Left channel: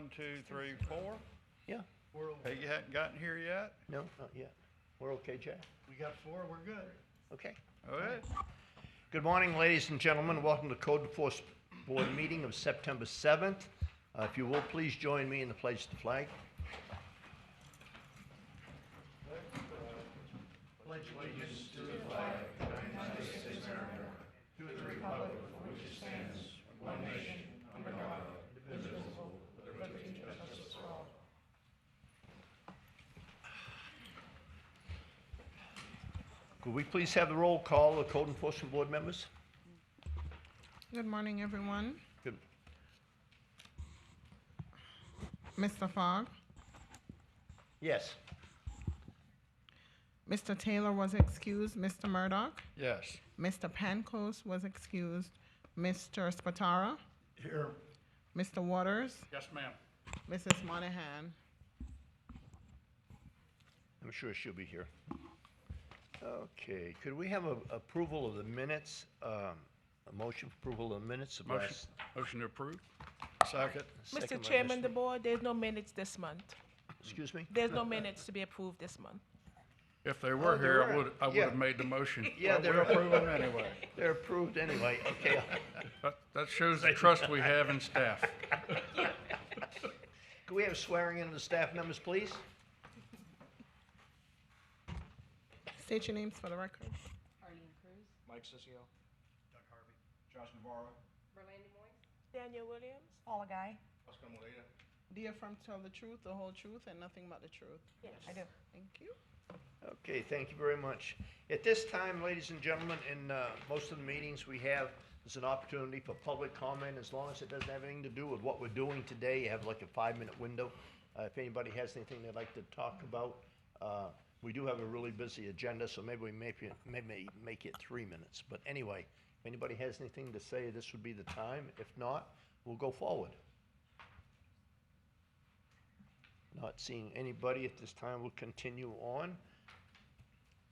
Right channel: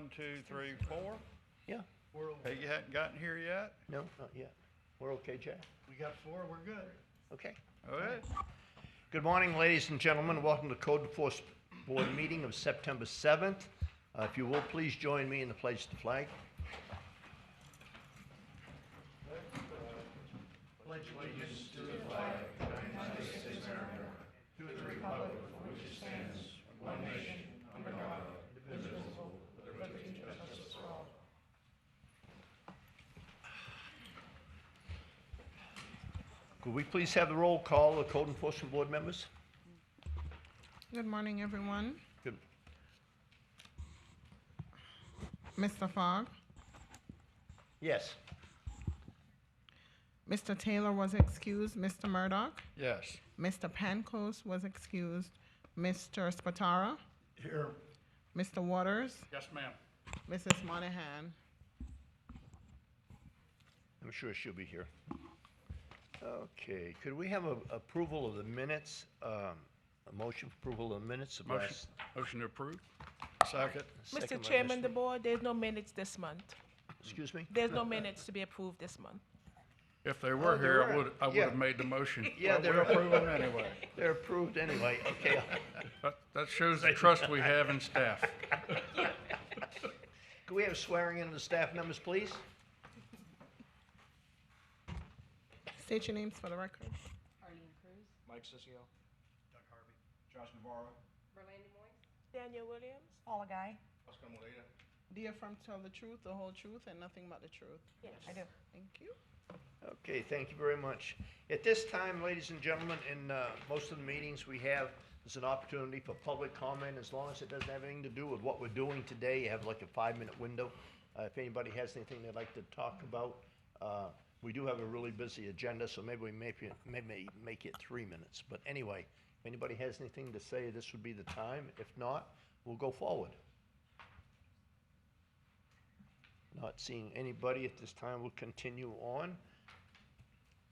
1, 2, 3, 4. Yeah, Hey, you hadn't gotten here yet? no, not yet. We're okay, Jeff? We got 4, we're good. Okay. All right. Good morning, ladies and gentlemen. Welcome to Code Enforcement Board meeting of September 7th. If you will, please join me in the pledge to the flag. Could we please have the roll call of Code Enforcement Board members? Good morning, everyone. Good. Mr. Fogg, Yes. Mr. Taylor was excused. Mr. Murdoch, Yes. Mr. Pancos was excused. Mr. Spatara, Here. Mr. Waters, Yes, ma'am. Mrs. Monahan. I'm sure she'll be here. Okay, could we have a approval of the minutes, a motion for approval of the minutes of Motion, last? motion to approve. Second. second Mr. by Chairman, the Mr. board, there's no minutes this month. Excuse me? There's no minutes to be approved this month. If they were there here, are. I would Yeah. have made the motion. Yeah, But they're we're approving anyway. They're approved anyway, okay. That shows the trust we have in staff. Could we have swearing in of the staff members, please? State your names for the record. Arlene Cruz, Mike Sisio. Doug Harvey. Josh Navarro. Berlanda Moise, Daniel Williams? Paula Guy. Oscar Molina. Do you affirm to tell the truth, the whole truth, and nothing but the truth? Yes. I do. Thank you. Okay, thank you very much. At this time, ladies and gentlemen, in most of the meetings we have, there's an opportunity for public comment, as long as it doesn't have anything to do with what we're doing today. You have like a 5-minute window. If anybody has anything they'd like to talk about, we do have a really busy agenda, so maybe we maybe make it 3 minutes. But anyway, if anybody has anything to say, this would be the time. If not, we'll go forward. Not seeing anybody at this time, we'll continue on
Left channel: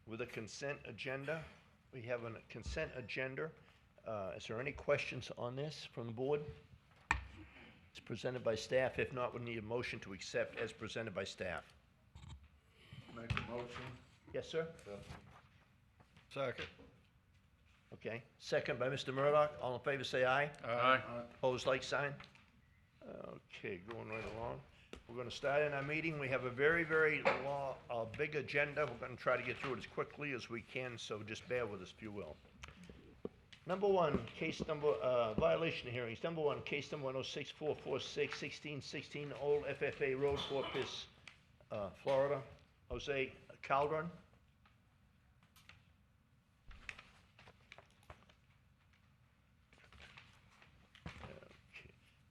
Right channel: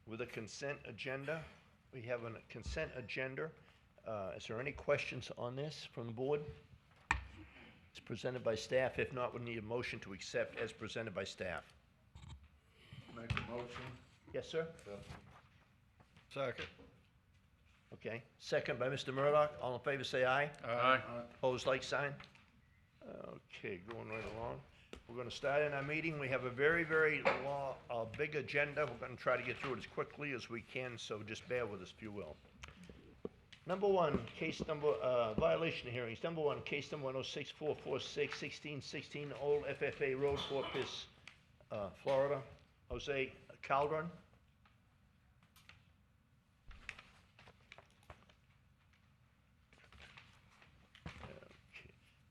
with a consent agenda. We have a consent agenda. Is there any questions on this from the board? It's presented by staff. If not, we need a motion to accept as presented by staff. Make a motion. Yes, sir? Second. Okay. Second by Mr. Murdoch. All in favor, say aye. Aye. Opposed, like sign. Okay, going right along. We're gonna start in our meeting. We have a very, very big agenda. We're gonna try to get through it as quickly as we can, so just bear with us if you will. Number one, violation hearings. Number one, case number 106-446, 1616 Old FFA Road, Fort Pierce, Florida. Jose Calderon.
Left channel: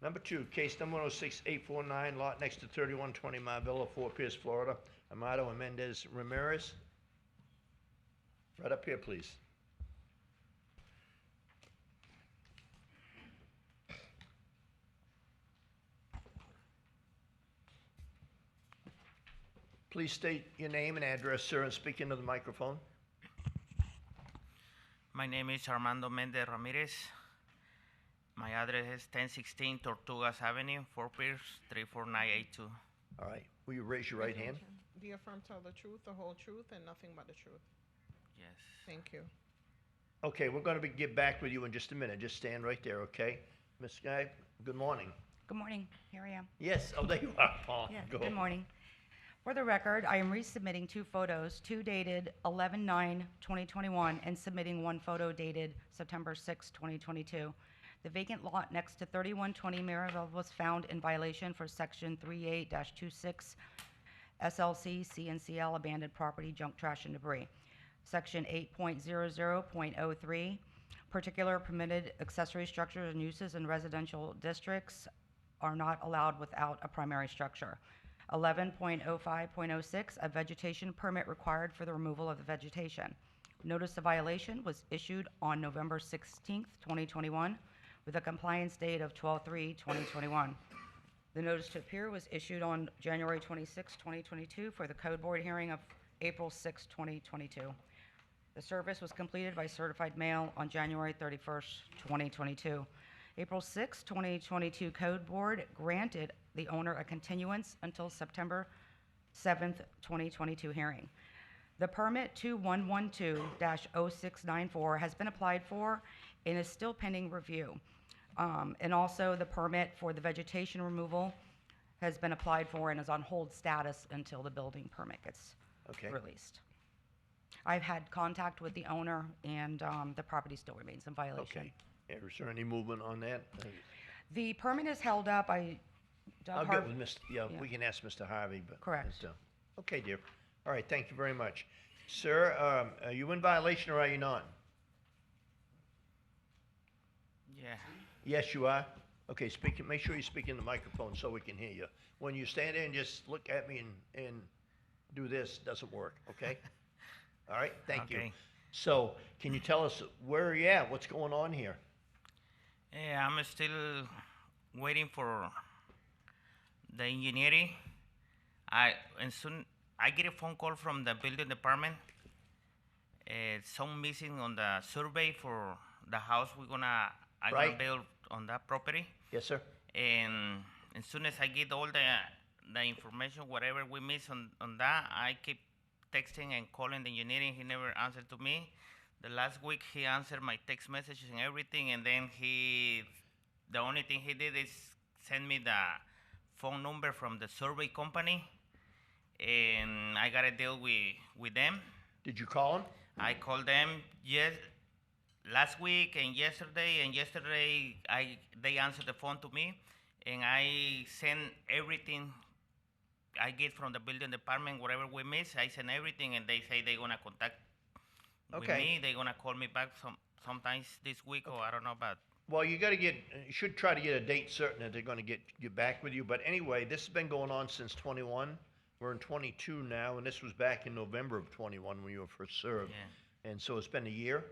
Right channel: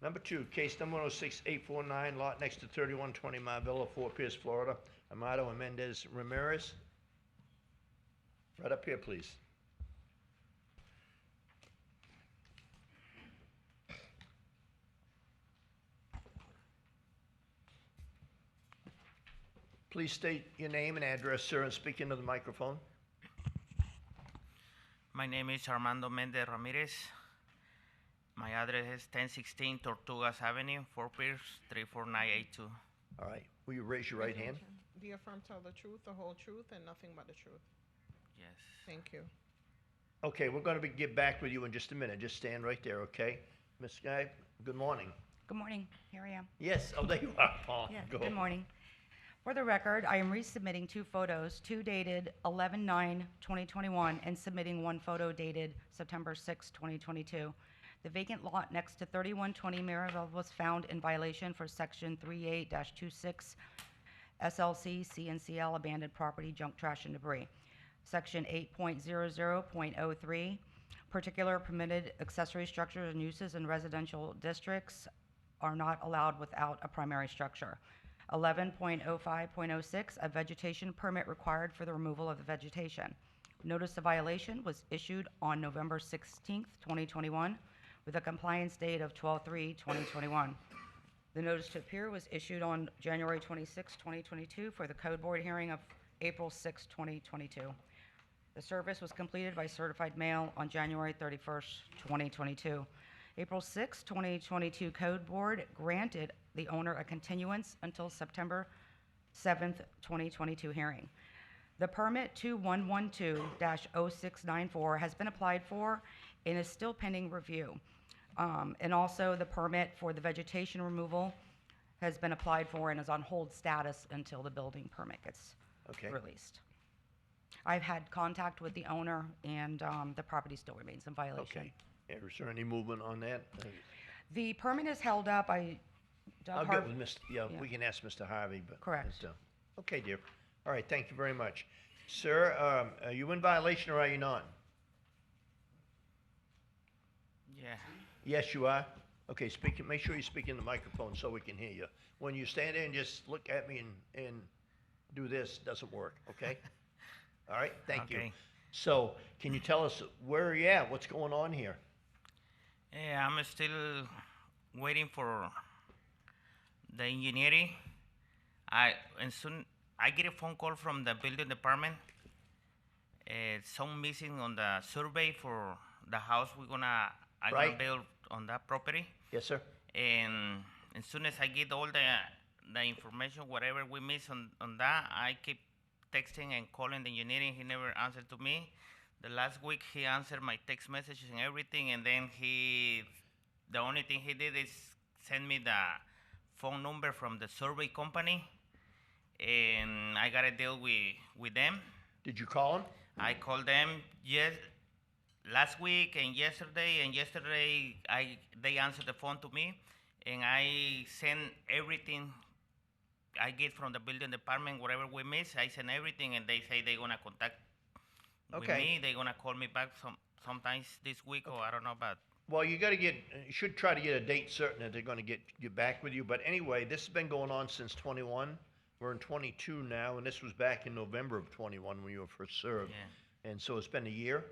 Number two, case number 106-849, lot next to 3120 Marvilla, Fort Pierce, Florida. Amado and Mendez Ramirez. Right up here, please. Please state your name and address, sir, and speak into the microphone. My name is Armando Mendez Ramirez. My address is 1016 Tortugas Avenue, Fort Pierce, 34982. All right, will you raise your right hand? Do you affirm to tell the truth, the whole truth, and nothing but the truth? Yes. Thank you. Okay, we're gonna get back with you in just a minute. Just stand right there, okay? Ms. Guy, good morning. Good morning. Here I am. Yes, oh, there you are. Oh, Yeah, go. good morning. For the record, I am resubmitting 2 photos, 2 dated 11/9/2021 and submitting 1 photo dated September 6, 2022. The vacant lot next to 3120 Maryville was found in violation for section 38-26 SLC CNCL abandoned property, junk, trash, and debris. Section 8.00.03 particular permitted accessory structures and uses in residential districts are not allowed without a primary structure. 11.05.06, a vegetation permit required for the removal of the vegetation. Notice of violation was issued on November 16th, 2021, with a compliance date of 12/3/2021. The notice to appear was issued on January 26, 2022, for the Code Board hearing of April 6, 2022. The service was completed by certified mail on January 31st, 2022. April 6, 2022 Code Board granted the owner a continuance until September 7th, 2022 hearing. The permit 2112-0694 has been applied for and is still pending review. And also the permit for the vegetation removal has been applied for and is on hold status until the building permit gets Okay. released. I've had contact with the owner and the property still remains in violation. Okay. Is there any movement on that? The permit is held up. I'll Doug get Har- with Mr., yeah, we can ask Mr. Harvey, but. Correct. Okay, dear. All right, thank you very much. Sir, are you in violation or are you not? Yeah. Yes, you are? Okay, make sure you speak in the microphone so we can hear you. When you stand there and just look at me and do this, doesn't work, okay? All right, thank you. Okay. So, can you tell us where you at? What's going on here? Yeah, I'm still waiting for the engineering. And soon I get a phone call from the building department. Some missing on the survey for the house I'm gonna Right. build on that property. Yes, sir? And as soon as I get all the information, whatever we miss on that, I keep texting and calling the engineering. He never answered to me. The last week he answered my text messages and everything, and then the only thing he did is send me the phone number from the survey company, and I got to deal with them. Did you call him? I called them last week and yesterday they answered the phone to me, and I send everything I get from the building department, whatever we miss, I send everything, and they say they're gonna contact with Okay. me. They're gonna call me back sometimes this week, or I don't know, but Well, you should try to get a date certain that they're gonna get back with you. But anyway, this has been going on since 21. We're in 22 now, and this was back in November of 21 when you were first served. yeah. And so it's been a year,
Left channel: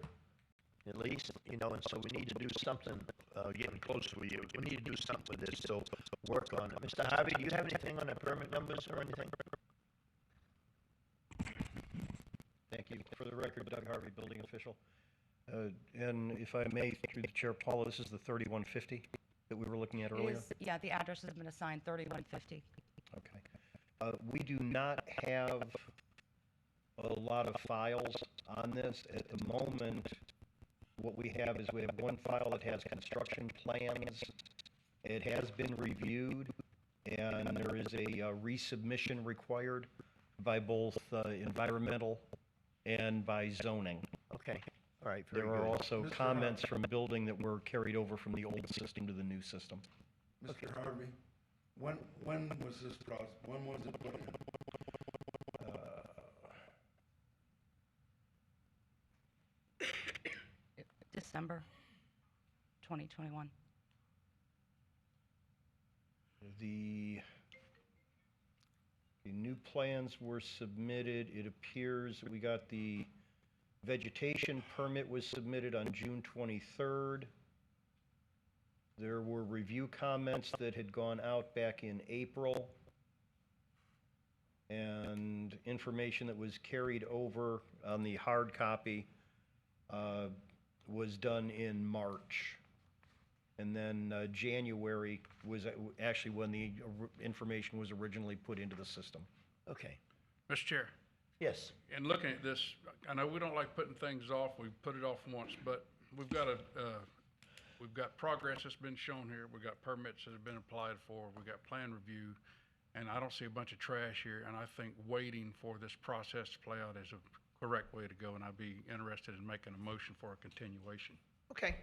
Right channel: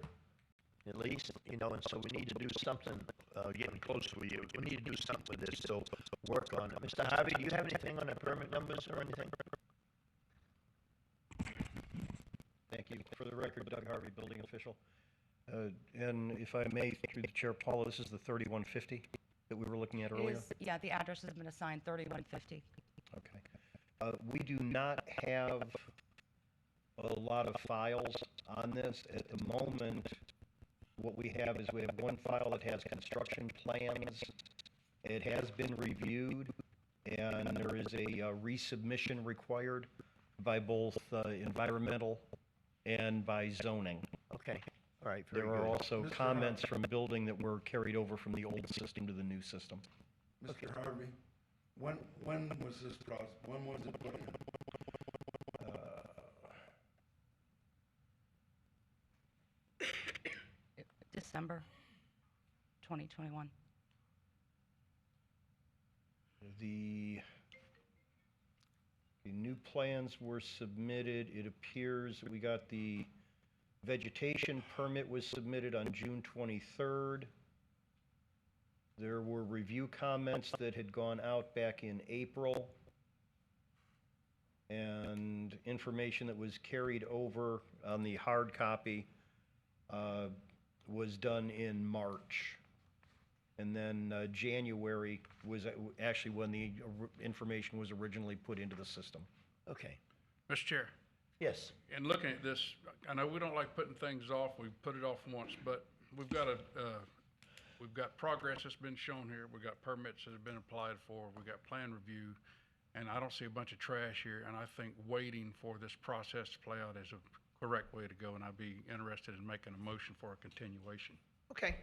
at least, and so we need to do something, getting close with you. We need to do something with this, so work on it. Mr. Harvey, do you have anything on the permit numbers or anything? Thank you. For the record, Doug Harvey, building official. And if I may, through the chair, Paula, this is the 3150 that we were looking at earlier? Yeah, the address has been assigned 3150. Okay. We do not have a lot of files on this. At the moment, what we have is we have one file that has construction plans. It has been reviewed, and there is a resubmission required by both environmental and by zoning. Okay, all right, very There are good. also Mr. comments from building that were carried over from the old system to the new system. Mr. Harvey, when was this process, when was it put in? December 2021. The new plans were submitted. It appears we got the vegetation permit was submitted on June 23rd. There were review comments that had gone out back in April. And information that was carried over on the hard copy was done in March. And then January was actually when the information was originally put into the system. Okay, Mr. Chair, yes, in looking at this, I know we don't like putting things off, we've put it off once, but we've got progress that's been shown here, we've got permits that have been applied for, we've got plan review, and I don't see a bunch of trash here, and I think waiting for this process to play out is a correct way to go, and I'd be interested in making a motion for a continuation. okay,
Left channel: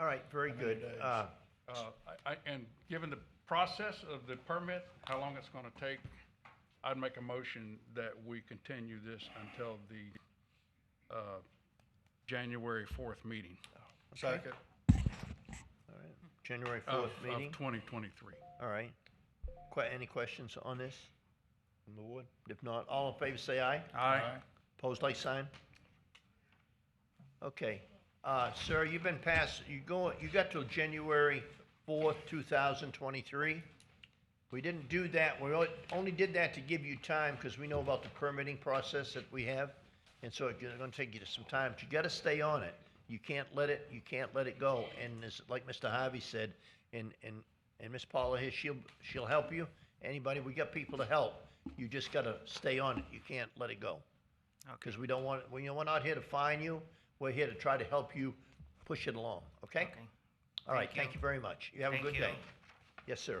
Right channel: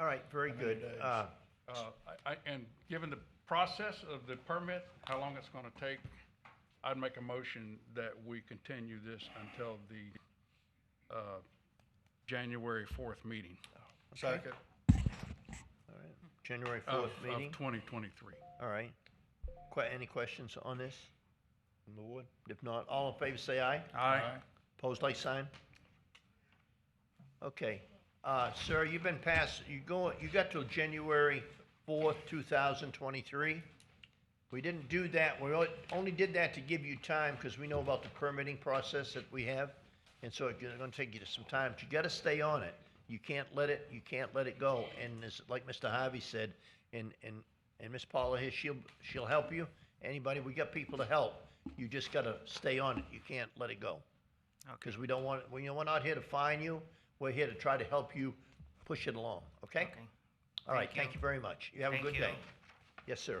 all right, very good. And given the process of the permit, how long it's gonna take, I'd make a motion that we continue this until the January 4th meeting. Second. All right, January Of 4th meeting, 2023. all right. Any questions on this from the board? If not, all in favor say aye. Aye. Opposed, like sign? Okay, sir, you've been passed, you got till January 4th, 2023. We didn't do that, we only did that to give you time, because we know about the permitting process that we have, and so it's gonna take you some time, but you gotta stay on it. You can't let it go, and like Mr. Harvey said, and And Miss Paula here, she'll help you. Anybody, we got people to help. You just gotta stay on it. You can't let it go. Okay. Cause we don't want, we're not here to fine you. We're here to try to help you push it along, okay? Okay. All right, Thank thank you. you very much. You have a Thank good you. day. Yes, sir.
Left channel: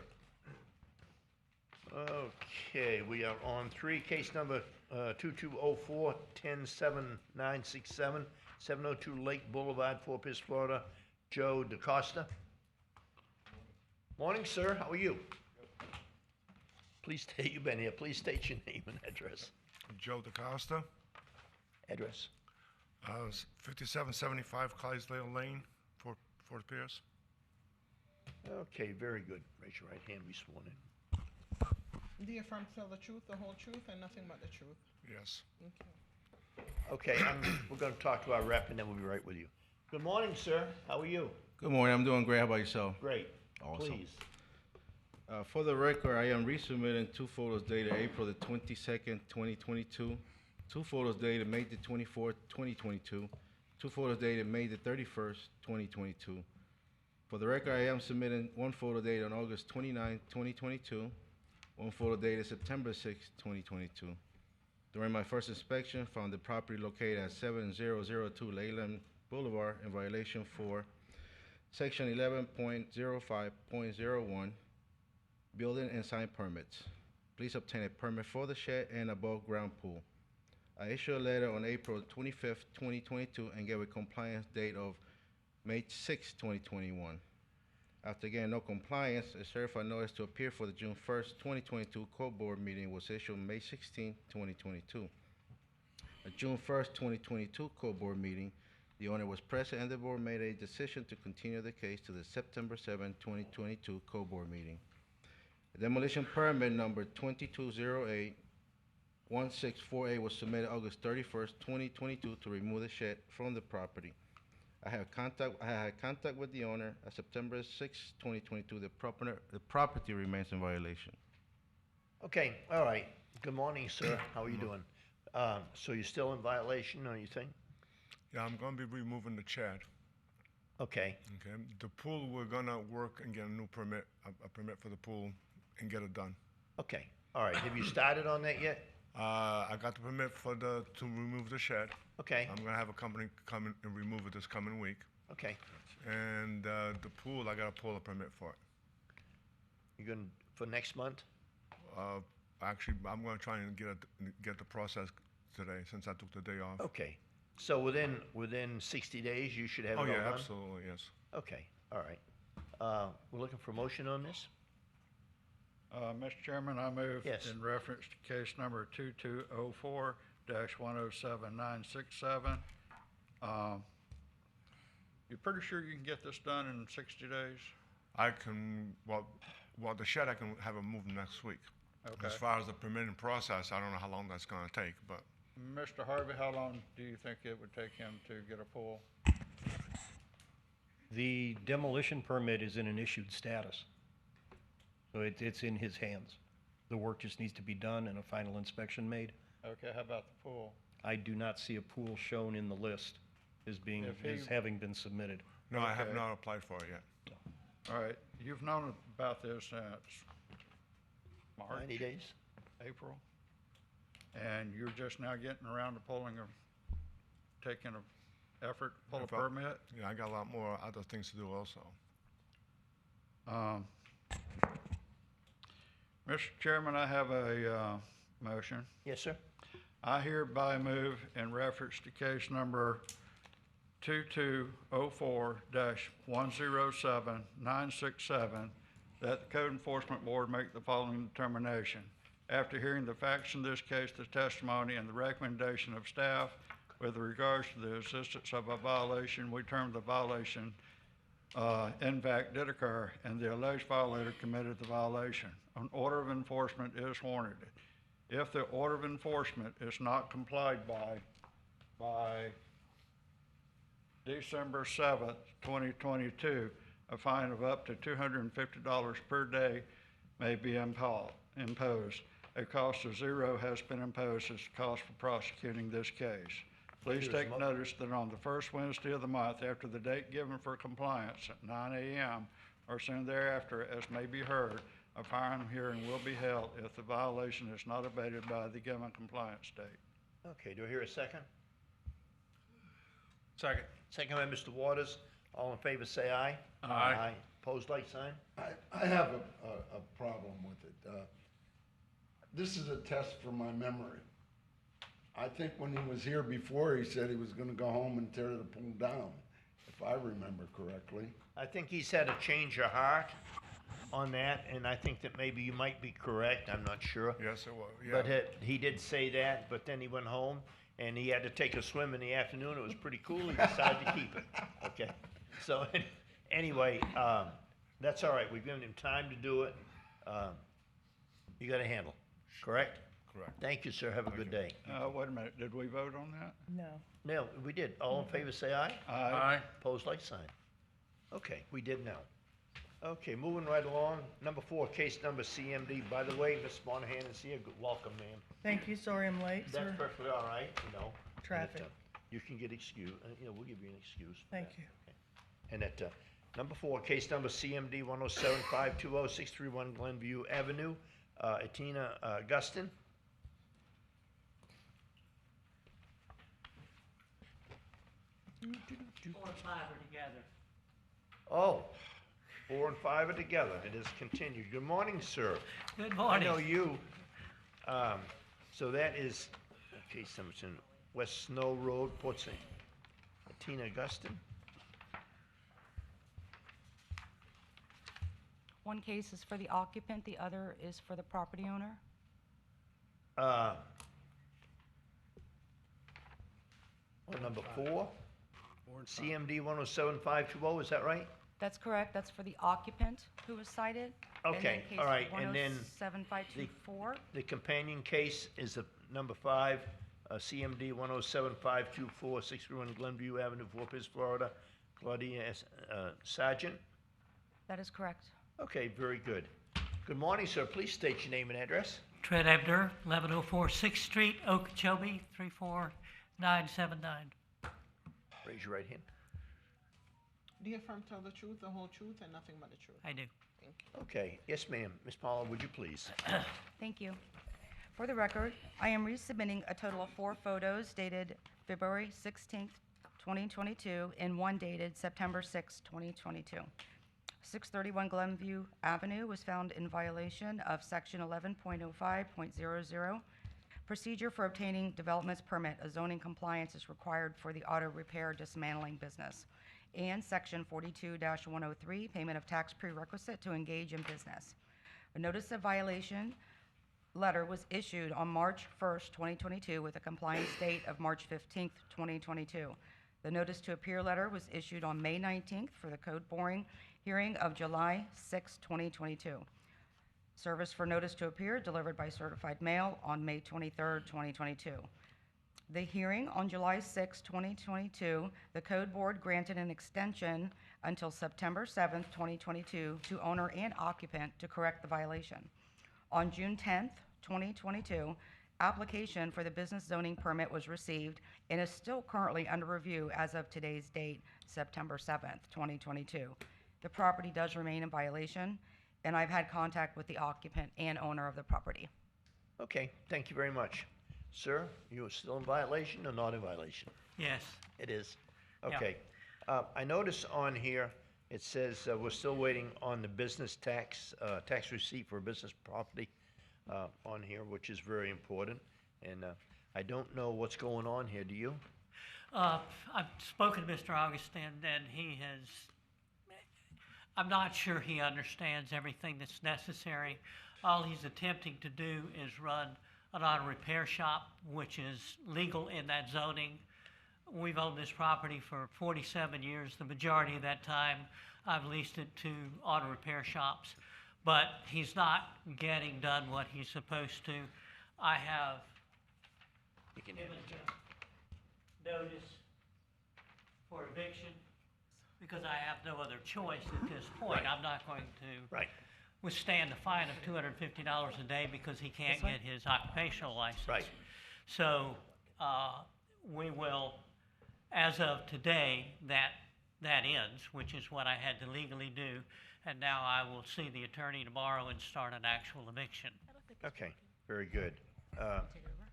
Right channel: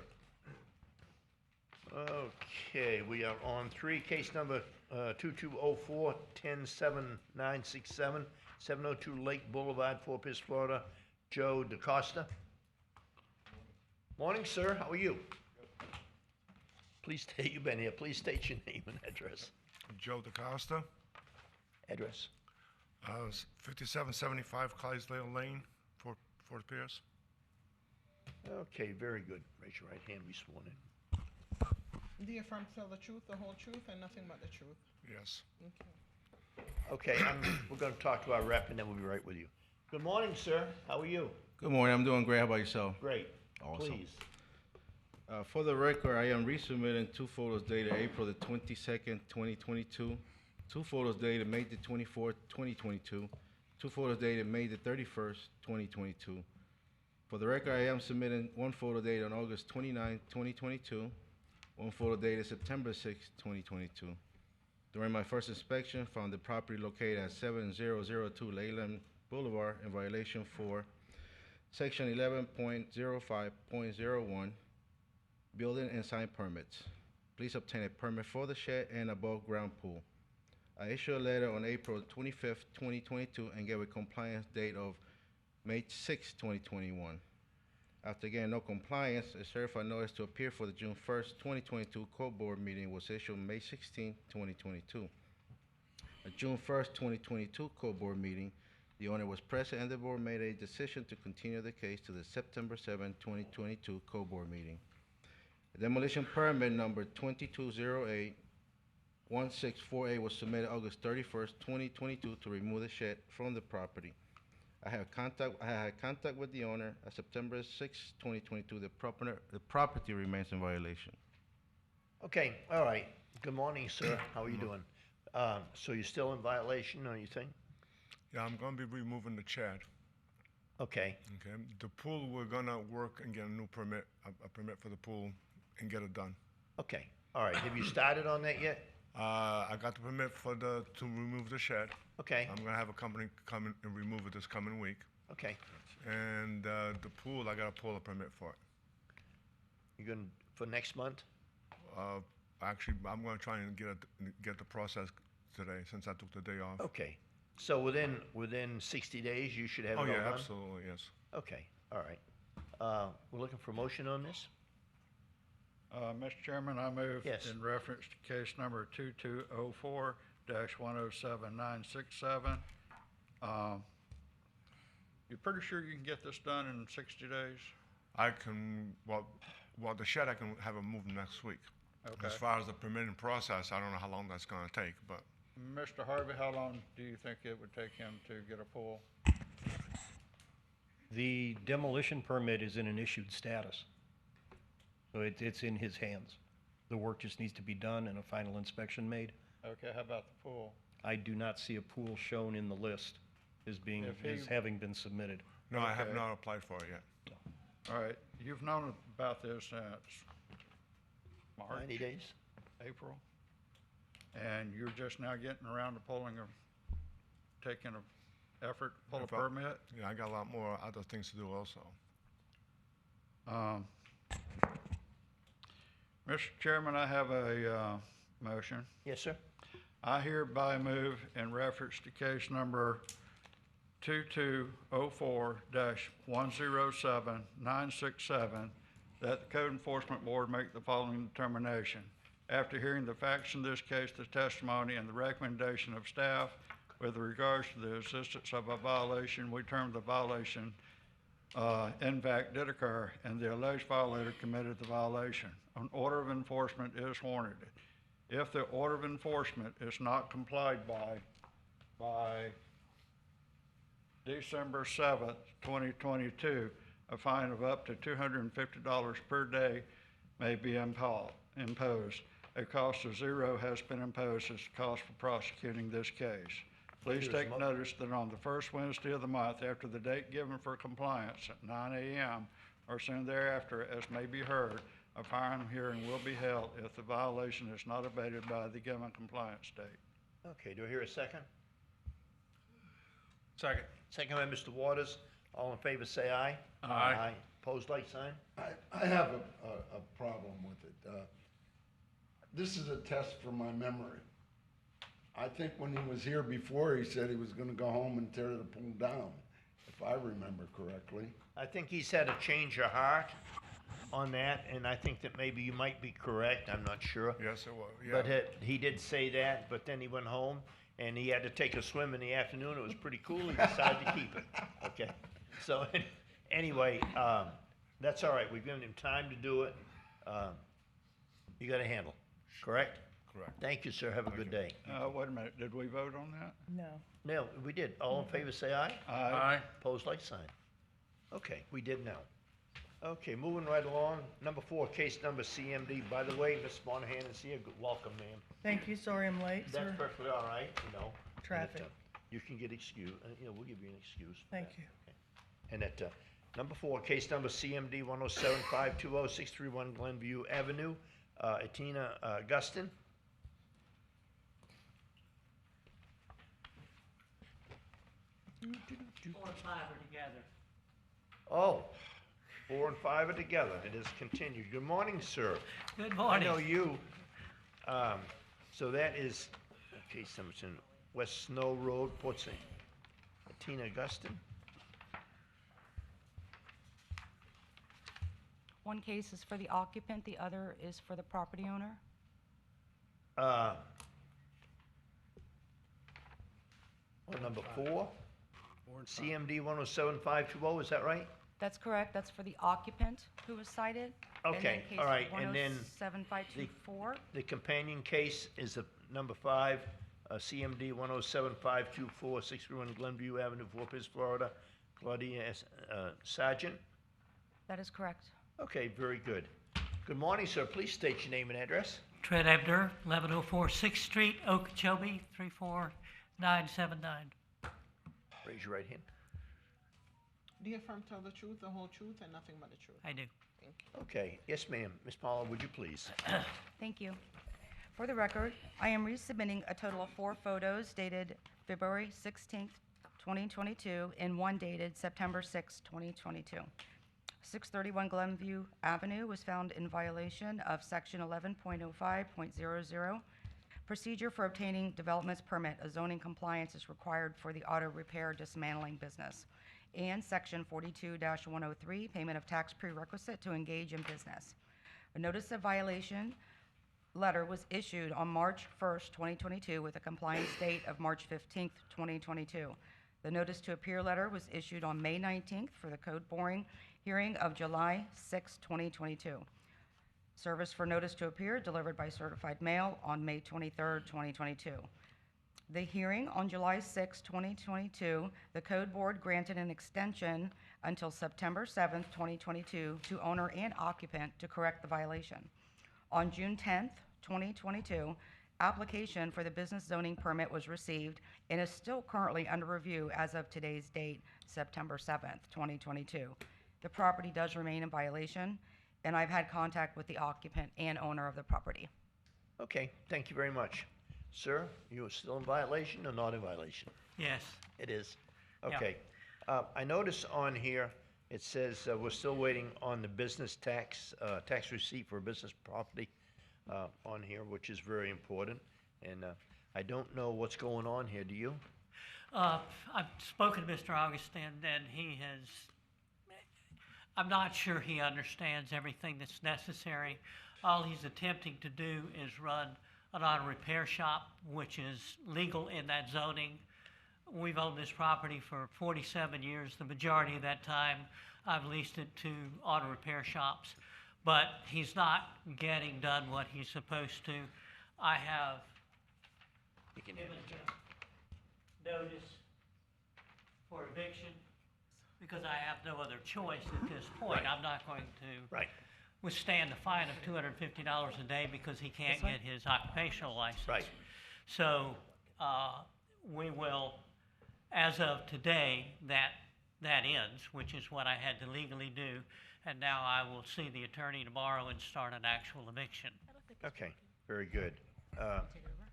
Okay, we are on three, case number 2204-107967, 702 Lake Boulevard, Fort Pierce, Florida. Joe DaCosta. Morning, sir. How are you? Please state, you've been here. Please state your name and address. Joe DaCosta, Address. 5775 Clydesdale Lane, Fort Pierce. Okay, very good. Raise your right hand, be sworn in. Do you affirm to tell the truth, the whole truth, and nothing but the truth? Yes. Okay, we're gonna talk to our rep and then we'll be right with you. Good morning, sir. How are you? Good morning. I'm doing great. How about yourself? Great. Awesome. Please. For the record, I am resubmitting two photos dated April the 22nd, 2022, two photos dated May the 24th, 2022, two photos dated May the 31st, 2022. For the record, I am submitting one photo dated on August 29th, 2022, one photo dated September 6th, 2022. During my first inspection, found the property located at 7002 Leyland Boulevard in violation for Section 11.05.01, Building and Sign Permits. Please obtain a permit for the shed and above ground pool. I issued a letter on April 25th, 2022 and gave a compliance date of May 6th, 2021. After getting no compliance, a certified notice to appear for the June 1st, 2022 court board meeting was issued May 16th, 2022. At June 1st, 2022 court board meeting, the owner was present and the board made a decision to continue the case to the September 7, 2022 court board meeting. A demolition permit number 2208-1648 was submitted August 31st, 2022 to remove the shed from the property. I had contact with the owner. At September 6, 2022, the property remains in violation. Okay, all right. Good morning, sir. How are you doing? So you're still in violation, or you think? Yeah, I'm gonna be removing the shed. Okay, Okay. The pool, we're gonna work and get a new permit, a permit for the pool, and get it done. okay. All right. Have you started on that yet? I got the permit to remove the shed. Okay, I'm gonna have a company come in and remove it this coming week. okay. And the pool, I gotta pull a permit for it. You're gonna, for next month? Actually, I'm gonna try and get the process today since I took the day off. Okay. So within 60 days, you should have it Oh all yeah, done? absolutely, yes. Okay, all right. We're looking for a motion on this? Mr. Chairman, I move Yes. in reference to case number 2204-107967. You're pretty sure you can get this done in 60 days? I can, well, the shed, I can have it moved next week. Okay. As far as the permitting process, I don't know how long that's gonna take, but Mr. Harvey, how long do you think it would take him to get a pool? The demolition permit is in an issued status. So it's in his hands. The work just needs to be done and a final inspection made. Okay, how about the pool? I do not see a pool shown in the list as being, If he- as having been submitted. no, I have Okay. not applied for it yet. All right, you've known about this since March, 90 days? April? And you're just now getting around to taking an effort, to pull a If I- permit? Yeah, I got a lot more other things to do also. Mr. Chairman, I have a motion. Yes, sir? I hereby move in reference to case number 2204-107967 that the Code Enforcement Board make the following determination. After hearing the facts in this case, the testimony, and the recommendation of staff with regards to the existence of a violation, we term the violation in fact did occur, and the alleged violator committed the violation. An order of enforcement is warranted. If the order of enforcement is not complied by December 7th, 2022, a fine of up to $250 per day may be imposed. A cost of zero has been imposed as the cost for prosecuting this case. Please Here's take mo- notice that on the first Wednesday of the month after the date given for compliance at 9 a.m., or soon thereafter as may be heard, a final hearing will be held if the violation is not abated by the given compliance date. Okay, do I hear a second? Second. Second by Mr. Waters. All in favor, say aye. Aye. Opposed, like sign? I have a problem with it. This is a test for my memory. I think when he was here before, he said he was gonna go home and tear the pool down, if I remember correctly. I think he's had a change of heart on that, and I think that maybe you might be correct, I'm not sure. Yes, it was, yeah. But he did say that, but then he went home and he had to take a swim in the afternoon. It was pretty cool. He decided to keep it. Okay. So anyway, that's all right. We've given him time to do it. You got a handle, correct? Correct. Thank you, sir. Have a good day. Wait a minute, did we vote on that? No. No, we did. All in favor, say aye. Aye. Opposed, like sign. Okay, we did now. Okay, moving right along. Number 4, case number CMD. By the way, Ms. Monahan is here. Welcome, ma'am. Thank you, sorry I'm late, sir. That's perfectly all right, you know. Traffic. And, you can get excused, we'll give you an excuse. Thank you. And at, number 4, case number CMD 107-520-631 Glenview Avenue, Etina Gustin. Oh, 4 and 5 are together. It is continued. Good morning, sir. Good morning. I know you. So that is, okay, Simpson, West Snow Road, Port St. Tina Augustine. One case is for the occupant, the other is for the property owner. On number 4, CMD 107-520, is that right? That's correct, that's for the occupant who was cited. Okay, all right, and then 107-524. the companion case is the number 5, CMD 107-524-631 Glenview Avenue, Fort Pierce, Florida, Claudia Sargent. That is correct. Okay, very good. Good morning, sir. Please state your name and address. Trent Ebner, 1104 6th Street, Okeechobee, 34979. Raise your right hand. Do you affirm to tell the truth, the whole truth, and nothing but the truth? I do. Thank you. Okay, yes, ma'am. Ms. Paula, would you please? Thank you. For the record, I am resubmitting a total of 4 photos dated February 16th, 2022, and 1 dated September 6th, 2022. 631 Glenview Avenue was found in violation of Section 11.05.00. Procedure for obtaining development's permit. A zoning compliance is required for the auto repair dismantling business. And Section 42-103, payment of tax prerequisite to engage in business. A notice of violation letter was issued on March 1st, 2022 with a compliance date of March 15th, 2022. The notice to appear letter was issued on May 19th for the code boring hearing of July 6, 2022. Service for notice to appear delivered by certified mail on May 23rd, 2022. The hearing on July 6, 2022, the code board granted an extension until September 7th, 2022 to owner and occupant to correct the violation. On June 10th, 2022, application for the business zoning permit was received and is still currently under review as of today's date, September 7th, 2022. The property does remain in violation, and I've had contact with the occupant and owner of the property. Okay, thank you very much. Sir, you are still in violation or not in violation? Yes. It is. Okay. I notice on here, it says we're still waiting on the business tax receipt for a business property on here, which is very important. And I don't know what's going on here. Do you? I've spoken to Mr. Augustine, and he has, I'm not sure he understands everything that's necessary. All he's attempting to do is run an auto repair shop, which is legal in that zoning. We've owned this property for 47 years. The majority of that time, I've leased it to auto repair shops. But he's not getting done what he's supposed to. I have given him notice for eviction because I have no other choice at this point. I'm not going to withstand a fine of $250 a day because he can't get his occupational license. Right. So we will, as of today, that ends, which is what I had to legally do, and now I will see the attorney tomorrow and start an actual eviction. Okay, very good.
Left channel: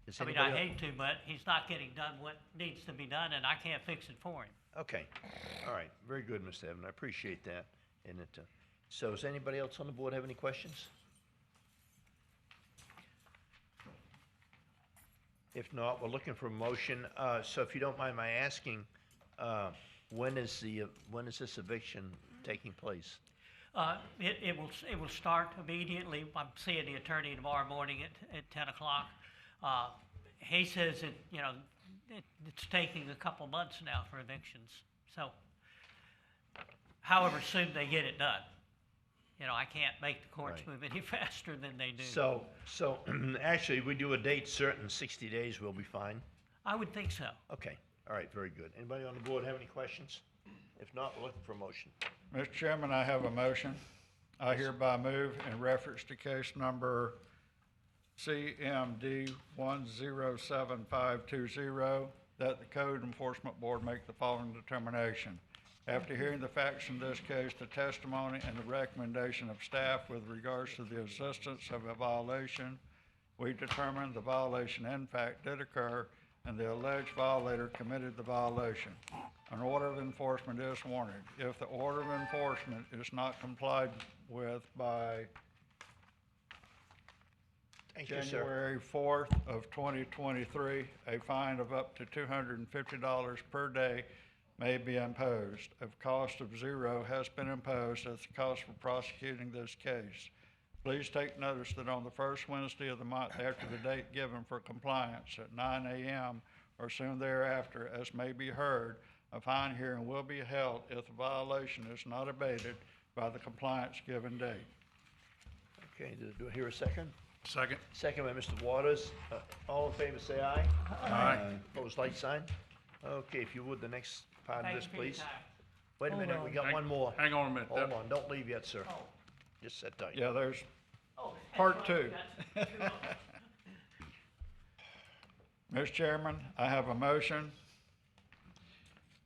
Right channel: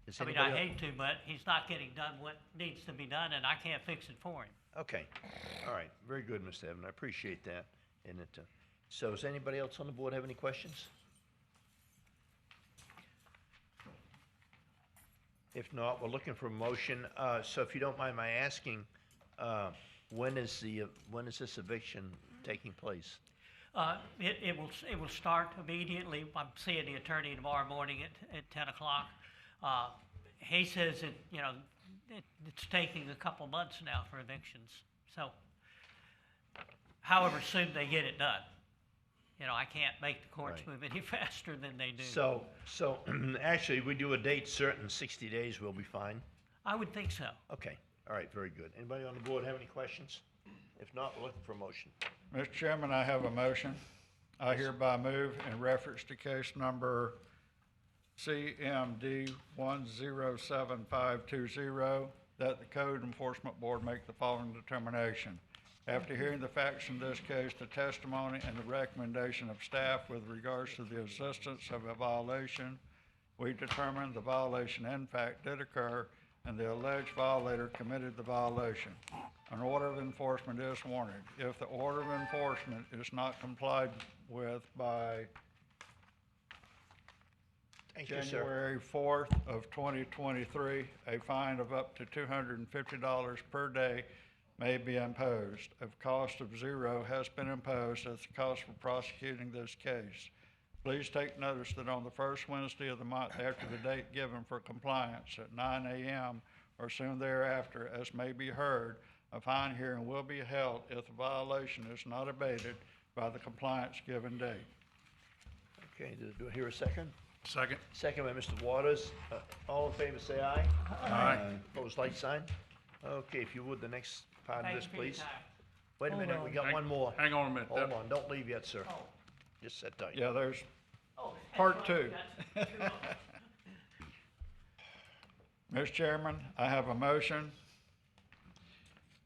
Does I mean, anybody I el- hate to, but he's not getting done what needs to be done, and I can't fix it for him. Okay, all right, very good, Mr. Evans, I appreciate that. And so does anybody else on the board have any questions? If not, we're looking for a motion. So if you don't mind my asking, when is this eviction taking place? It will start immediately. I'm seeing the attorney tomorrow morning at 10 o'clock. He says it's taking a couple months now for evictions. So, however soon they get it done. I can't make the courts Right. move any faster than they do. So actually, we do a date certain, 60 days, we'll be fine? I would think so. Okay, all right, very good. Anybody on the board have any questions? If not, we're looking for a motion. Mr. Chairman, I have a motion. I hereby move in reference to case number CMD 107520 that the Code Enforcement Board make the following determination. After hearing the facts in this case, the testimony and the recommendation of staff with regards to the existence of a violation, we determine the violation in fact did occur and the alleged violator committed the violation. An order of enforcement is warranted. If the order of enforcement is not complied with by Thank you, sir. January 4th of 2023, a fine of up to $250 per day may be imposed. A cost of $0 has been imposed as the cost for prosecuting this case. Please take notice that on the first Wednesday of the month after the date given for compliance at 9 a.m. or soon thereafter, as may be heard, a fine hearing will be held if the violation is not abated by the compliance given date. Okay, do I hear a second? Second. Second by Mr. Waters. All in favor, say aye. Aye. Opposed, like sign. Okay, if you would, the next part of Thank this, you for your please. time. Wait a Hold minute, we got one more. Hang on a minute. Hold on, don't leave yet, sir. Oh. Just sit tight. Yeah, there's Oh, part two. that's two of them. Mr. Chairman, I have a motion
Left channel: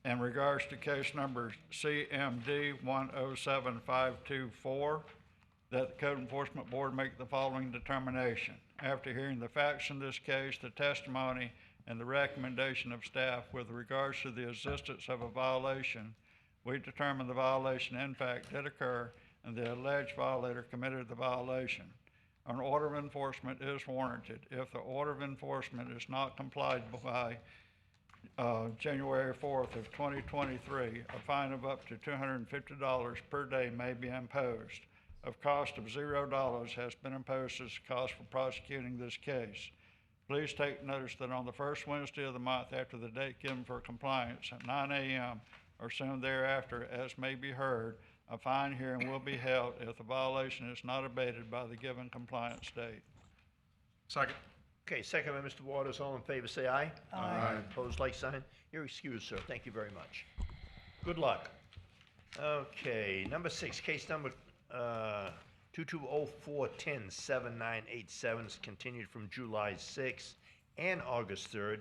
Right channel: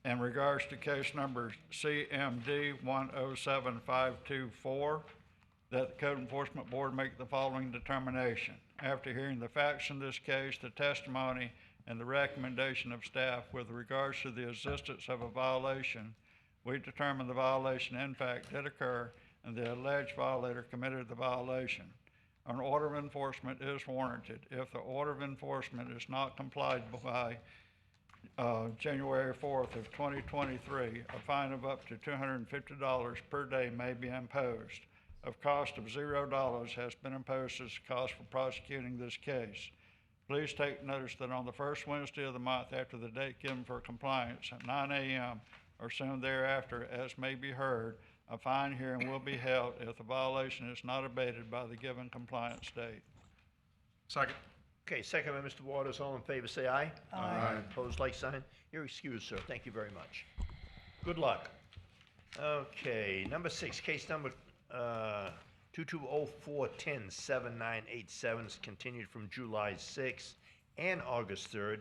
in regards to case number CMD 107524 that the Code Enforcement Board make the following determination. After hearing the facts in this case, the testimony, and the recommendation of staff with regards to the existence of a violation, we determine the violation in fact did occur and the alleged violator committed the violation. An order of enforcement is warranted. If the order of enforcement is not complied by January 4th of 2023, a fine of up to $250 per day may be imposed. A cost of $0 has been imposed as the cost for prosecuting this case. Please take notice that on the first Wednesday of the month after the date given for compliance at 9 a.m. or soon thereafter, as may be heard, a fine hearing will be held if the violation is not abated by the given compliance date. Second. Okay, second by Mr. Waters. All in favor, say aye. Aye. Opposed, like sign. You're excused, sir. Thank you very much. Good luck. Okay, number 6, case number 2204107987 is continued from July 6th and August 3rd.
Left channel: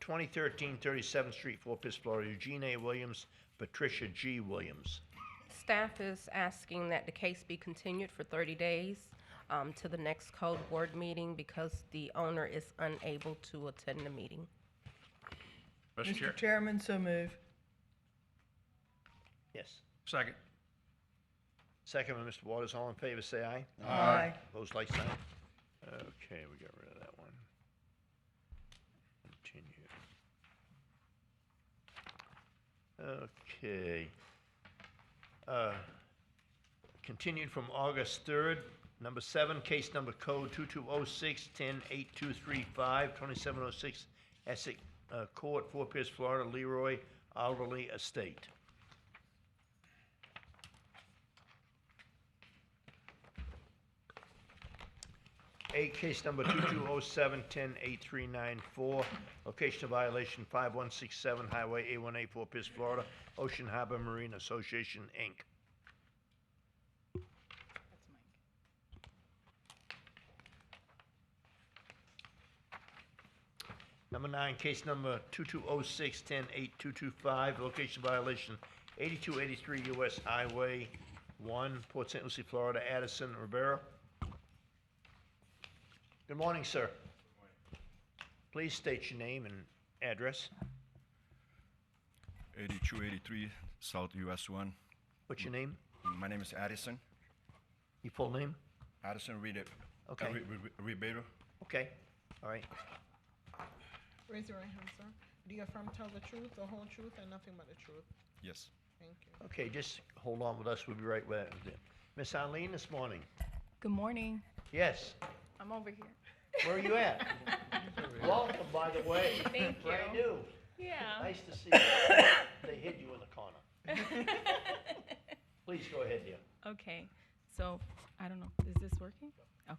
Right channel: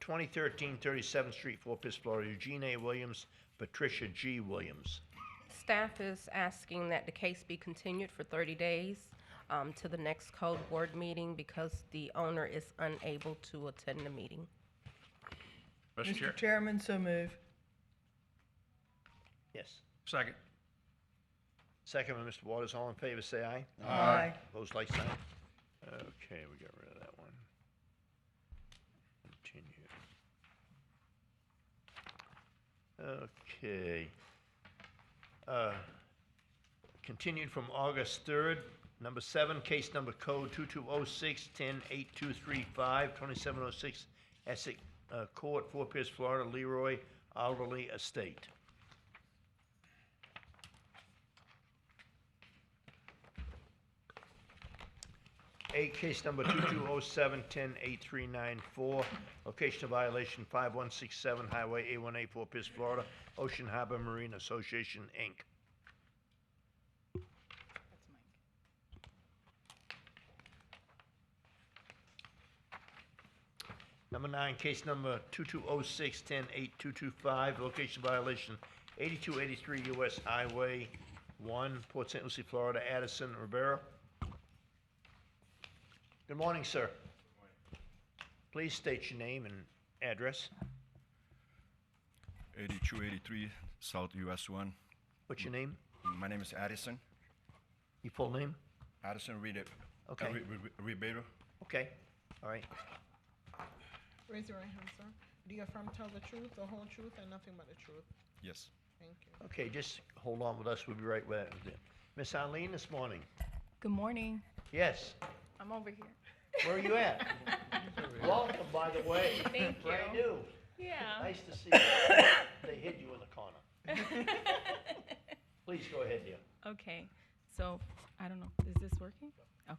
2013 37th Street, Fort Pierce, Florida. Eugene A. Williams, Patricia G. Williams. Staff is asking that the case be continued for 30 days to the next code board meeting because the owner is unable to attend the meeting. Mr. Chair. Mr. Chairman, so move. Yes. Second. Second by Mr. Waters. All in favor, say aye. Aye. Opposed, like sign. Okay, we got rid of that one. Continue. Okay. Continued from August 3rd. Number 7, case number code 2206-108235, 2706 Essex Court, Fort Pierce, Florida, Leroy Alderley Estate. Case number 2207-108394, location of violation 5167 Highway A1A, Fort Pierce, Florida, Ocean Harbor Marine Association, Inc. Number 9, case number 2206-108225, location violation 8283 US Highway 1, Port St. Lucie, Florida, Addison Rivera. Good morning, sir. Please state your name and address. 8283 South US 1. What's your name? My name is Addison. Your full name? Addison Okay. Ribeiro. Okay, all right. Raise your right hand, sir. Do you affirm to tell the truth, the whole truth, and nothing but the truth? Yes. Thank you. Okay, just hold on with us, we'll be right with you. Miss Eileen, this morning? Good morning. Yes, I'm over here. where are you at? Welcome, by the way. Thank Brand you. new. Yeah. Nice to see you. They hid you in the corner. Please go ahead, dear. Okay, so, I don't know, is this working? Okay.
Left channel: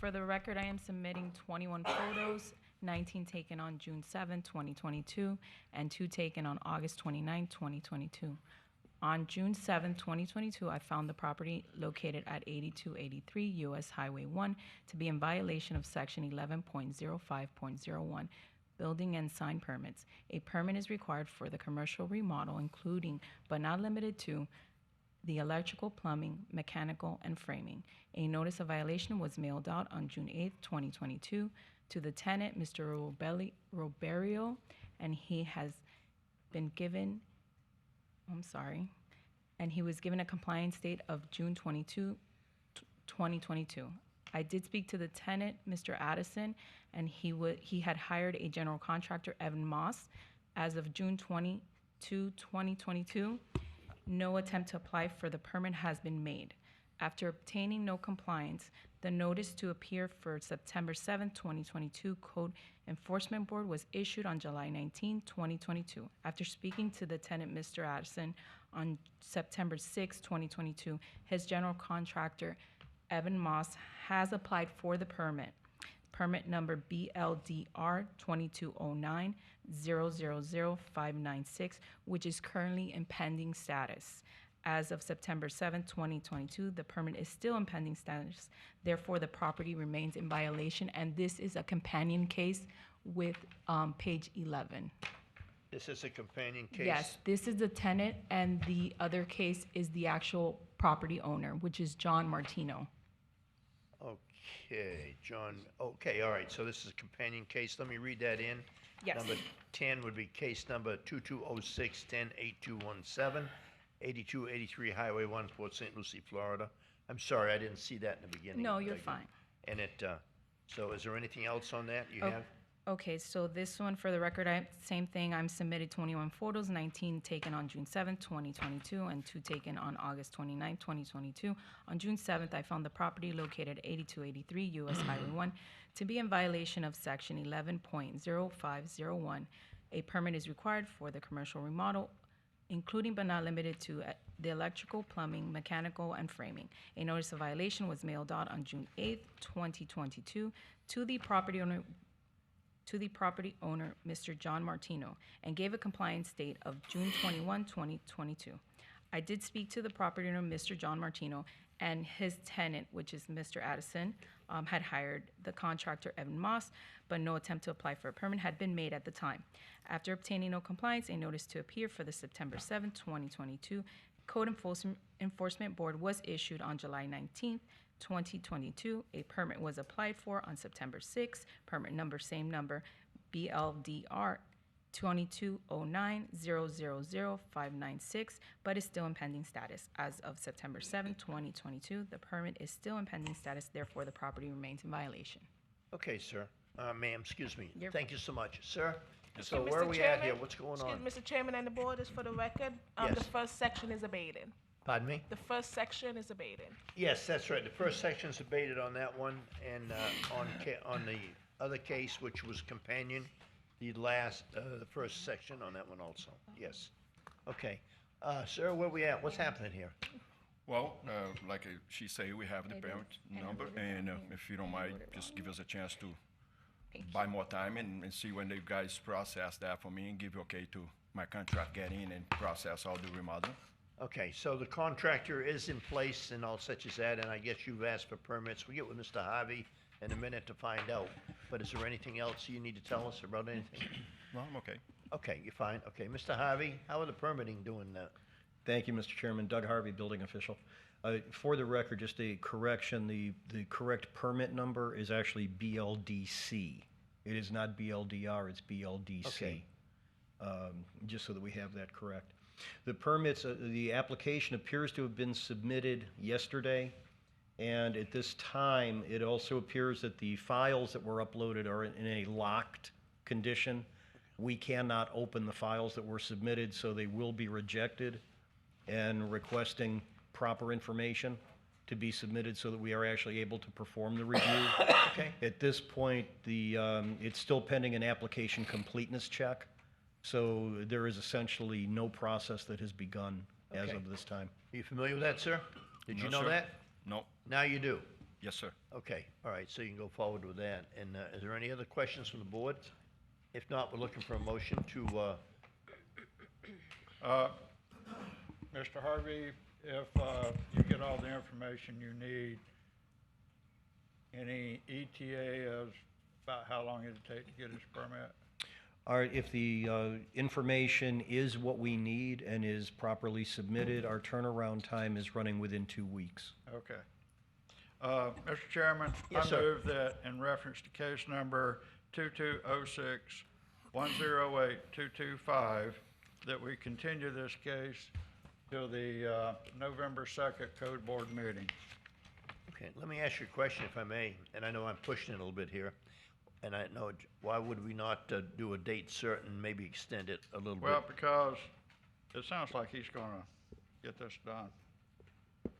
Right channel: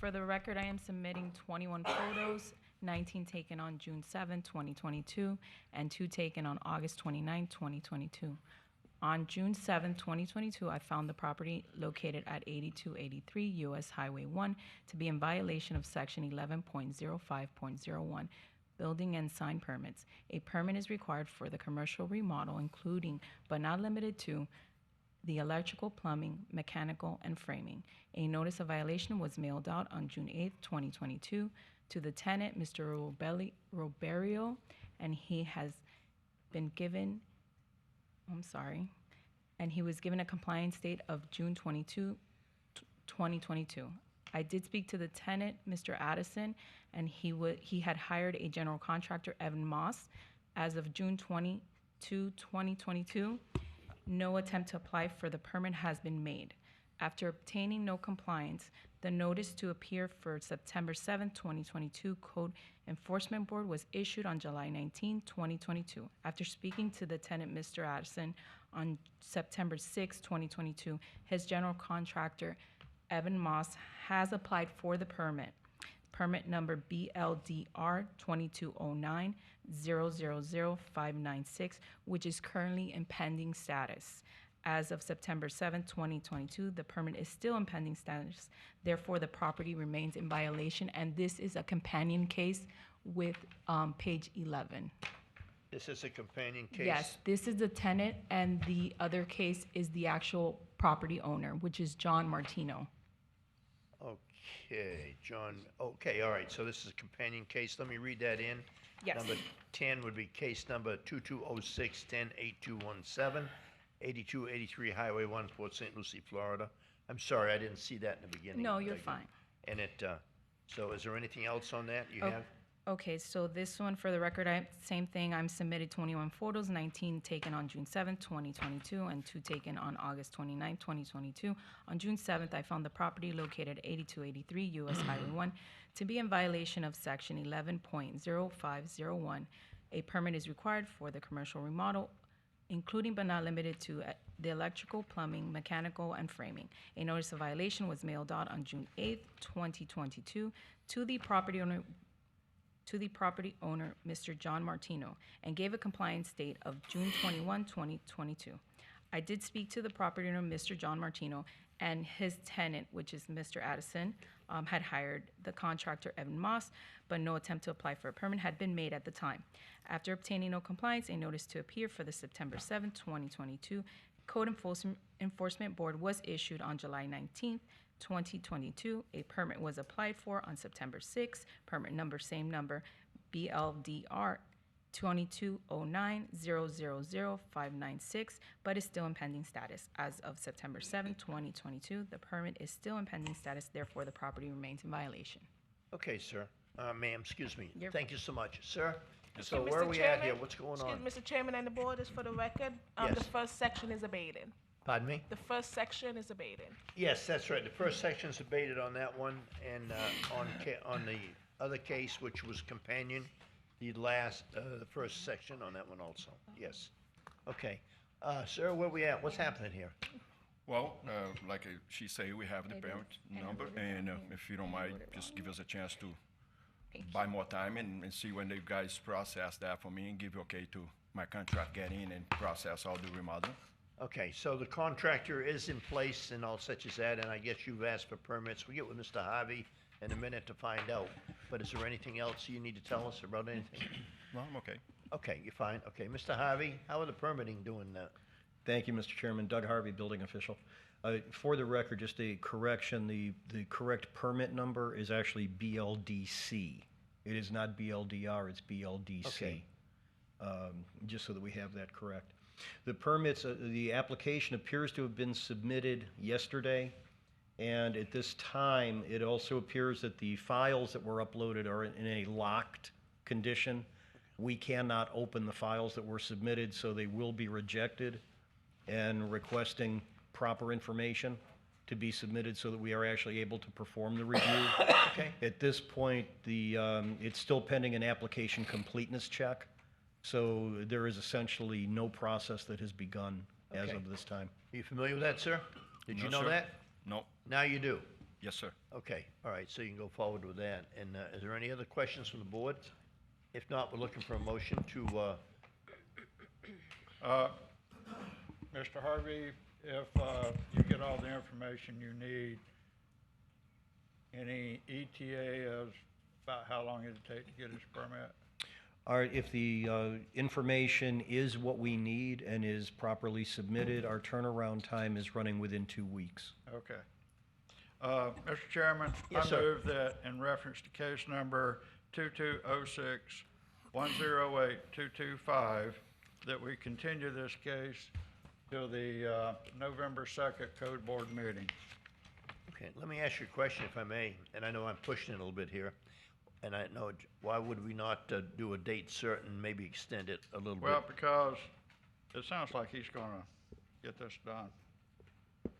For the record, I am submitting 21 photos, 19 taken on June 7, 2022, and 2 taken on August 29, 2022. On June 7, 2022, I found the property located at 8283 US Highway 1 to be in violation of Section 11.05.01, Building and Sign Permits. A permit is required for the commercial remodel, including but not limited to the electrical, plumbing, mechanical, and framing. A notice of violation was mailed out on June 8, 2022, to the tenant, Mr. Roberio, and he has been given, and he was given a compliance date of June 22, 2022. I did speak to the tenant, Mr. Addison, and he had hired a general contractor, Evan Moss, as of June 22, 2022. No attempt to apply for the permit has been made. After obtaining no compliance, the notice to appear for September 7, 2022 Code Enforcement Board was issued on July 19, 2022. After speaking to the tenant, Mr. Addison, on September 6, 2022, his general contractor, Evan Moss, has applied for the permit. Permit number BLDR 2209-000596, which is currently in pending status. As of September 7, 2022, the permit is still in pending status. Therefore, the property remains in violation, and this is a companion case with page 11. This is a companion case? Yes, this is the tenant, and the other case is the actual property owner, which is John Martino. Okay, John, okay, all right, so this is a companion case. Let me read that in. Yes. Number 10 would be case number 2206-108217, 8283 Highway 1, Port St. Lucie, Florida. I'm sorry, I didn't see that in the beginning. No, you're fine. And so is there anything else on that you have? Okay, so this one, for the record, same thing. I'm submitted 21 photos, 19 taken on June 7th, 2022, and 2 taken on August 29th, 2022. On June 7th, I found the property located at 8283 US Highway 1 to be in violation of Section 11.0501. A permit is required for the commercial remodel, including but not limited to the electrical, plumbing, mechanical, and framing. A notice of violation was mailed out on June 8th, 2022, to the property owner, Mr. John Martino, and gave a compliance date of June 21, 2022. I did speak to the property owner, Mr. John Martino, and his tenant, which is Mr. Addison, had hired the contractor, Evan Moss, but no attempt to apply for a permit had been made at the time. After obtaining no compliance, a notice to appear for the September 7, 2022 Code Enforcement Board was issued on July 19, 2022. A permit was applied for on September 6. Permit number, same number, BLDR 2209-000596, but is still in pending status. As of September 7, 2022, the permit is still in pending status, therefore the property remains in violation. Okay, sir. Ma'am, excuse me. You're Thank you so much. Sir, Yes, so sir. where are Mr. we at here? Chairman? What's going on? Excuse Mr. Chairman and the board, is for the record, Yes. the first section is abated. Pardon me? The first section is abated. Yes, that's right. The first section's abated on that one, and on the other case, which was companion, the first section on that one also. Yes. Okay. Sir, where we at? What's happening here? Well, like she say, we have the parent number, and if you don't mind, just give us a chance to buy more time and see when the guys process that for me and give okay to my contract get in and process all the remodeling. Okay, so the contractor is in place and all such as that, and I guess you've asked for permits. We'll get with Mr. Harvey in a minute to find out. But is there anything else you need to tell us about anything? No, I'm okay. Okay, you're fine. Okay, Mr. Harvey, how are the permitting doing that? Thank you, Mr. Chairman. Doug Harvey, building official. For the record, just a correction, the correct permit number is actually BLDC. It is not BLDR, it's BLDC. Okay. Just so that we have that correct. The permits, the application appears to have been submitted yesterday, and at this time, it also appears that the files that were uploaded are in a locked condition. We cannot open the files that were submitted, so they will be rejected, and requesting proper information to be submitted so that we are actually able to perform the review. Okay. At this point, it's still pending an application completeness check, so there is essentially no process that has begun as Okay. of this time. Are you familiar with that, sir? Did you No, know sir. that? No. Now you do. Yes, sir. Okay, all right, so you can go forward with that. And is there any other questions from the board? If not, we're looking for a motion to, Mr. Harvey, if you get all the information you need, any ETA of about how long it'll take to get his permit? All right, if the information is what we need and is properly submitted, our turnaround time is running within 2 weeks. Okay. Mr. Chairman, Yes, I sir. move that in reference to case number 2206-108-225, that we continue this case till the November 2nd Code Board meeting. okay, let me ask you a question if I may, and I know I'm pushing it a little bit here. And I know, why would we not do a date certain, maybe extend it a little bit? Well, because it sounds like he's gonna get this done.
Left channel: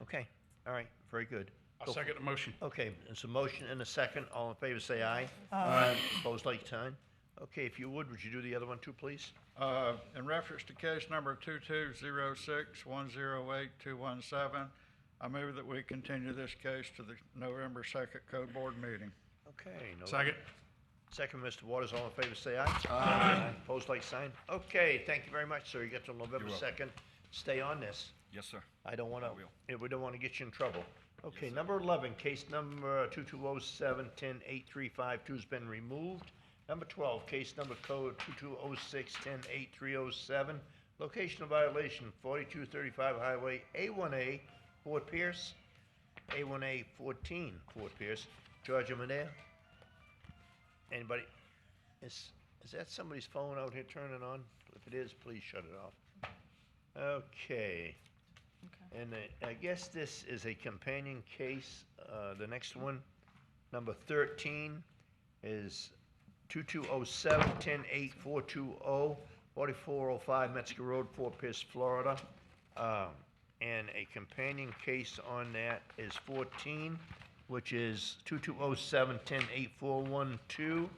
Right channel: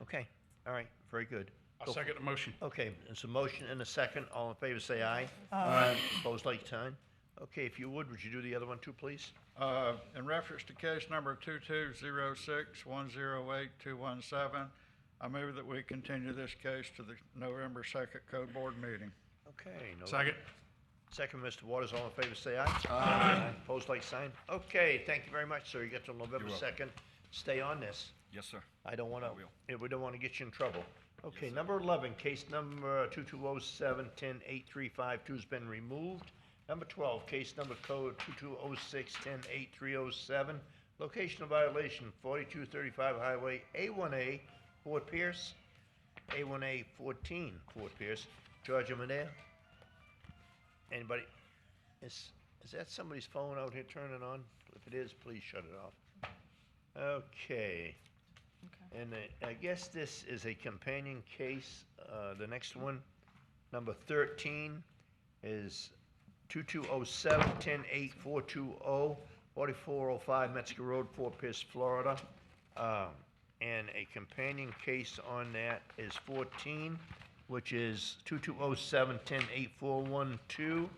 Okay, all right, very good. I'll second the motion. Okay, there's a motion and a second. All in favor, say aye. Aye. Opposed, like sign. Okay, if you would you do the other one too, please? In reference to case number 2206-108-217, I move that we continue this case to the November 2nd Code Board meeting. Okay. Second. Second, Mr. Waters, all in favor, say aye. Aye. Opposed, like sign. Okay, thank you very much, sir. You got till November You're welcome. 2nd. Stay on this. Yes, sir. I don't wanna, I will. we don't wanna get you in trouble. Okay, number 11, case number 2207-10835 has been removed. Number 12, case number code 2206-108-307, location of violation 4235 Highway A1A, Fort Pierce, A1A 14, Fort Pierce. Georgia Manea? Anybody? Is that somebody's phone out here turning on? If it is, please shut it off. Okay. And I guess this is a companion case. The next one, number 13, is 2207-108-420, 4405 Metzger Road, Fort Pierce, Florida. And a companion case on that is 14, which is 2207-108-412.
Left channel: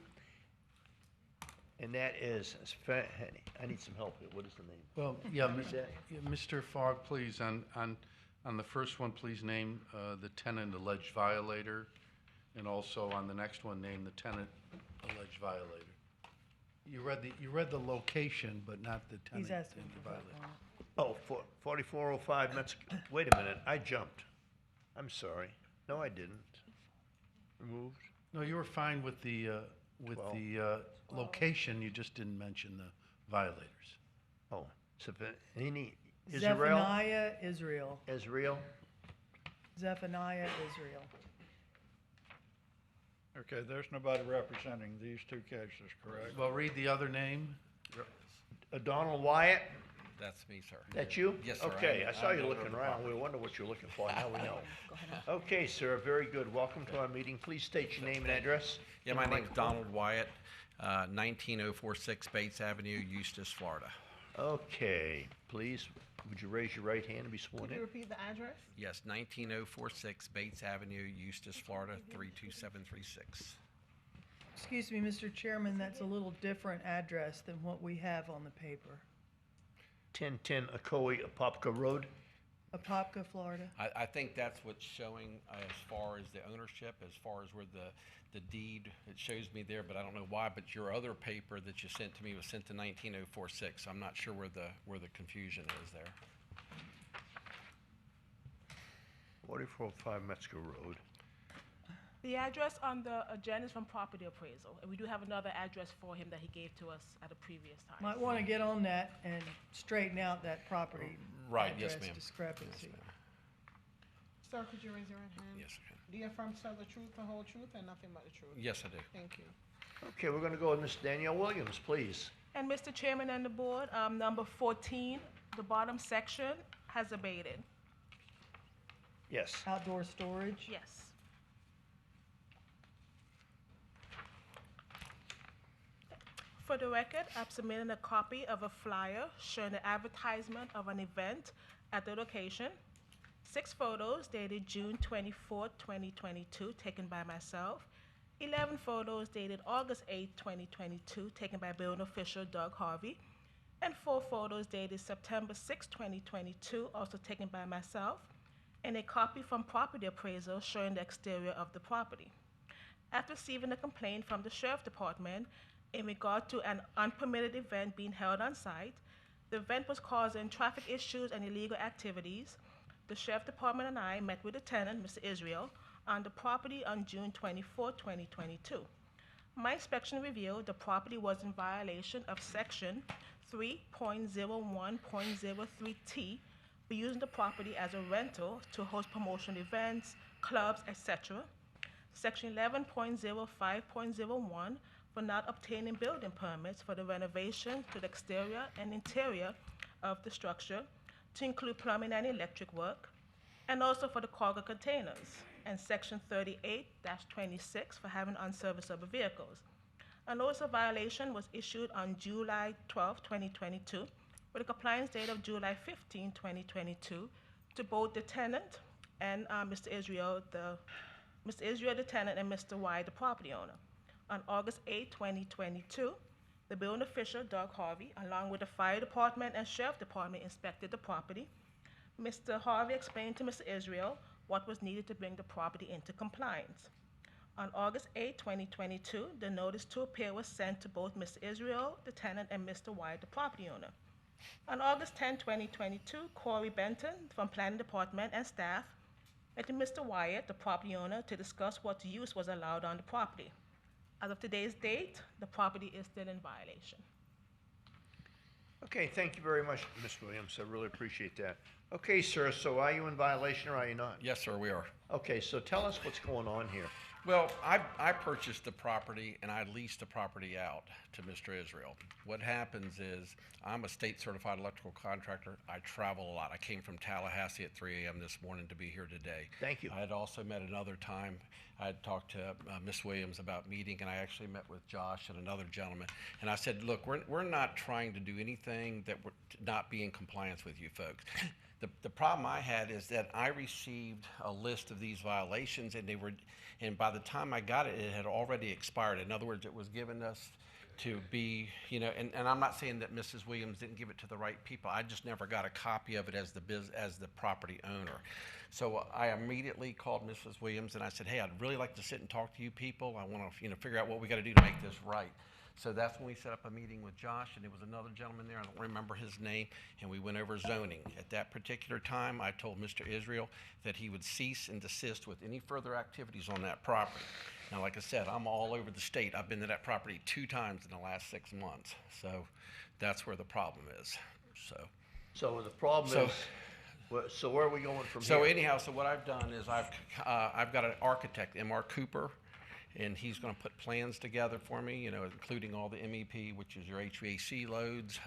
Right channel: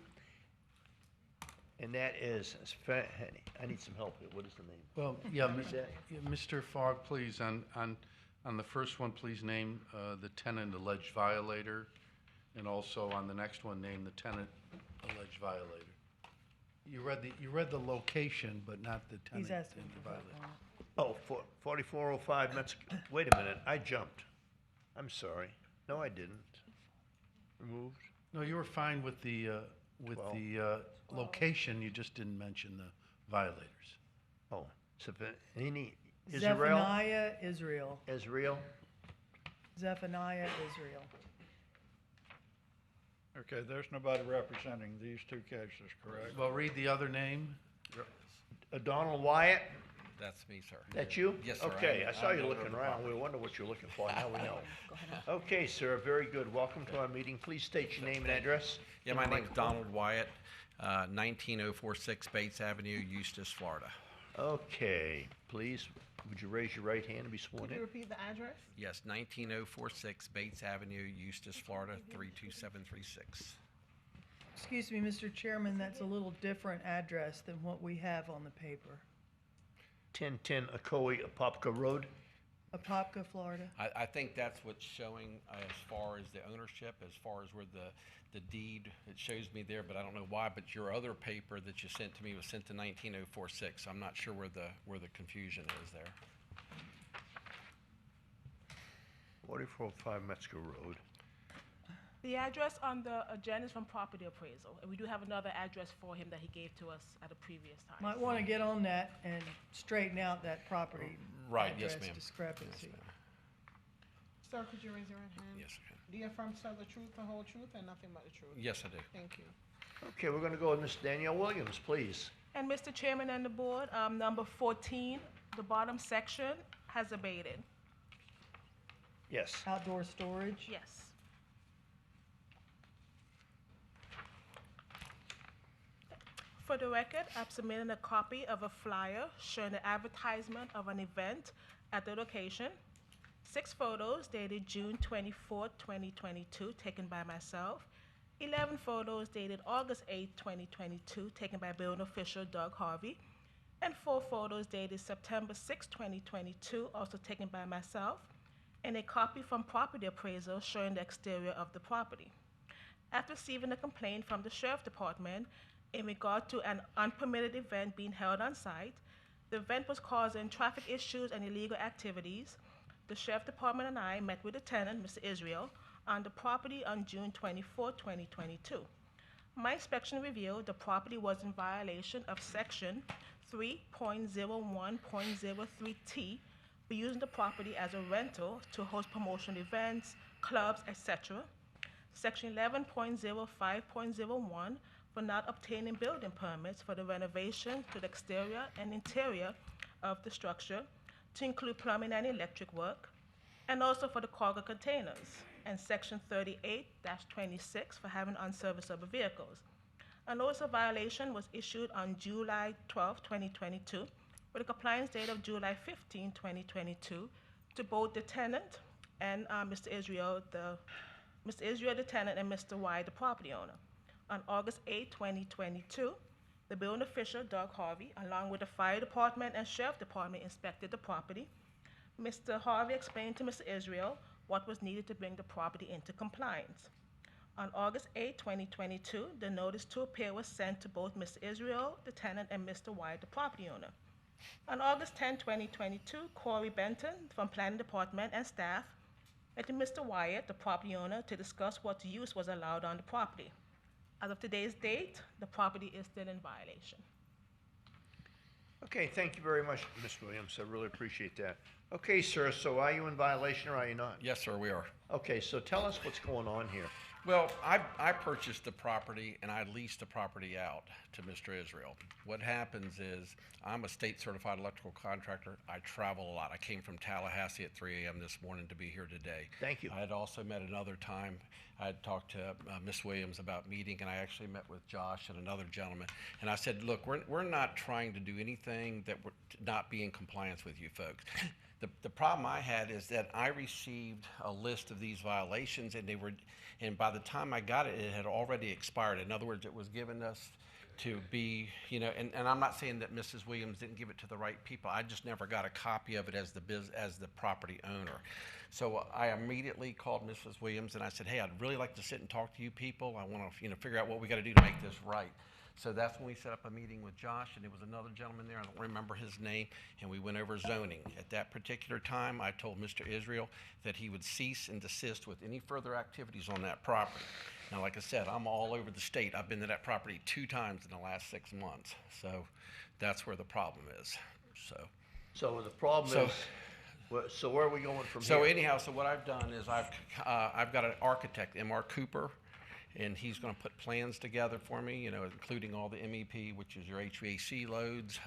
And that is, I need some help here. What is the name? Well, yeah, What is that? Mr. Fogg, please, on the first one, please name the tenant alleged violator, and also on the next one, name the tenant alleged violator. You read the location, but not the tenant. He's asking and the for that violator. one. Oh, 4405 Metzger, wait a minute, I jumped. I'm sorry. No, I didn't. Removed? No, you were fine with the location, you just didn't mention the violators. Oh, Zephaniah, Israel? Israel. Israel? Zephaniah, Israel. Okay, there's nobody representing these two cases, correct? Well, read the other name. Donald Wyatt? That's me, sir. That you? Yes, sir. Okay, I saw I'm you the looking owner of the around. We wonder what you're looking for. Now we know. Okay, sir, very good. Welcome to our meeting. Please state your name and address. Yeah, in my the name's microphone. Donald Wyatt, 19046 Bates Avenue, Eustis, Florida. Okay, please, would you raise your right hand and be sworn Could you in? repeat the address? Yes, 19046 Bates Avenue, Eustis, Florida, 32736. Excuse me, Mr. Chairman, that's a little different address than what we have on the paper. 1010 Ocoee, Apopka Road. Apopka, Florida. I think that's what's showing as far as the ownership, as far as where the deed, it shows me there, but I don't know why, but your other paper that you sent to me was sent to 19046. I'm not sure where the confusion is there. 4405 Metzger Road. The address on the agenda is from property appraisal, and we do have another address for him that he gave to us at a previous time. Might want to get on that and straighten out that property Right, yes, address ma'am. discrepancy. Sir, could you raise your right hand? Yes, I can. Do you affirm to tell the truth, the whole truth, and nothing but the truth? Yes, I do. Thank you. Okay, we're gonna go with Ms. Danielle Williams, please. And Mr. Chairman and the board, number 14, the bottom section has abated. Yes. Outdoor storage? Yes. For the record, I've submitted a copy of a flyer showing the advertisement of an event at the location. 6 photos dated June 24, 2022, taken by myself. 11 photos dated August 8, 2022, taken by building official Doug Harvey. And 4 photos dated September 6, 2022, also taken by myself. And a copy from property appraisal showing the exterior of the property. After receiving a complaint from the Sheriff Department in regard to an unpermitted event being held on site, the event was causing traffic issues and illegal activities. The Sheriff Department and I met with the tenant, Mr. Israel, on the property on June 24, 2022. My inspection revealed the property was in violation of Section 3.01.03T for using the property as a rental to host promotional events, clubs, etc. Section 11.05.01 for not obtaining building permits for the renovation to the exterior and interior of the structure to include plumbing and electric work, and also for the cargo containers, and Section 38-26 for having unserviceable vehicles. A notice of violation was issued on July 12, 2022, with a compliance date of July 15, 2022, to both the tenant and Mr. Israel, the tenant, and Mr. Y, the property owner. On August 8, 2022, the building official, Doug Harvey, along with the fire department and sheriff department, inspected the property. Mr. Harvey explained to Mr. Israel what was needed to bring the property into compliance. On August 8, 2022, the notice to appear was sent to both Mr. Israel, the tenant, and Mr. Y, the property owner. On August 10, 2022, Corey Benton from Planning Department and staff met with Mr. Wyatt, the property owner, to discuss what use was allowed on the property. As of today's date, the property is still in violation. Okay, thank you very much, Ms. Williams. I really appreciate that. Okay, sir, so are you in violation or are you not? Yes, sir, we are. Okay, so tell us what's going on here. Well, I purchased the property and I leased the property out to Mr. Israel. What happens is I'm a state certified electrical contractor. I travel a lot. I came from Tallahassee at 3 a.m. this morning to be here today. Thank you. I had also met another time. I had talked to Ms. Williams about meeting, and I actually met with Josh and another gentleman. And I said, look, we're not trying to do anything that would not be in compliance with you folks. The problem I had is that I received a list of these violations, and by the time I got it, it had already expired. In other words, it was given us to be, and I'm not saying that Mrs. Williams didn't give it to the right people. I just never got a copy of it as the property owner. So I immediately called Mrs. Williams and I said, hey, I'd really like to sit and talk to you people. I want to, figure out what we got to do to make this right. So that's when we set up a meeting with Josh, and there was another gentleman there, I don't remember his name, and we went over zoning. At that particular time, I told Mr. Israel that he would cease and desist with any further activities on that property. Now, like I said, I'm all over the state. I've been to that property 2 times in the last 6 months. So that's where the problem is. So the problem is, so where are we going from here? So anyhow, so what I've done is I've got an architect, M.R. Cooper, and he's going to put plans together for me, including all the MEP, which is your HVAC loads,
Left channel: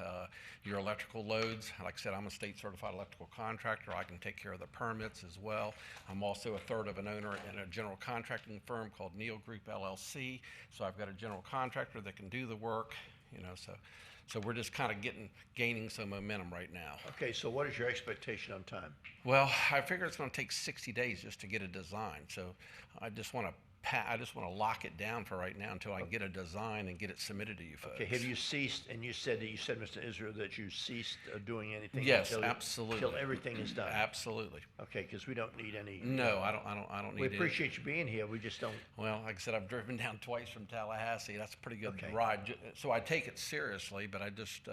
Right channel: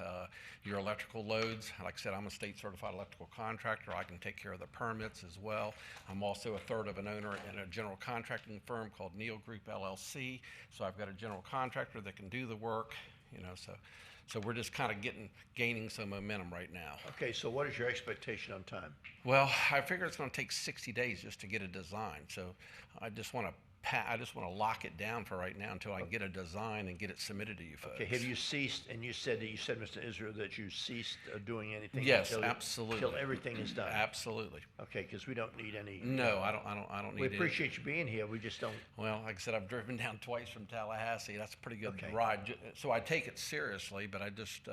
your electrical loads. Like I said, I'm a state certified electrical contractor. I can take care of the permits as well. I'm also a third of an owner in a general contracting firm called Neal Group LLC. So I've got a general contractor that can do the work, So we're just kind of gaining some momentum right now. Okay, so what is your expectation on time? Well, I figure it's going to take 60 days just to get a design. So I just want to lock it down for right now until I can get a design and get it submitted to you folks. Okay, have you ceased, and you said, Mr. Israel, that you ceased doing anything? Yes, absolutely. Until everything is done? Absolutely. Okay, because we don't need any. No, I don't need We appreciate you being here, we just don't. Well, like I said, I've driven down twice from Tallahassee. That's a pretty good ride. So I take it seriously, but I just,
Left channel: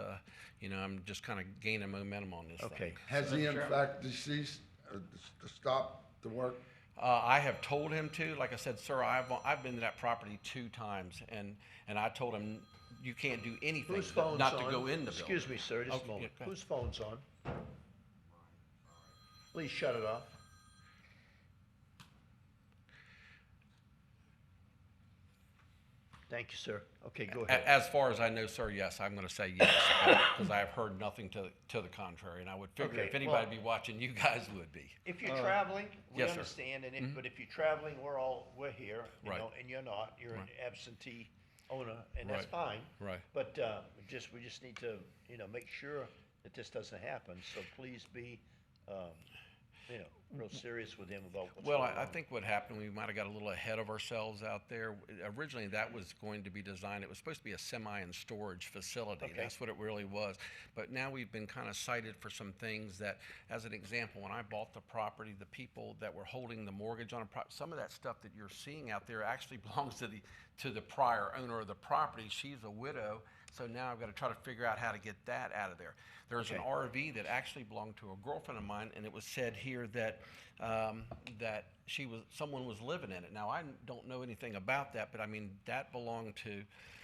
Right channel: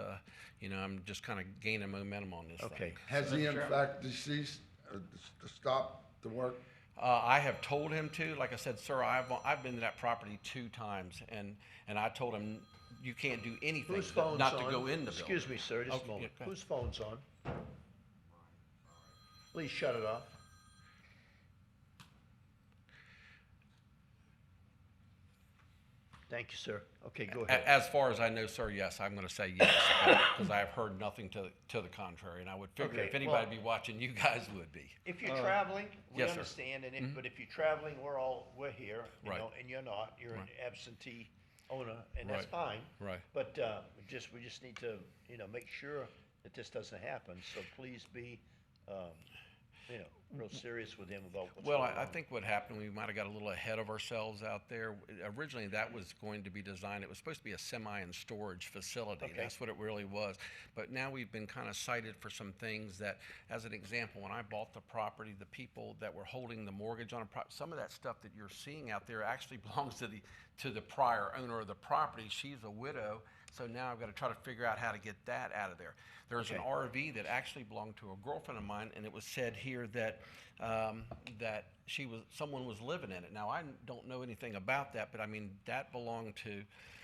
I'm just kind of gaining momentum on this thing. Has he in fact deceased to stop the work? I have told him to. Like I said, sir, I've been to that property 2 times, and I told him you can't do anything Whose phone's not on? to go in the building. Excuse me, sir, just a moment. Yeah, Whose phone's on? Please shut it off. Thank you, sir. Okay, go ahead. As far as I know, sir, yes, I'm gonna say yes, because I have heard nothing to the contrary, and I would figure Okay, if anybody well- be watching, you guys would be. If you're traveling, we yes, sir. understand, and Mhm. but if you're traveling, we're here, you Right. know, and you're not, you're an absentee owner, and that's Right. fine. Right. But, we just need to, make sure that this doesn't happen, so please be, real serious with him about what's Well, going on. I think what happened, we might have got a little ahead of ourselves out there. Originally, that was going to be designed, it was supposed to be a semi and storage facility. Okay. That's what it really was. But now we've been kind of cited for some things that, as an example, when I bought the property, the people that were holding the mortgage on a property, some of that stuff that you're seeing out there actually belongs to the prior owner of the property. She's a widow, so now I've got to try to figure out how to get that out of there. There's an Okay. RV that actually belonged to a girlfriend of mine, and it was said here that that someone was living in it. Now I don't know anything about that, but I mean that belonged to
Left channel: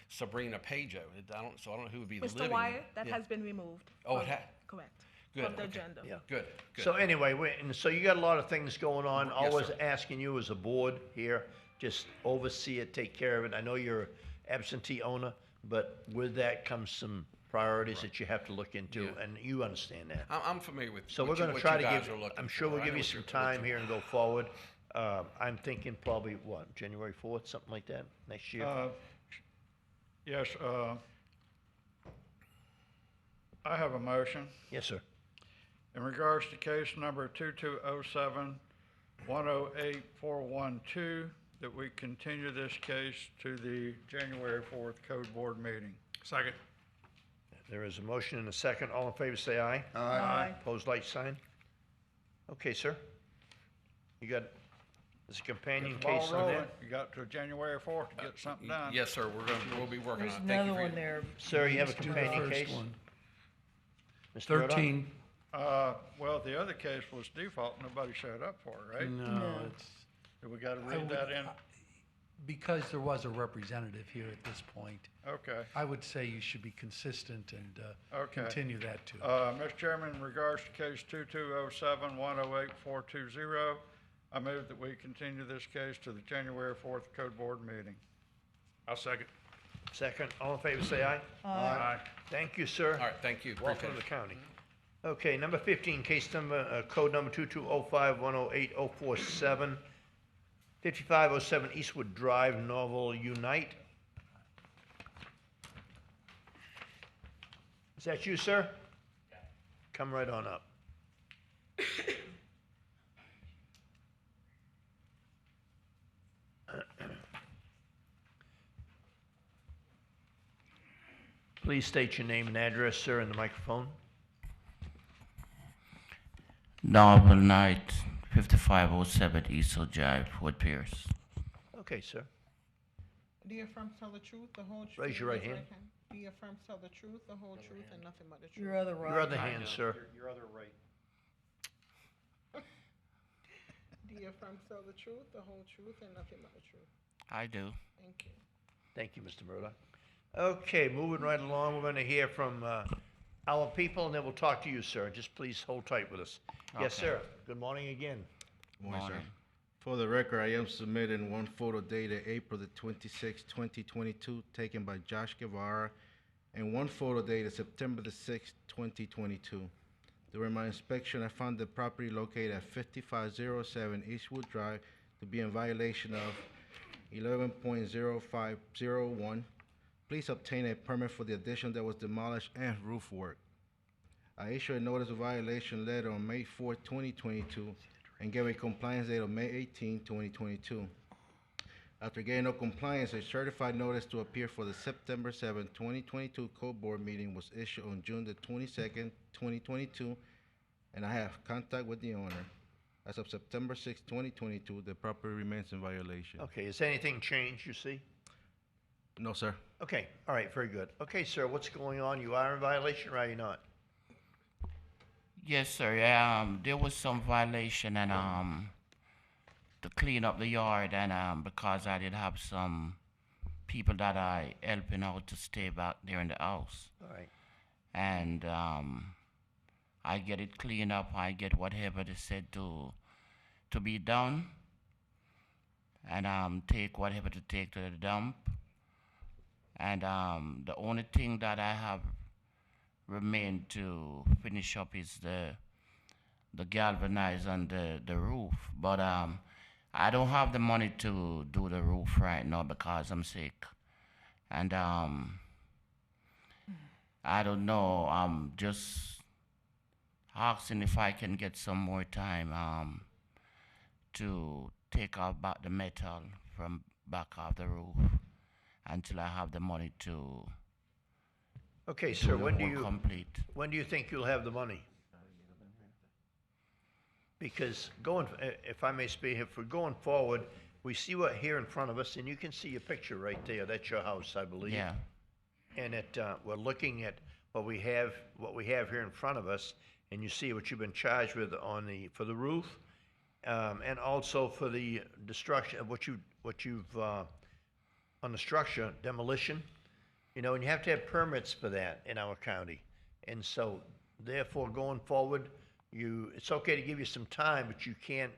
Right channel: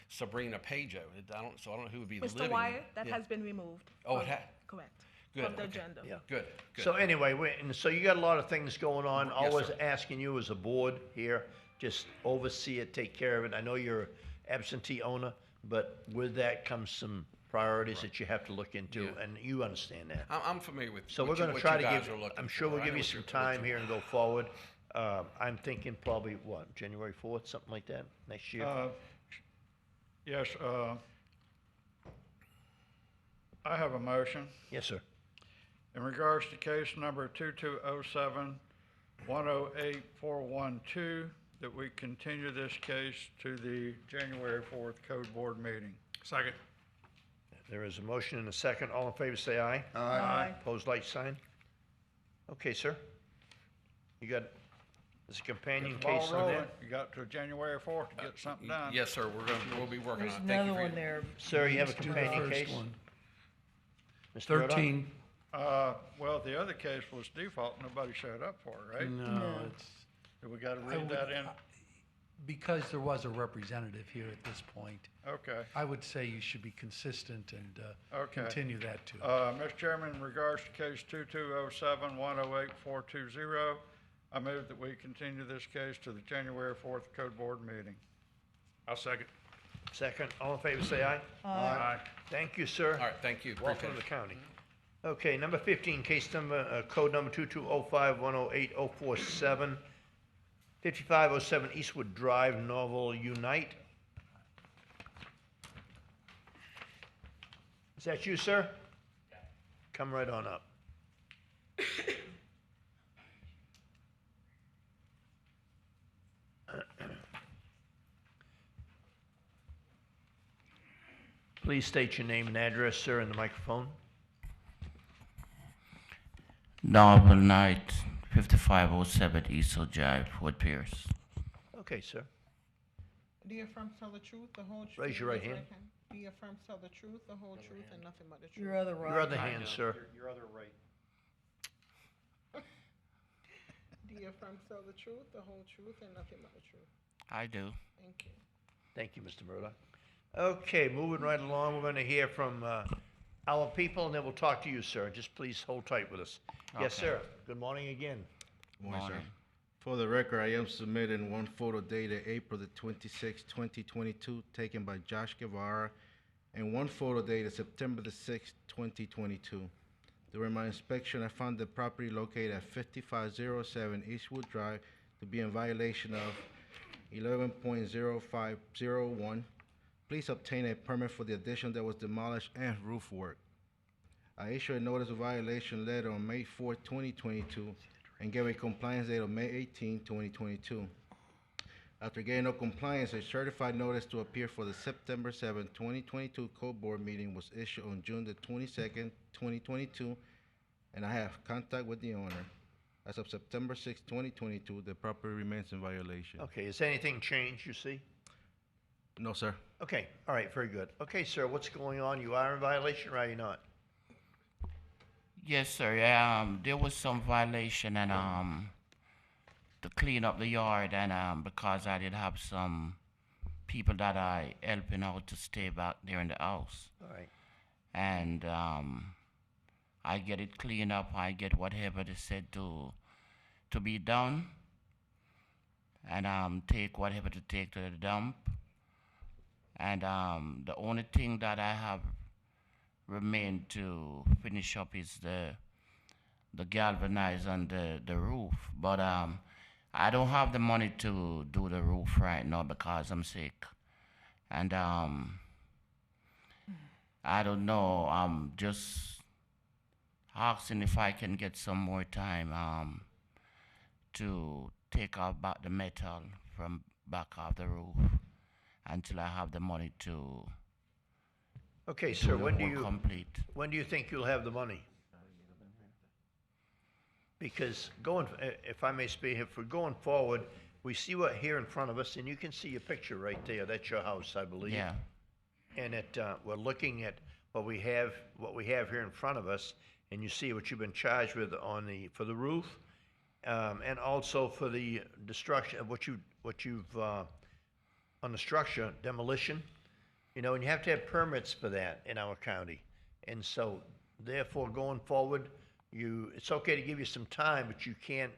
Sabrina Pajo. I don't know who would be living Mr. in Wyatt, it. that Yeah. has been removed. Oh, from- it ha- Correct. Good, From the okay. agenda. Yeah. Good. So anyway, so you got a lot of things going on. Yes, Always sir. asking you as a board here, just oversee it, take care of it. I know you're absentee owner, but with that comes some priorities that you have to look into, and you understand that. I'm familiar with. So what we're you- going to what try you to guys give. are looking I'm sure for. we'll I give know you what some you're- time here and go forward. I'm thinking probably January 4th, something like that, next year. Yes, I have a motion. Yes, sir. In regards to case number 2207-108412, that we continue this case to the January 4th Code Board meeting. Second. There is a motion and a second. All in favor, say aye. Aye. Opposed, like sign. Okay, sir. You got, this companion Get the ball case on rolling. that? You got to January 4th to get something done. Yes, sir. We'll be working There's on it. Thank you another for one your- there. Sir, you have a Let's do the companion first case? one. Mr. Murdock? 13, Well, the other case was default, nobody showed up for it, right? no, it's, Do we gotta I read would- that in? because there was a representative here at this point, Okay. I would say you should be consistent and Okay. continue that too. Mr. Chairman, in regards to case 2207-108420, I move that we continue this case to the January 4th Code Board meeting. I'll second. Second, all in favor, say aye. Aye. Thank you, sir. All right, thank you. Welcome to Appreciate the county. Okay, number 15, case number, code number 2205-108047, 5507 Eastwood Drive, Norval Unite. Is that you, sir? Come right on up. Please state your name and address, sir, in the microphone. Norval Night, 5507 Eastwood Drive, Fort Pierce. Okay, sir. Do you affirm to tell the truth, the whole truth? Raise your right and hand. nothing but- Do you affirm to tell the truth, the whole truth, and nothing but the truth? Your other right. Your other hand, sir. Your other right. Do you affirm to tell the truth, the whole truth, and nothing but the truth? I do. Thank you. Thank you, Mr. Murdock. Okay, moving right along, we're going to hear from our people, and then we'll talk to you, sir. Just please hold tight with us. Yes, Okay. sir. Good morning again. Morning, sir. For the record, I am submitting one photo dated April the 26th, 2022, taken by Josh Guevara, and one photo dated September the 6th, 2022. During my inspection, I found the property located at 5507 Eastwood Drive to be in violation of 11.0501. Please obtain a permit for the addition that was demolished and roof work. I issued a notice of violation letter on May 4th, 2022, and gave a compliance date of May 18, 2022. After getting no compliance, a certified notice to appear for the September 7, 2022 Code Board meeting was issued on June the 22nd, 2022, and I have contact with the owner. As of September 6, 2022, the property remains in violation. Okay, has anything changed, you see? No, sir. Okay, all right, very good. Okay, sir, what's going on? You are in violation, or are you not? Yes, sir. There was some violation and to clean up the yard, and because I did have some people that I helping out to stay back there in the house. All right. And I get it cleaned up. I get whatever they said to be done, and take whatever to take to the dump. And the only thing that I have remained to finish up is the galvanize and the roof. But I don't have the money to do the roof right now because I'm sick. And I don't know, I'm just asking if I can get some more time to take off back the metal from back of the roof until I have the money to Okay, do sir, the when do whole you, complete. when do you think you'll have the money? Because going, if I may speak, if we're going forward, we see what here in front of us, and you can see your picture right there, that's your house, I believe. Yeah. And we're looking at what we have here in front of us, and you see what you've been charged with for the roof, and also for the destruction of what you've on the structure demolition. You know, and you have to have permits for that in our county, and so therefore going forward, it's okay to give you some time, but you can't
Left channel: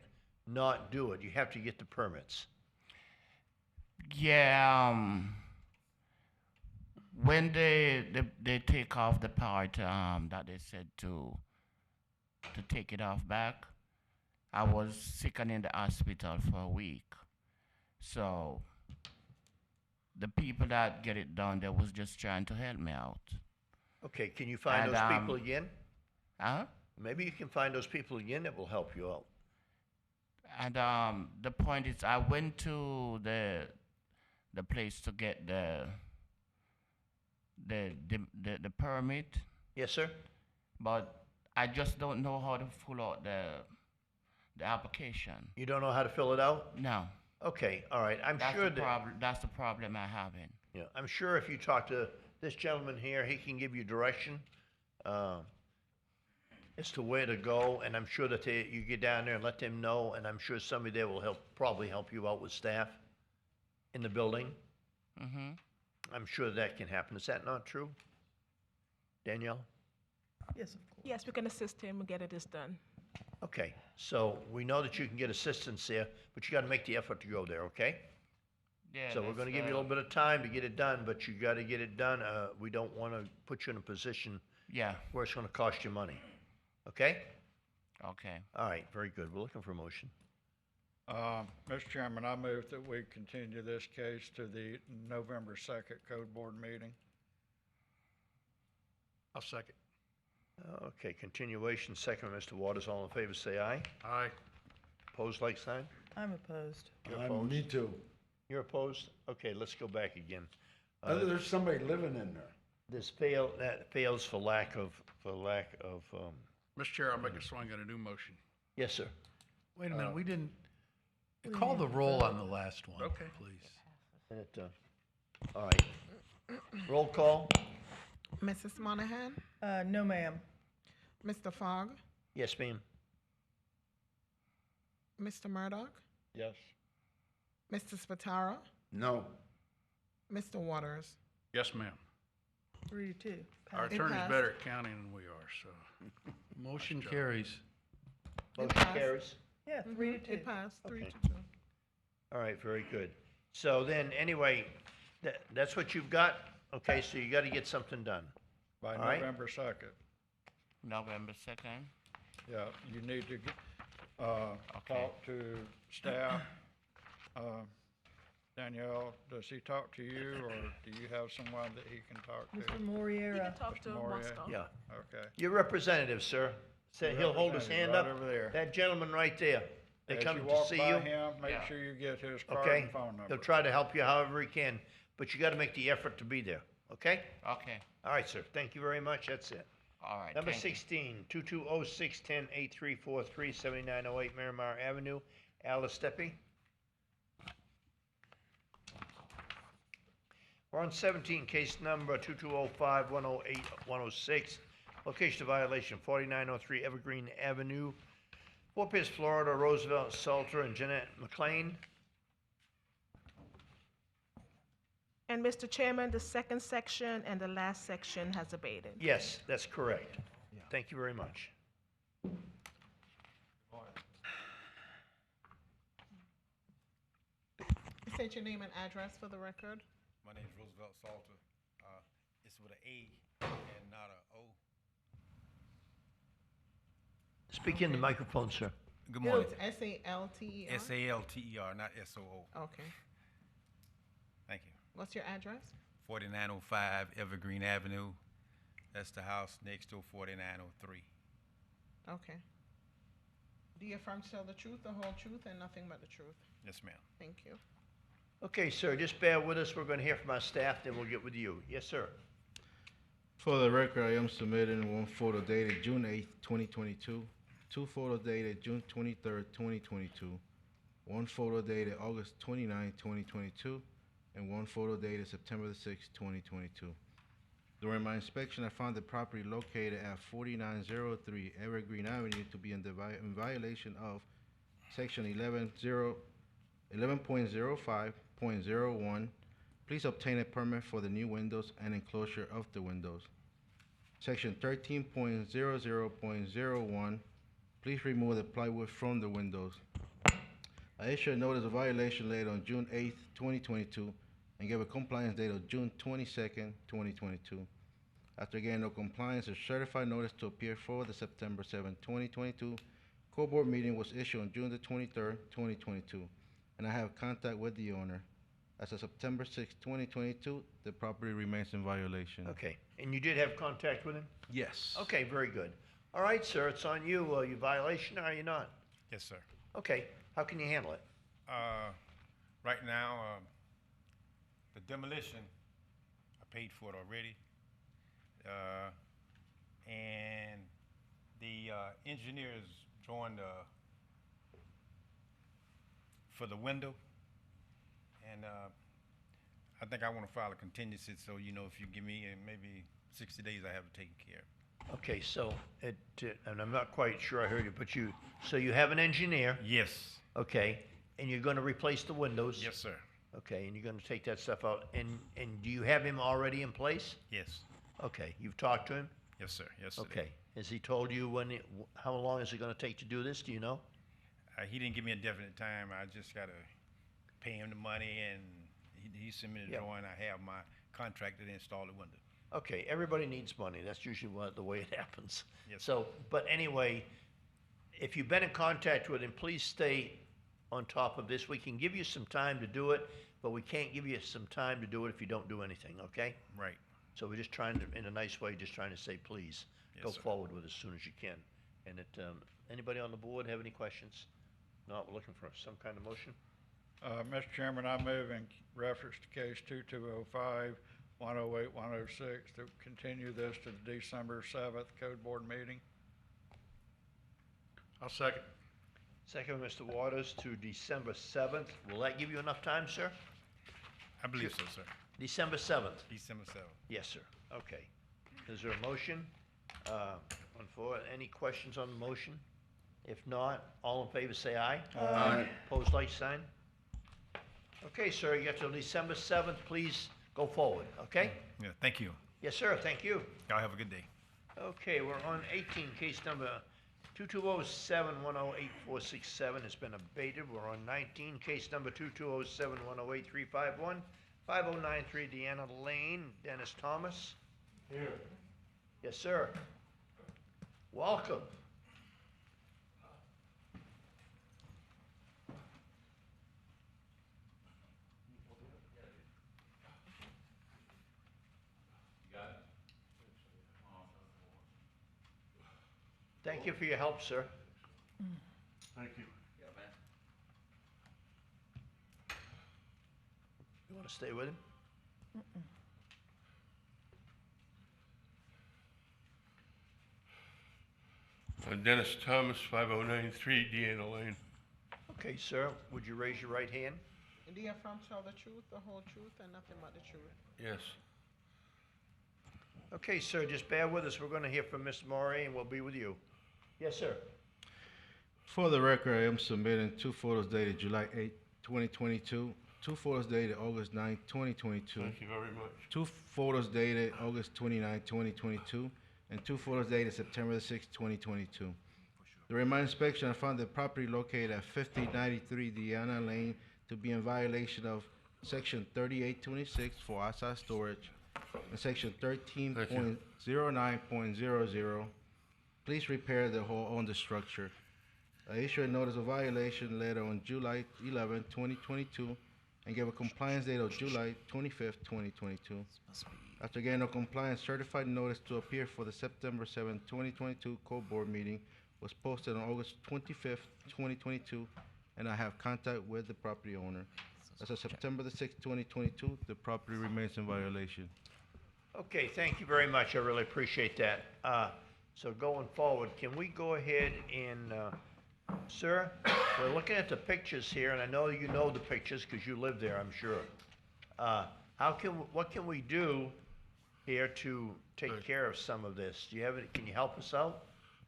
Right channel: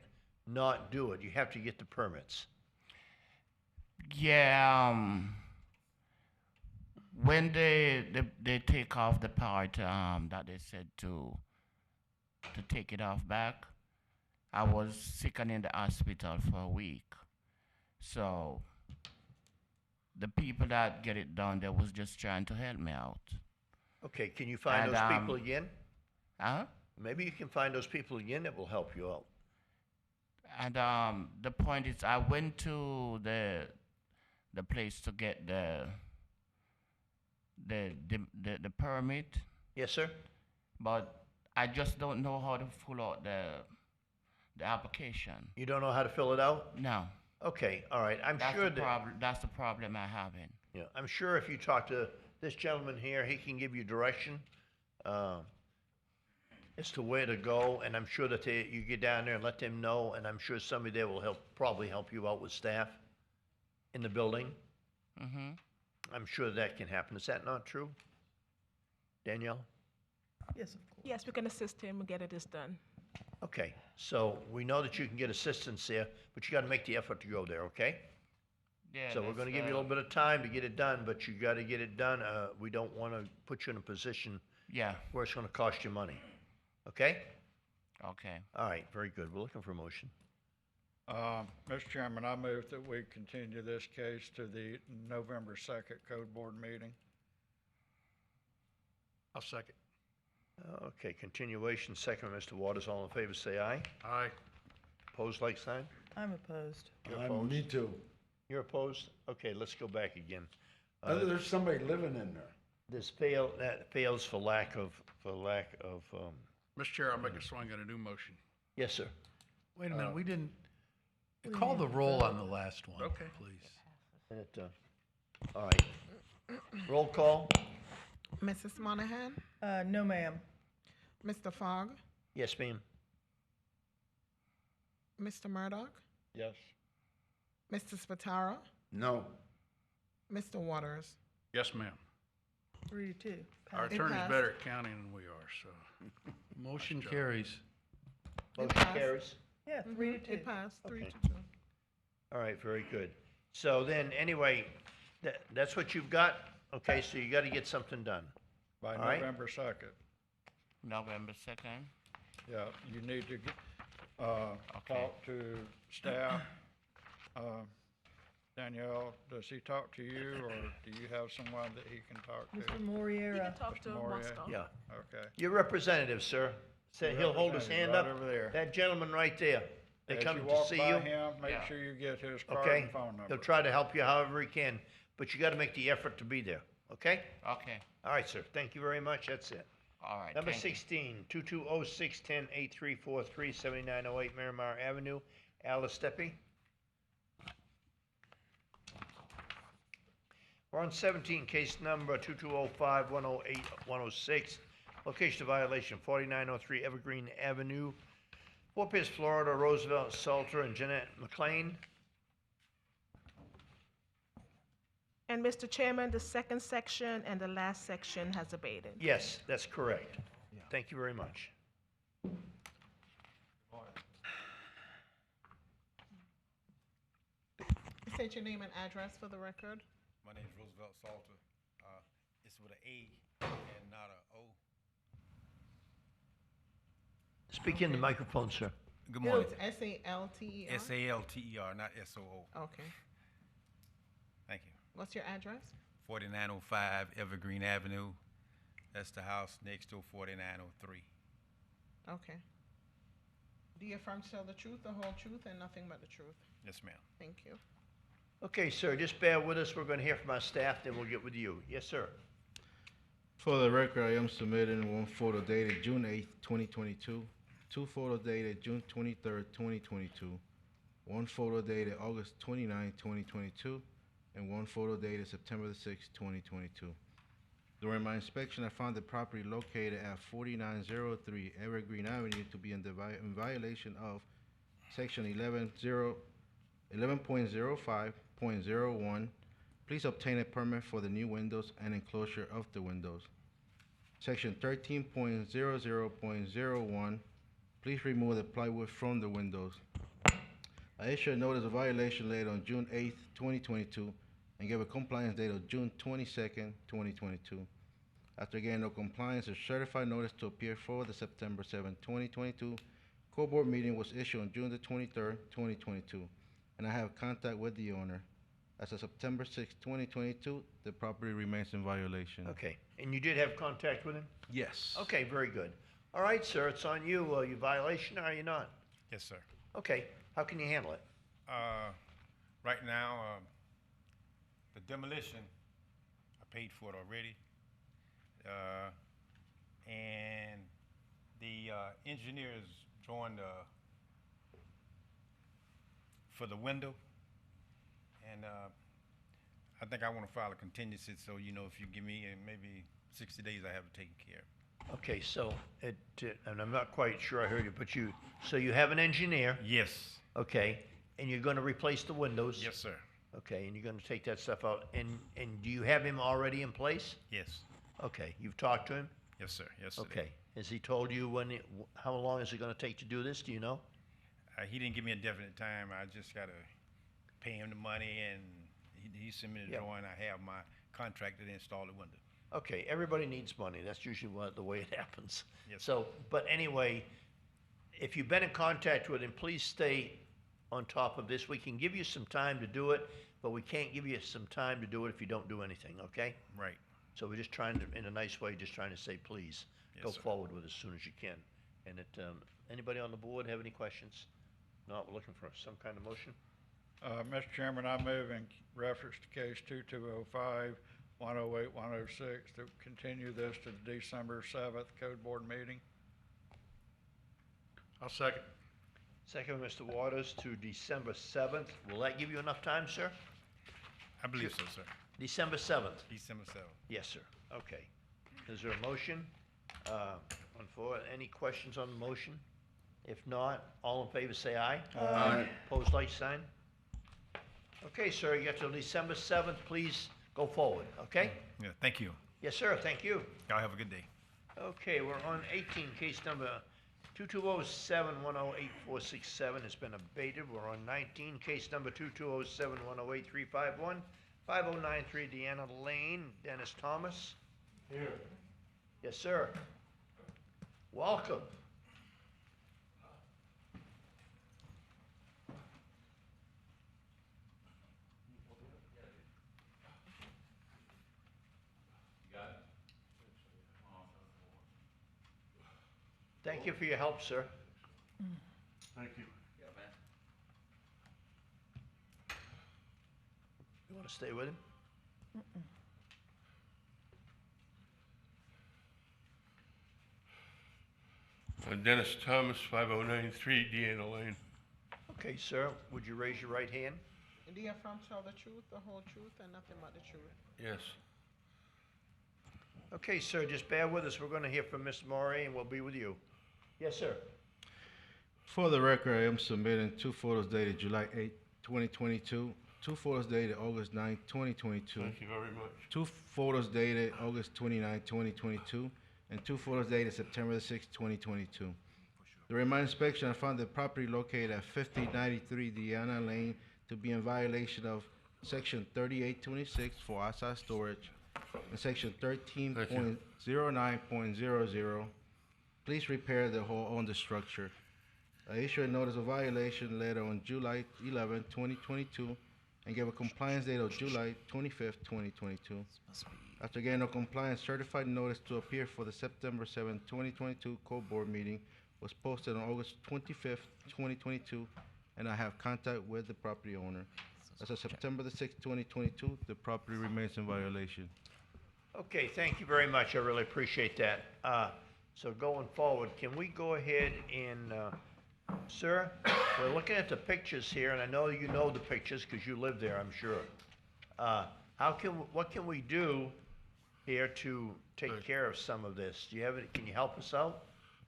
not do it. You have to get the permits. Yeah, when they take off the part that they said to take it off back, I was sick and in the hospital for a week. So the people that get it done, they was just trying to help me out. Okay, can you find And, those people again? Huh? Maybe you can find those people again that will help you out. And the point is, I went to the place to get the permit. Yes, sir. But I just don't know how to fill out the application. You don't know how to fill it out? No. Okay, all right. That's the problem I have. Yeah, I'm sure if you talk to this gentleman here, he can give you direction as to where to go, and I'm sure that you get down there and let them know, and I'm sure somebody there will probably help you out with staff in the building. Mm-hmm. I'm sure that can happen. Is that not true, Danielle? Yes, of course. Yes, we can assist him and get it done. Okay, so we know that you can get assistance there, but you got to make the effort to go there, okay? Yeah. So we're going to give you a little bit of time to get it done, but you got to get it done. We don't want to put you in a position where it's going to cost you money. Okay? Okay. All right, very good. We're looking for a motion. Mr. Chairman, I move that we continue this case to the November 2nd Code Board meeting. I'll second. Okay, continuation, second, Mr. Waters. All in favor, say aye. Aye. Opposed, like sign? I'm opposed. You're opposed? Me too. You're opposed? Okay, let's go back again. There's somebody living in there. That fails for lack of, Mr. Chair, I'll make a swing at a new motion. Yes, sir. Wait a minute, we didn't, call the roll on the last one, Okay. please. All right. Roll call? Mrs. Monahan? No, ma'am. Mr. Fogg? Yes, ma'am. Mr. Murdoch? Yes. Mr. Spataro? No. Mr. Waters? Yes, ma'am. 3-2. Our It attorney's passed. better at counting than we are, so. Motion carries. Motion passed. carries? Yeah, Mhm, 3-2. It passed, three Okay. to two. All right, very good. So then, anyway, that's what you've got? Okay, so you got to get something done. By All right. November 2nd. November 2nd. Yeah, you need to talk to staff. Danielle, does he talk to you, or do you have someone that he can talk to? Mr. Moriera. You can talk to Morier. Moscow. Yeah. Okay. Your representative, sir. Say Your he'll hold his hand representative, up. right over there. That gentleman right there. They As come you to walk see by you. him, make Yeah. sure you get his card Okay? and phone number. He'll try to help you however he can, but you got to make the effort to be there. Okay? Okay. All right, sir. Thank you very much. That's it. All right. Number thank you. 16, 2206-10-8343, 7908 Miramar Avenue, Alice Steppe. We're on 17, case number 2205-108-106. Location of violation, 4903 Evergreen Avenue, Fort Pierce, Florida, Roosevelt, Salter, and Jeanette McLean. And Mr. Chairman, the second section and the last section has abated. Yes, that's correct. Thank you very much. State your name and address for the record. My name is Roosevelt Salter. It's with an A and not a O. Speak in the microphone, sir. Good morning. It's S-A-L-T-E-R? S-A-L-T-E-R, not S-O-O. Okay. Thank you. What's your address? 4905 Evergreen Avenue. That's the house next to 4903. Okay. Do you affirm to tell the truth, the whole truth, and nothing but the truth? Yes, ma'am. Thank you. Okay, sir, just bear with us. We're going to hear from our staff, then we'll get with you. Yes, sir. For the record, I am submitting one photo dated June 8th, 2022, two photos dated June 23rd, 2022, one photo dated August 29th, 2022, and one photo dated September 6th, 2022. During my inspection, I found the property located at 4903 Evergreen Avenue to be in violation of Section 11.05.01. Please obtain a permit for the new windows and enclosure of the windows. Section 13.00.01. Please remove the plywood from the windows. I issued a notice of violation later on June 8th, 2022, and gave a compliance date of June 22nd, 2022. After getting no compliance, a certified notice to appear for the September 7th, 2022 court board meeting was issued on June the 23rd, 2022, and I have contact with the owner. As of September 6th, 2022, the property remains in violation. Okay, and you did have contact with him? Yes. Okay, very good. All right, sir, it's on you. Are you violation or are you not? Yes, sir. Okay, how can you handle it? Right now, the demolition, I paid for it already. And the engineers joined for the window. And I think I want to file a contingency, so if you give me maybe 60 days, I have it taken care of. Okay, so and I'm not quite sure I heard you, but you have an engineer? Yes. Okay, and you're gonna replace the windows? Yes, sir. Okay, and you're gonna take that stuff out, and do you have him already in place? Yes. Okay, you've talked to him? Yes, sir. Yes, sir. Okay, has he told you how long is it gonna take to do this, do you know? He didn't give me a definite time. I just gotta pay him the money, and he sent me the drawing. I have my contractor to install the window. Okay, everybody needs money, that's usually the way it happens. Yes. So, but anyway, if you've been in contact with him, please stay on top of this. We can give you some time to do it, but we can't give you some time to do it if you don't do anything, okay? Right. So we're just trying to, in a nice way, just trying to say, please, go sir. forward with it as soon as you can. And anybody on the board have any questions? No, we're looking for some kind of motion. Mr. Chairman, I move in reference to case 2205, 108, 106, to continue this to the December 7th Code Board meeting. I'll second. Second, Mr. Waters, to December 7th. Will that give you enough time, sir? I believe so, sir. December 7th? December 7th. Yes, sir. Okay. Is there a motion on floor? Any questions on the motion? If not, all in favor say aye. Aye. Opposed, like sign. Okay, sir, you got till December 7th. Please go forward, okay? Yeah, thank you. Yes, sir, thank you. Y'all have a good day. Okay, we're on 18, case number 2207-108467 has been abated. We're on 19, case number 2207-108-351, 5093 Deanna Lane, Dennis Thomas. Here. Yes, sir. Welcome. Thank you for your help, sir. Thank you. You want to stay with him? Dennis Thomas, 5093 Deanna Lane. Okay, sir, would you raise your right hand? Do you affirm to tell the truth, the whole truth, and nothing but the truth? Yes. Okay, sir, just bear with us. We're going to hear from Mr. Maury, and we'll be with you. Yes, sir. For the record, I am submitting two photos dated July 8th, 2022, two photos dated August 9th, 2022. Thank you very much. Two photos dated August 29th, 2022, and two photos dated September 6th, 2022. During my inspection, I found the property located at 5093 Deanna Lane to be in violation of Section 3826 for outside storage, and Section 13.09.00. Please repair the hole on the structure. I issued a notice of violation letter on July 11, 2022, and gave a compliance date of July 25th, 2022. After getting a compliance certified notice to appear for the September 7, 2022 Code Board meeting was posted on August 25th, 2022, and I have contact with the property owner. As of September the 6th, 2022, the property remains in violation. Okay, thank you very much. I really appreciate that. So going forward, can we go ahead and, sir, we're looking at the pictures here, and I know you know the pictures because you live there, I'm sure. What can we do here to take care of some of this? Do you have any, can you help us out?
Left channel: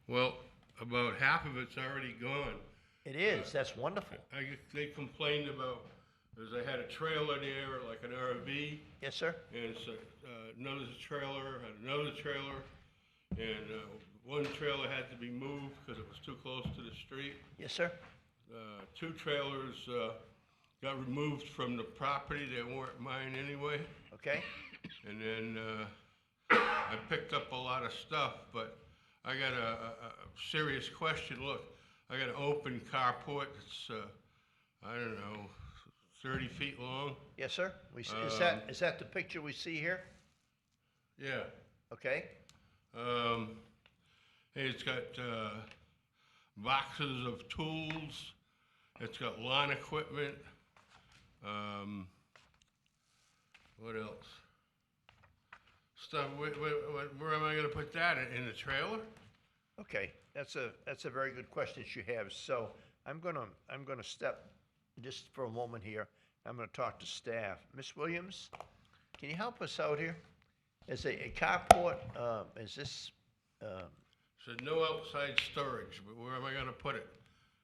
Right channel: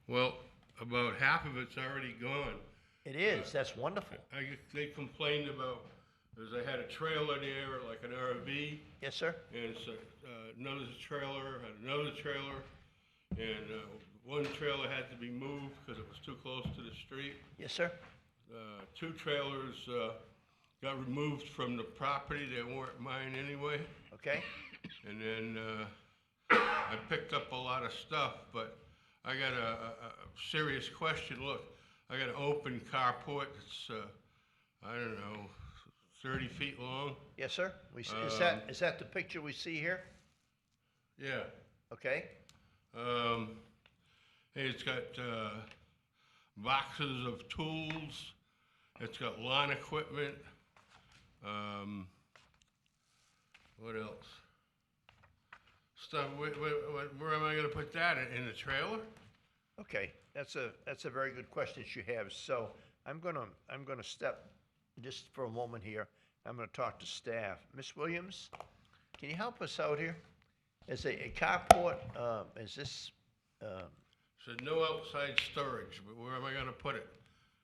Well, about half of it's already gone. It is, that's wonderful. They complained about, because I had a trailer there, like an RV. Yes, sir. And so, another trailer, and one trailer had to be moved because it was too close to the street. Yes, sir. Two trailers got removed from the property. They weren't mine anyway. Okay. And then I picked up a lot of stuff, but I got a serious question. Look, I got an open carport that's, I don't know, 30 feet long. Yes, sir. Is that the picture we see here? Yeah. Okay. It's got boxes of tools. It's got lawn equipment. What else? Stuff. Where am I going to put that in the trailer? Okay, that's a very good question that you have. So I'm gonna step just for a moment here. I'm gonna talk to staff. Miss Williams, can you help us out here? Is a carport? Is this? So no outside storage, but where am I going to put it?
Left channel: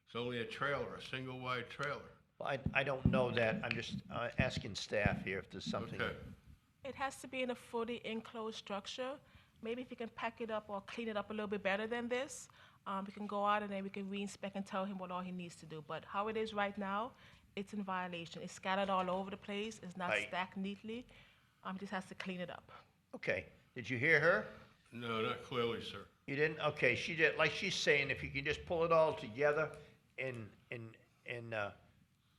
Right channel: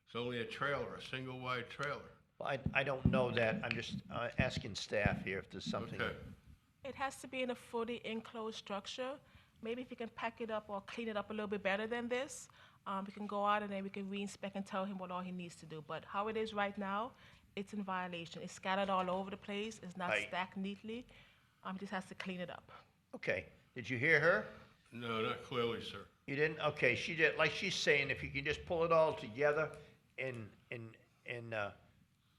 It's only a trailer, a single wide trailer. Well, I don't know that. I'm just asking staff here if there's something. Okay. It has to be in a fully enclosed structure. Maybe if you can pack it up or clean it up a little bit better than this, we can go out and then we can re-inspect and tell him what all he needs to do. But how it is right now, it's in violation. It's scattered all over the place. It's not stacked neatly. He just has to clean it up. Okay. Did you hear her? No, not clearly, sir. You didn't? Okay. She did. Like she's saying, if you can just pull it all together and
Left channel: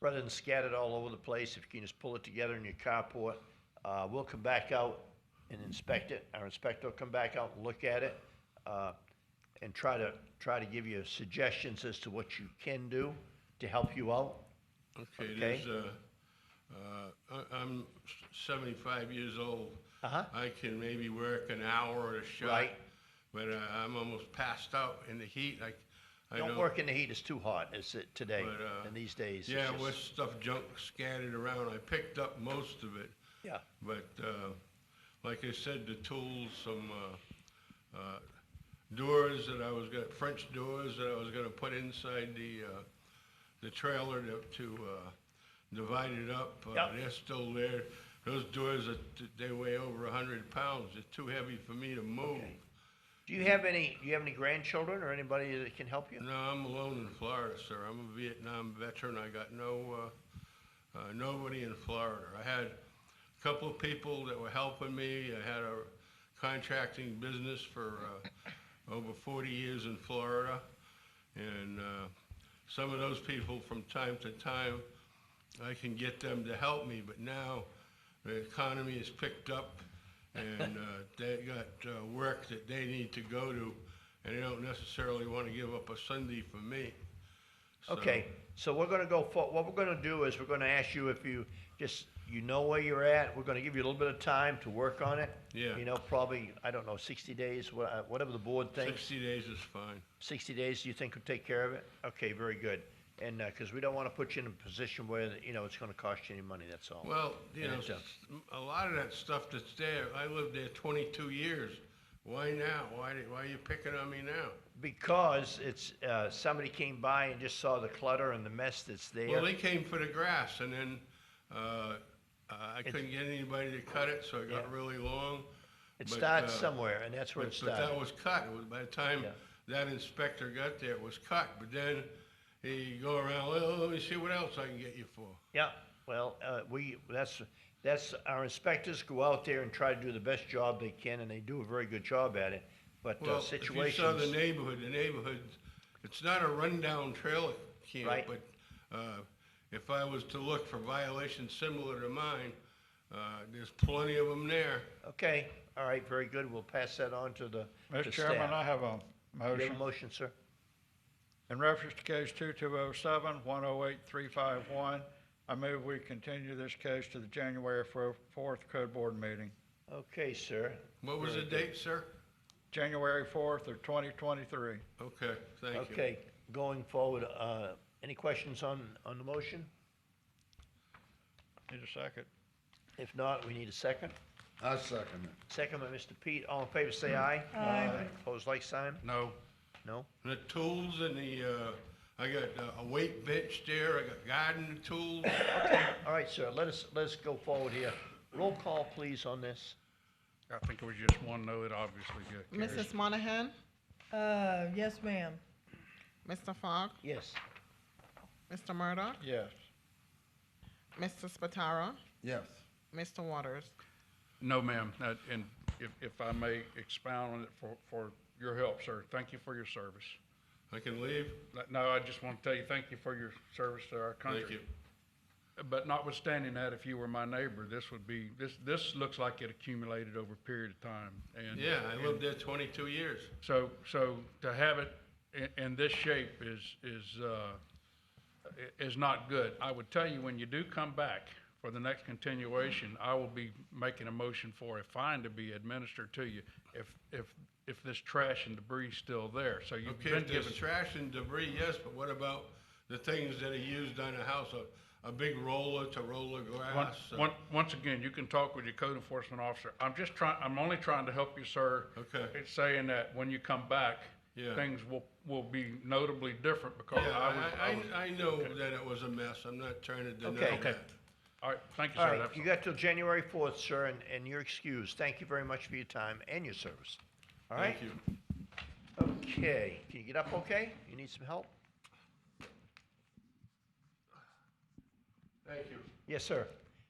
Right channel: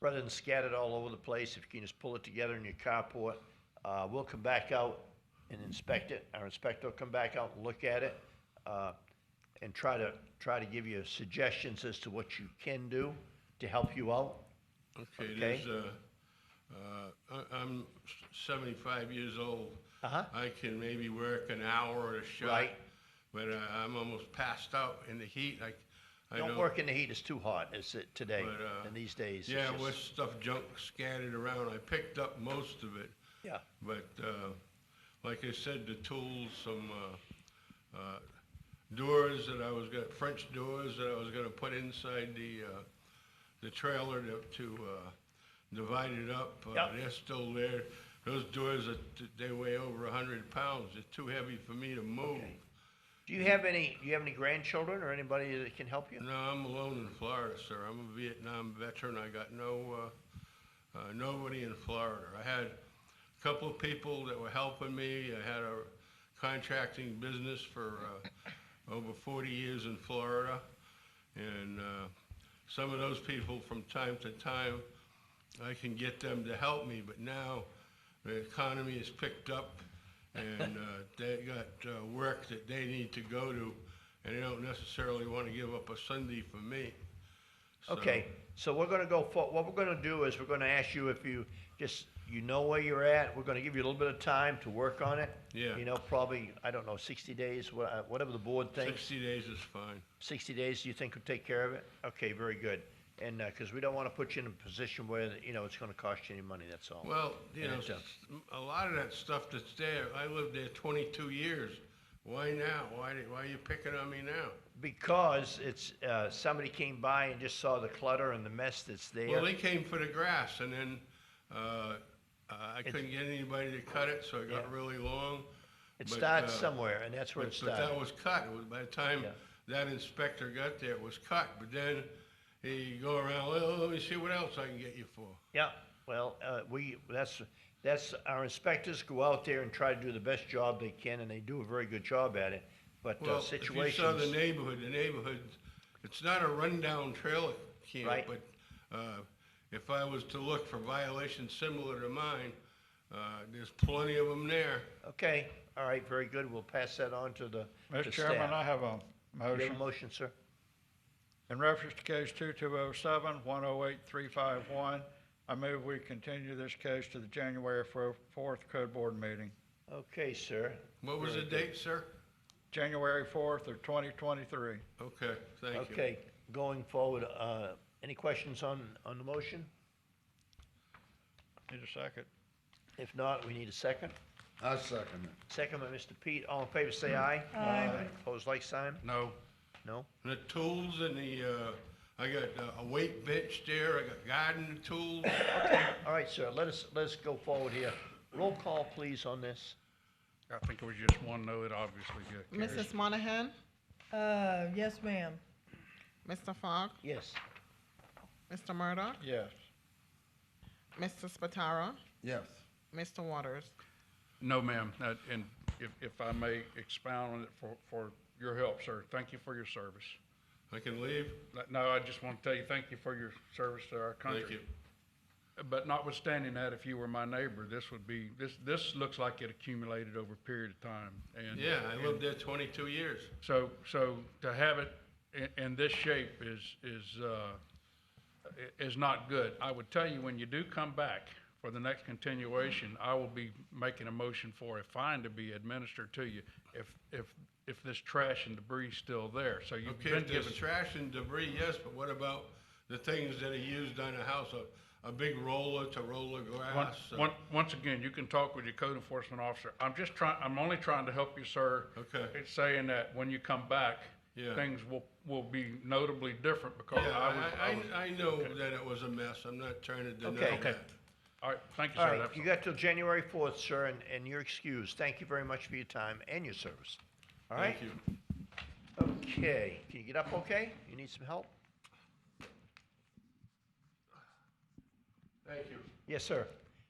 rather than scattered all over the place, if you can just pull it together in your carport, we'll come back out and inspect it. Our inspector will come back out and look at it, and try to give you suggestions as to what you can do to help you out. Okay. I'm 75 years old. I can maybe work an hour at a shot. Right. But I'm almost passed out in the heat. Don't work in the heat. It's too hot. It's today and these days. Yeah, with stuff junk scattered around. I picked up most of it. Yeah. But like I said, the tools, some doors that I was gonna, French doors that I was gonna put inside the trailer to divide it up. They're still there. Those doors, they weigh over 100 pounds. They're too heavy for me to move. Okay. Do you have any grandchildren or anybody that can help you? No, I'm alone in Florida, sir. I'm a Vietnam veteran. I got nobody in Florida. I had a couple of people that were helping me. I had a contracting business for over 40 years in Florida, and some of those people from time to time, I can get them to help me, but now the economy has picked up and they got work that they need to go to, and they don't necessarily want to give up a Sunday for me. Okay, so we're gonna go for, what we're gonna do is we're gonna ask you if you know where you're at. We're gonna give you a little bit of time to work on it. Yeah. You know, probably, I don't know, 60 days, whatever the board thinks. 60 days is fine. 60 days, you think will take care of it? Okay, very good. And, because we don't want to put you in a position where, it's going to cost you any money, that's all. Well, a lot of that stuff that's there, I lived there 22 years. Why now? Why are you picking on me now? Because it's, somebody came by and just saw the clutter and the mess that's there. Well, they came for the grass, and then I couldn't get anybody to cut it, so it got really long. It starts somewhere, and that's where it started. But that was cut. It was, by the time that inspector got there, it was cut. But then he go around, well, let me see what else I can get you for. Yeah. Well, that's, our inspectors go out there and try to do the best job they can, and they do a very good job at it. But Well, situations. if you saw the neighborhood, it's not a rundown trailer camp, Right. but, if I was to look for violations similar to mine, there's plenty of them there. Okay, all right, very good. We'll pass that on to the Mr. Chairman, I have a You have a motion. motion, sir? In reference to case 2207-108351, I move we continue this case to the January 4th Code Board meeting. Okay, sir. What was the Very good. date, sir? January 4th of 2023. Okay, thank you. Okay, going forward, any questions on the motion? Need a second. If not, we need a second. I second it. Second by Mr. Pete. All in favor, say aye. Aye. Opposed, like sign? No. No? The tools and I got a weight bench there, I got garden tools. Okay, all right, sir, let us go forward here. Roll call, please, on this. I think it was just one no, it obviously got carried. Mrs. Monahan? Yes, ma'am. Mr. Fogg? Yes. Mr. Murdoch? Yes. Mr. Spataro? Yes. Mr. Waters? No, ma'am, and if I may expound on it for your help, sir, thank you for your service. I can leave? No, I just want to tell you, thank you for your service to our country. Thank you. But notwithstanding that, if you were my neighbor, this looks like it accumulated over a period of time. And Yeah, I lived there 22 years. So to have it in this shape is not good. I would tell you, when you do come back for the next continuation, I will be making a motion for a fine to be administered to you if this trash and debris is still there. So you've Okay, been if there's given. trash and debris, yes, but what about the things that are used on the house? A big roller to roll the grass? Once again, you can talk with your code enforcement officer. I'm only trying to help you, sir. Okay. It's saying that when you come back, Yeah. things will be notably different because Yeah, I know that it was a mess. I'm not trying to deny Okay. that. All right, thank you, All sir. right, That's- you got till January 4th, sir, and you're excused. Thank you very much for your time and your service. All right? Thank you. Okay, can you get up okay? You need some help? Thank you. Yes, sir.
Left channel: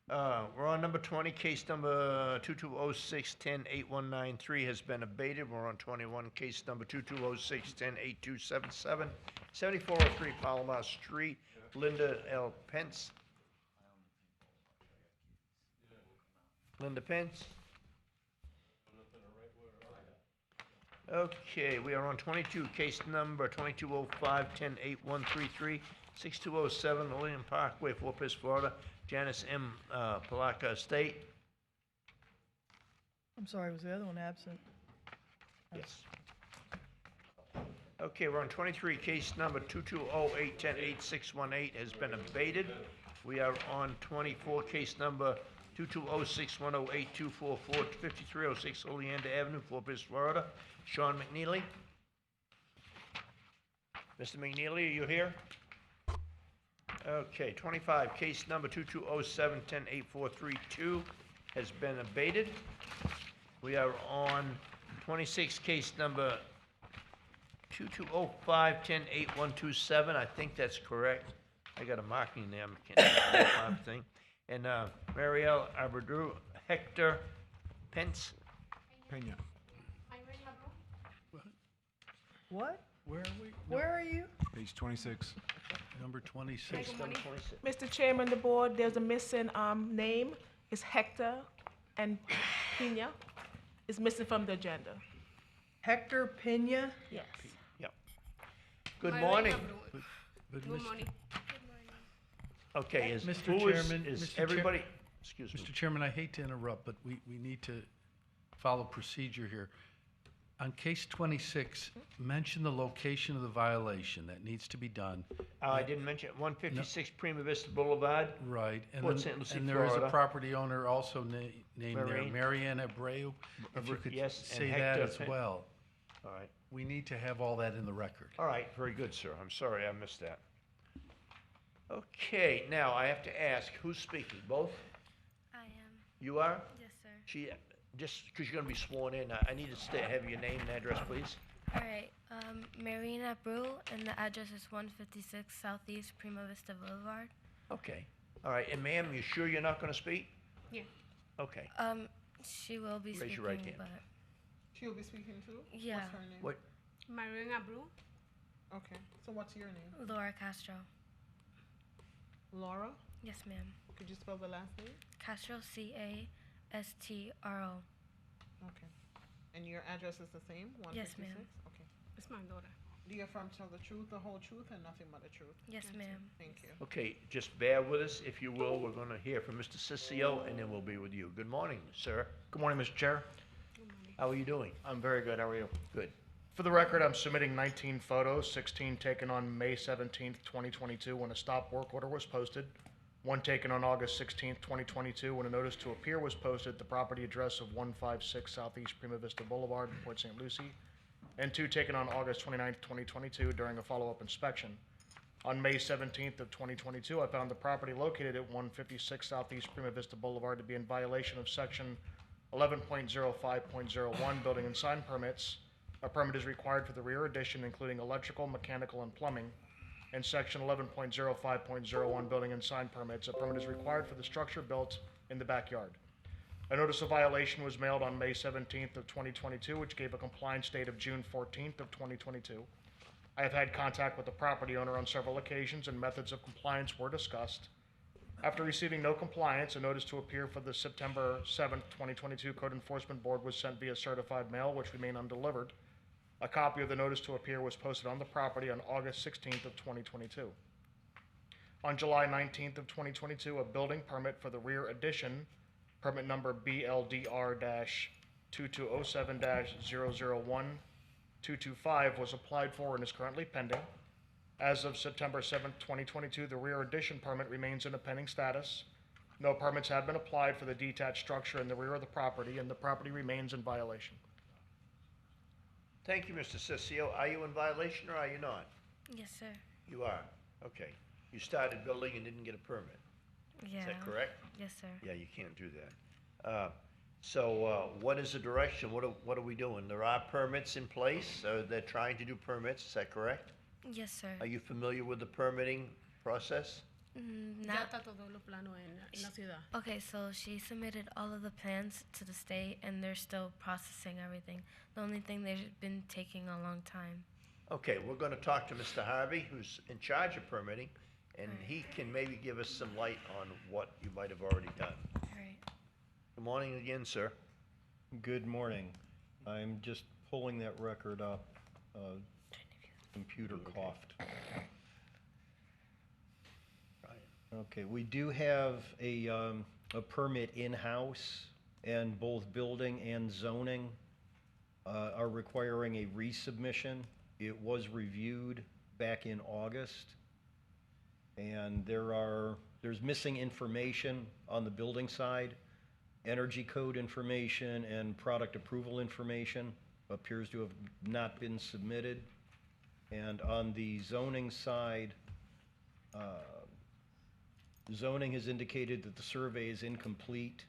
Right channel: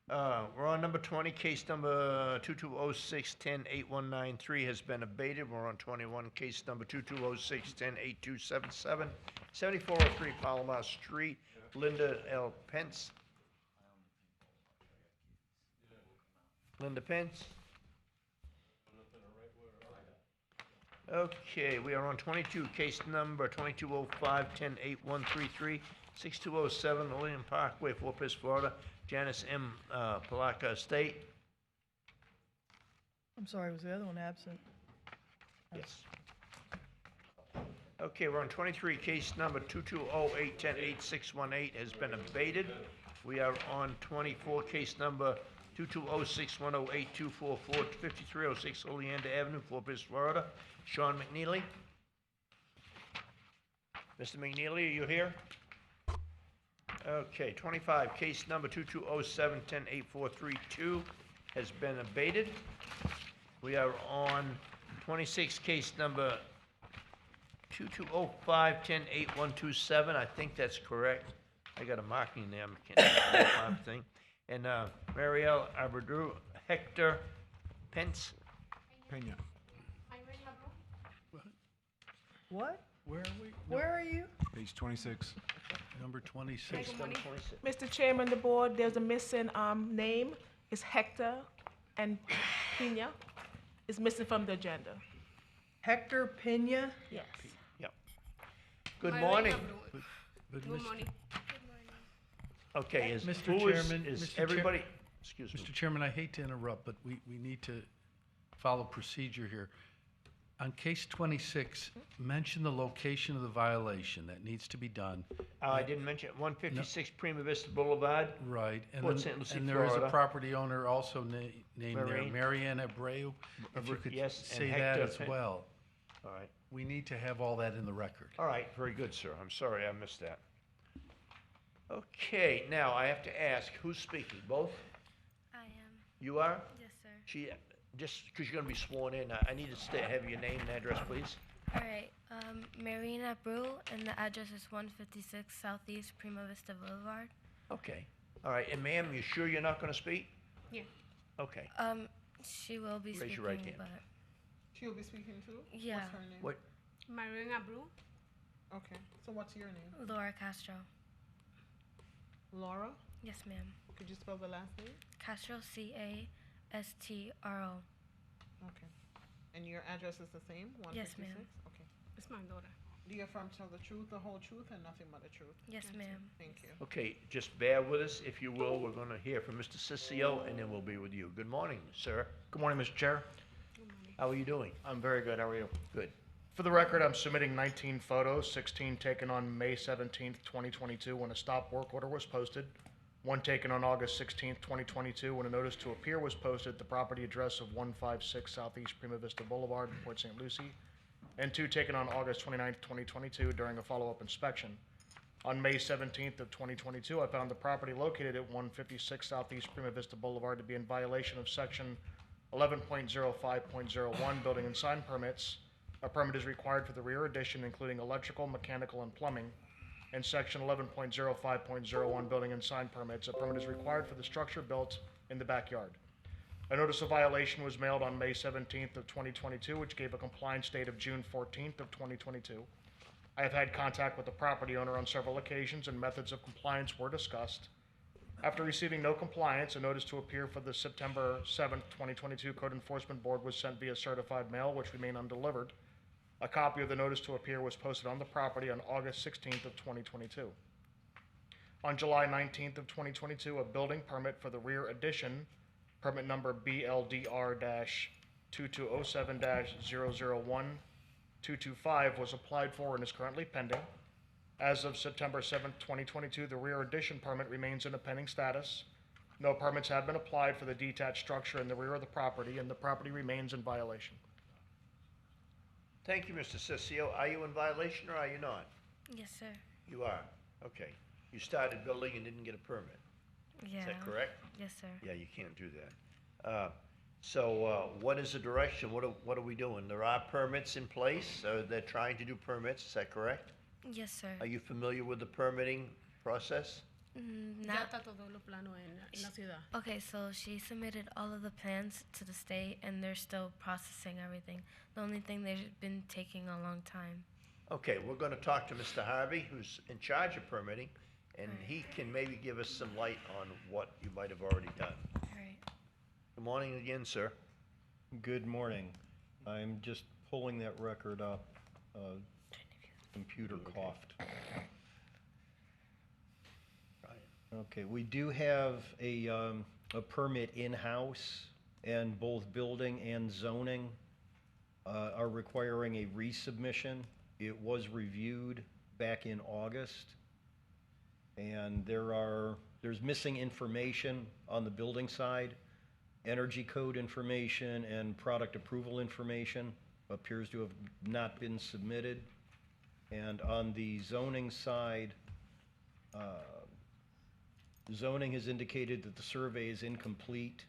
We're on number 20, case number 2206-10-8193 has been abated. We're on 21, case number 2206-10-8277, 7403 Palomar Street, Linda L. Pence. Linda Pence. Okay, we are on 22, case number 2205-10-8133, 6207 Lillian Parkway, Fort Pierce, Florida, Janice M. Palaka Estate. I'm sorry, was the other one absent? Yes. Okay, we're on 23, case number 2208-10-8618 has been abated. We are on 24, case number 2206-10-8244, 5306 Oleander Avenue, Fort Pierce, Florida, Sean McNeely. Mr. McNeely, are you here? Okay, 25, case number 2207-10-8432 has been abated. We are on 26, case number 2205-10-8127. I think that's correct. I got a marking there. I can't thing. And Marielle Aberdou, Hector Pence. Pena. What? Where are we? Where are you? Page 26. Number 26. Mr. Chairman, the board, there's a missing name. It's Hector and Pena. It's missing from the agenda. Hector Pena? Yes. Yep. Good morning. Good morning. Okay, is, Mr. who Chairman, is Mr. Chair- everybody, excuse me. Mr. Chairman, I hate to interrupt, but we need to follow procedure here. On case 26, mention the location of the violation that needs to be done. I didn't mention it, 156 Prima Vista Boulevard. Right, and Port then, St. Lucie, and there is a Florida. property owner also named there, Marianne. Marianne Abreu. If you could Yes, and say that Hector as Pen- well. All right. We need to have all that in the record. All right, very good, sir. I'm sorry I missed that. Okay, now I have to ask, who's speaking? Both? I am. You are? Yes, sir. Just because you're going to be sworn in, I need to have your name and address, please. All right. Marina Brew, and the address is 156 Southeast Prima Vista Boulevard. Okay, All right, and ma'am, you sure you're not gonna speak? Yeah. Okay. She will be Raise speaking, your right hand. but She'll be speaking too? Yeah. What's her name? What? Marina Blue, Okay, so what's your name? Laura Castro. Laura? Yes, ma'am. Could you spell the last name? Castro, Castro. Okay. And your address is the same, Yes, 156? ma'am. Okay. It's my daughter. Do you affirm to tell the truth, the whole truth, and nothing but the truth? Yes, ma'am. Thank you. Okay, just bear with us, if you will. We're gonna hear from Mr. Ciccio, and then we'll be with you. Good morning, sir. Good morning, Mr. Chair. How are you doing? I'm very good. How are you? Good. For the record, I'm submitting 19 photos, 16 taken on May 17th, 2022, when a stop work order was posted, one taken on August 16th, 2022, when a notice to appear was posted at the property address of 156 Southeast Prima Vista Boulevard in Port St. Lucie, and two taken on August 29th, 2022, during a follow-up inspection. On May 17th of 2022, I found the property located at 156 Southeast Prima Vista Boulevard to be in violation of Section 11.05.01 Building and Sign Permits. A permit is required for the rear addition, including electrical, mechanical, and plumbing. And Section 11.05.01 Building and Sign Permits. A permit is required for the structure built in the backyard. A notice of violation was mailed on May 17th of 2022, which gave a compliance date of June 14th of 2022. I have had contact with the property owner on several occasions, and methods of compliance were discussed. After receiving no compliance, a notice to appear for the September 7th, 2022 Code Enforcement Board was sent via certified mail, which remained undelivered. A copy of the notice to appear was posted on the property on August 16th of 2022. On July 19th of 2022, a building permit for the rear addition, permit number BLDR-2207-001-225, was applied for and is currently pending. As of September 7th, 2022, the rear addition permit remains in a pending status. No permits have been applied for the detached structure in the rear of the property, and the property remains in violation. Thank you, Mr. Ciccio. Are you in violation or are you not? Yes, sir. You are, okay. You started building and didn't get a permit. Yeah. Is that correct? Yes, sir. Yeah, you can't do that. What is the direction? What are we doing? There are permits in place, they're trying to do permits, is that correct? Yes, sir. Are you familiar with the permitting process? Not. Okay, so she submitted all of the plans to the state, and they're still processing everything. The only thing, they've been taking a long time. Okay, we're gonna talk to Mr. Harvey, who's in charge of permitting, and he can maybe give us some light on what you might have already done. Right. Good morning again, sir. Good morning. I'm just pulling that record up. Computer coughed. Okay, we do have a permit in-house, and both building and zoning are requiring a resubmission. It was reviewed back in August, and there's missing information on the building side. Energy code information and product approval information appears to have not been submitted. And on the zoning side, zoning has indicated that the survey is incomplete.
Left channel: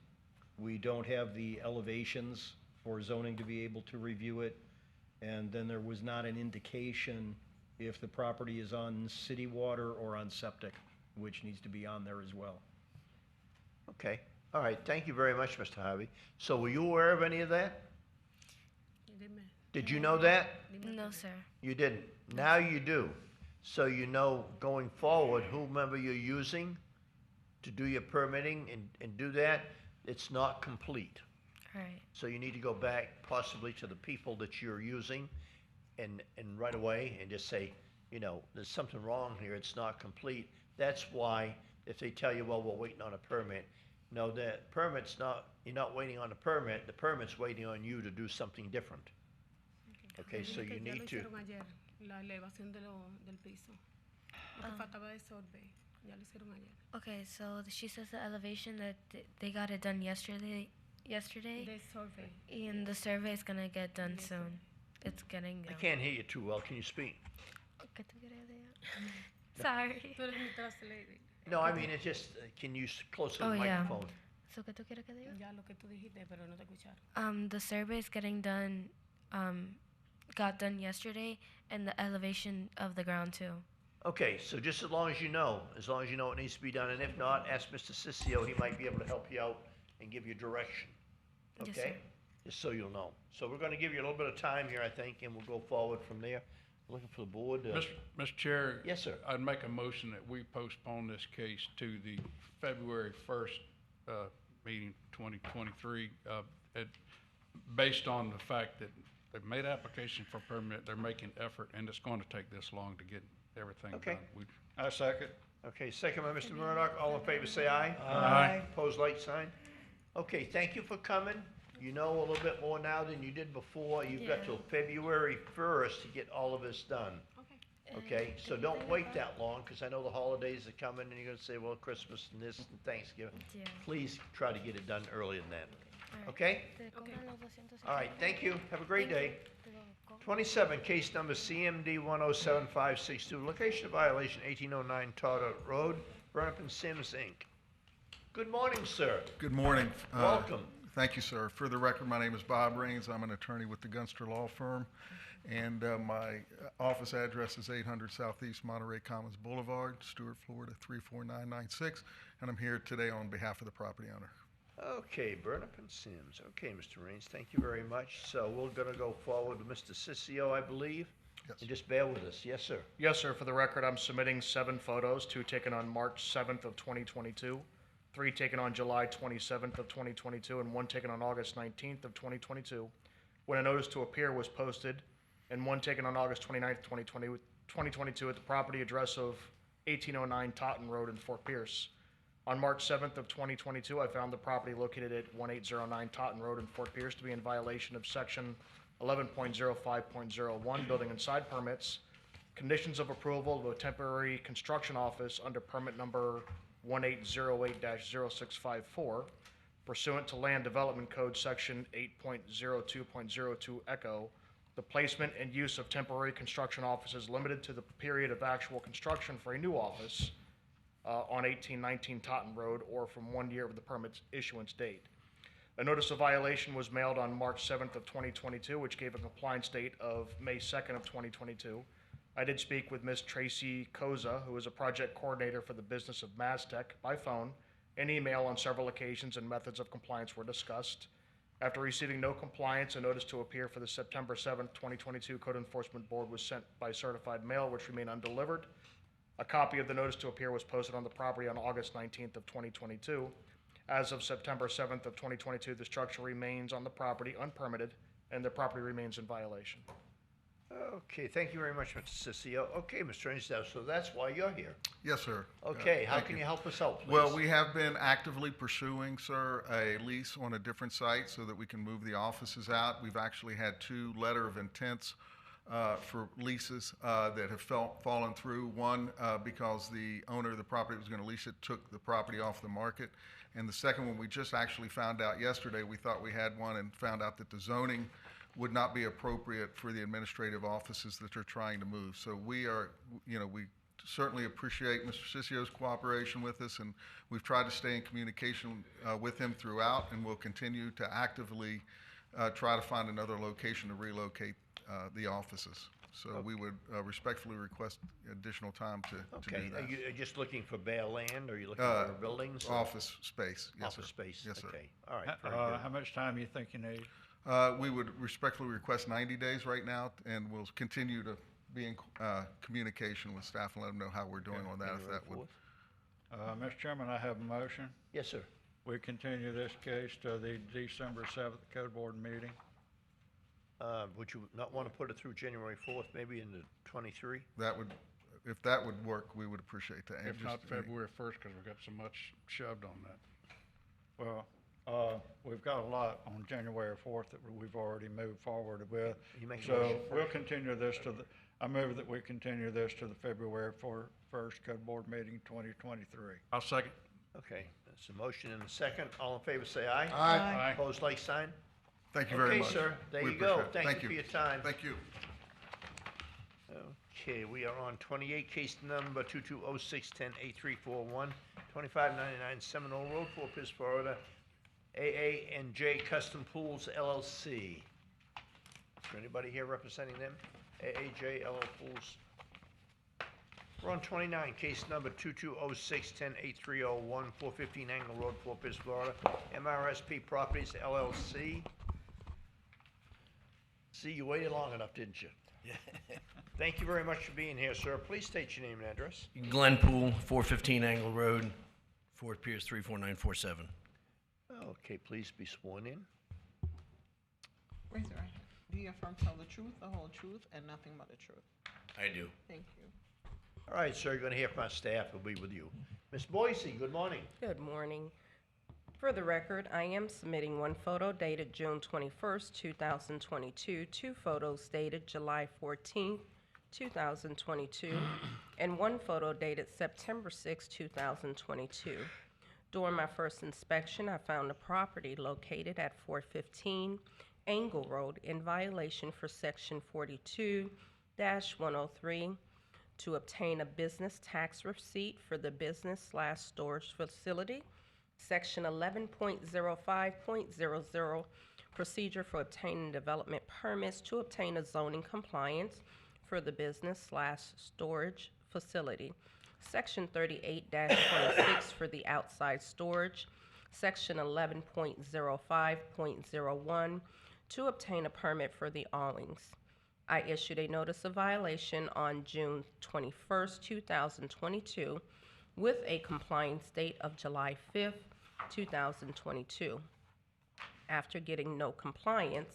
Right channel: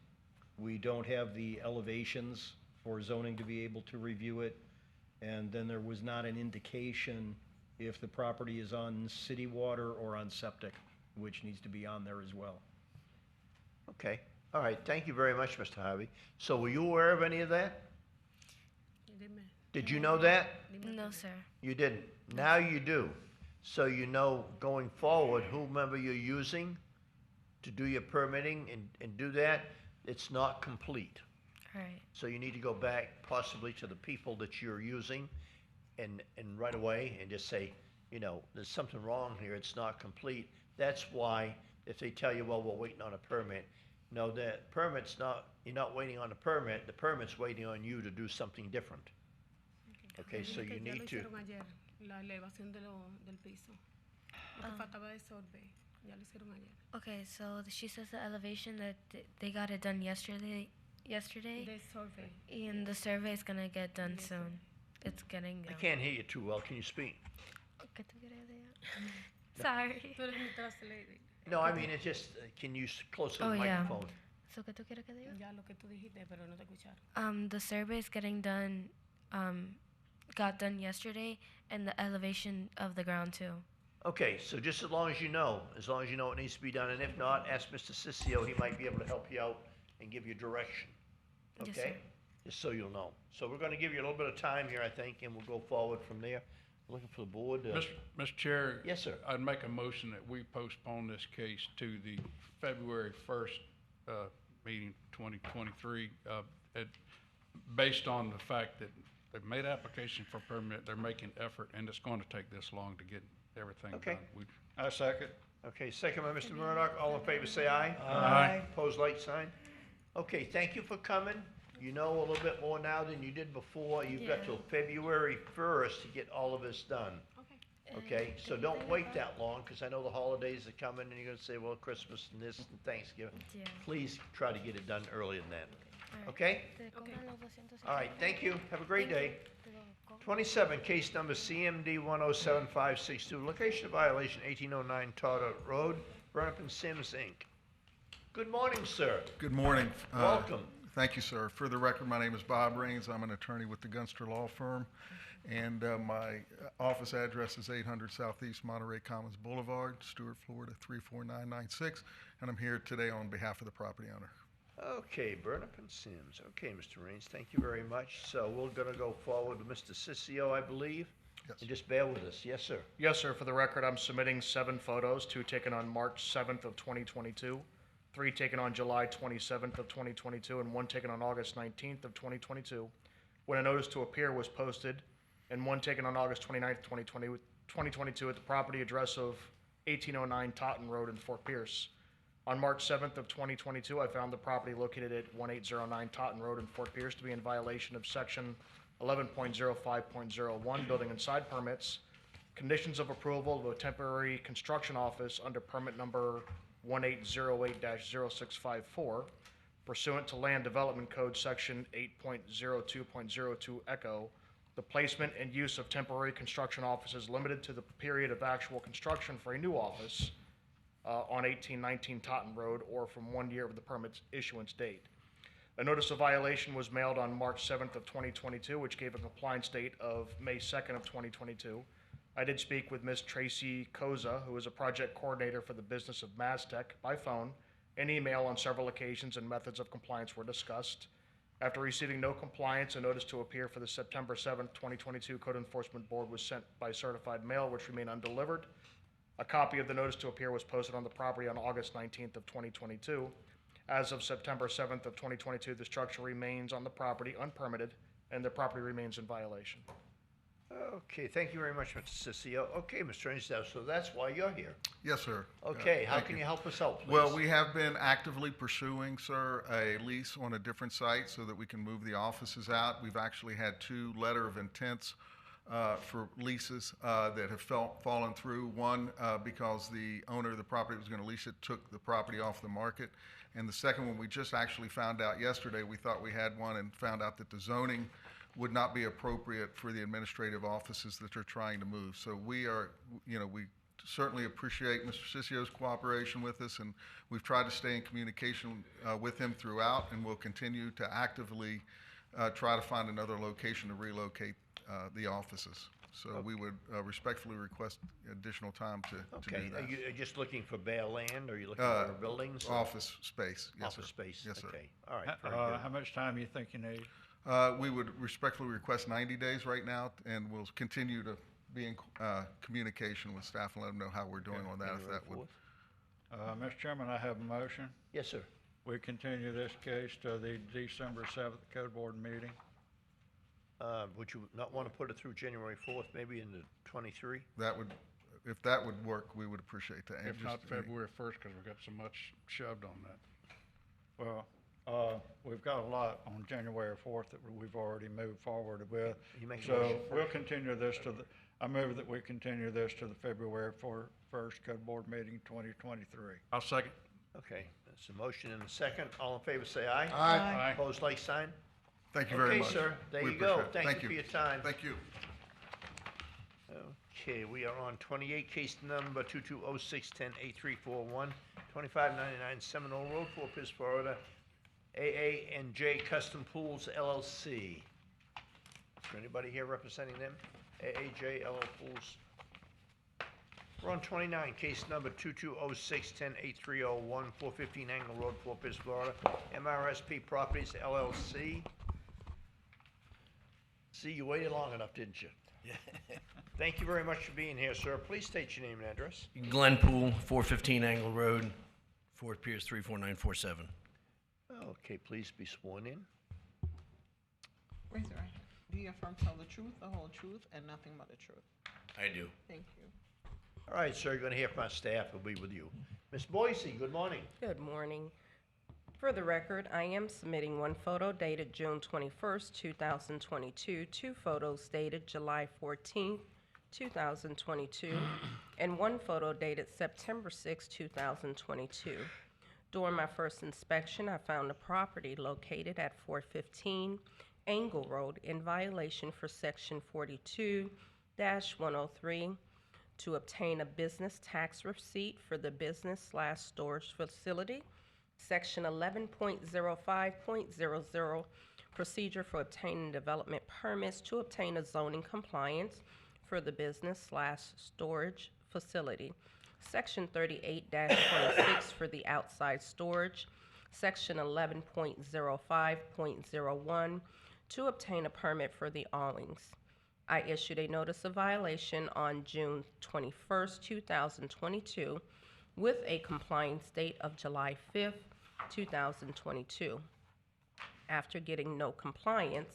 We don't have the elevations for zoning to be able to review it. And then there was not an indication if the property is on city water or on septic, which needs to be on there as well. Okay, all right, thank you very much, Mr. Harvey. So were you aware of any of that? Did you know that? No, sir. You didn't. Now you do. So you know going forward, whomever you're using to do your permitting and do that, it's not complete. Right. So you need to go back possibly to the people that you're using and right away and just say, you know, there's something wrong here, it's not complete. That's why if they tell you, well, we're waiting on a permit, no, the permit's not, you're not waiting on a permit, the permit's waiting on you to do something different. Okay, so you need to. Okay, so she says the elevation that they got it done yesterday. The survey. And the survey is gonna get done soon. It's getting. I can't hear you too well. Can you speak? Sorry. No, I mean, it's just, can you close to the Oh, yeah. microphone? So, ¿qué tú quieres que diga? The survey is getting done, got done yesterday, and the elevation of the ground too. Okay, so just as long as you know it needs to be done, and if not, ask Mr. Sissio, he might be able to help you out and give you direction. Yes, Okay? Just so you'll know. So we're gonna give you a little bit of time here, I think, and we'll go forward from there. Looking for the board. Mr. Chair? Yes, sir. I'd make a motion that we postpone this case to the February 1st, meeting 2023, based on the fact that they've made application for permit, they're making effort, and it's going to take this long to get everything Okay. done. I second. Okay, second by Mr. Murdock. All in favor, say aye. Aye. Opposed, like sign. Okay, thank you for coming. You know a little bit more now than you did before. You've got till February 1st to get all of this done. Okay, so don't wait that long, because I know the holidays are coming, and you're gonna say, well, Christmas and this and Thanksgiving. Yeah. Please try to get it done earlier than that. Okay? All right, thank you. Have a great day. 27, case number CMD 107562, location violation 1809 Todd Road, Burnup and Sims, Inc. Good morning, sir. Good morning. Welcome. Thank you, sir. For the record, my name is Bob Rains. I'm an attorney with the Gunster Law Firm, and my office address is 800 Southeast Monterey Commons Boulevard, Stuart, Florida 34996, and I'm here today on behalf of the property owner. Okay, Burnap and Sims. Okay, Mr. Rains, thank you very much. So we're gonna go forward with Mr. Sissio, I believe. Yes. And just bear with us. Yes, sir. Yes, sir. For the record, I'm submitting 7 photos, 2 taken on March 7th of 2022, 3 taken on July 27th of 2022, and 1 taken on August 19th of 2022, when a notice to appear was posted, and 1 taken on August 29th, 2022 at the property address of 1809 Totten Road in Fort Pierce. On March 7th of 2022, I found the property located at 1809 Totten Road in Fort Pierce to be in violation of section 11.05.01, building and side permits, conditions of approval of a temporary construction office under permit number 1808-0654, pursuant to Land Development Code section 8.02.02 Echo. The placement and use of temporary construction offices limited to the period of actual construction for a new office on 1819 Totten Road, or from 1 year of the permit's issuance date. A notice of violation was mailed on March 7th of 2022, which gave a compliance date of May 2nd of 2022. I did speak with Ms. Tracy Koza, who is a project coordinator for the business of Maztec, by phone and email on several occasions, and methods of compliance were discussed. After receiving no compliance, a notice to appear for the September 7th, 2022 Code Enforcement Board was sent by certified mail, which remained undelivered. A copy of the notice to appear was posted on the property on August 19th of 2022. As of September 7th of 2022, the structure remains on the property unpermitted, and the property remains in violation. Okay, thank you very much, Mr. Sissio. Okay, Mr. Rains, so that's why you're here. Yes, sir. Okay, how Thank can you help us out, please? Well, we have been actively pursuing, sir, a lease on a different site so that we can move the offices out. We've actually had 2 letter of intents for leases that have fallen through. One, because the owner of the property was going to lease it, took the property off the market. And the second one, we just actually found out yesterday. We thought we had one and found out that the zoning would not be appropriate for the administrative offices that they're trying to move. So we are, we certainly appreciate Mr. Sissio's cooperation with us, and we've tried to stay in communication with him throughout, and we'll continue to actively try to find another location to relocate the offices. So we would respectfully request additional time to do Okay, that. are you just looking for bare land, or are you looking for buildings? or- Office space, yes, Office sir. space, Yes, sir. okay, all right. very good. How much time you think you need? We would respectfully request 90 days right now, and we'll continue to be in communication with staff and let them know how we're doing on that, if that would. Mr. Chairman, I have a motion. Yes, sir. We continue this case to the December 7th Code Board meeting. Would you not want to put it through January 4th, maybe in the 23? That would, if that would work, we would appreciate that. And If not just- February 1st, because we've got so much shoved on that. Well, we've got a lot on January 4th that we've already moved forward with. You make a So motion we'll first. continue this to the, I move that we continue this to the February 1st Code Board meeting 2023. I'll second. Okay, that's a motion and a second. All in favor, say aye. Aye. Opposed, like sign? Thank you very much. Okay, sir, there We you go. appreciate it. Thank you for your time. Thank you. Okay, we are on 28, case number 2206-10-8341, 2599 Seminole Road, Fort Pierce, Florida, AA&J Custom Pools LLC. Is there anybody here representing them? AAJ LL Pools. We're on 29, case number 2206-10-8301, 415 Angle Road, Fort Pierce, Florida. MRSP Properties LLC. See, you waited long enough, didn't you? Yeah. Thank you very much for being here, sir. Please state your name and address. Glenn Poole, 415 Angle Road, Fort Pierce 34947. Okay, please be sworn in. Raise your hand. Do you affirm to tell the truth, the whole truth, and nothing but the truth? I do. Thank you. All right, sir, you're going to hear from our staff. We'll be with you. Ms. Boise, good morning. Good morning. For the record, I am submitting one photo dated June 21st, 2022, two photos dated July 14th, 2022, and one photo dated September 6, 2022. During my first inspection, I found a property located at 415 Angle Road in violation for Section 42-103 to obtain a business tax receipt for the business/storage facility. Section 11.05.00, procedure for obtaining development permits to obtain a zoning compliance for the business/storage facility. Section 38-26 for the outside storage. Section 11.05.01 to obtain a permit for the awnings. I issued a notice of violation on June 21st, 2022, with a compliance date of July 5th, 2022. After getting no compliance,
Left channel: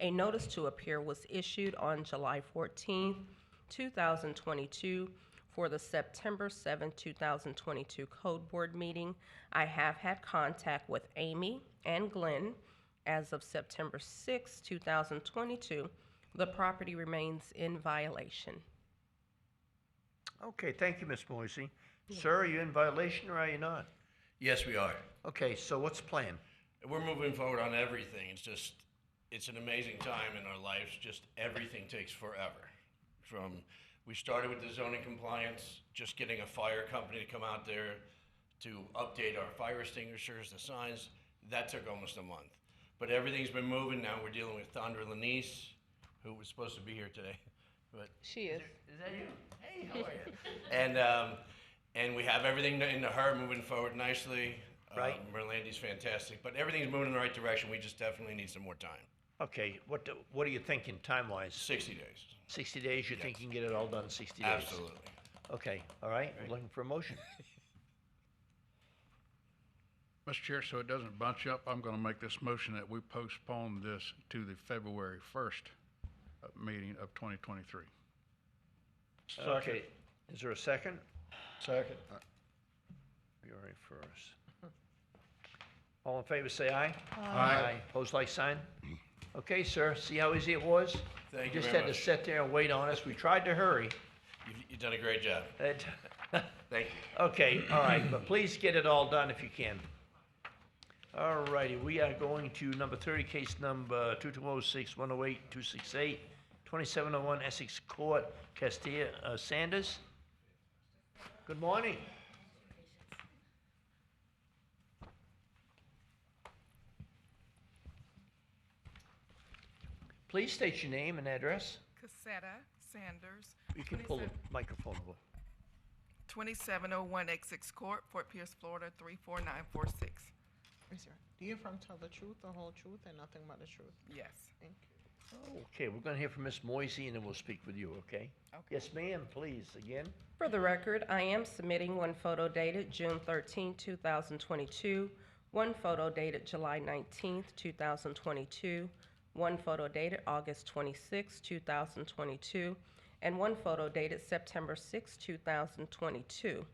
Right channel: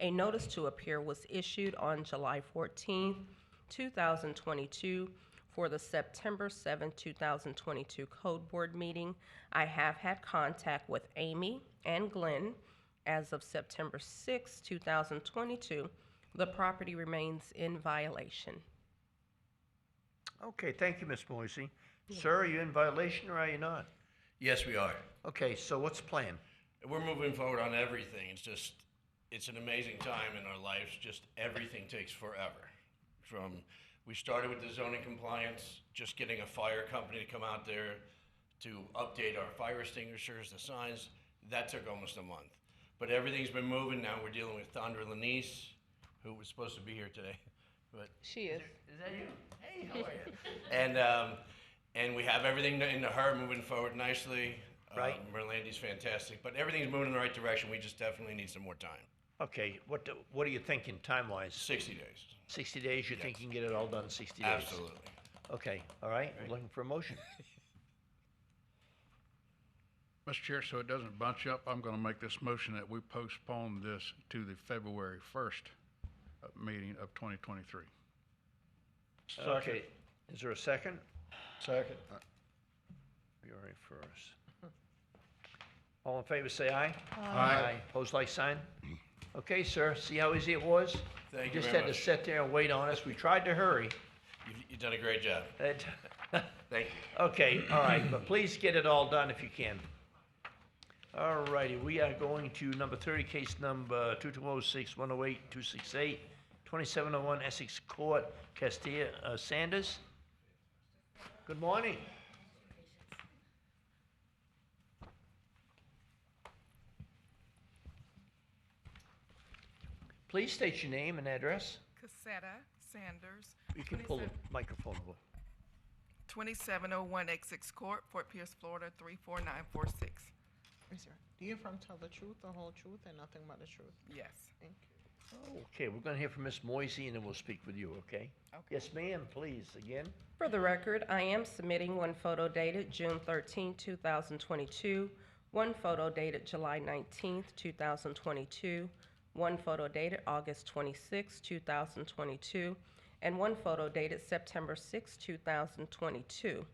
a notice to appear was issued on July 14th, 2022 for the September 7, 2022 Code Board meeting. I have had contact with Amy and Glenn. As of September 6, 2022, the property remains in violation. Okay, thank you, Ms. Boise. Sir, are you in violation or are you not? Yes, we are. Okay, so what's the plan? We're moving forward on everything. It's an amazing time in our lives. Just everything takes forever. We started with the zoning compliance, just getting a fire company to come out there to update our fire extinguishers, the signs. That took almost a month. But everything's been moving. Now we're dealing with Thundra Lanice, who was supposed to be here today. But she is. Is that you? Hey, how are you? And we have everything into her moving forward nicely. Right. Merlandy's fantastic, but everything's moving in the right direction. We just definitely need some more time. Okay, what are you thinking time-wise? 60 days. 60 days, you think you can get it all done in 60 days? Absolutely. Okay, all right, we're looking for a motion. Mr. Chair, so it doesn't bunch up, I'm gonna make this motion that we postpone this to the February 1st meeting of 2023. Okay, is there a second? Second. February 1st. All in favor, say aye. Aye. Pose like sign. Okay, sir, see how easy it was? Thank You you just very had to much. sit there and wait on us. We tried to hurry. You've done a great job. Thank you. Okay, all right, but please get it all done if you can. All righty, we are going to number 30, case number 2206-108-268, 2701 Essex Court, Castilla Sanders. Good morning. Please state your name and address. Cassetta Sanders. You can pull the microphone over. 2701 Essex Court, Fort Pierce, Florida 34946. Yes, sir. Do you affirm to tell the truth, the whole truth, and nothing but the truth? Yes. Thank you. Okay, we're gonna hear from Miss Moisey and then we'll speak with you, okay? Yes, ma'am, please, again. For the record, I am submitting one photo dated June 13, 2022, one photo dated July 19, 2022, one photo dated August 26, 2022, and one photo dated September 6, 2022.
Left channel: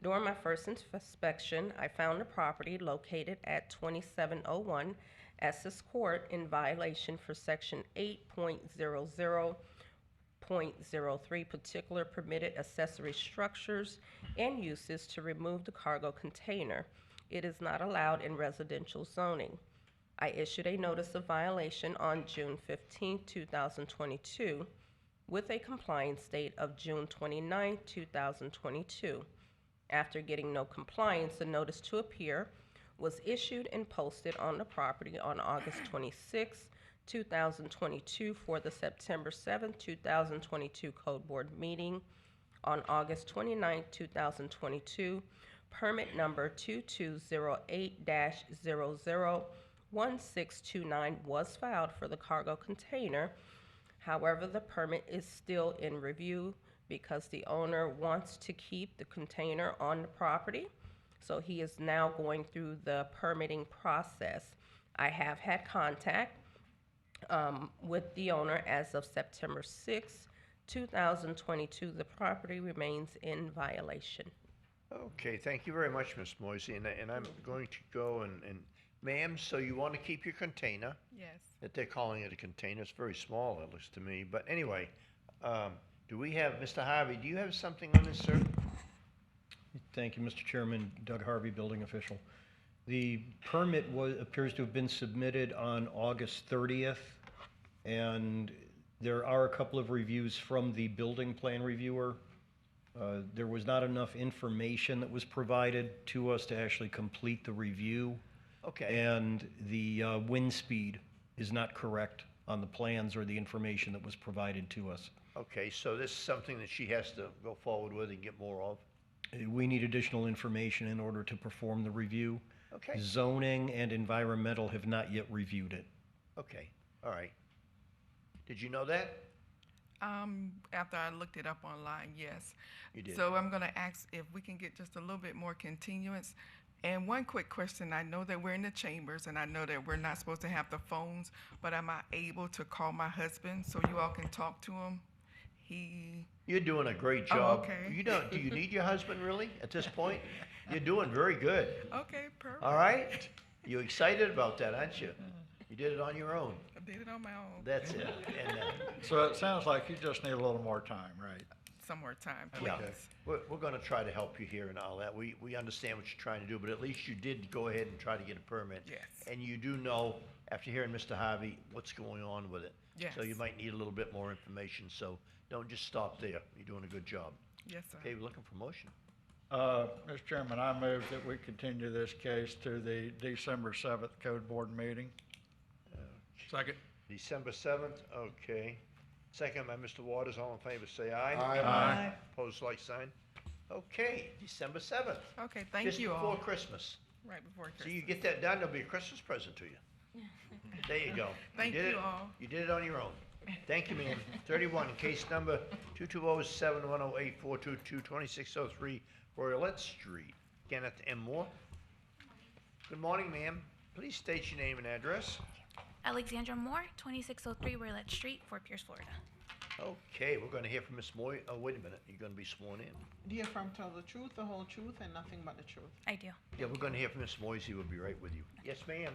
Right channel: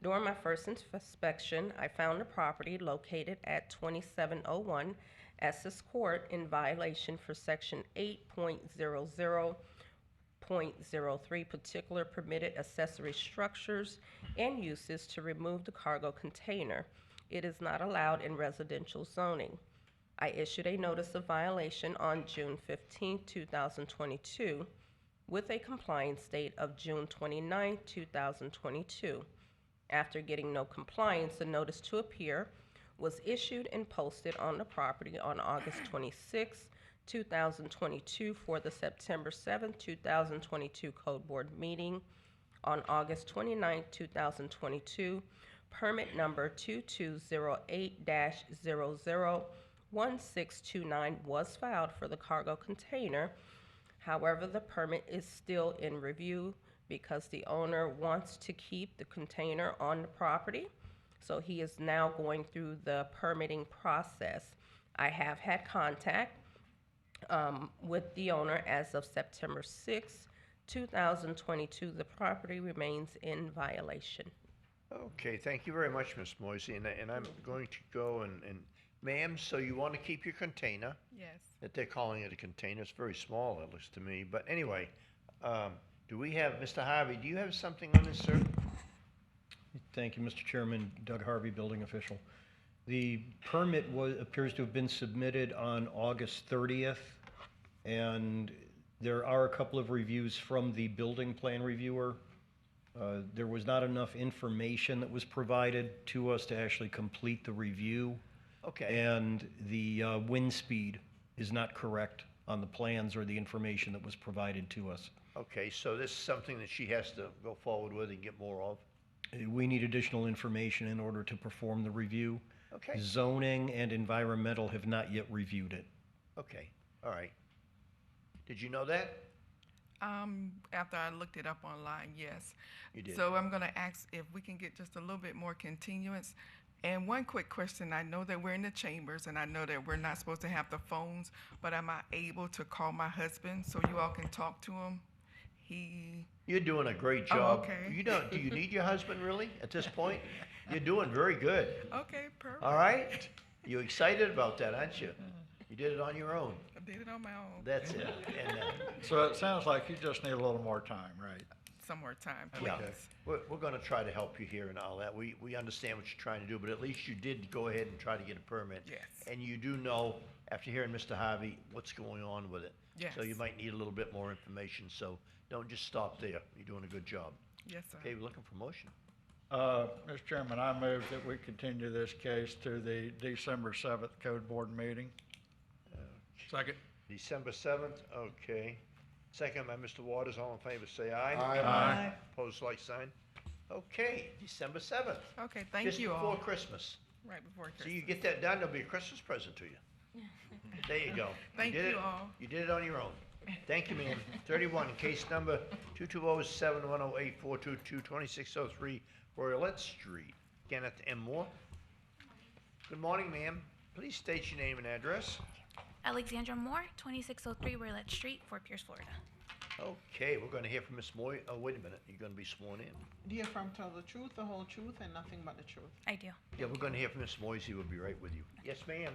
During my first inspection, I found a property located at 2701 Essex Court in violation for Section 8.00.03, particular permitted accessory structures and uses to remove the cargo container. It is not allowed in residential zoning. I issued a notice of violation on June 15, 2022, with a compliance date of June 29, 2022. After getting no compliance, a notice to appear was issued and posted on the property on August 26, 2022 for the September 7, 2022 Code Board meeting. on August 29, 2022. Permit number 2208-001629 was filed for the cargo container. However, the permit is still in review because the owner wants to keep the container on the property. So he is now going through the permitting process. I have had contact with the owner as of September 6, 2022. The property remains in violation. Okay, thank you very much, Ms. Moisey, and I'm going to go and ma'am, so you want to keep your container? Yes. That they're calling it a container, it's very small, it looks to me, but anyway, do we have, Mr. Harvey, do you have something on this, sir? Thank you, Mr. Chairman. Doug Harvey, building official. The permit appears to have been submitted on August 30th, and there are a couple of reviews from the building plan reviewer. There was not enough information that was provided to us to actually complete the review. Okay. And the wind speed is not correct on the plans or the information that was provided to us. Okay, so this is something that she has to go forward with and get more of? We need additional information in order to perform the review. Okay. Zoning and environmental have not yet reviewed it. Okay, all right. Did you know that? After I looked it up online, yes. You did. So I'm gonna ask if we can get just a little bit more continuance. And one quick question, I know that we're in the chambers and I know that we're not supposed to have the phones, but am I able to call my husband so you all can talk to him? You're doing a great Oh, job. okay. Do you need your husband really at this point? You're doing very good. Okay, perfect. All right? You're excited about that, aren't you? You did it on your own. I did it on my own. That's it. And, So it sounds like you just need a little more time, right? Some more time, yeah, please. we're gonna try to help you here and all that. We understand what you're trying to do, but at least you did go ahead and try to get a permit. Yes. And you do know, after hearing Mr. Harvey, what's going on with it. Yes. So you might need a little bit more information, so don't just stop there. You're doing a good job. Yes, sir. Okay, we're looking for motion. Mr. Chairman, I move that we continue this case to the December 7th Code Board meeting. Second. December 7th, okay. Second by Mr. Waters, all in favor, say aye. Aye. Aye. Opposed, like sign. Okay, December 7th. Okay, thank you Just all. before Christmas. Right before Christmas. So you get that done, there'll be a Christmas present to you. There you go. Thank did you it. all. You did it on your own. Thank you, ma'am. 31, case number 220-7108-422, 2603 Royalette Street. Kenneth M. Moore. Good morning, ma'am. Please state your name and address. Alexandra Moore, 2603 Royalette Street, Fort Pierce, Florida. Okay, we're gonna hear from Ms. Moy. Oh, wait a minute, you're gonna be sworn in. Do you affirm to tell the truth, the whole truth, and nothing but the truth? I do. Yeah, we're gonna hear from Ms. Moisey. We'll be right with you. Yes, ma'am.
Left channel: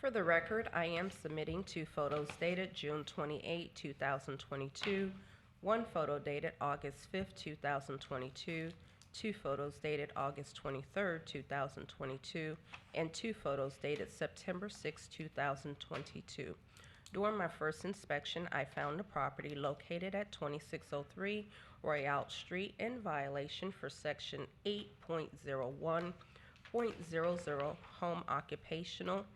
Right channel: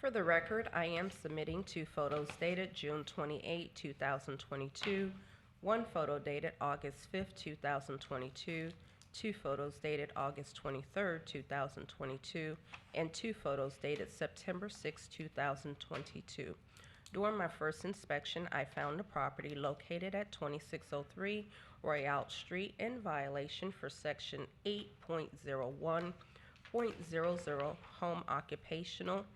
For the record, I am submitting 2 photos dated June 28, 2022, 1 photo dated August 5, 2022, 2 photos dated August 23, 2022, and 2 photos dated September 6, 2022. During my first inspection, I found the property located at 2603 Royale Street in violation for Section 8.01.00 Home Occupational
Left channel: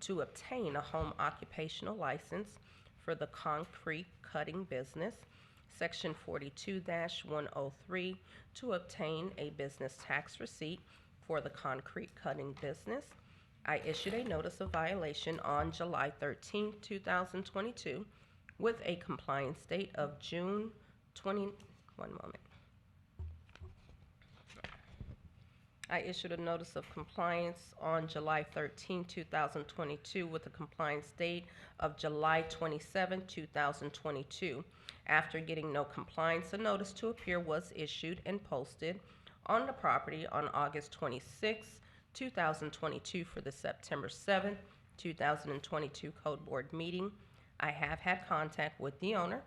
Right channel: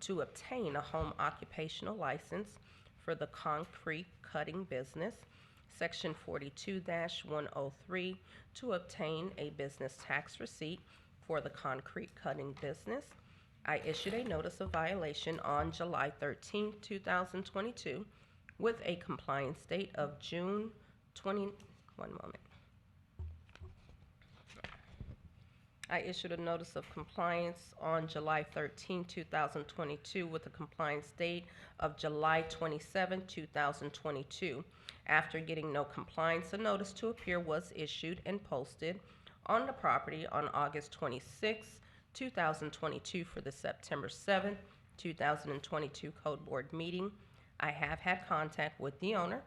to obtain a home occupational license for the concrete cutting business, Section 42-103 to obtain a business tax receipt for the concrete cutting business. I issued a notice of violation on July 13, 2022 with a compliance date of June 20, one moment. I issued a notice of compliance on July 13, 2022 with a compliance date of July 27, 2022. After getting no compliance, a notice to appear was issued and posted on the property on August 26, 2022 for the September 7, 2022 Code Board meeting. I have had contact with the owner.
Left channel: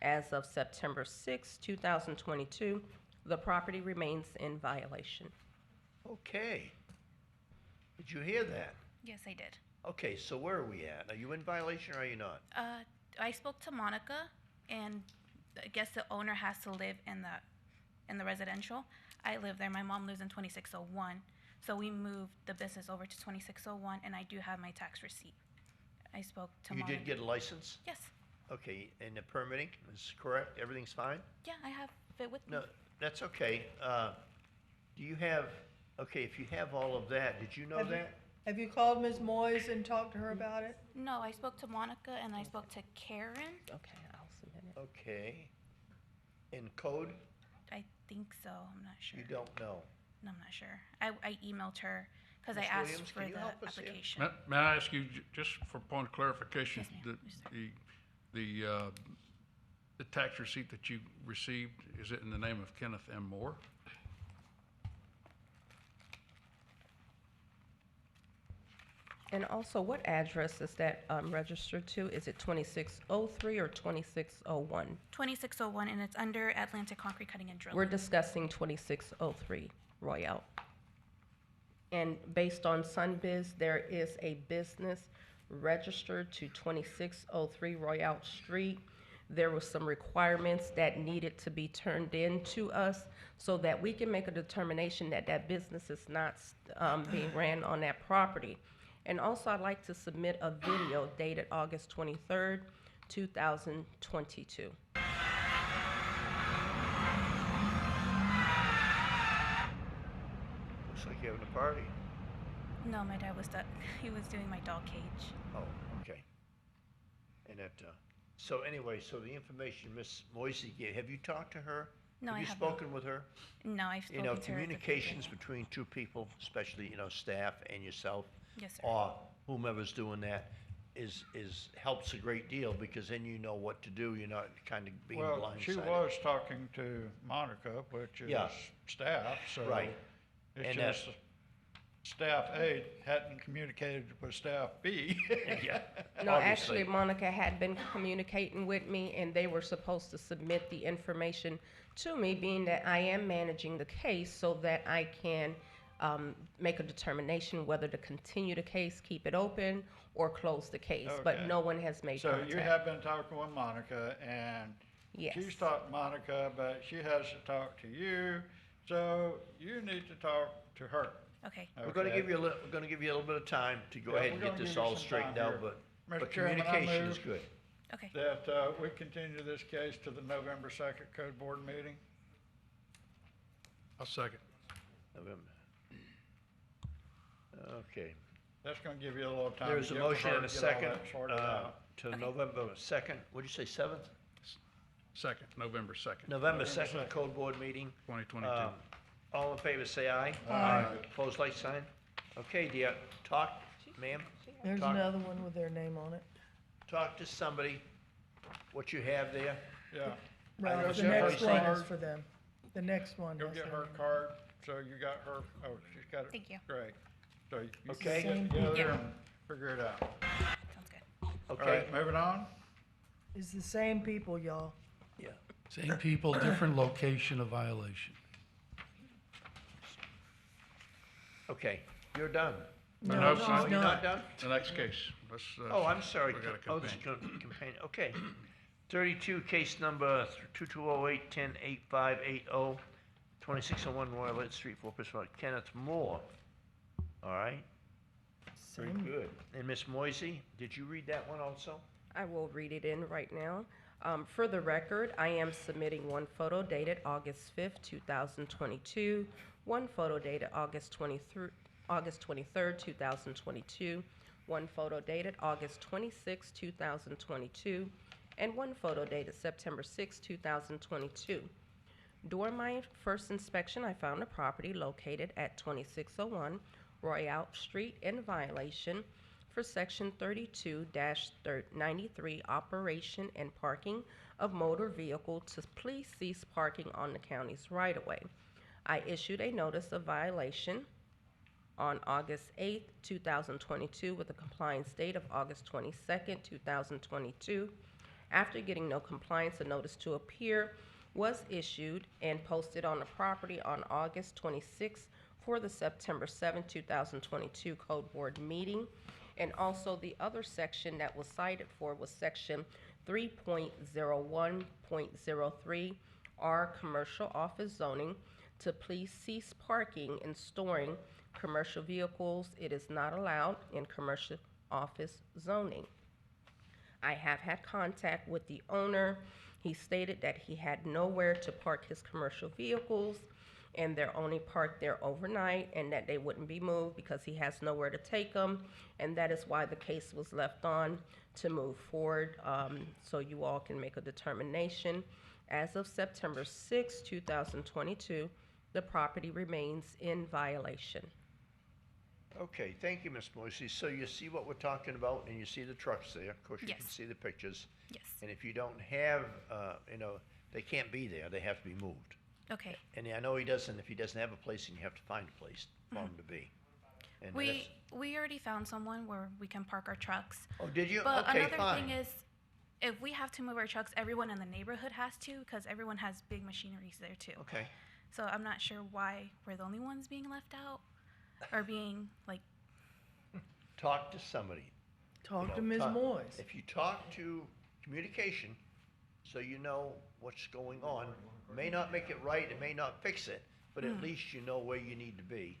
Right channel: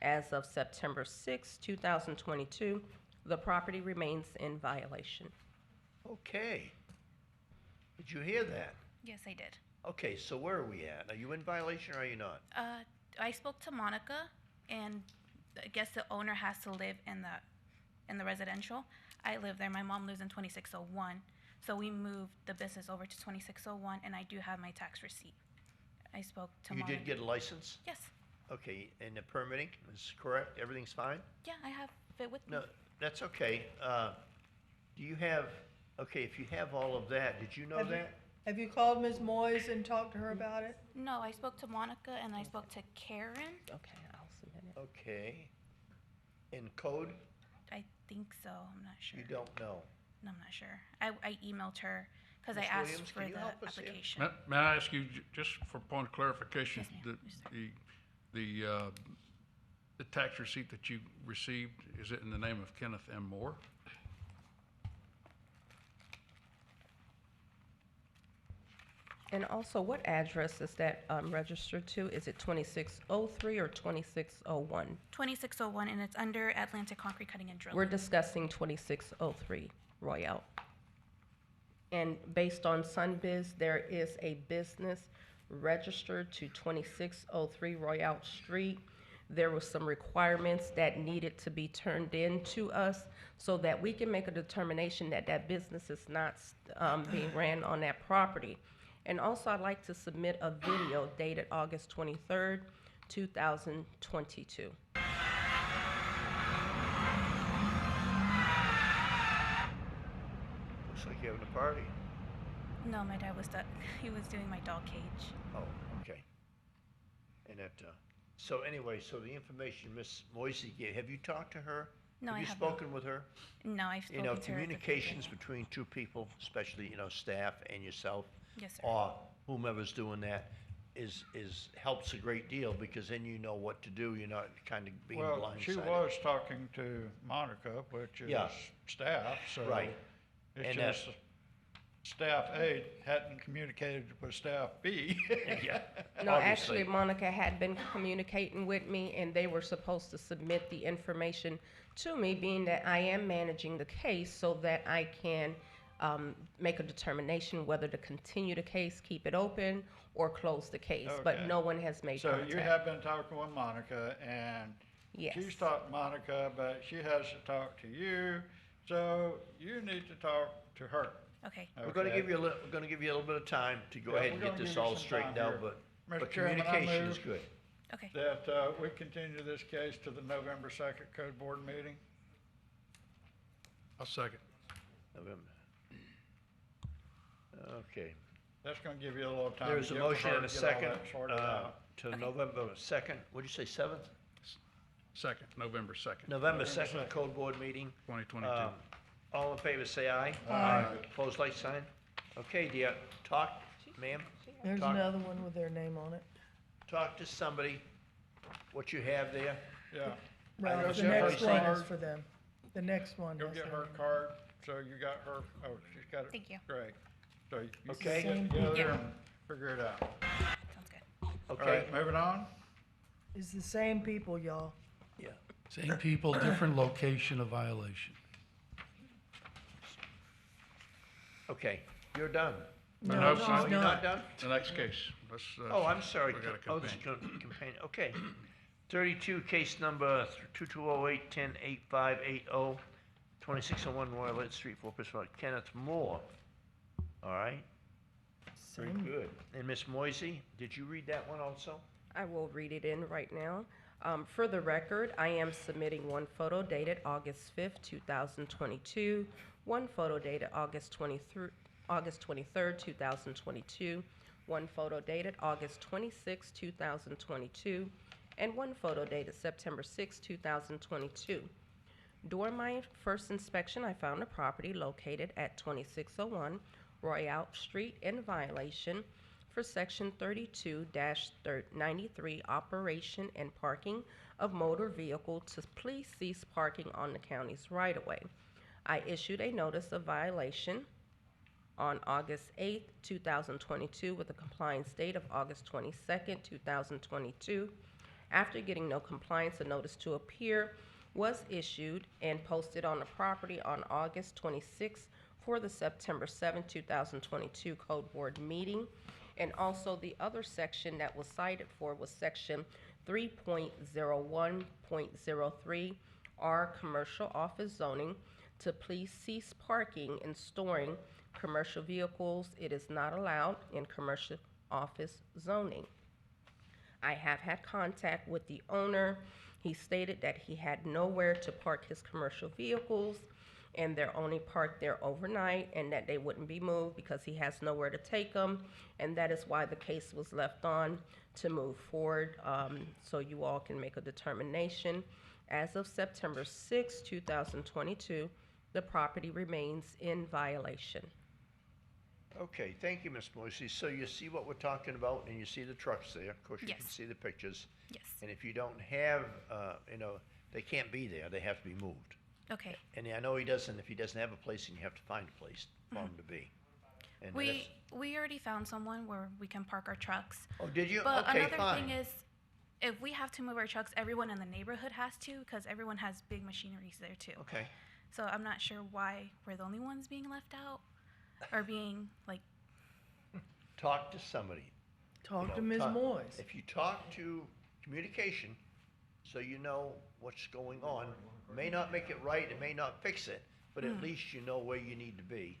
As of September 6, 2022, the property remains in violation. Okay. Did you hear that? Yes, I did. Okay, so where are we at? Are you in violation or are you not? I spoke to Monica, and I guess the owner has to live in the residential. I live there. My mom lives in 2601, so we moved the business over to 2601, and I do have my tax receipt. I spoke to You did get a license? Yes. Okay, and the permitting is correct? Everything's fine? Yeah, I have fit with me. No, that's okay. Do you have, okay, if you have all of that, did you know Have you- that? Have you called Ms. Moyes and talked to her about it? No, I spoke to Monica and I spoke to Karen. Okay, I'll submit it. Okay. In code, I think so. I'm not sure. you don't know. No, I'm not sure. I emailed her because I Ms. asked Williams, for can you the help us here? application. May I ask you, just for point of clarification, the tax receipt that you received, is it in the name of Kenneth M. Moore? And also, what address is that registered to? Is it 2603 or 2601? 2601, and it's under Atlantic Concrete Cutting and Drilling. We're discussing 2603 Royale. And based on Sunbiz, there is a business registered to 2603 Royale Street. There were some requirements that needed to be turned in to us so that we can make a determination that that business is not being ran on that property. And also, I'd like to submit a video dated August 23rd, 2022. Looks like you're having a party. No, my dad was he was doing my dog cage. Oh, okay. And that, so anyway, so the information Miss Moisey gave, have you talked to her? No, Have I you haven't. spoken with her? No, I've spoken to her. Communications between two people, especially, staff and yourself. Yes, sir. Or whomever's doing that is helps a great deal because then you know what to do. You're not kind of being blindsided. Well, she was talking to Monica, which is Yeah. staff, so. Right. It's And just staff A hadn't communicated with staff B. Yeah. No, actually, Monica had been communicating with me, and they were supposed to submit the information to me, being that I am managing the case, so that I can make a determination whether to continue the case, keep it open, or close the case. But Okay. no one has made So contact. you have been talking with Monica, and Yes. she's talked to Monica, but she has to talk to you, so you need to talk to her. Okay. We're going to give you a little bit of time to go Yeah, ahead we're and gonna get give this you all some straightened time out, here. but Mr. Chairman, I communication is move good. Okay. That we continue this case to the November 2nd Code Board meeting. I'll second. November. Okay. That's gonna give you a little time. There's to a get with motion her, and a get all second that sorted out. to November 2nd, what'd you say, 7th? Second, November 2nd. November 2nd Code Board meeting. 2022. All in favor, say aye. Aye. Opposed, like sign. Okay, dear, talk, ma'am. There's Talk- another one with their name on it. Talk to somebody, what you have there. Yeah. Well, Go the get her next one card. is for them. The next one. Go is get for her them. card, so you got her, oh, she's got it. Thank you. Great. So you Okay. can get together Yeah. and figure it out. Sounds good. All Okay, right, moving on. It's the same people, y'all. yeah. Same people, different location of violation. Okay, you're done. No, No, she's no, You're not. not done? The next case, let's. Oh, I'm sorry. we got a Oh, this is companion. companion, okay. 32, case number 2208-108580, 2601 Royal Light Street, 4 Pittsburgh, Kenneth Moore. All right, very Same. good. And Miss Moisey, did you read that one also? I will read it in right now. For the record, I am submitting one photo dated August 5th, 2022, one photo dated August 23rd, 2022, one photo dated August 26th, 2022, and one photo dated September 6th, 2022. During my first inspection, I found a property located at 2601 Royale Street in violation for Section 32-93 Operation and Parking of Motor Vehicle to please cease parking on the county's right-of-way. I issued a notice of violation on August 8th, 2022 with a compliance date of August 22nd, 2022. After getting no compliance, a notice to appear was issued and posted on the property on August 26th for the September 7th, 2022 Code Board meeting. And also the other section that was cited for was section 3.01.03 R Commercial Office Zoning to please cease parking and storing commercial vehicles. It is not allowed in commercial office zoning. I have had contact with the owner. He stated that he had nowhere to park his commercial vehicles, and they're only parked there overnight, and that they wouldn't be moved because he has nowhere to take them, and that is why the case was left on to move forward, so you all can make a determination. As of September 6, 2022, the property remains in violation. Okay, thank you, Ms. Moisey. So you see what we're talking about, and you see the trucks there. Of course, you Yes. can see the pictures. Yes. And if you don't have, they can't be there. They have to be moved. Okay. And I know he doesn't, if he doesn't have a place, then you have to find a place for him to be. And We already found someone where we can park our trucks. Oh, did you? But Okay, another fine. thing is, if we have to move our trucks, everyone in the neighborhood has to, because everyone has big machineries there too. Okay. So I'm not sure why we're the only ones being left out, or being like. Talk to somebody. Talk to Ms. Moyes. If you talk to communication, so you know what's going on, may not make it right, it may not fix it, but at least you know where you need to be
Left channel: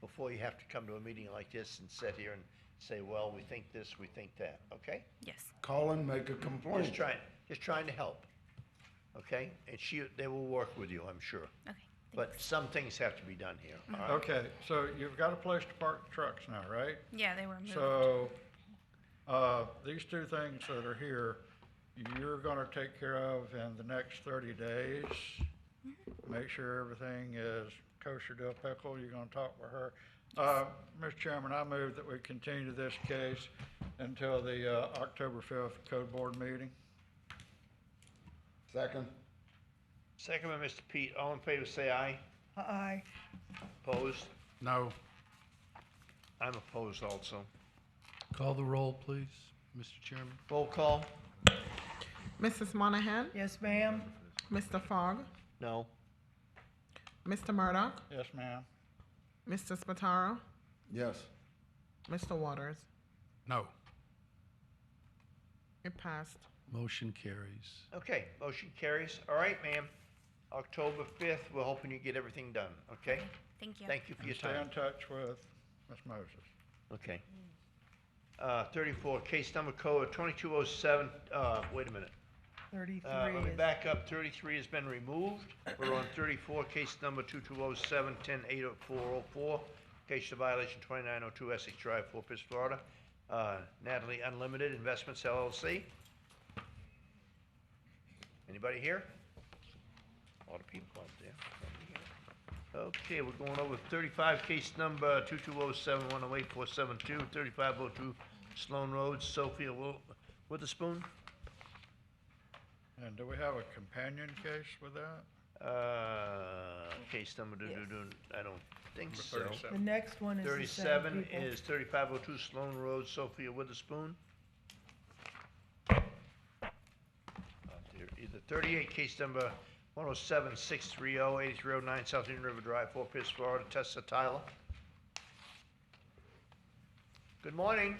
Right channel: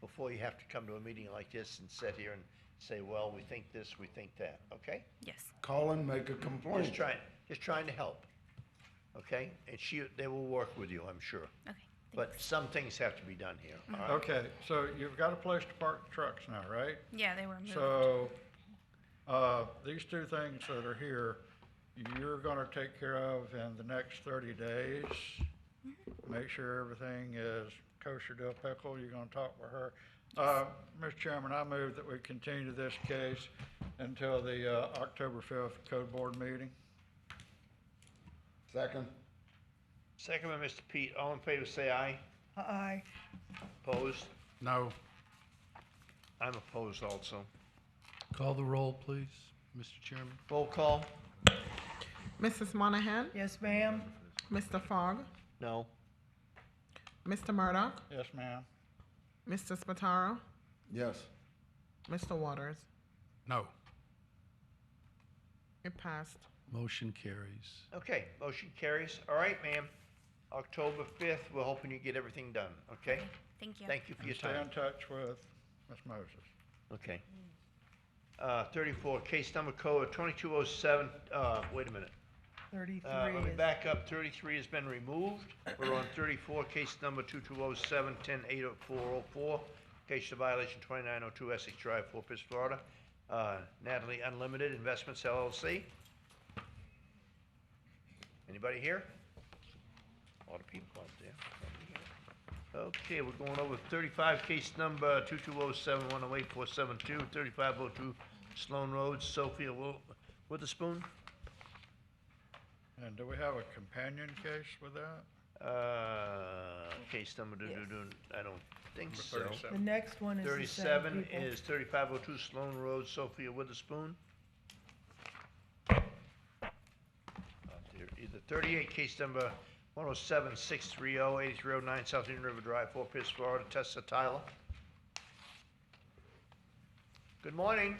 before you have to come to a meeting like this and sit here and say, well, we think this, we think that, okay? Yes. Call and make a complaint. Just trying to help, okay? And they will work with you, I'm sure. Okay. But some things have to be done here, all right? Okay, so you've got a place to park the trucks now, right? Yeah, they were moved. So, these two things that are here, you're gonna take care of in the next 30 days. Make sure everything is kosher dill pickle, you're gonna talk with her. Mr. Chairman, I move that we continue this case until the, October 5th Code Board meeting. Second. Second by Mr. Pete, all in favor say aye. Aye. Opposed? No. I'm opposed also. Call the roll, please, Mr. Chairman. Roll call? Mrs. Monahan? Yes, ma'am. Mr. Fogg? No. Mr. Murdoch? Yes, ma'am. Mr. Spataro? Yes. Mr. Waters? No. It passed. Motion carries. Okay, motion carries. All right, ma'am. October 5th, we're hoping you get everything done, okay? Thank you. Thank you for your And stay time. in touch with Ms. Moses. Okay. 34, case number code 2207, wait a minute. 33 Let me is, back up, 33 has been removed. We're on 34, case number 2207, 1080404. Case of violation 2902 Essex Drive, Fort Pierce, Florida. Natalie Unlimited Investments LLC. Anybody here? A lot of people out there. Okay, we're going over 35, case number 2207, 108-472, 3502 Sloan Road, Sophia Witherspoon. And do we have a companion case with that? Case number, I don't think Number so. 37. the next one is the same 37 people. is 3502 Sloan Road, Sophia Witherspoon. Either 38, case number 107630, 8309 South Union River Drive, Fort Pierce, Florida, Tessa Tyler. Good morning.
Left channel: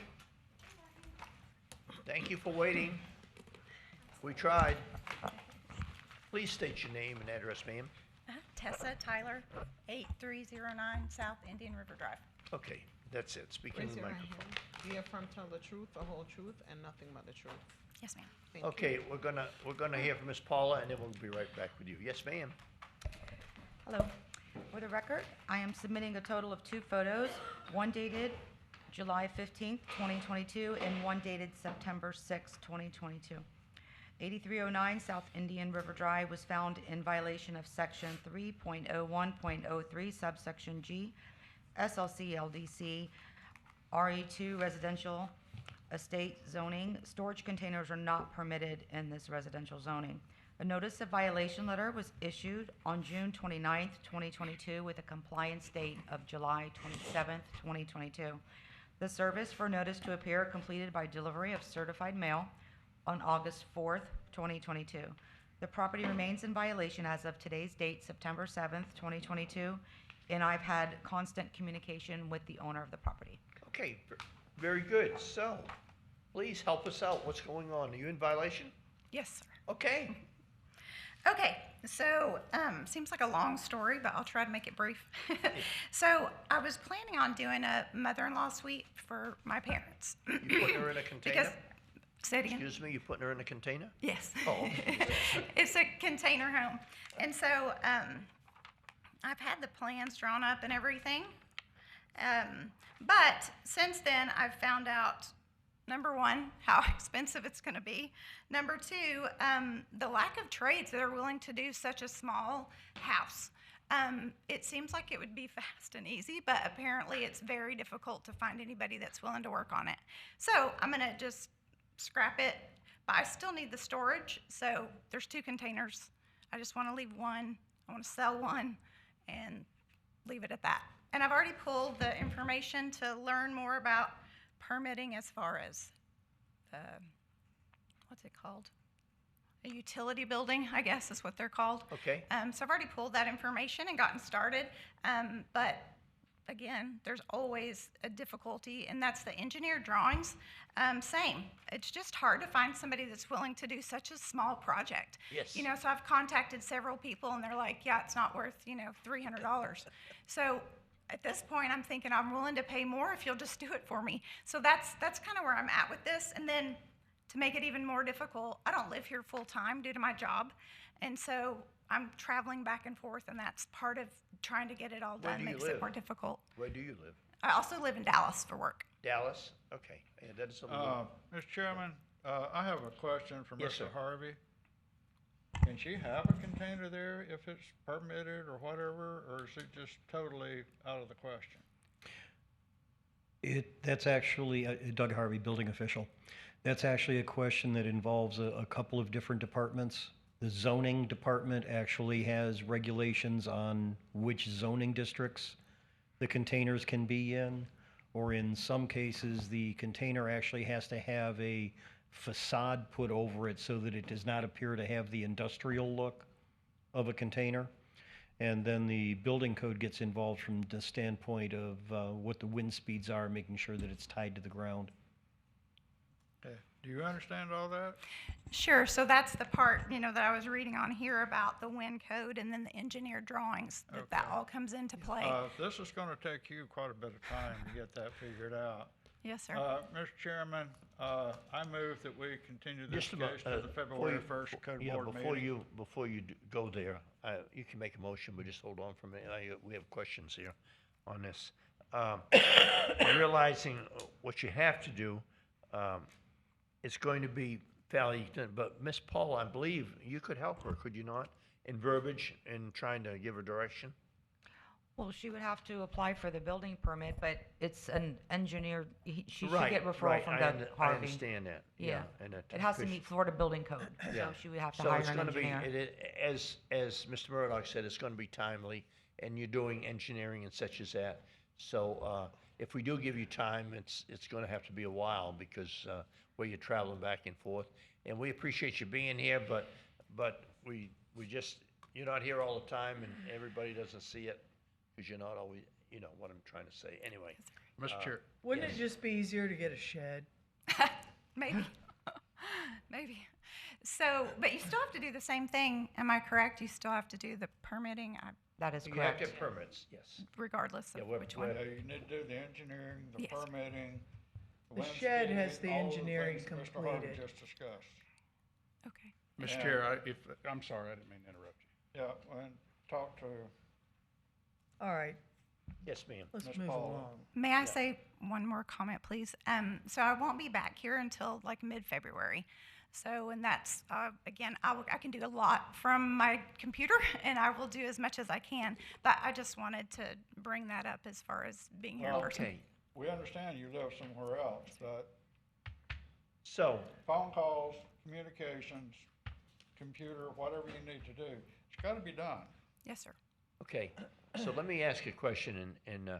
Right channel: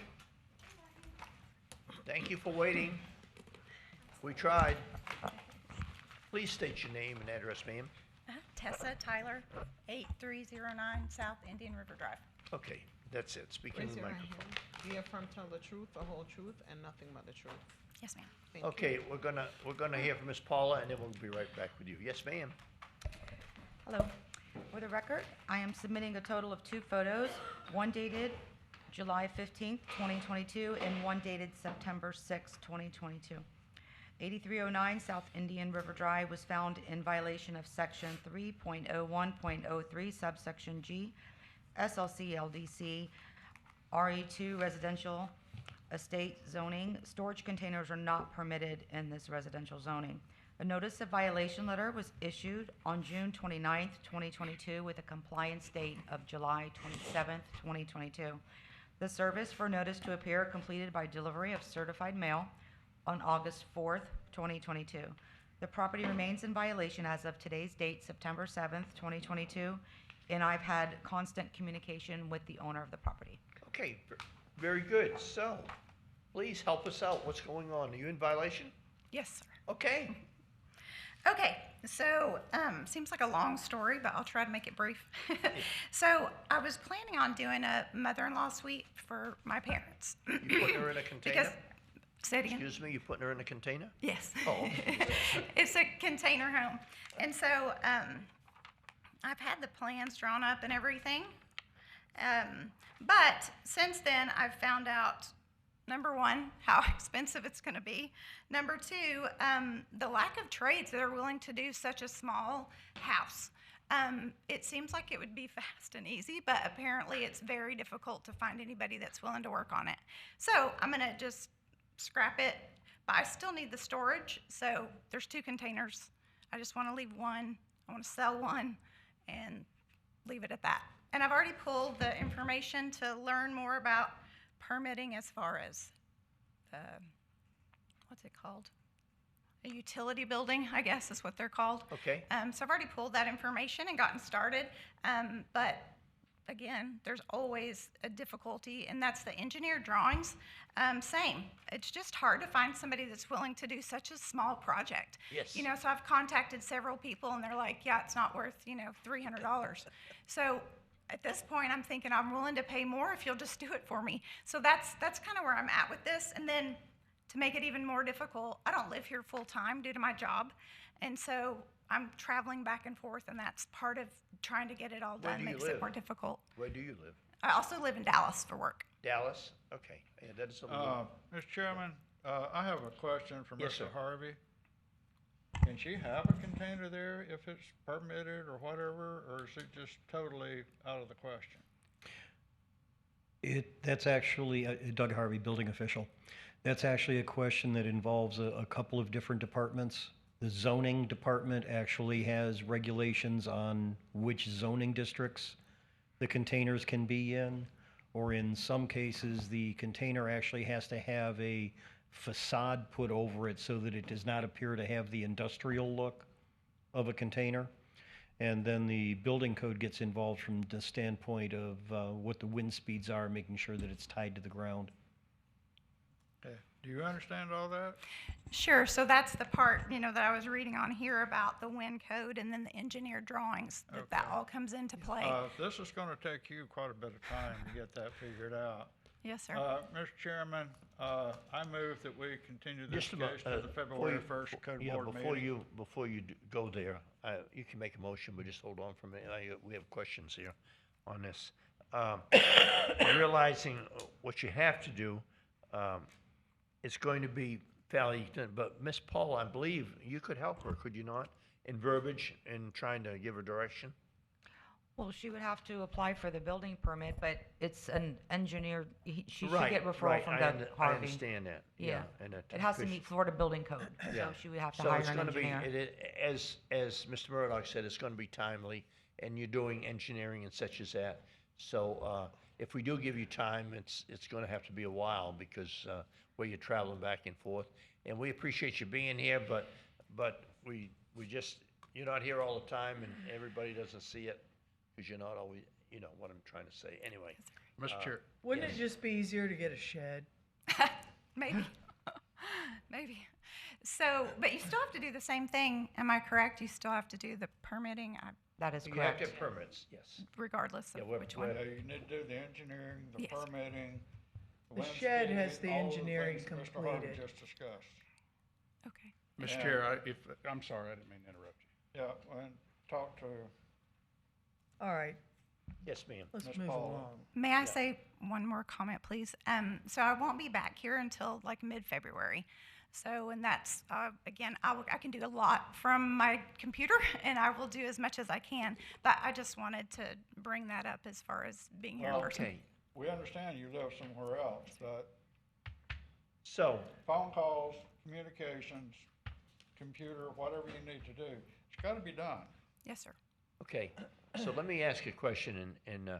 Thank you for waiting. We tried. Please state your name and address, ma'am. Tessa Tyler, 8309 South Indian River Drive. Okay, that's it. Speak Raise into the your right microphone. hand. Do you affirm to tell the truth, the whole truth, and nothing but the truth? Yes, ma'am. Thank you. Okay, we're gonna hear from Miss Paula, and then we'll be right back with you. Yes, ma'am. Hello. For the record, I am submitting a total of 2 photos, one dated July 15th, 2022, and one dated September 6th, 2022. 8309 South Indian River Drive was found in violation of Section 3.01.03, subsection G, SLC LDC, RE2 residential estate zoning. Storage containers are not permitted in this residential zoning. A notice of violation letter was issued on June 29th, 2022, with a compliance date of July 27th, 2022. The service for notice to appear completed by delivery of certified mail on August 4th, 2022. The property remains in violation as of today's date, September 7th, 2022, and I've had constant communication with the owner of the property. Okay, very good. So, please help us out. What's going on? Are you in violation? Yes, sir. Okay. Okay, so seems like a long story, but I'll try to make it brief. So I was planning on doing a mother-in-law suite for my parents. You putting her in a container? Because Say it again. Excuse me, you putting her in a container? Yes. Oh, okay. It's a container home. And so I've had the plans drawn up and everything. But since then, I've found out, number one, how expensive it's going to be. Number two, the lack of trades that are willing to do such a small house. It seems like it would be fast and easy, but apparently it's very difficult to find anybody that's willing to work on it. So I'm going to just scrap it, but I still need the storage. So there's 2 containers. I just want to leave one. I want to sell one and leave it at that. And I've already pulled the information to learn more about permitting as far as, what's it called? A utility building, I guess is what they're called. Okay. So I've already pulled that information and gotten started. But again, there's always a difficulty, and that's the engineered drawings. Same. It's just hard to find somebody that's willing to do such a small project. Yes. You know, so I've contacted several people, and they're like, yeah, it's not worth, $300. So at this point, I'm thinking I'm willing to pay more if you'll just do it for me. So that's kind of where I'm at with this. And then to make it even more difficult, I don't live here full time due to my job. And so I'm traveling back and forth, and that's part of trying to get it all Where done do you makes live? it more difficult. Where do you live? I also live in Dallas for work. Dallas? Okay. Yeah, that is a little. Mr. Chairman, I have a question for Yes, Mr. sir. Harvey. Can she have a container there if it's permitted or whatever, or is it just totally out of the question? That's actually, Doug Harvey, building official. That's actually a question that involves a couple of different departments. The zoning department actually has regulations on which zoning districts the containers can be in, or in some cases, the container actually has to have a facade put over it so that it does not appear to have the industrial look of a container. And then the building code gets involved from the standpoint of what the wind speeds are, making sure that it's tied to the ground. Okay. Do you understand all that? Sure. So that's the part, that I was reading on here about the wind code and then the engineered drawings, that all comes into play. This is going to take you quite a bit of time to get that figured out. Yes, sir. Mr. Chairman, I move that we continue this Just a case moment, to the before February you- 1st code yeah, board meeting. before you go there, you can make a motion, but just hold on for a minute. We have questions here on this. Realizing what you have to do, it's going to be fairly, but Miss Paul, I believe you could help her, could you not? In verbiage, in trying to give her direction? Well, she would have to apply for the building permit, but it's an engineer, she should Right, get referral right. from I Doug I Harvey. understand that. Yeah, and it has to meet Florida building code, Yeah. so she would have to So hire it's an gonna be, engineer. as Mr. Murdoch said, it's gonna be timely, and you're doing engineering and such as that. So, if we do give you time, it's gonna have to be a while, because, where you're traveling back and forth. And we appreciate you being here, but we just, you're not here all the time, and everybody doesn't see it, because you're not always, you know what I'm trying to say. Anyway. Mr. Chair. Wouldn't yes. it just be easier to get a shed? Maybe. Maybe. So, but you still have to do the same thing, am I correct? You still have to do the permitting? That is You have to have permits, yes. Regardless of Yeah, we're- which one. Yeah, you need to do the engineering, the Yes. permitting. The wind shed speed, has the all of engineering things that Mr. Harvey completed. just discussed. Okay. Mr. Yeah. Chair, I'm sorry, I didn't mean to interrupt you. Yeah, and talk to All right, Yes, ma'am. let's Ms. move Paula. along. May I say one more comment, please? So I won't be back here until like mid-February. So, and that's, again, I can do a lot from my computer, and I will do as much as I can. But I just wanted to bring that up as far as being here in person. Okay, We understand you live somewhere else, but so, phone calls, communications, computer, whatever you need to do, it's gotta be done. Yes, sir. okay, so let me ask you a question, and,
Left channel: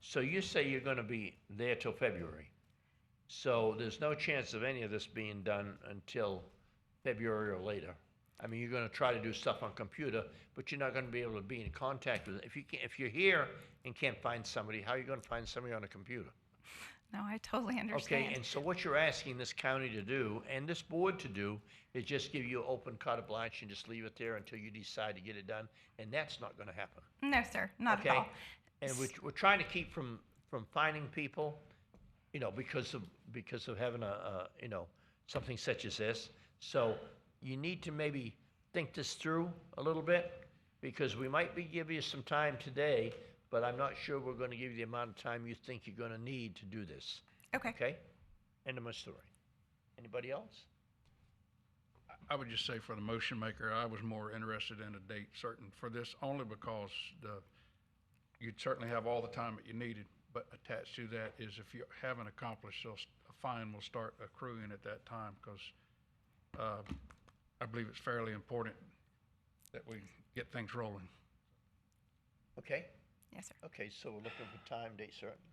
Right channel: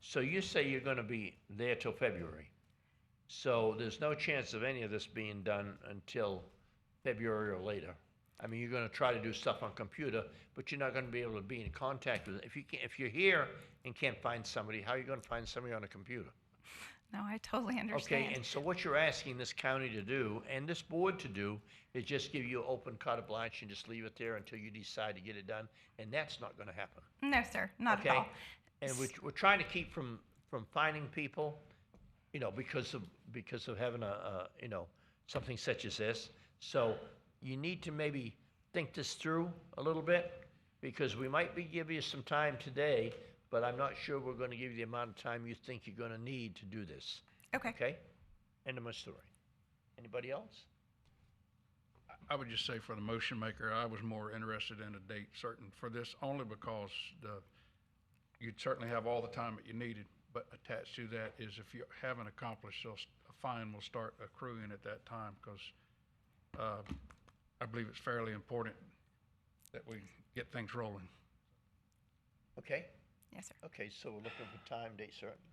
so you say you're gonna be there till February. So there's no chance of any of this being done until February or later. I mean, you're gonna try to do stuff on computer, but you're not gonna be able to be in contact with it. If you're here and can't find somebody, how are you gonna find somebody on a computer? No, I totally understand. Okay, and so what you're asking this county to do, and this board to do, is just give you open carte blanche and just leave it there until you decide to get it done, and that's not gonna happen. No, sir, not Okay? at all. And we're trying to keep from finding people, because of having something such as this. So you need to maybe think this through a little bit, because we might be giving you some time today, but I'm not sure we're gonna give you the amount of time you think you're gonna need to do this. Okay. Okay? End of my story. Anybody else? I would just say for the motion maker, I was more interested in a date certain for this, only because you'd certainly have all the time that you needed, but attached to that is if you haven't accomplished, so a fine will start accruing at that time, because I believe it's fairly important that we get things rolling. Okay? Yes, sir. Okay, so we're looking for time, date certain.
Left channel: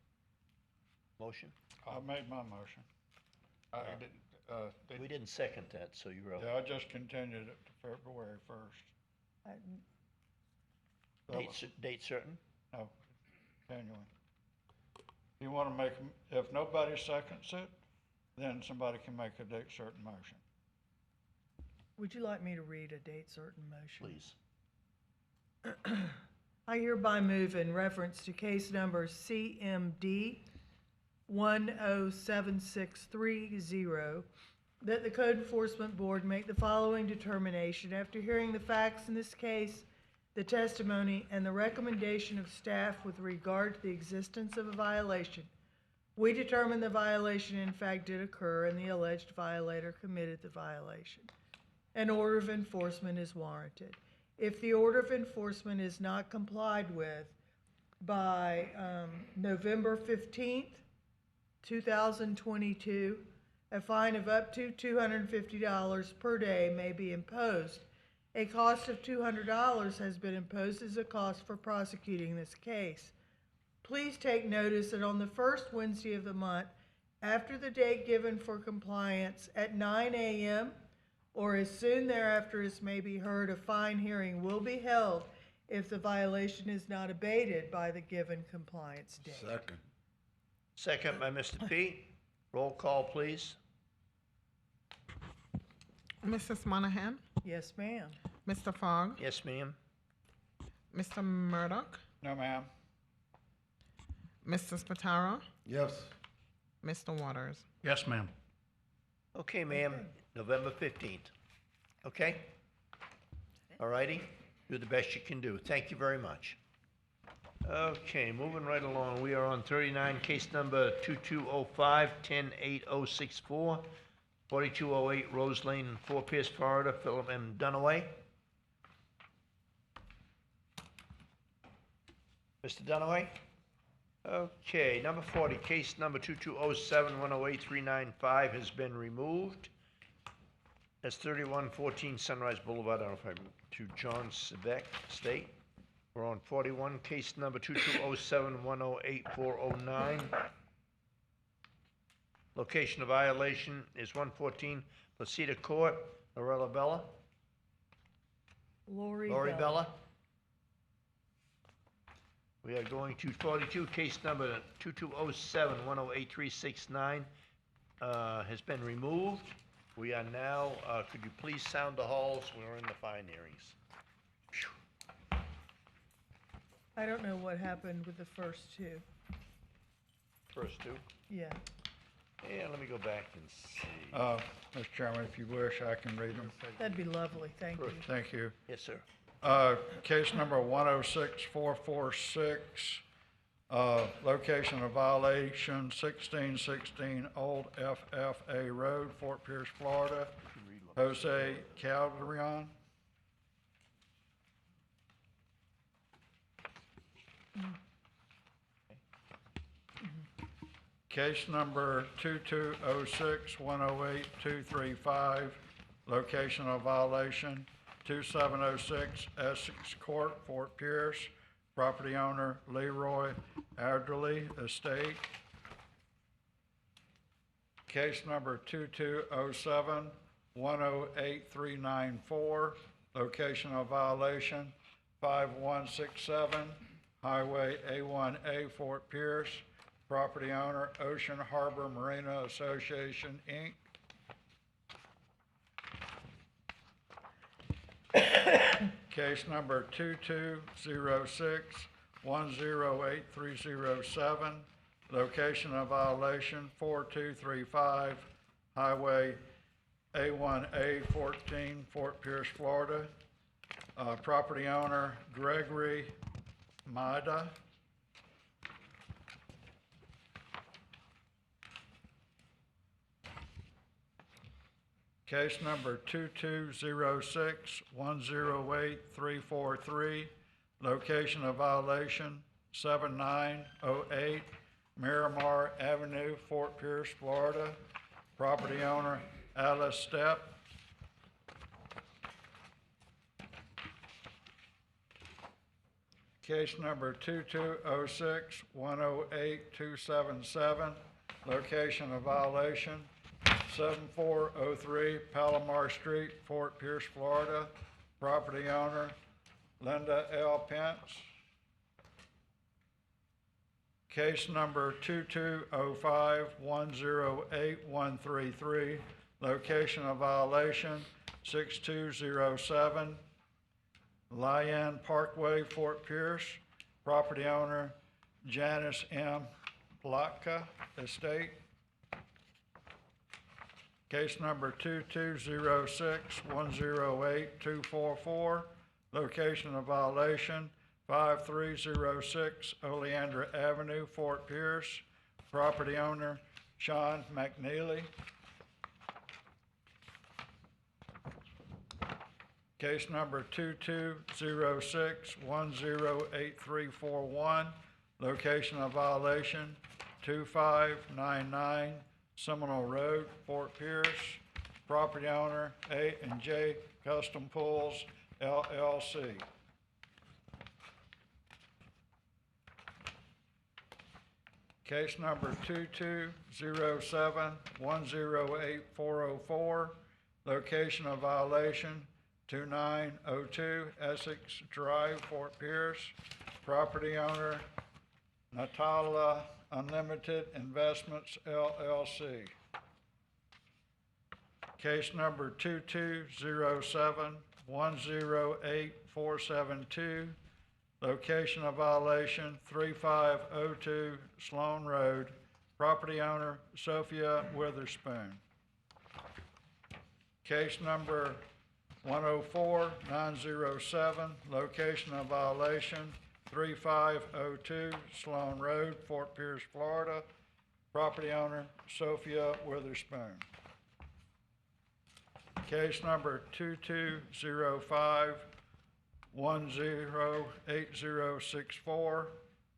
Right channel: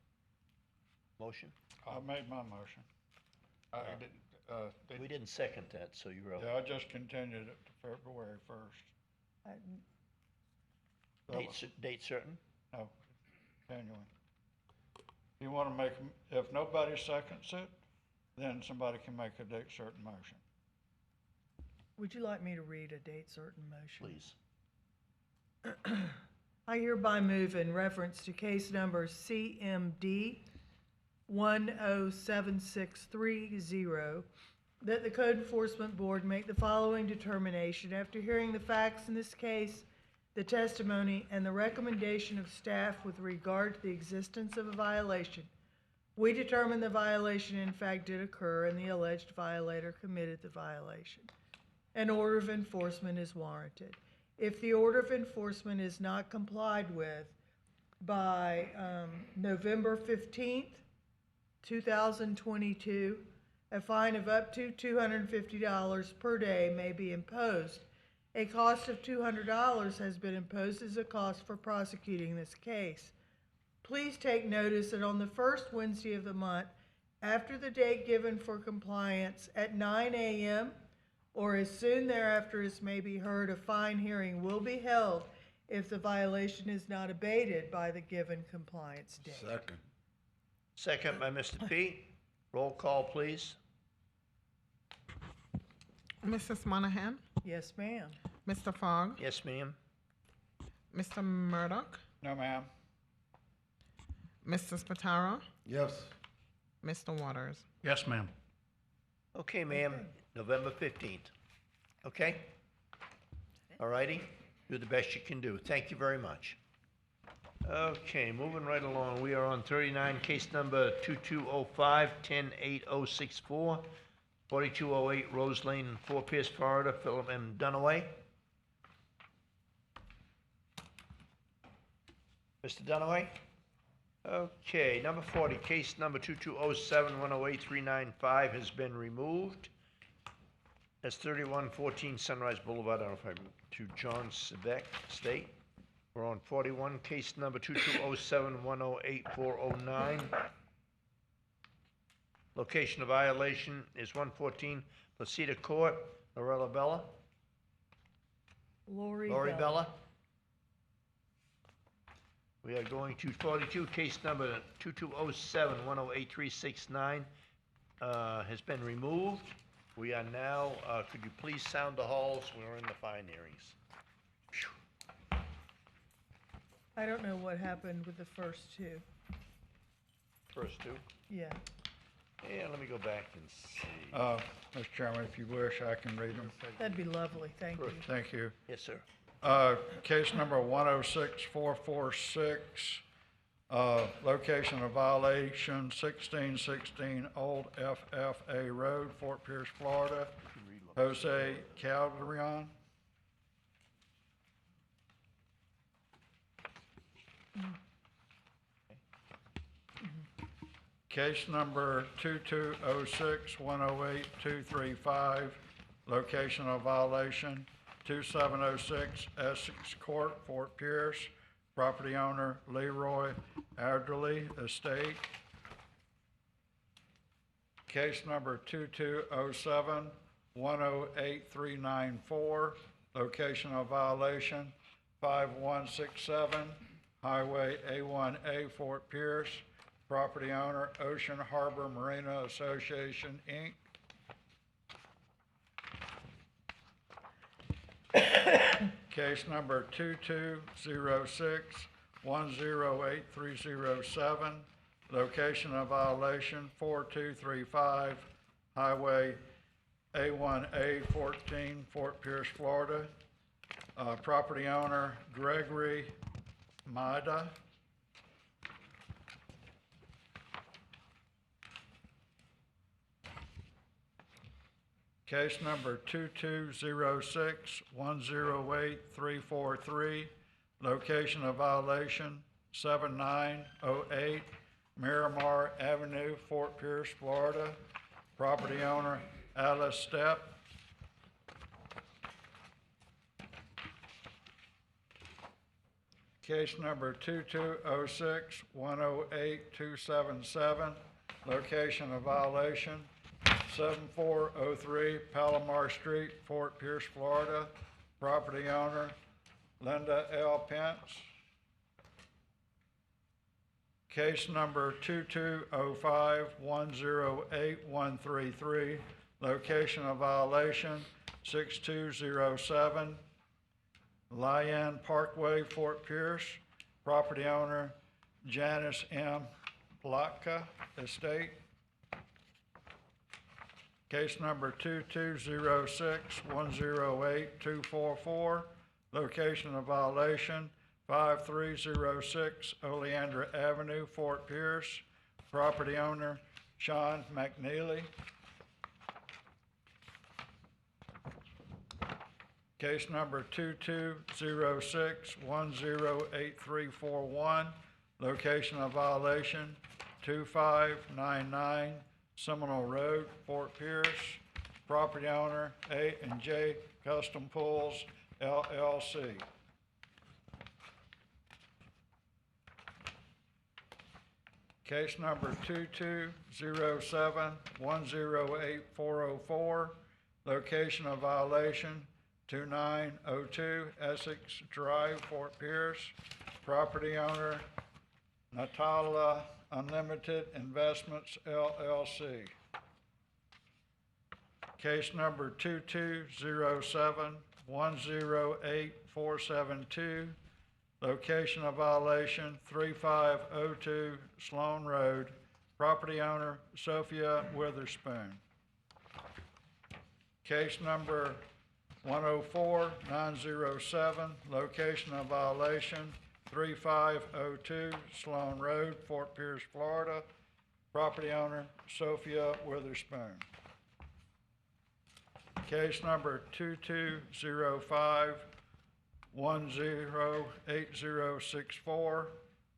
Motion? I made my motion. We didn't second that, so you're out. Yeah, I just continued it to February 1st. Date certain? No, continuing. You want to make, if nobody seconds it, then somebody can make a date certain motion. Would you like me to read a date certain motion? Please. I hereby move in reference to case number CMD 107630 that the Code Enforcement Board make the following determination after hearing the facts in this case, the testimony, and the recommendation of staff with regard to the existence of a violation. We determine the violation in fact did occur and the alleged violator committed the violation. An order of enforcement is warranted. If the order of enforcement is not complied with by November 15th, 2022, a fine of up to $250 per day may be imposed. A cost of $200 has been imposed as a cost for prosecuting this case. Please take notice that on the first Wednesday of the month, after the date given for compliance at 9 a.m. or as soon thereafter as may be heard, a fine hearing will be held if the violation is not abated by the given compliance date. Second. Second by Mr. P. Roll call, please. Mrs. Monahan? Yes, ma'am. Mr. Fogg? Yes, ma'am. Mr. Murdoch? No, ma'am. Mr. Spataro? Yes. Mr. Waters? Yes, ma'am. Okay, ma'am, November 15th. Okay? All righty? Do the best you can do. Thank you very much. Okay, moving right along. We are on 39, case number 2205-108064, 4208 Rose Lane, Fort Pierce, Florida, Philip M. Dunaway. Mr. Dunaway? Okay, number 40, case number 2207-108-395 has been removed. That's 3114 Sunrise Boulevard, to John Sebeck Estate. We're on 41, case number 2207-108-409. Location of violation is 114 Placida Court, Lorella Bella. Lori Bella. We are going to 42, case number 2207-108-369 has been removed. We are now, could you please sound the halls? We're in the fine hearings. I don't know what happened with the first two. First two? Yeah. Yeah, let me go back and see. Mr. Chairman, if you wish, I can read them. That'd be lovely, thank you. Thank you. Yes, sir. Case number 106446, location of violation 1616 Old FFA Road, Fort Pierce, Florida. Jose Calderon. Case number 2206-108-235, location of violation 2706 Essex Court, Fort Pierce, property owner Leroy Adderley Estate. Case number 2207-108-394, location of violation 5167 Highway A1A, Fort Pierce, property owner Ocean Harbor Marina Association, Inc. Case number 2206-108-307, location of violation 4235 Highway A1A14, Fort Pierce, Florida. Property owner Gregory Maida. Case number 2206108343, location of violation 7908 Miramar Avenue, Fort Pierce, Florida. Property owner Alice Stepp. Case number 2206108277, location of violation 7403 Palomar Street, Fort Pierce, Florida. Property owner Linda L. Pence. Case number 2205108133, location of violation 6207 Lyon Parkway, Fort Pierce. Property owner Janice M. Plotka Estate. Case number 2206108244, location of violation 5306 Oleandra Avenue, Fort Pierce. Property owner Sean McNeely. Case number 2206108341, location of violation 2599 Seminole Road, Fort Pierce. Property owner A&J Custom Pools, LLC. Case number 2207108404, location of violation 2902 Essex Drive, Fort Pierce. Property owner Natala Unlimited Investments, LLC. Case number 2207108472, location of violation 3502 Sloan Road. Property owner Sophia Witherspoon. Case number 104907, location of violation 3502 Sloan Road, Fort Pierce, Florida. Property owner Sophia Witherspoon. Case number 2205108064,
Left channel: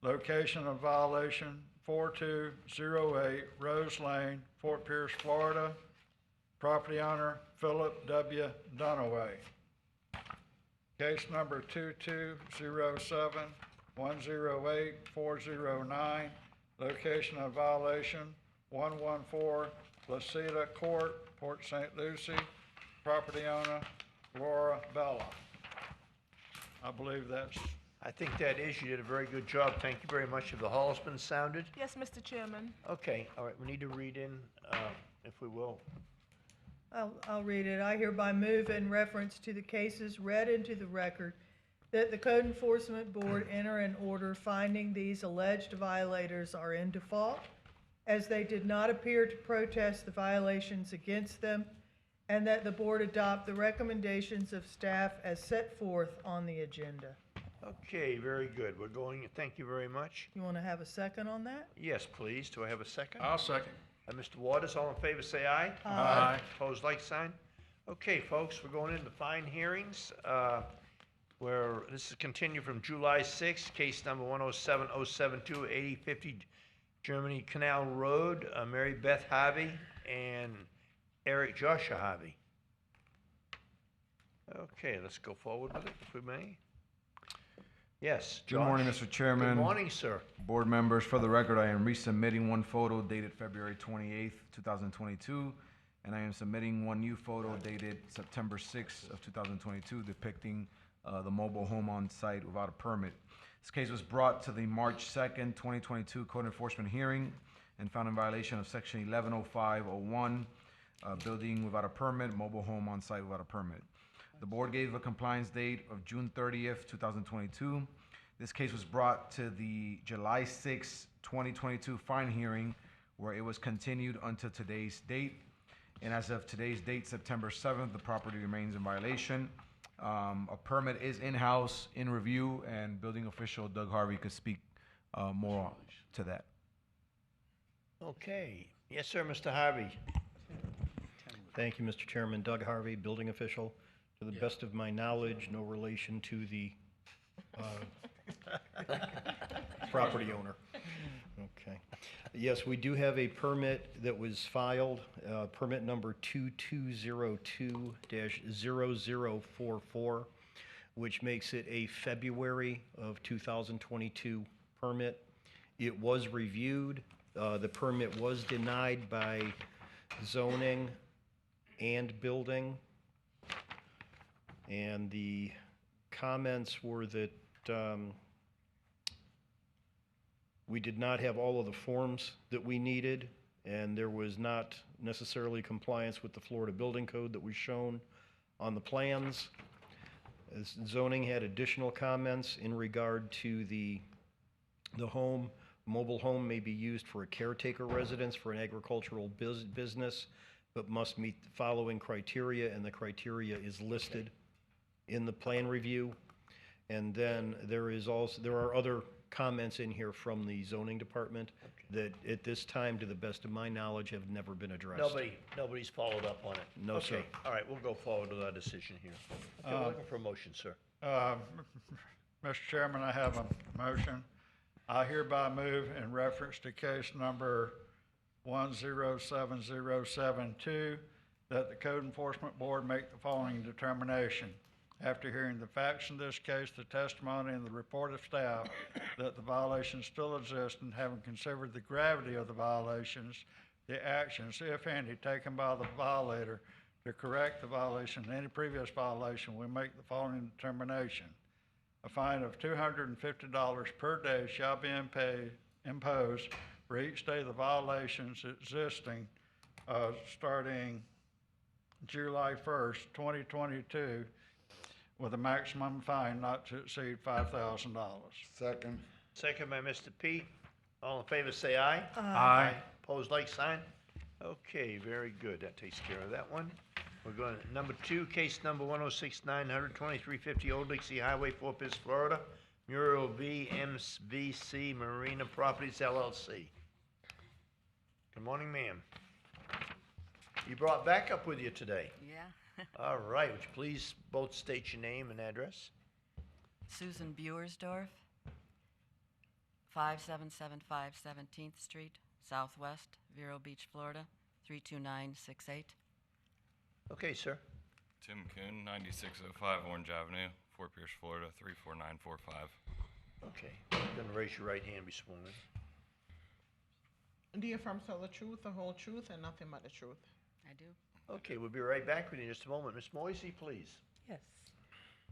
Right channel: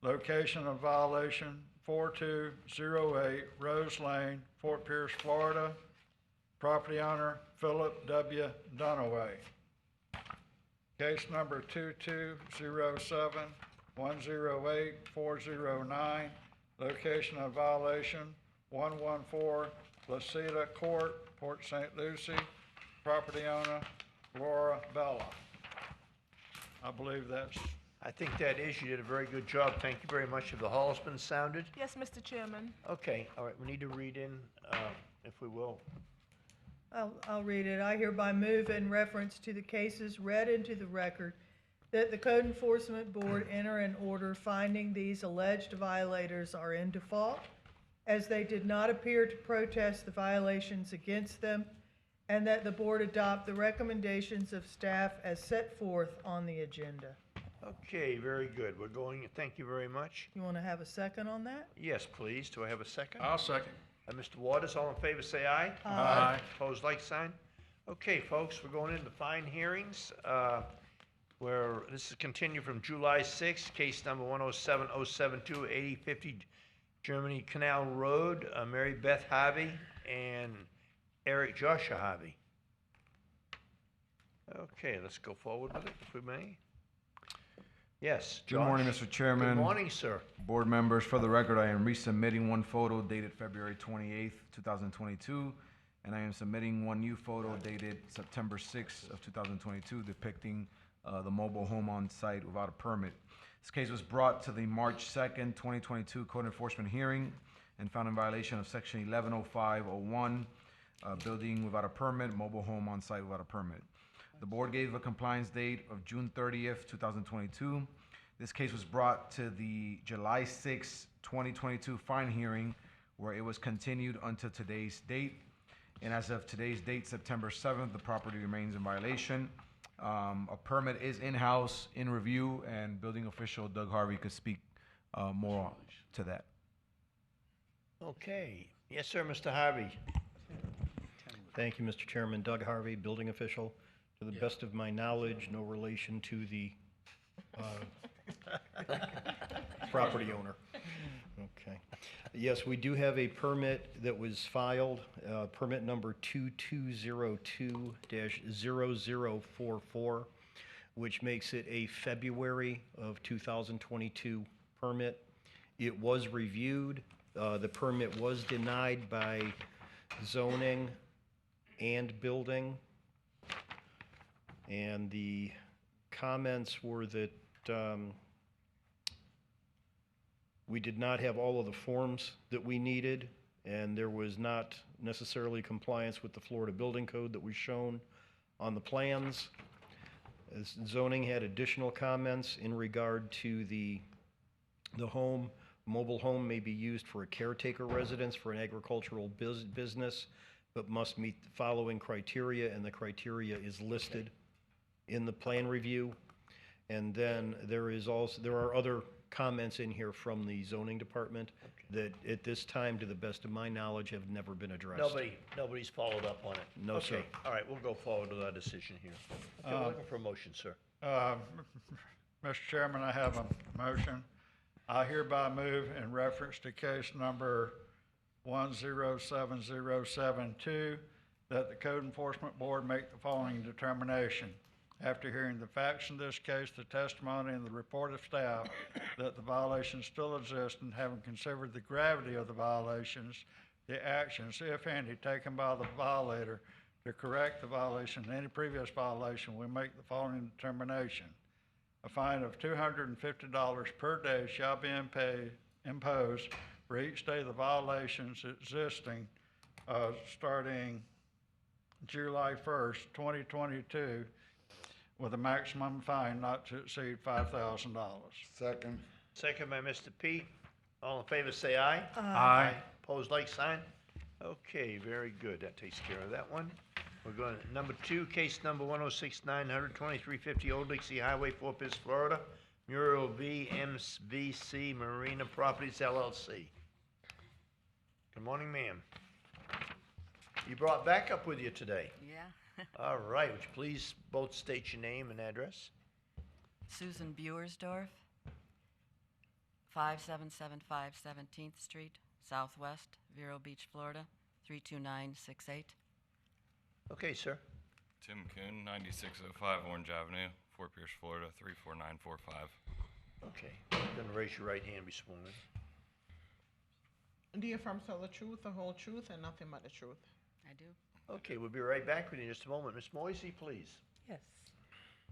location of violation 4208 Rose Lane, Fort Pierce, Florida. Property owner Philip W. Dunaway. Case number 2207108409, location of violation 114 Placida Court, Port St. Lucie. Property owner Laura Bella. I believe that's. I think that is, you did a very good job. Thank you very much. Have the hall's been sounded? Yes, Mr. Chairman. Okay, all right, we need to read in, if we will. I'll read it. I hereby move in reference to the cases read into the record that the Code Enforcement Board enter an order finding these alleged violators are in default, as they did not appear to protest the violations against them, and that the board adopt the recommendations of staff as set forth on the agenda. Okay, very good. We're going, thank you very much. You want to have a second on that? Yes, please. Do I have a second? I'll second. Mr. Waters, all in favor, say aye. Aye. Opposed, like sign. Okay, folks, we're going into fine hearings, where this is continued from July 6th, case number 107072, 8050 Germany Canal Road, Mary Beth Harvey and Eric Joshua Harvey. Okay, let's go forward with it, if we may. Yes, Good morning, Josh. Mr. Chairman. Good morning, sir. Board members, for the record, I am resubmitting one photo dated February 28th, 2022, and I am submitting one new photo dated September 6th of 2022 depicting the mobile home on site without a permit. This case was brought to the March 2nd, 2022 Code Enforcement hearing and found in violation of Section 110501, building without a permit, mobile home on site without a permit. The board gave a compliance date of June 30th, 2022. This case was brought to the July 6th, 2022 fine hearing, where it was continued until today's date. And as of today's date, September 7th, the property remains in violation. A permit is in-house, in review, and building official Doug Harvey could speak more to that. Okay. Yes, sir, Mr. Harvey. Thank you, Mr. Chairman. Doug Harvey, building official. To the best of my knowledge, no relation to the property owner. Okay. Yes, we do have a permit that was filed, permit number 2202-0044, which makes it a February of 2022 permit. It was reviewed. The permit was denied by zoning and building. And the comments were that we did not have all of the forms that we needed, and there was not necessarily compliance with the Florida Building Code that was shown on the plans. As zoning had additional comments in regard to the home. Mobile home may be used for a caretaker residence for an agricultural business, but must meet the following criteria, and the criteria is listed in the plan review. And then there are other comments in here from the zoning department that at this time, to the best of my knowledge, have never been addressed. Nobody's followed up on it? No, sir. Okay. All right, we'll go forward with our decision here. Okay, we're looking for a motion, sir. Mr. Chairman, I have a motion. I hereby move in reference to case number 107072 that the Code Enforcement Board make the following determination. After hearing the facts in this case, the testimony, and the report of staff, that the violations still exist, and having considered the gravity of the violations, the actions, if any, taken by the violator to correct the violation and any previous violation, we make the following determination. A fine of $250 per day shall be imposed for each day the violations existing starting July 1st, 2022, with a maximum fine not to exceed $5,000. Second. Second by Mr. P. All in favor, say aye. Aye. Opposed, like sign. Okay, very good. That takes care of that one. We're going to number 2, case number 106-900-2350 Old Dixie Highway, Fort Pierce, Florida. Muriel V. MVC Marina Properties LLC. Good morning, ma'am. You brought backup with you today. Yeah. All right. Would you please both state your name and address? Susan Buersdorf, 5775 17th Street, Southwest, Vero Beach, Florida, 32968. Okay, sir. Tim Kuhn, 9605 Orange Avenue, Fort Pierce, Florida, 34945. Okay. You're going to raise your right hand and be sworn in. Do you affirm to tell the truth, the whole truth, and nothing but the truth? I do. Okay, we'll be right back with you in just a moment. Ms. Moisey, please. Yes.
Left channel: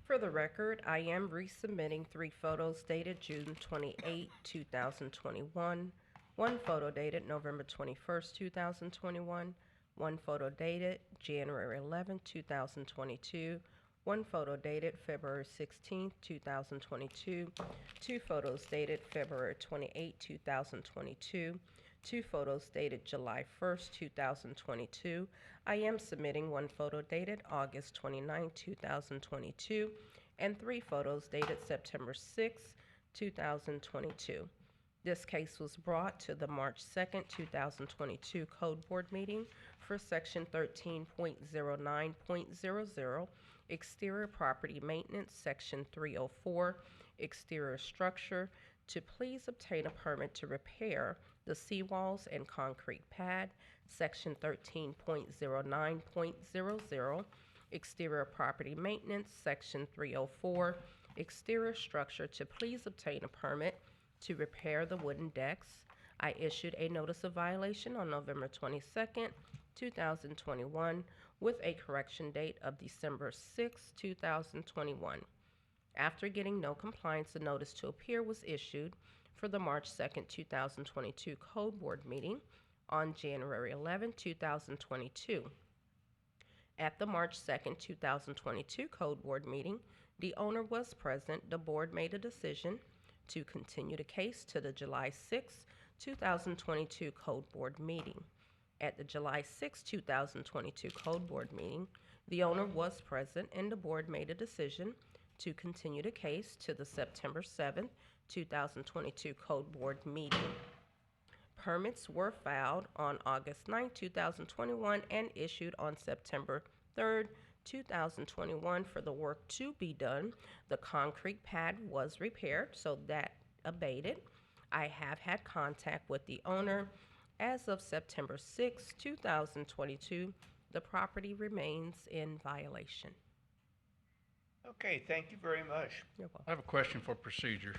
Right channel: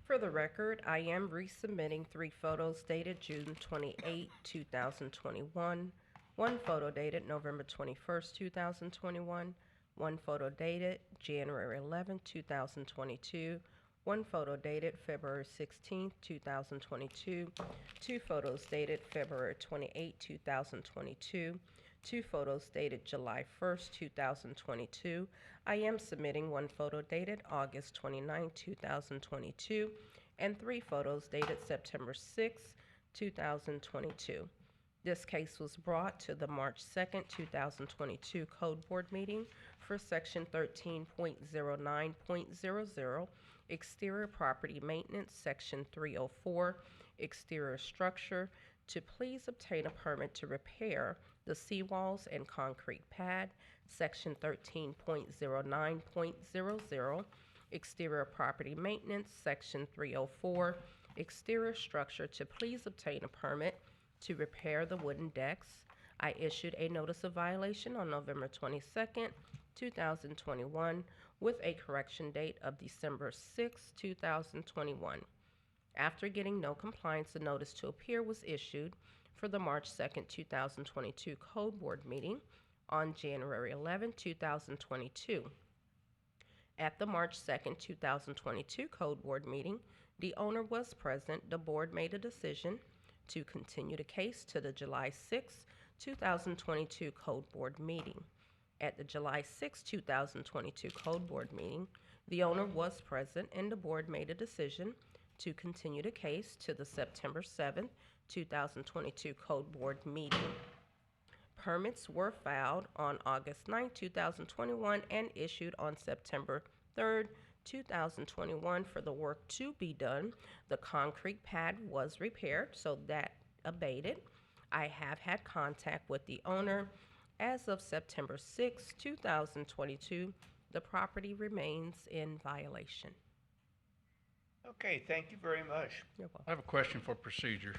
For the record, I am resubmitting 3 photos dated June 28, 2021, 1 photo dated November 21st, 2021, 1 photo dated January 11, 2022, 1 photo dated February 16, 2022, 2 photos dated February 28, 2022, 2 photos dated July 1st, 2022. I am submitting 1 photo dated August 29, 2022, and 3 photos dated September 6, 2022. This case was brought to the March 2nd, 2022 Code Board meeting for Section 13.09.00, Exterior Property Maintenance, Section 304, Exterior Structure, to please obtain a permit to repair the seawalls and concrete pad, Section 13.09.00, Exterior Property Maintenance, Section 304, Exterior Structure, to please obtain a permit to repair the wooden decks. I issued a notice of violation on November 22nd, 2021, with a correction date of December 6, 2021. After getting no compliance, a notice to appear was issued for the March 2nd, 2022 Code Board meeting on January 11, 2022. At the March 2nd, 2022 Code Board meeting, the owner was present. The board made a decision to continue the case to the July 6, 2022 Code Board meeting. At the July 6, 2022 Code Board meeting, the owner was present and the board made a decision to continue the case to the September 7, 2022 Code Board meeting. Permits were filed on August 9, 2021 and issued on September 3, 2021 for the work to be done. The concrete pad was repaired, so that abated. I have had contact with the owner. As of September 6, 2022, the property remains in violation. Okay, thank you very much. I have a question for procedure.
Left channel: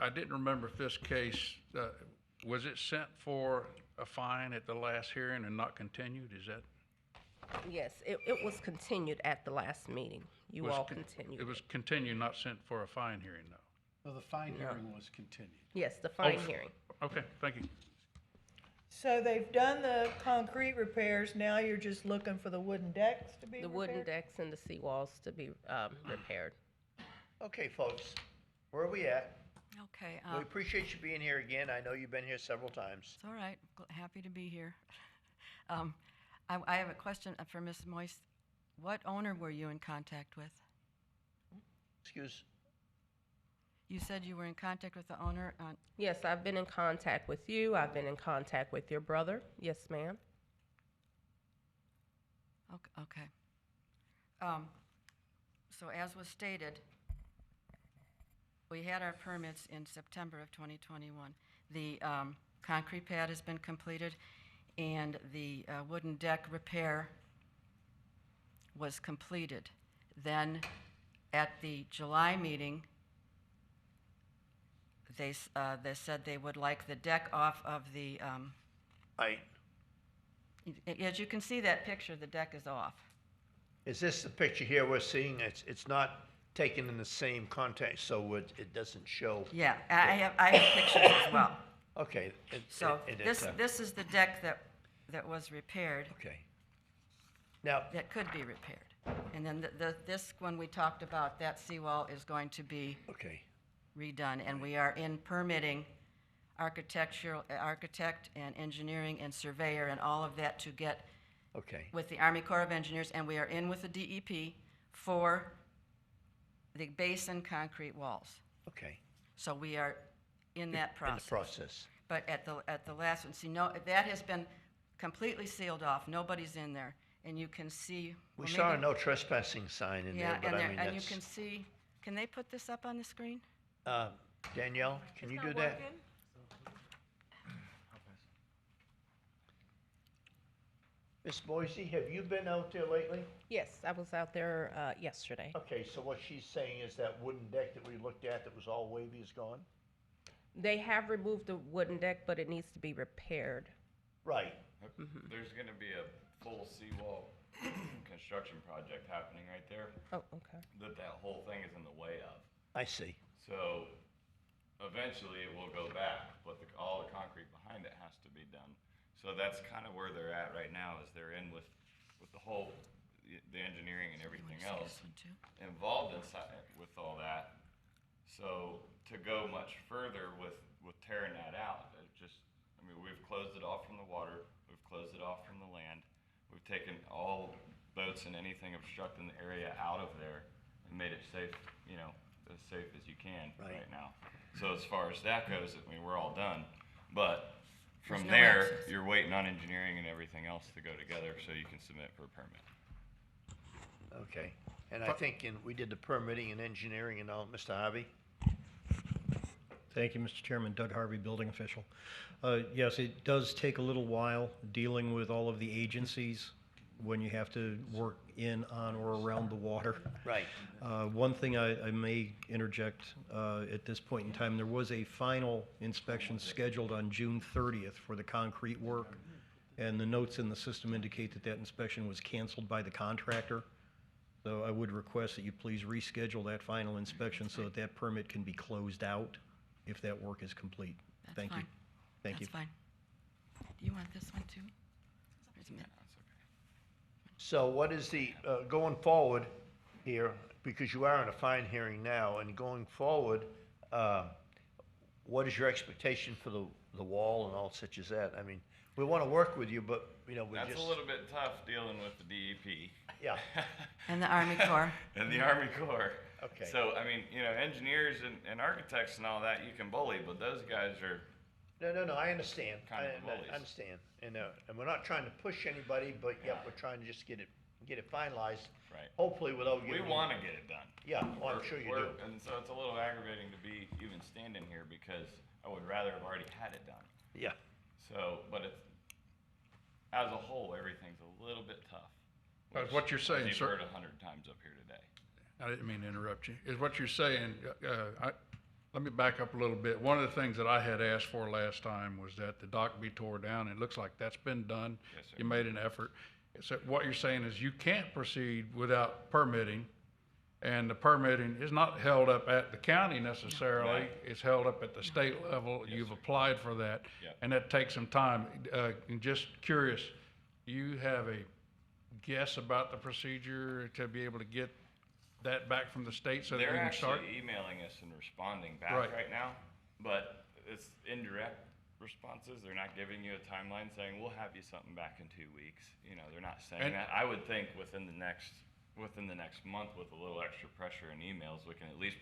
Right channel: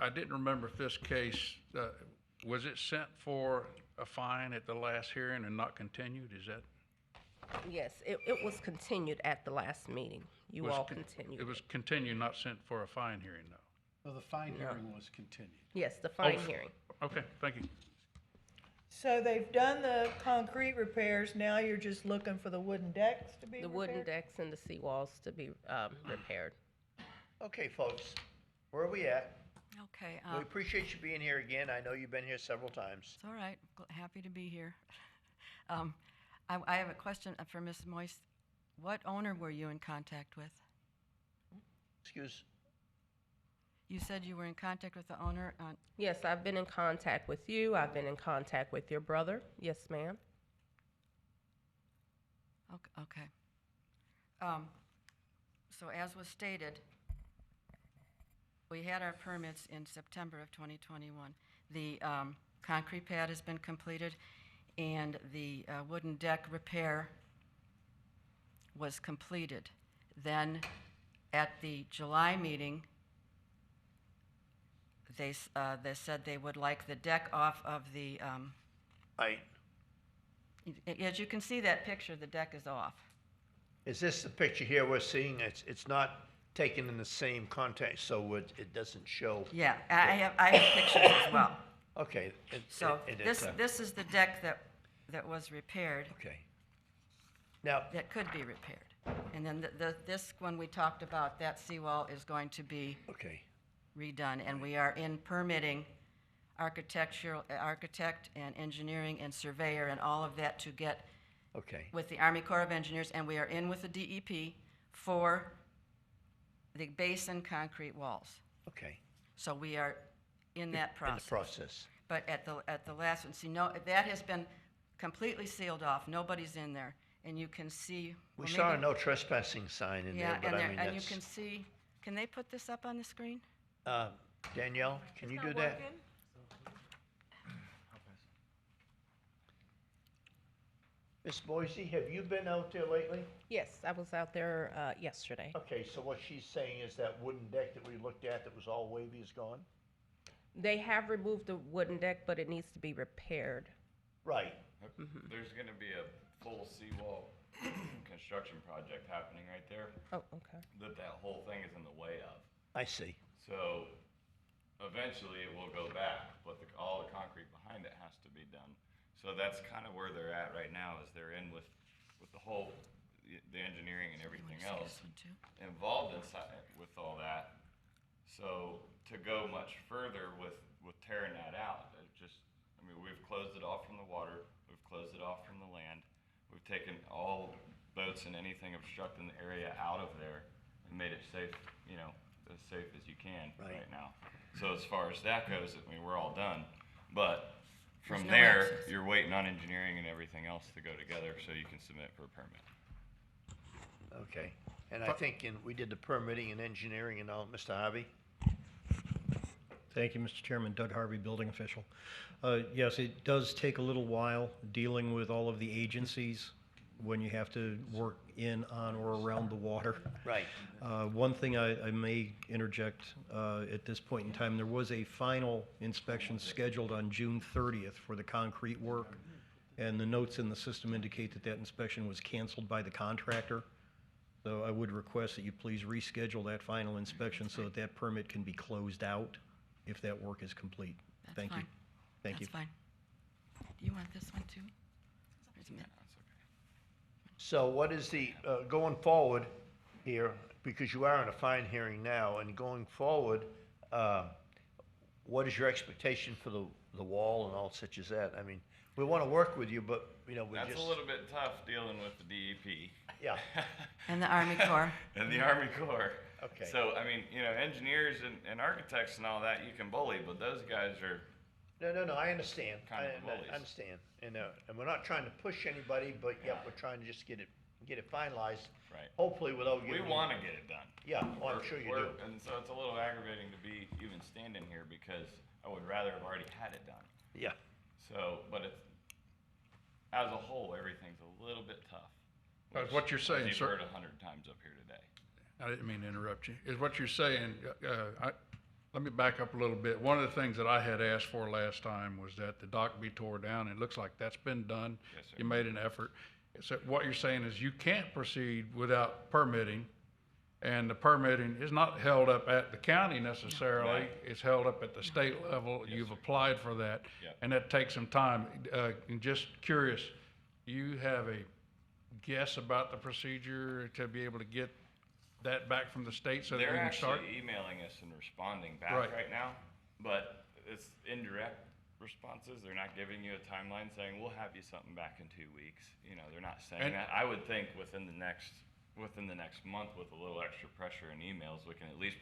I didn't remember if this case, was it sent for a fine at the last hearing and not continued? Is that? Yes, it was continued at the last meeting. You all continued. It was continued, not sent for a fine hearing, though? No, the fine hearing was continued. Yes, the fine hearing. Okay, thank you. So they've done the concrete repairs, now you're just looking for the wooden decks to be repaired? The wooden decks and the seawalls to be repaired. Okay, folks, where are we at? Okay. We appreciate you being here again. I know you've been here several times. It's all right. Happy to be here. I have a question for Ms. Moise. What owner were you in contact with? Excuse? You said you were in contact with the owner on... Yes, I've been in contact with you. I've been in contact with your brother. Yes, ma'am. Okay. So as was stated, we had our permits in September of 2021. The concrete pad has been completed and the wooden deck repair was completed. Then at the July meeting, they said they would like the deck off of the... As you can see that picture, the deck is off. Is this the picture here we're seeing? It's not taken in the same context, so it doesn't show. Yeah, I have pictures as well. Okay. This is the deck that was repaired. Okay. Now that could be repaired, and then this one we talked about, that seawall is going to be redone, and we are in permitting architect and engineering and surveyor and all of that to get with the Army Corps of Engineers, and we are in with the DEP for the base and concrete walls. Okay. So we are in that process. In the process. But at the last one, see, no, that has been completely sealed off. Nobody's in there, and you can see. We saw a no trespassing sign in there, but I mean and you can see. Can they put this up on the screen? Danielle, can you do that? Miss Boise, have you been out there lately? Yes, I was out there yesterday. Okay, so what she's saying is that wooden deck that we looked at that was all wavy is gone? They have removed the wooden deck, but it needs to be repaired. Right. There's going to be a full seawall construction project happening right there. Oh, okay. That whole thing is in the way of. I see. So eventually it will go back, but all the concrete behind it has to be done. So that's kind of where they're at right now, is they're in with the whole, the engineering and everything else involved inside with all that. So to go much further with tearing that out, we've closed it off from the water, we've closed it off from the land, we've taken all boats and anything obstructing the area out of there and made it safe, as safe as you can right now. So as far as that goes, we're all done. But from there, you're waiting on engineering and everything else to go together so you can submit for a permit. Okay. And I think we did the permitting and engineering and all. Mr. Harvey? Thank you, Mr. Chairman. Doug Harvey, building official. Yes, it does take a little while dealing with all of the agencies when you have to work in, on, or around the water. Right. One thing I may interject at this point in time, there was a final inspection scheduled on June 30th for the concrete work, and the notes in the system indicate that that inspection was canceled by the contractor. So I would request that you please reschedule that final inspection so that that permit can be closed out if that work is complete. Thank you. Thank you. That's fine. Do you want this one too? So what is the, going forward here, because you are in a fine hearing now, and going forward, what is your expectation for the wall and all such as that? I mean, we wanna work with you, but, you know, we That's just. a little bit tough dealing with the DEP. Yeah. And the Army Corps. And the Army Corps. Okay. So, I mean, you know, engineers and architects and all that, you can bully, but those guys are, No, I understand. Kind of bullies. I understand. And we're not trying to push anybody, but yeah, we're trying to just get it finalized. Right. Hopefully without we getting. wanna get it done. Yeah, well, I'm sure you do. And so it's a little aggravating to be even standing here because I would rather have already had it done. Yeah. So, but it's, as a whole, everything's a little bit tough. That's what you're saying, You've sir. heard 100 times up here today. I didn't mean to interrupt you. Is what you're saying, let me back up a little bit. One of the things that I had asked for last time was that the dock be tore down. It looks like that's been done. Yes, sir. You made an effort. So what you're saying is you can't proceed without permitting, and the permitting is not held up at the county necessarily. Right. It's held up at the state level. You've applied for that, Yep. and that takes some time. And just curious, you have a guess about the procedure to be able to get that back from the state so that They're we can start? actually emailing us and responding back Right. right now, but it's indirect responses. They're not giving you a timeline saying, we'll have you something back in 2 weeks. You know, they're not saying And- that. I would think within the next month with a little extra pressure and emails, we can at least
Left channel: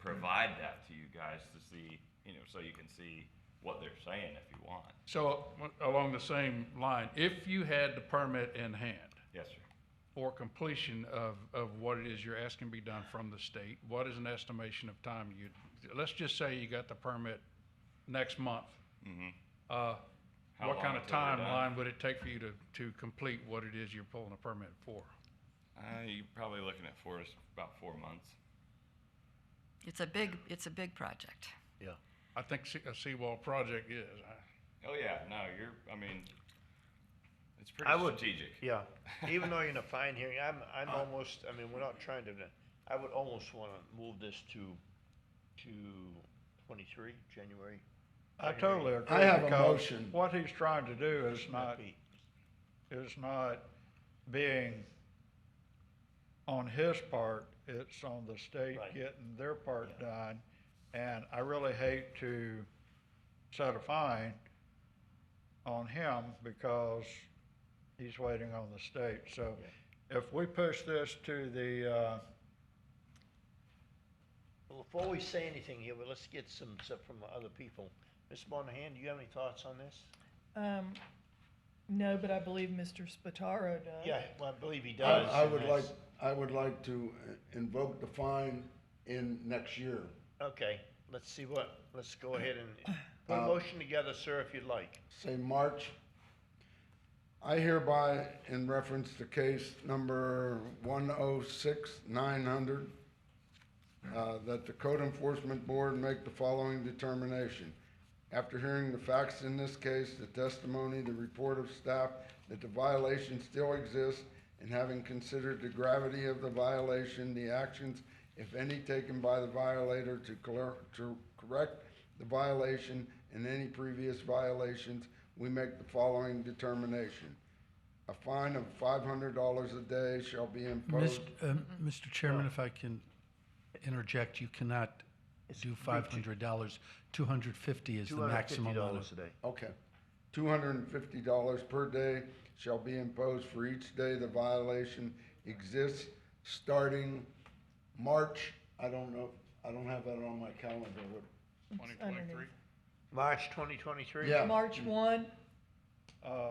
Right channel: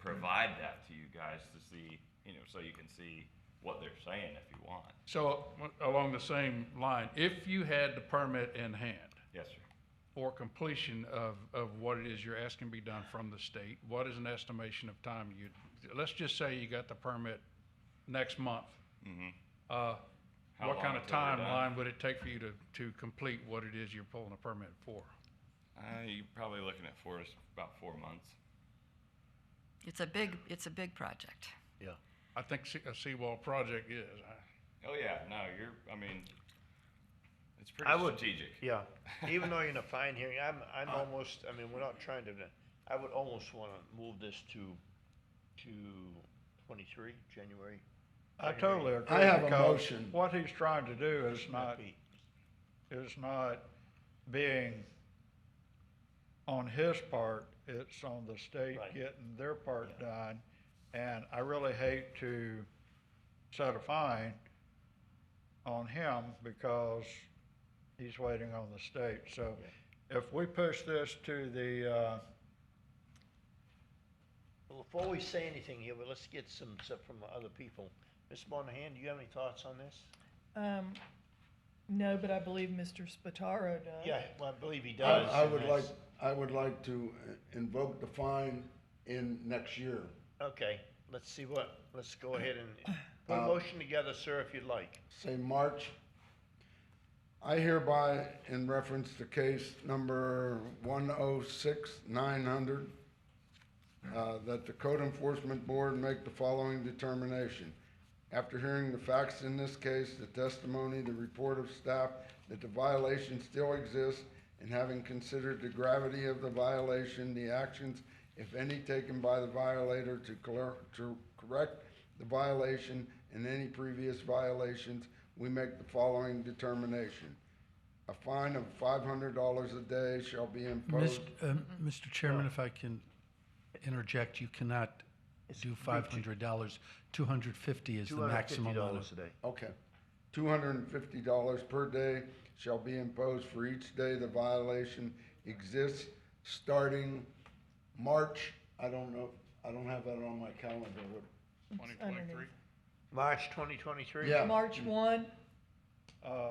provide that to you guys to see, you know, so you can see what they're saying if you want. So, along the same line, if you had the permit in hand Yes, sir. for completion of what it is you're asking be done from the state, what is an estimation of time let's just say you got the permit next month. Mm-hmm. What long kind of until we're done? timeline would it take for you to complete what it is you're pulling a permit for? You're probably looking at about 4 months. It's a big project. Yeah. I think a seawall project is. Oh, yeah, no, I mean, it's pretty I would, strategic. yeah, even though you're in a fine hearing, I'm almost, I mean, we're not trying to, I would almost wanna move this to 23, January. I totally agree. I have a because motion. What he's trying to do is not being on his part, it's on the state Right. getting their part done. And I really hate to set a fine on him because he's waiting on the state. So if we push this to the, Well, before we say anything here, but let's get some stuff from other people. Ms. Monahan, do you have any thoughts on this? No, but I believe Mr. Spataro does. Yeah, well, I believe he does. I would like to invoke the fine in next year. Okay, let's go ahead and put a motion together, sir, if you'd like. Say March. I hereby, in reference to case number 106-900, that the Code Enforcement Board make the following determination. After hearing the facts in this case, the testimony, the report of staff, that the violation still exists, and having considered the gravity of the violation, the actions, if any, taken by the violator to correct the violation and any previous violations, we make the following determination. A fine of $500 a day shall be imposed. Mr. Chairman, if I can interject, you cannot do $500. $250 is the maximum amount. $250 a day. Okay. $250 per day shall be imposed for each day the violation exists, starting March, I don't know, I don't have that on my calendar. 2023? March 2023? Yeah. March 1,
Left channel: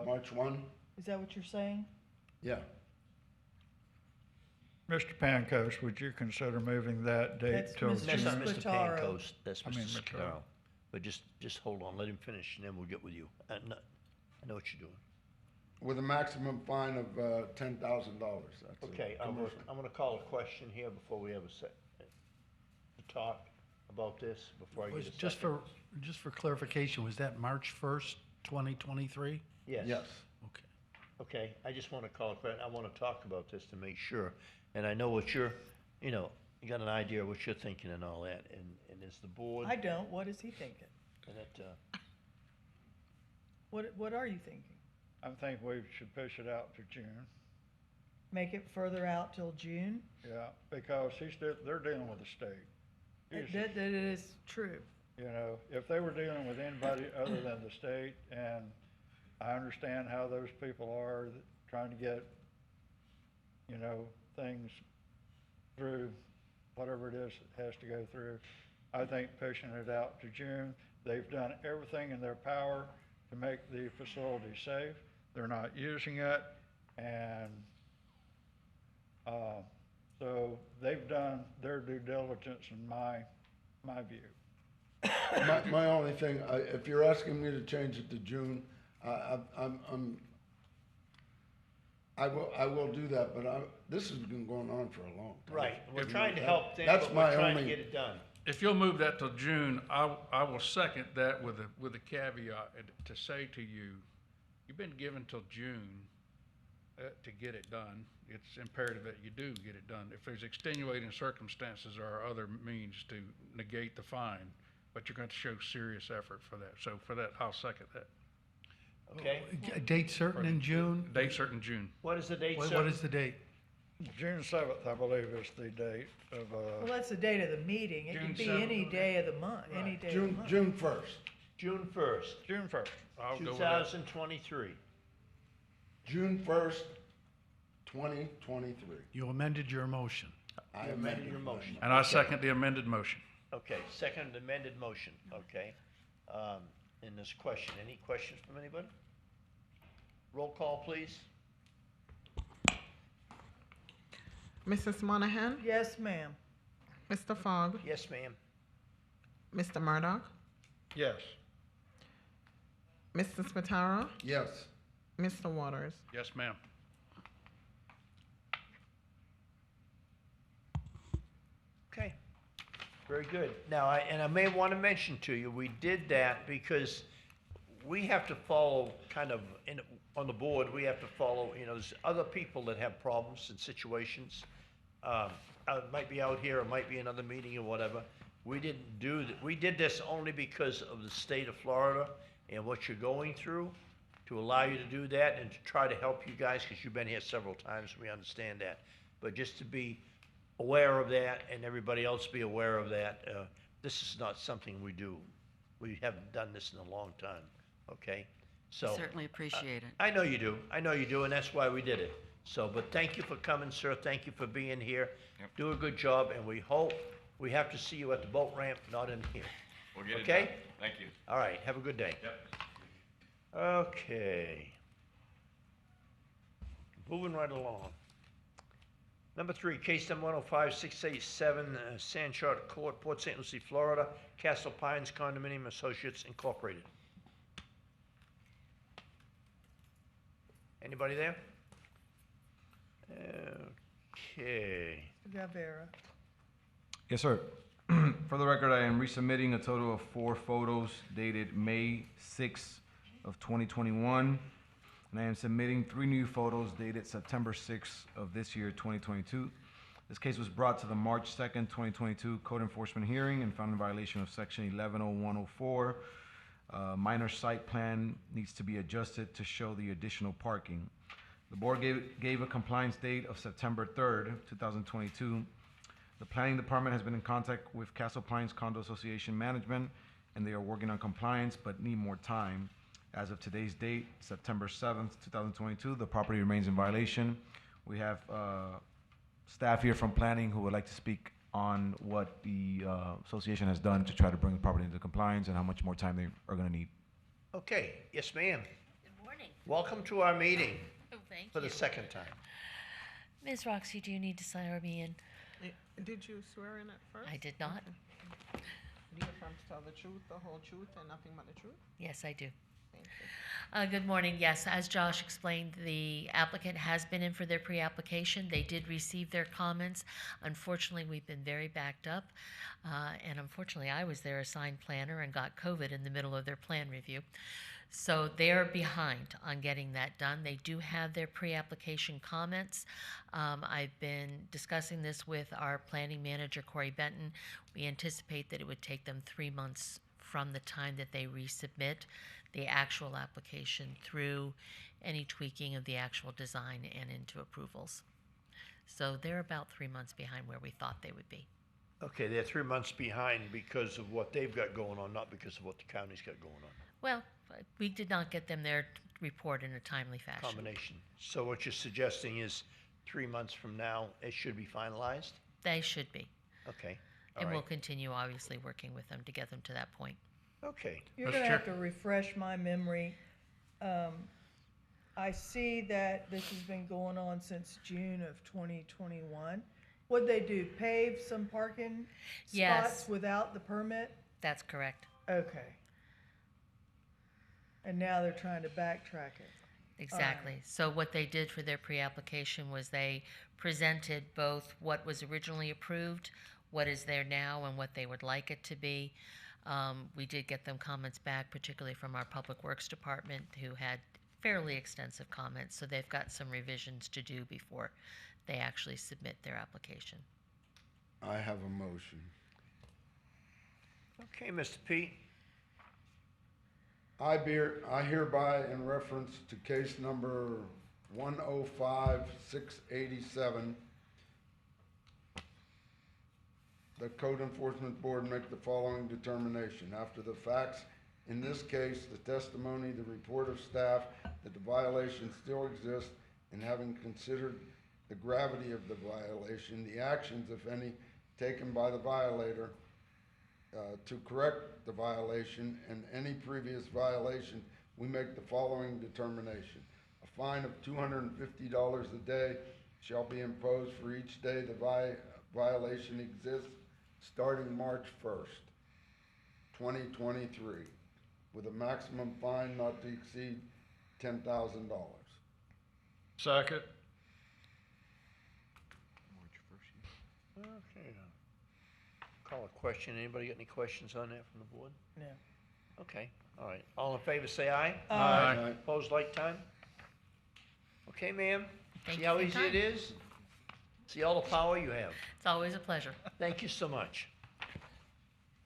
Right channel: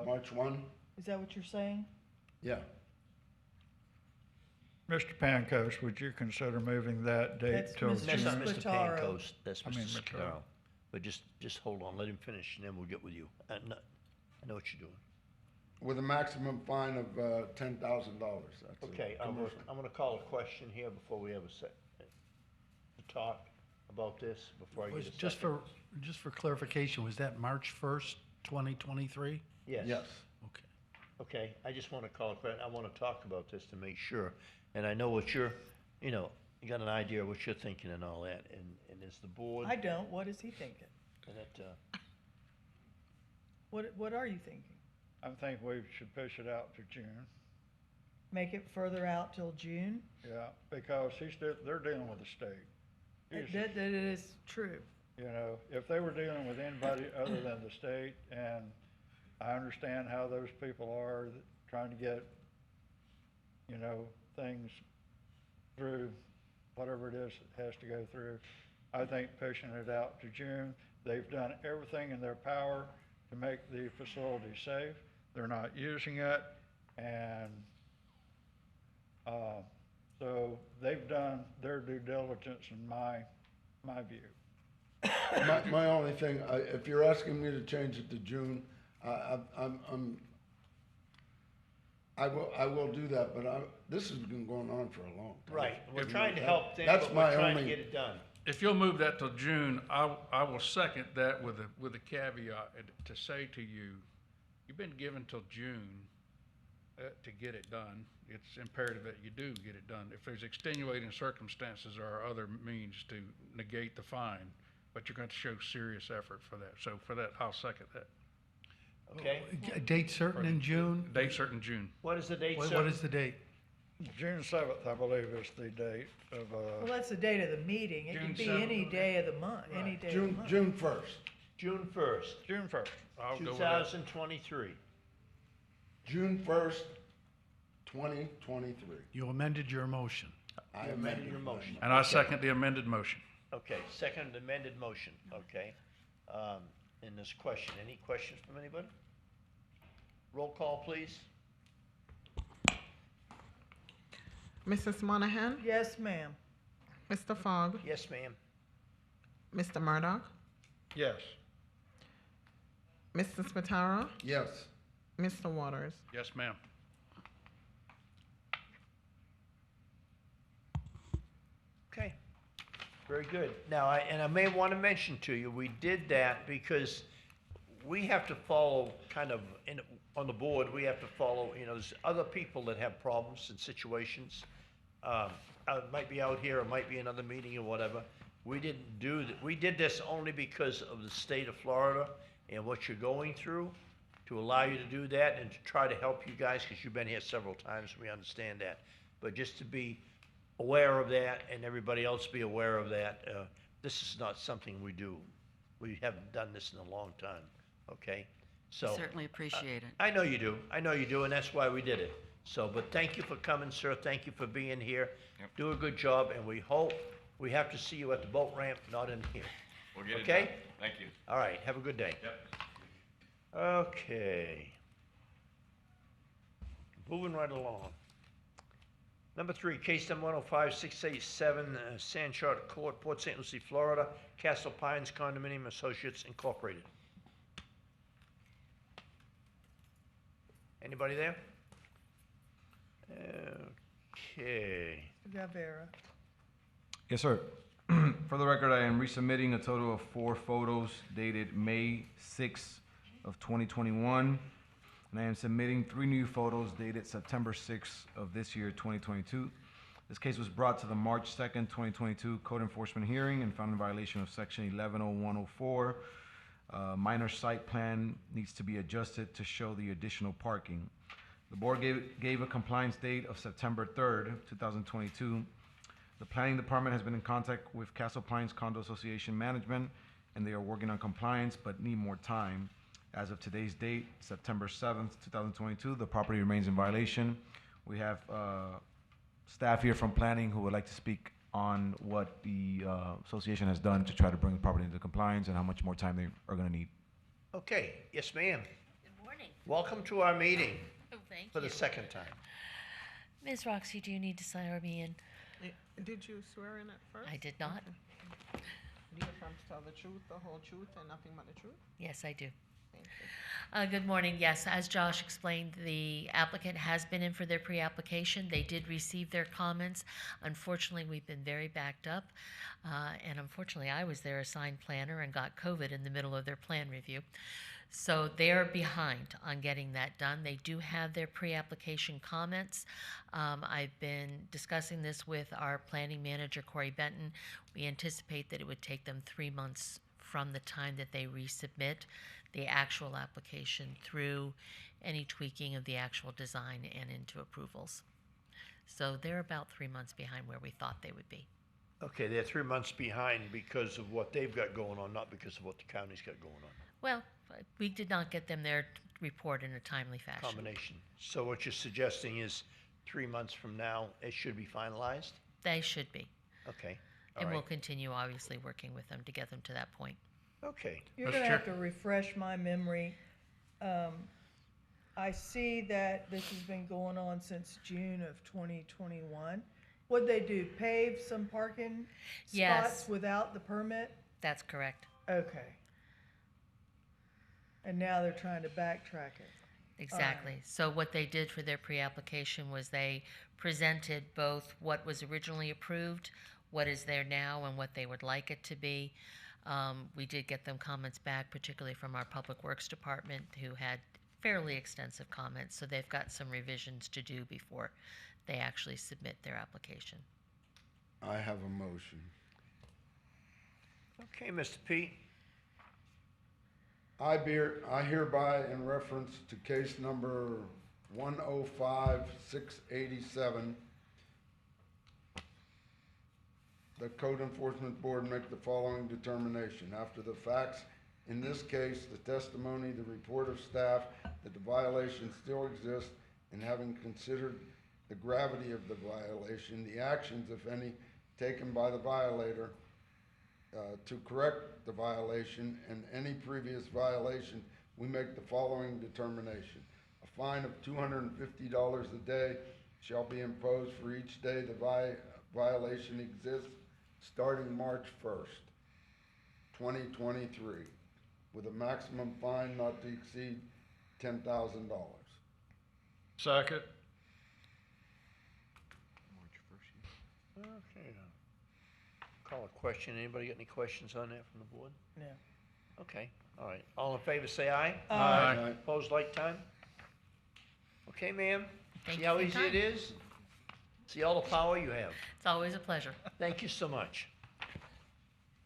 March 1? is that what you're saying? Yeah. Mr. Pancos, would you consider moving that date That's till Mr. That's not June? Mr. Spataro. Pancos, that's I mean, Mr. Mr. Scutaro. But just hold on, let him finish, and then we'll get with you. I know what you're doing. With a maximum fine of $10,000. That's Okay, I'm gonna call a question here before we have a talk about this, before I get a second. Just for clarification, was that March 1st, 2023? Yes. Yes. Okay. Okay, I just wanna call a question, I wanna talk about this to make sure, and I know what you're, you got an idea of what you're thinking and all that, and as the board. I don't, what is he thinking? And it, What are you thinking? I think we should push it out to June. Make it further out till June? Yeah, because they're dealing with the state. That is true. You know, if they were dealing with anybody other than the state, and I understand how those people are trying to get, you know, things through, whatever it is it has to go through. I think pushing it out to June, they've done everything in their power to make the facility safe. They're not using it, and so they've done their due diligence in my view. My only thing, if you're asking me to change it to June, I will do that, but this has been going on for a long time. Right, we're trying to help them, That's but my we're trying to only- get it done. If you'll move that till June, I will second that with a caveat to say to you, you've been given till June to get it done. It's imperative that you do get it done. If there's extenuating circumstances, there are other means to negate the fine, but you're going to show serious effort for that. So for that, I'll second that. Okay. A date certain in June? Date certain June. What is the date, What sir? is the date? June 7th, I believe, is the date of, Well, that's the date of the meeting. It June could be 7th. any day of the month, any day of the June, month. June 1st. June 1st, June 1st. I'll go with that. 2023. June 1st, 2023. You amended your motion. I You amended your motion. And I second the amended motion. Okay, second amended motion, okay. In this question, any questions from anybody? Roll call, please. Mrs. Monahan, Yes, ma'am. Mr. Fogg, Yes, ma'am. Mr. Murdoch, Yes. Mr. Spataro, Yes. Mr. Waters. Yes, ma'am. Okay, very good. Now, I may want to mention to you, we did that because we have to follow kind of, on the board, we have to follow, you know, there's other people that have problems and situations. It might be out here, it might be another meeting or whatever. We didn't do, we did this only because of the state of Florida and what you're going through, to allow you to do that and to try to help you guys, because you've been here several times, we understand that. But just to be aware of that and everybody else be aware of that, this is not something we do. We haven't done this in a long time, okay? So Certainly appreciate it. I know you do. I know you do, and that's why we did it. So, but thank you for coming, sir. Thank you for being here. Do a good job, and we hope we have to see you at the boat ramp, not in here. We'll get it Okay? done. Thank you. All right, have a good day. Yep. Okay. Moving right along. Number 3, case number 105687, Sandshot Court, Port St. Lucie, Florida, Castle Pines Condominium Associates Incorporated. Anybody there? Okay. Gavera. Yes, sir. For the record, I am resubmitting a total of 4 photos dated May 6th of 2021, and I am submitting 3 new photos dated September 6th of this year, 2022. This case was brought to the March 2nd, 2022 Code Enforcement hearing and found in violation of Section 110104. Minor site plan needs to be adjusted to show the additional parking. The board gave a compliance date of September 3rd, 2022. The planning department has been in contact with Castle Pines Condo Association Management, and they are working on compliance but need more time. As of today's date, September 7th, 2022, the property remains in violation. We have staff here from planning who would like to speak on what the association has done to try to bring the property into compliance and how much more time they are going to need. Okay, yes, ma'am. Good morning. Welcome to our meeting Oh, thank for you. the second time. Ms. Roxy, do you need to swear me in? Did you swear in at first? I did not. Do you affirm to tell the truth, the whole truth, and nothing but the truth? Yes, I do. Thank you. Good morning. Yes, as Josh explained, the applicant has been in for their pre-application. They did receive their comments. Unfortunately, we've been very backed up. And unfortunately, I was their assigned planner and got COVID in the middle of their plan review. So they're behind on getting that done. They do have their pre-application comments. I've been discussing this with our planning manager, Corey Benton. We anticipate that it would take them 3 months from the time that they resubmit the actual application through any tweaking of the actual design and into approvals. So they're about 3 months behind where we thought they would be. Okay, they're 3 months behind because of what they've got going on, not because of what the county's got going on. Well, we did not get them there report in a timely fashion. Combination. So what you're suggesting is 3 months from now, it should be finalized? They should be. Okay. All And we'll right. continue, obviously, working with them to get them to that point. Okay. You're gonna have to refresh my memory. I see that this has been going on since June of 2021. What'd they do, pave some parking Yes. spots without the permit? That's correct. Okay. And now they're trying to backtrack it. Exactly. So what they did for their pre-application was they presented both what was originally approved, what is there now, and what they would like it to be. We did get them comments back, particularly from our Public Works Department, who had fairly extensive comments, so they've got some revisions to do before they actually submit their application. I have a motion. Okay, Mr. Pete. I hereby, in reference to case number 105-687, the Code Enforcement Board make the following determination. After the facts, in this case, the testimony, the report of staff, that the violation still exists, and having considered the gravity of the violation, the actions, if any, taken by the violator to correct the violation and any previous violation, we make the following determination. A fine of $250 a day shall be imposed for each day the violation exists, starting March 1st, 2023, with a maximum fine not to exceed $10,000. Second. Okay. Call a question. Anybody got any questions on that from the board? No. Okay, all right. All in favor, say aye. Aye. Opposed, like time? Okay, ma'am. Thank See you how for your easy it time. is? See all the power you have. It's always a pleasure. Thank you so much.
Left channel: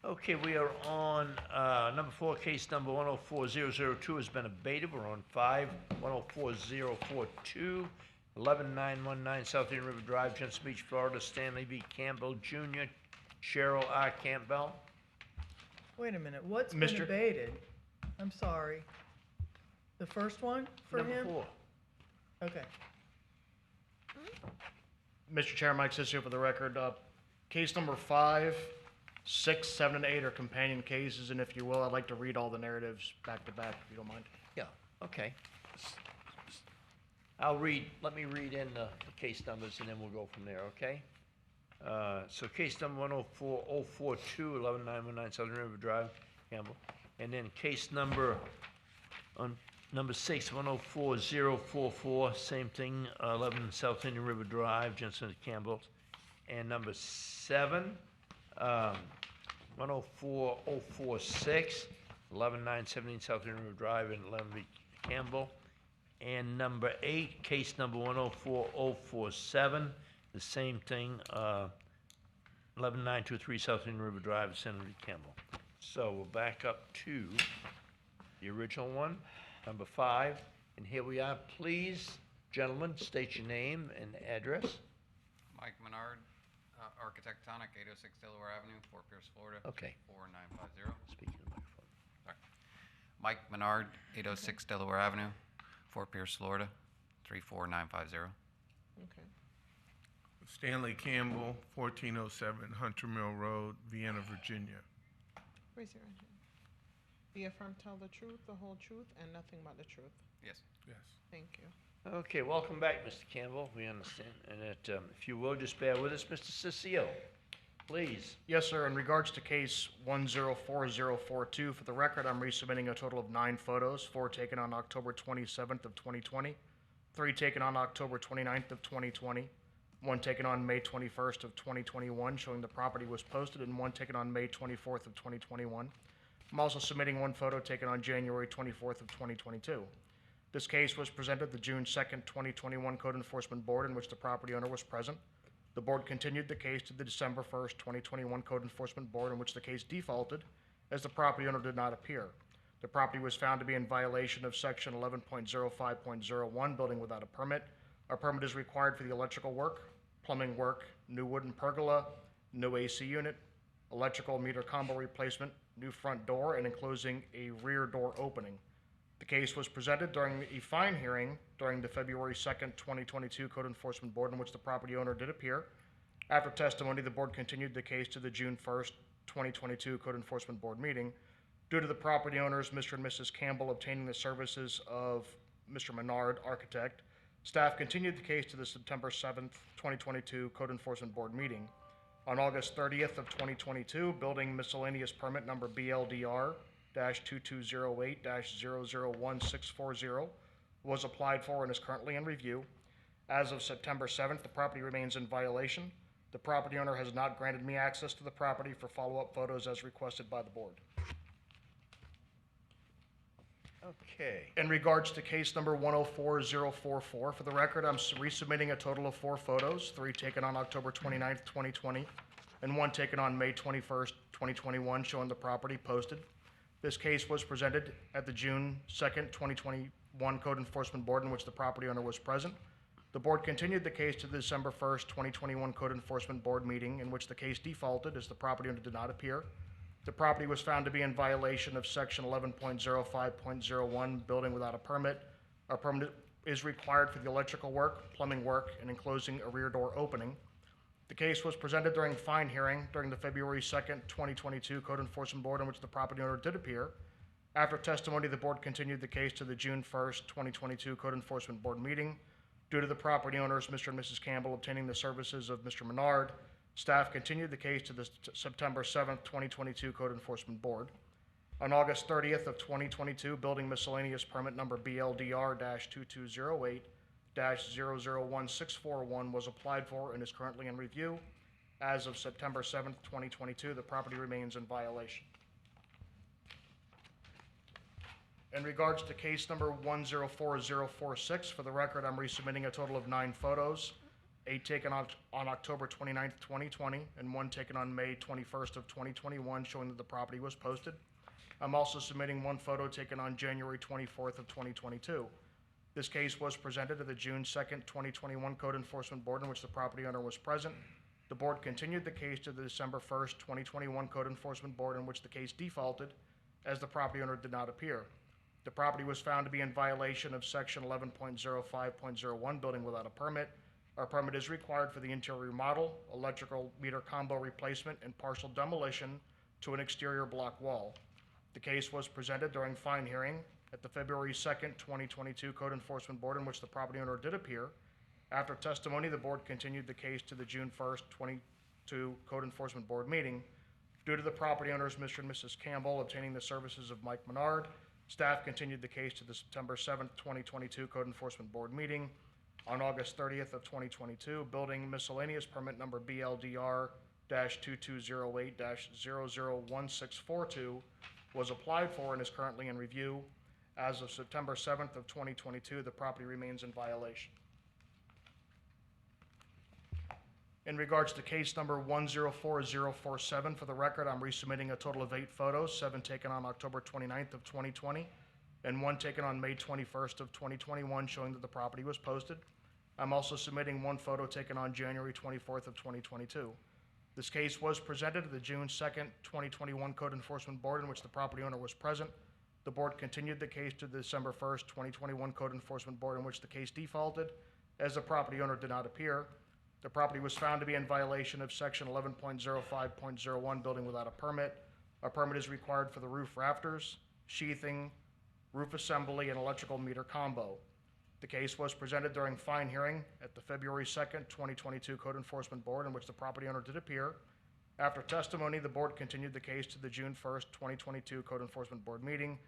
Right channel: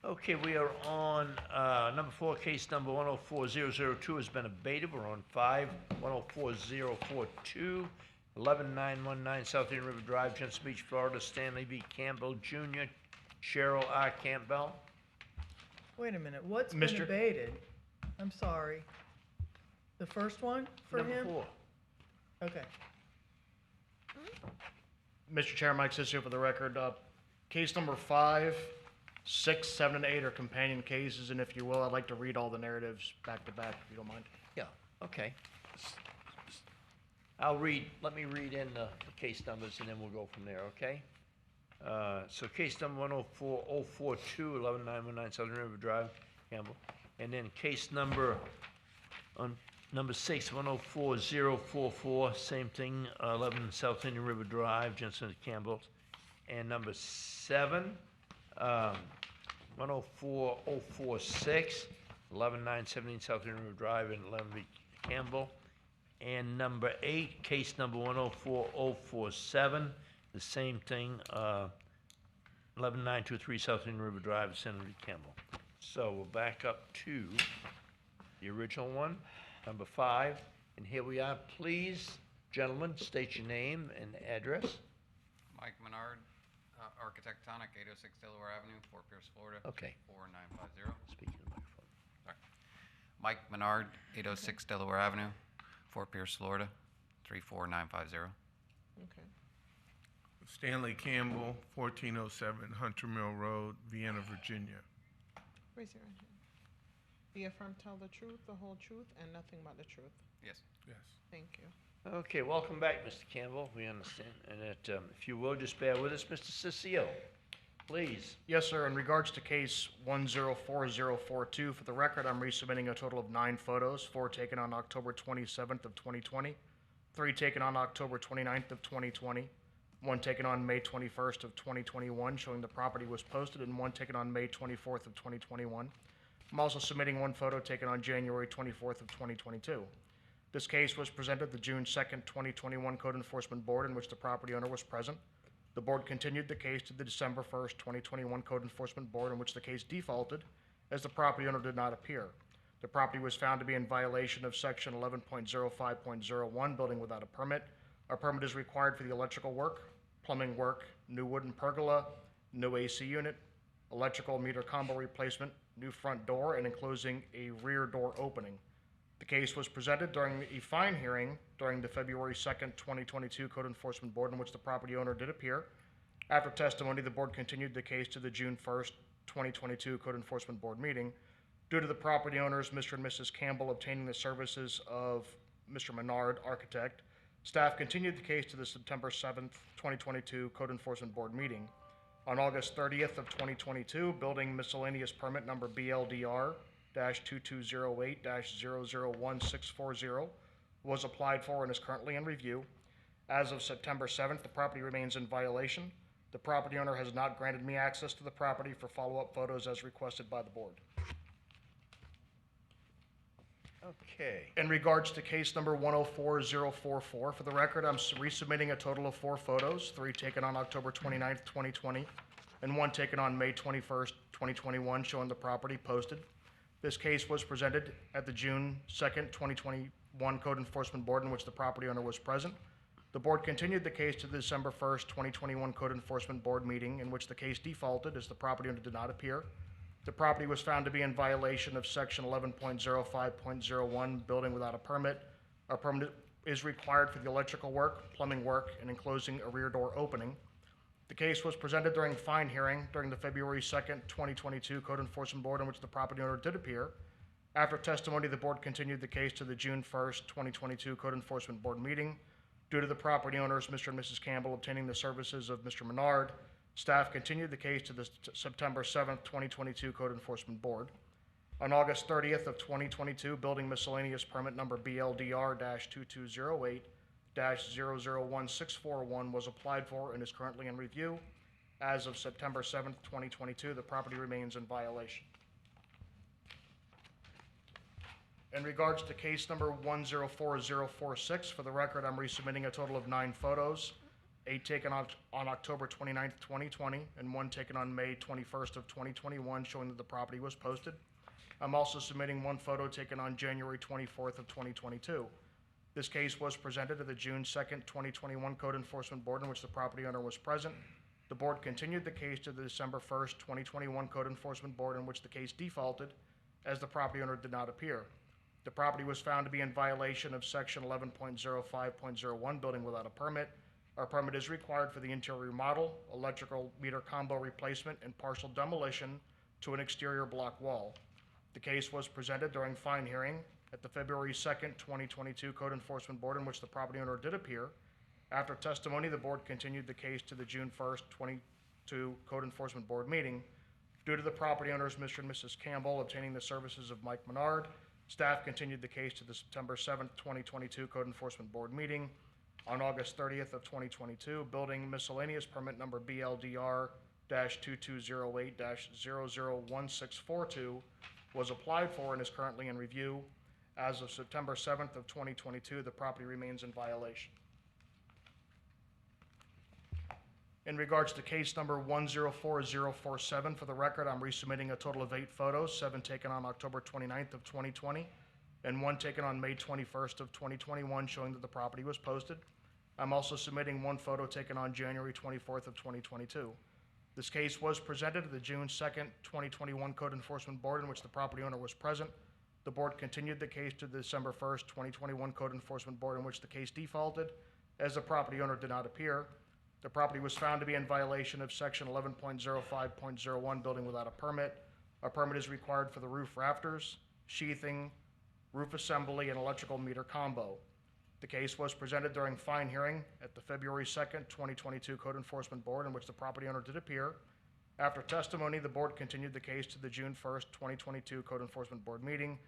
Okay, we are on, number 4, case number 104002 has been abated. We're on 5, 104-042, 11919 South Indian River Drive, Jensen Beach, Florida, Stanley V. Campbell Jr., Cheryl R. Campbell. Wait a minute, what's been Mr. abated? I'm sorry. The first one for him? Number 4. Okay. Mr. Chair, Mike Sisio for the record. Case number 5, 6, 7, and 8 are companion cases, and if you will, I'd like to read all the narratives back to back, if you don't mind. Yeah, okay. Let me read in the case numbers and then we'll go from there, okay? So case number 104042, 11919 Southern River Drive, Campbell. And then case number, number 6, 104044, same thing, 11 South Indian River Drive, Jensen Campbell. And number 7, 104046, 11917 South Indian River Drive, and 11 V. Campbell. And number 8, case number 104047, the same thing, 11923 South Indian River Drive, Senator Campbell. So we'll back up to the original one, number 5, and here we are. Please, gentlemen, state your name and address. Mike Menard, Architectonic, 806 Delaware Avenue, Fort Pierce, Florida. Okay. 44950. Speak to the microphone. Sorry. Mike Menard, 806 Delaware Avenue, Fort Pierce, Florida, 34950. Okay. Stanley Campbell, 1407 Hunter Mill Road, Vienna, Virginia. Raise your right hand. Do you affirm to tell the truth, the whole truth, and nothing but the truth? Yes. Yes. Thank you. Okay, welcome back, Mr. Campbell. We understand. And if you will, just bear with us, Mr. Ciccio, please. Yes, sir. In regards to case 104042, for the record, I'm resubmitting a total of 9 photos, 4 taken on October 27th of 2020, 3 taken on October 29th of 2020, 1 taken on May 21st of 2021, showing the property was posted, and 1 taken on May 24th of 2021. I'm also submitting 1 photo taken on January 24th of 2022. This case was presented the June 2nd, 2021 Code Enforcement Board, in which the property owner was present. The board continued the case to the December 1st, 2021 Code Enforcement Board, in which the case defaulted, as the property owner did not appear. The property was found to be in violation of Section 11.05.01, building without a permit. A permit is required for the electrical work, plumbing work, new wooden pergola, new AC unit, electrical meter combo replacement, new front door, and enclosing a rear door opening. The case was presented during a fine hearing during the February 2nd, 2022 Code Enforcement Board, in which the property owner did appear. After testimony, the board continued the case to the June 1st, 2022 Code Enforcement Board meeting. Due to the property owners, Mr. and Mrs. Campbell, obtaining the services of Mr. Menard, architect, staff continued the case to the September 7th, 2022 Code Enforcement Board meeting. On August 30th of 2022, building miscellaneous permit number BLDR-2208-001640 was applied for and is currently in review. As of September 7th, the property remains in violation. The property owner has not granted me access to the property for follow-up photos as requested by the board. Okay. In regards to case number 104044, for the record, I'm resubmitting a total of 4 photos, 3 taken on October 29th, 2020, and 1 taken on May 21st, 2021, showing the property posted. This case was presented at the June 2nd, 2021 Code Enforcement Board, in which the property owner was present. The board continued the case to the December 1st, 2021 Code Enforcement Board meeting, in which the case defaulted as the property owner did not appear. The property was found to be in violation of section 11.05.01, building without a permit. A permit is required for the electrical work, plumbing work, and enclosing a rear door opening. The case was presented during fine hearing during the February 2nd, 2022 Code Enforcement Board, in which the property owner did appear. After testimony, the board continued the case to the June 1st, 2022 Code Enforcement Board meeting. Due to the property owners, Mr. and Mrs. Campbell, obtaining the services of Mr. Menard, staff continued the case to the September 7th, 2022 Code Enforcement Board. On August 30th of 2022, building miscellaneous permit number BLDR-2208-001641 was applied for and is currently in review. As of September 7th, 2022, the property remains in violation. In regards to case number 104046, for the record, I'm resubmitting a total of 9 photos. 8 taken on October 29th, 2020, and 1 taken on May 21st of 2021, showing that the property was posted. I'm also submitting 1 photo taken on January 24th of 2022. This case was presented at the June 2nd, 2021 Code Enforcement Board, in which the property owner was present. The board continued the case to the December 1st, 2021 Code Enforcement Board, in which the case defaulted as the property owner did not appear. The property was found to be in violation of section 11.05.01, building without a permit. Our permit is required for the interior remodel, electrical meter combo replacement, and partial demolition to an exterior block wall. The case was presented during fine hearing at the February 2nd, 2022 Code Enforcement Board, in which the property owner did appear. After testimony, the board continued the case to the June 1st, 2022 Code Enforcement Board meeting. Due to the property owners, Mr. and Mrs. Campbell, obtaining the services of Mike Menard, staff continued the case to the September 7th, 2022 Code Enforcement Board meeting. On August 30th of 2022, building miscellaneous permit number BLDR-2208-001642 was applied for and is currently in review. As of September 7th of 2022, the property remains in violation. In regards to case number 104047, for the record, I'm resubmitting a total of 8 photos, 7 taken on October 29th of 2020, and 1 taken on May 21st of 2021, showing that the property was posted. I'm also submitting 1 photo taken on January 24th of 2022. This case was presented at the June 2nd, 2021 Code Enforcement Board, in which the property owner was present. The board continued the case to the December 1st, 2021 Code Enforcement Board, in which the case defaulted as the property owner did not appear. The property was found to be in violation of section 11.05.01, building without a permit. A permit is required for the roof rafters, sheathing, roof assembly, and electrical meter combo. The case was presented during fine hearing at the February 2nd, 2022 Code Enforcement Board, in which the property owner did appear. After testimony, the board continued the case to the June 1st, 2022 Code Enforcement Board meeting.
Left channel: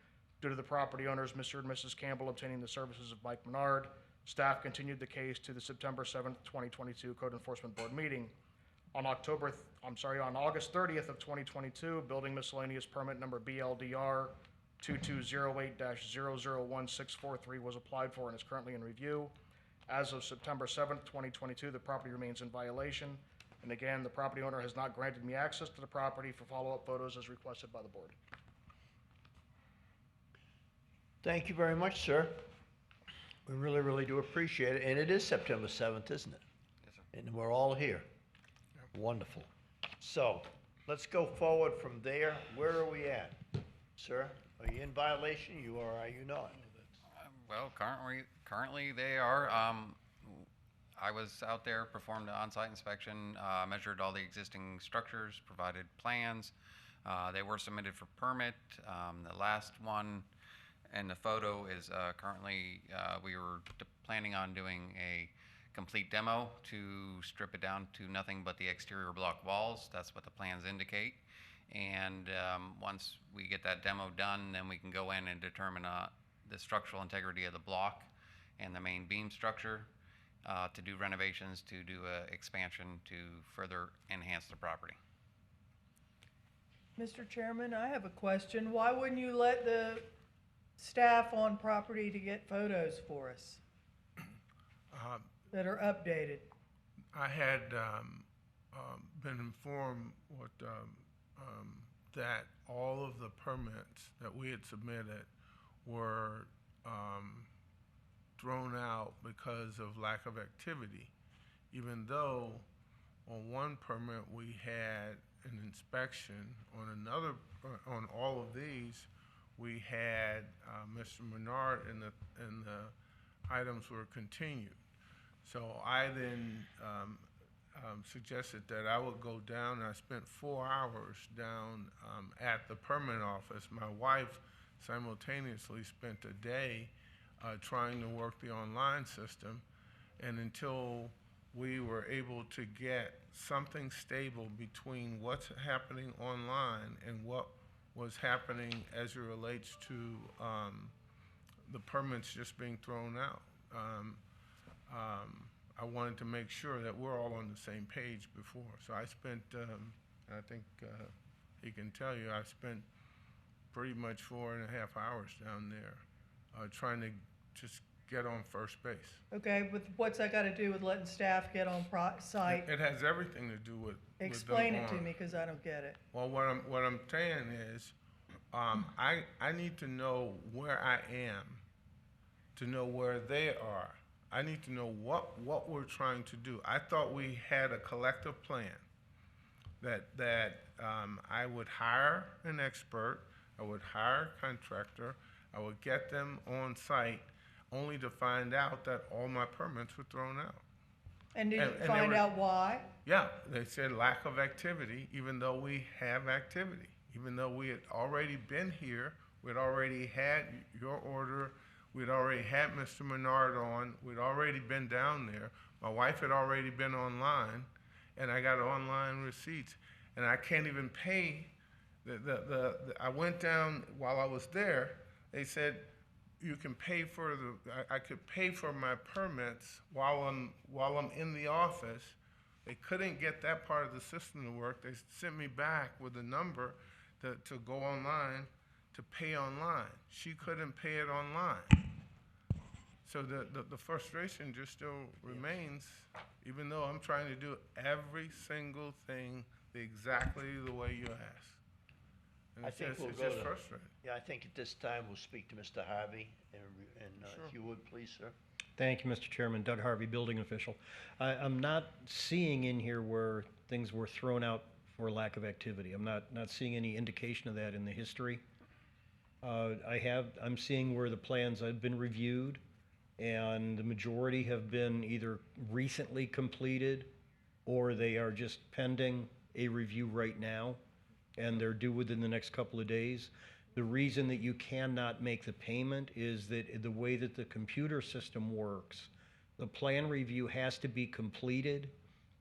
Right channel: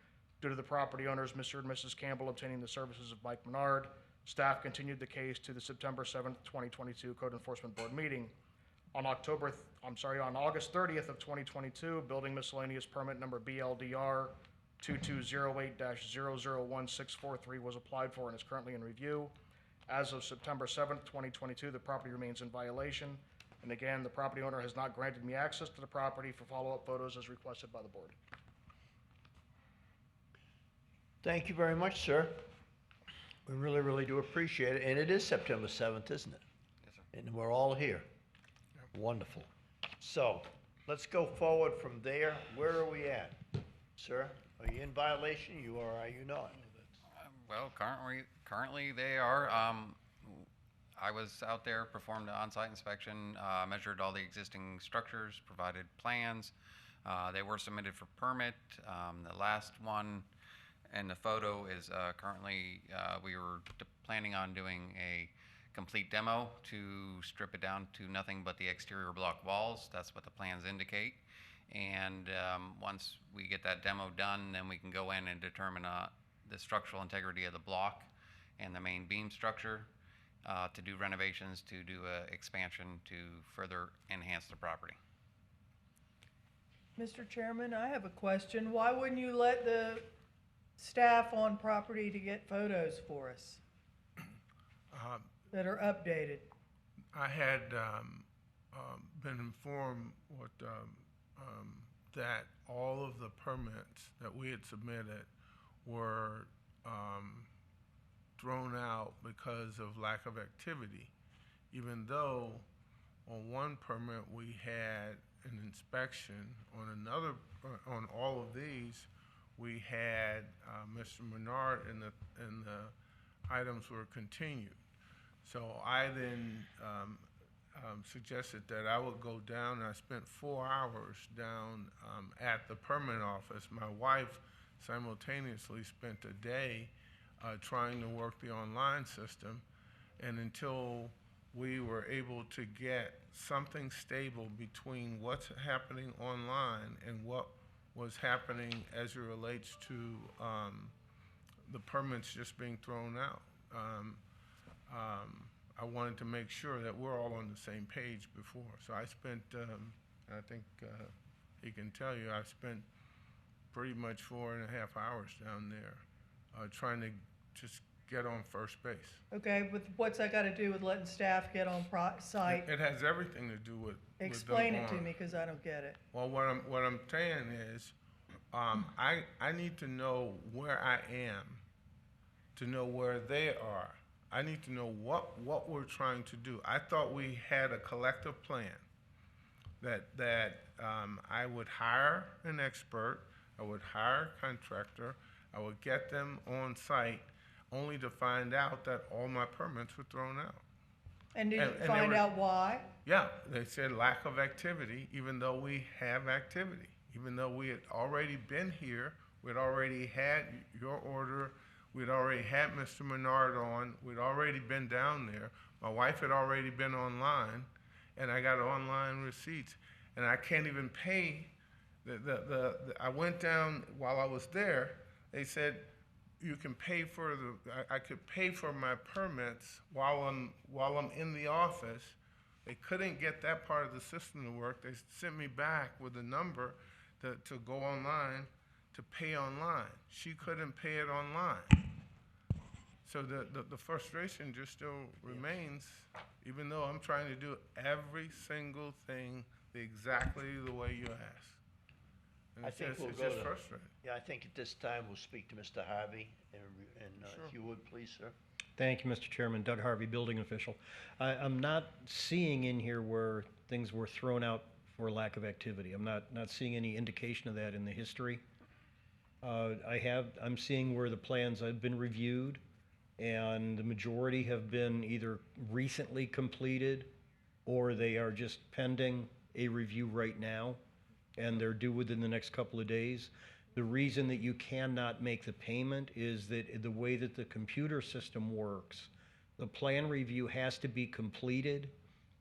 Due to the property owners, Mr. and Mrs. Campbell, obtaining the services of Mike Menard, staff continued the case to the September 7th, 2022 Code Enforcement Board meeting. On August 30th of 2022, building miscellaneous permit number BLDR-2208-001643 was applied for and is currently in review. As of September 7th, 2022, the property remains in violation. And again, the property owner has not granted me access to the property for follow-up photos as requested by the board. Thank you very much, sir. We really, really do appreciate it. And it is September 7th, isn't it? Yes, sir. And we're all here. Wonderful. So let's go forward from there. Where are we at, sir? Are you in violation, you or are you not? Well, currently they are. I was out there, performed an on-site inspection, measured all the existing structures, provided plans. They were submitted for permit. The last one in the photo is currently, we were planning on doing a complete demo to strip it down to nothing but the exterior block walls. That's what the plans indicate. And once we get that demo done, then we can go in and determine the structural integrity of the block and the main beam structure, to do renovations, to do expansion to further enhance the property. Mr. Chairman, I have a question. Why wouldn't you let the staff on property to get photos for us that are updated? I had been informed that all of the permits that we had submitted were thrown out because of lack of activity, even though on one permit we had an inspection, on all of these we had Mr. Menard and the items were continued. So I then suggested that I would go down, and I spent 4 hours down at the permit office. My wife simultaneously spent a day trying to work the online system, and until we were able to get something stable between what's happening online and what was happening as it relates to the permits just being thrown out. I wanted to make sure that we're all on the same page before. So I spent, I think he can tell you, I spent pretty much 4.5 hours down there trying to just get on first base. Okay, but what's that got to do with letting staff get on site? It has everything to do with Explain them it to on. me, because I don't get it. Well, what I'm saying is, I need to know where I am, to know where they are. I need to know what we're trying to do. I thought we had a collective plan that I would hire an expert, I would hire a contractor, I would get them on site, only to find out that all my permits were thrown out. And did you find out why? Yeah, they said lack of activity, even though we have activity. Even though we had already been here, we'd already had your order, we'd already had Mr. Menard on, we'd already been down there. My wife had already been online, and I got online receipts. And I can't even pay, I went down while I was there, they said, you can pay for I could pay for my permits while I'm in the office. They couldn't get that part of the system to work. They sent me back with a number to go online, to pay online. She couldn't pay it online. So the frustration just still remains, even though I'm trying to do every single thing exactly the way you asked. And I it's think just, we'll it's go just to, frustrating. yeah, I think at this time we'll speak to Mr. Harvey, and Sure. if you would, please, sir. Thank you, Mr. Chairman. Doug Harvey, building official. I'm not seeing in here where things were thrown out for lack of activity. I'm not seeing any indication of that in the history. I'm seeing where the plans have been reviewed, and the majority have been either recently completed or they are just pending a review right now, and they're due within the next couple of days. The reason that you cannot make the payment is that the way that the computer system works, the plan review has to be completed,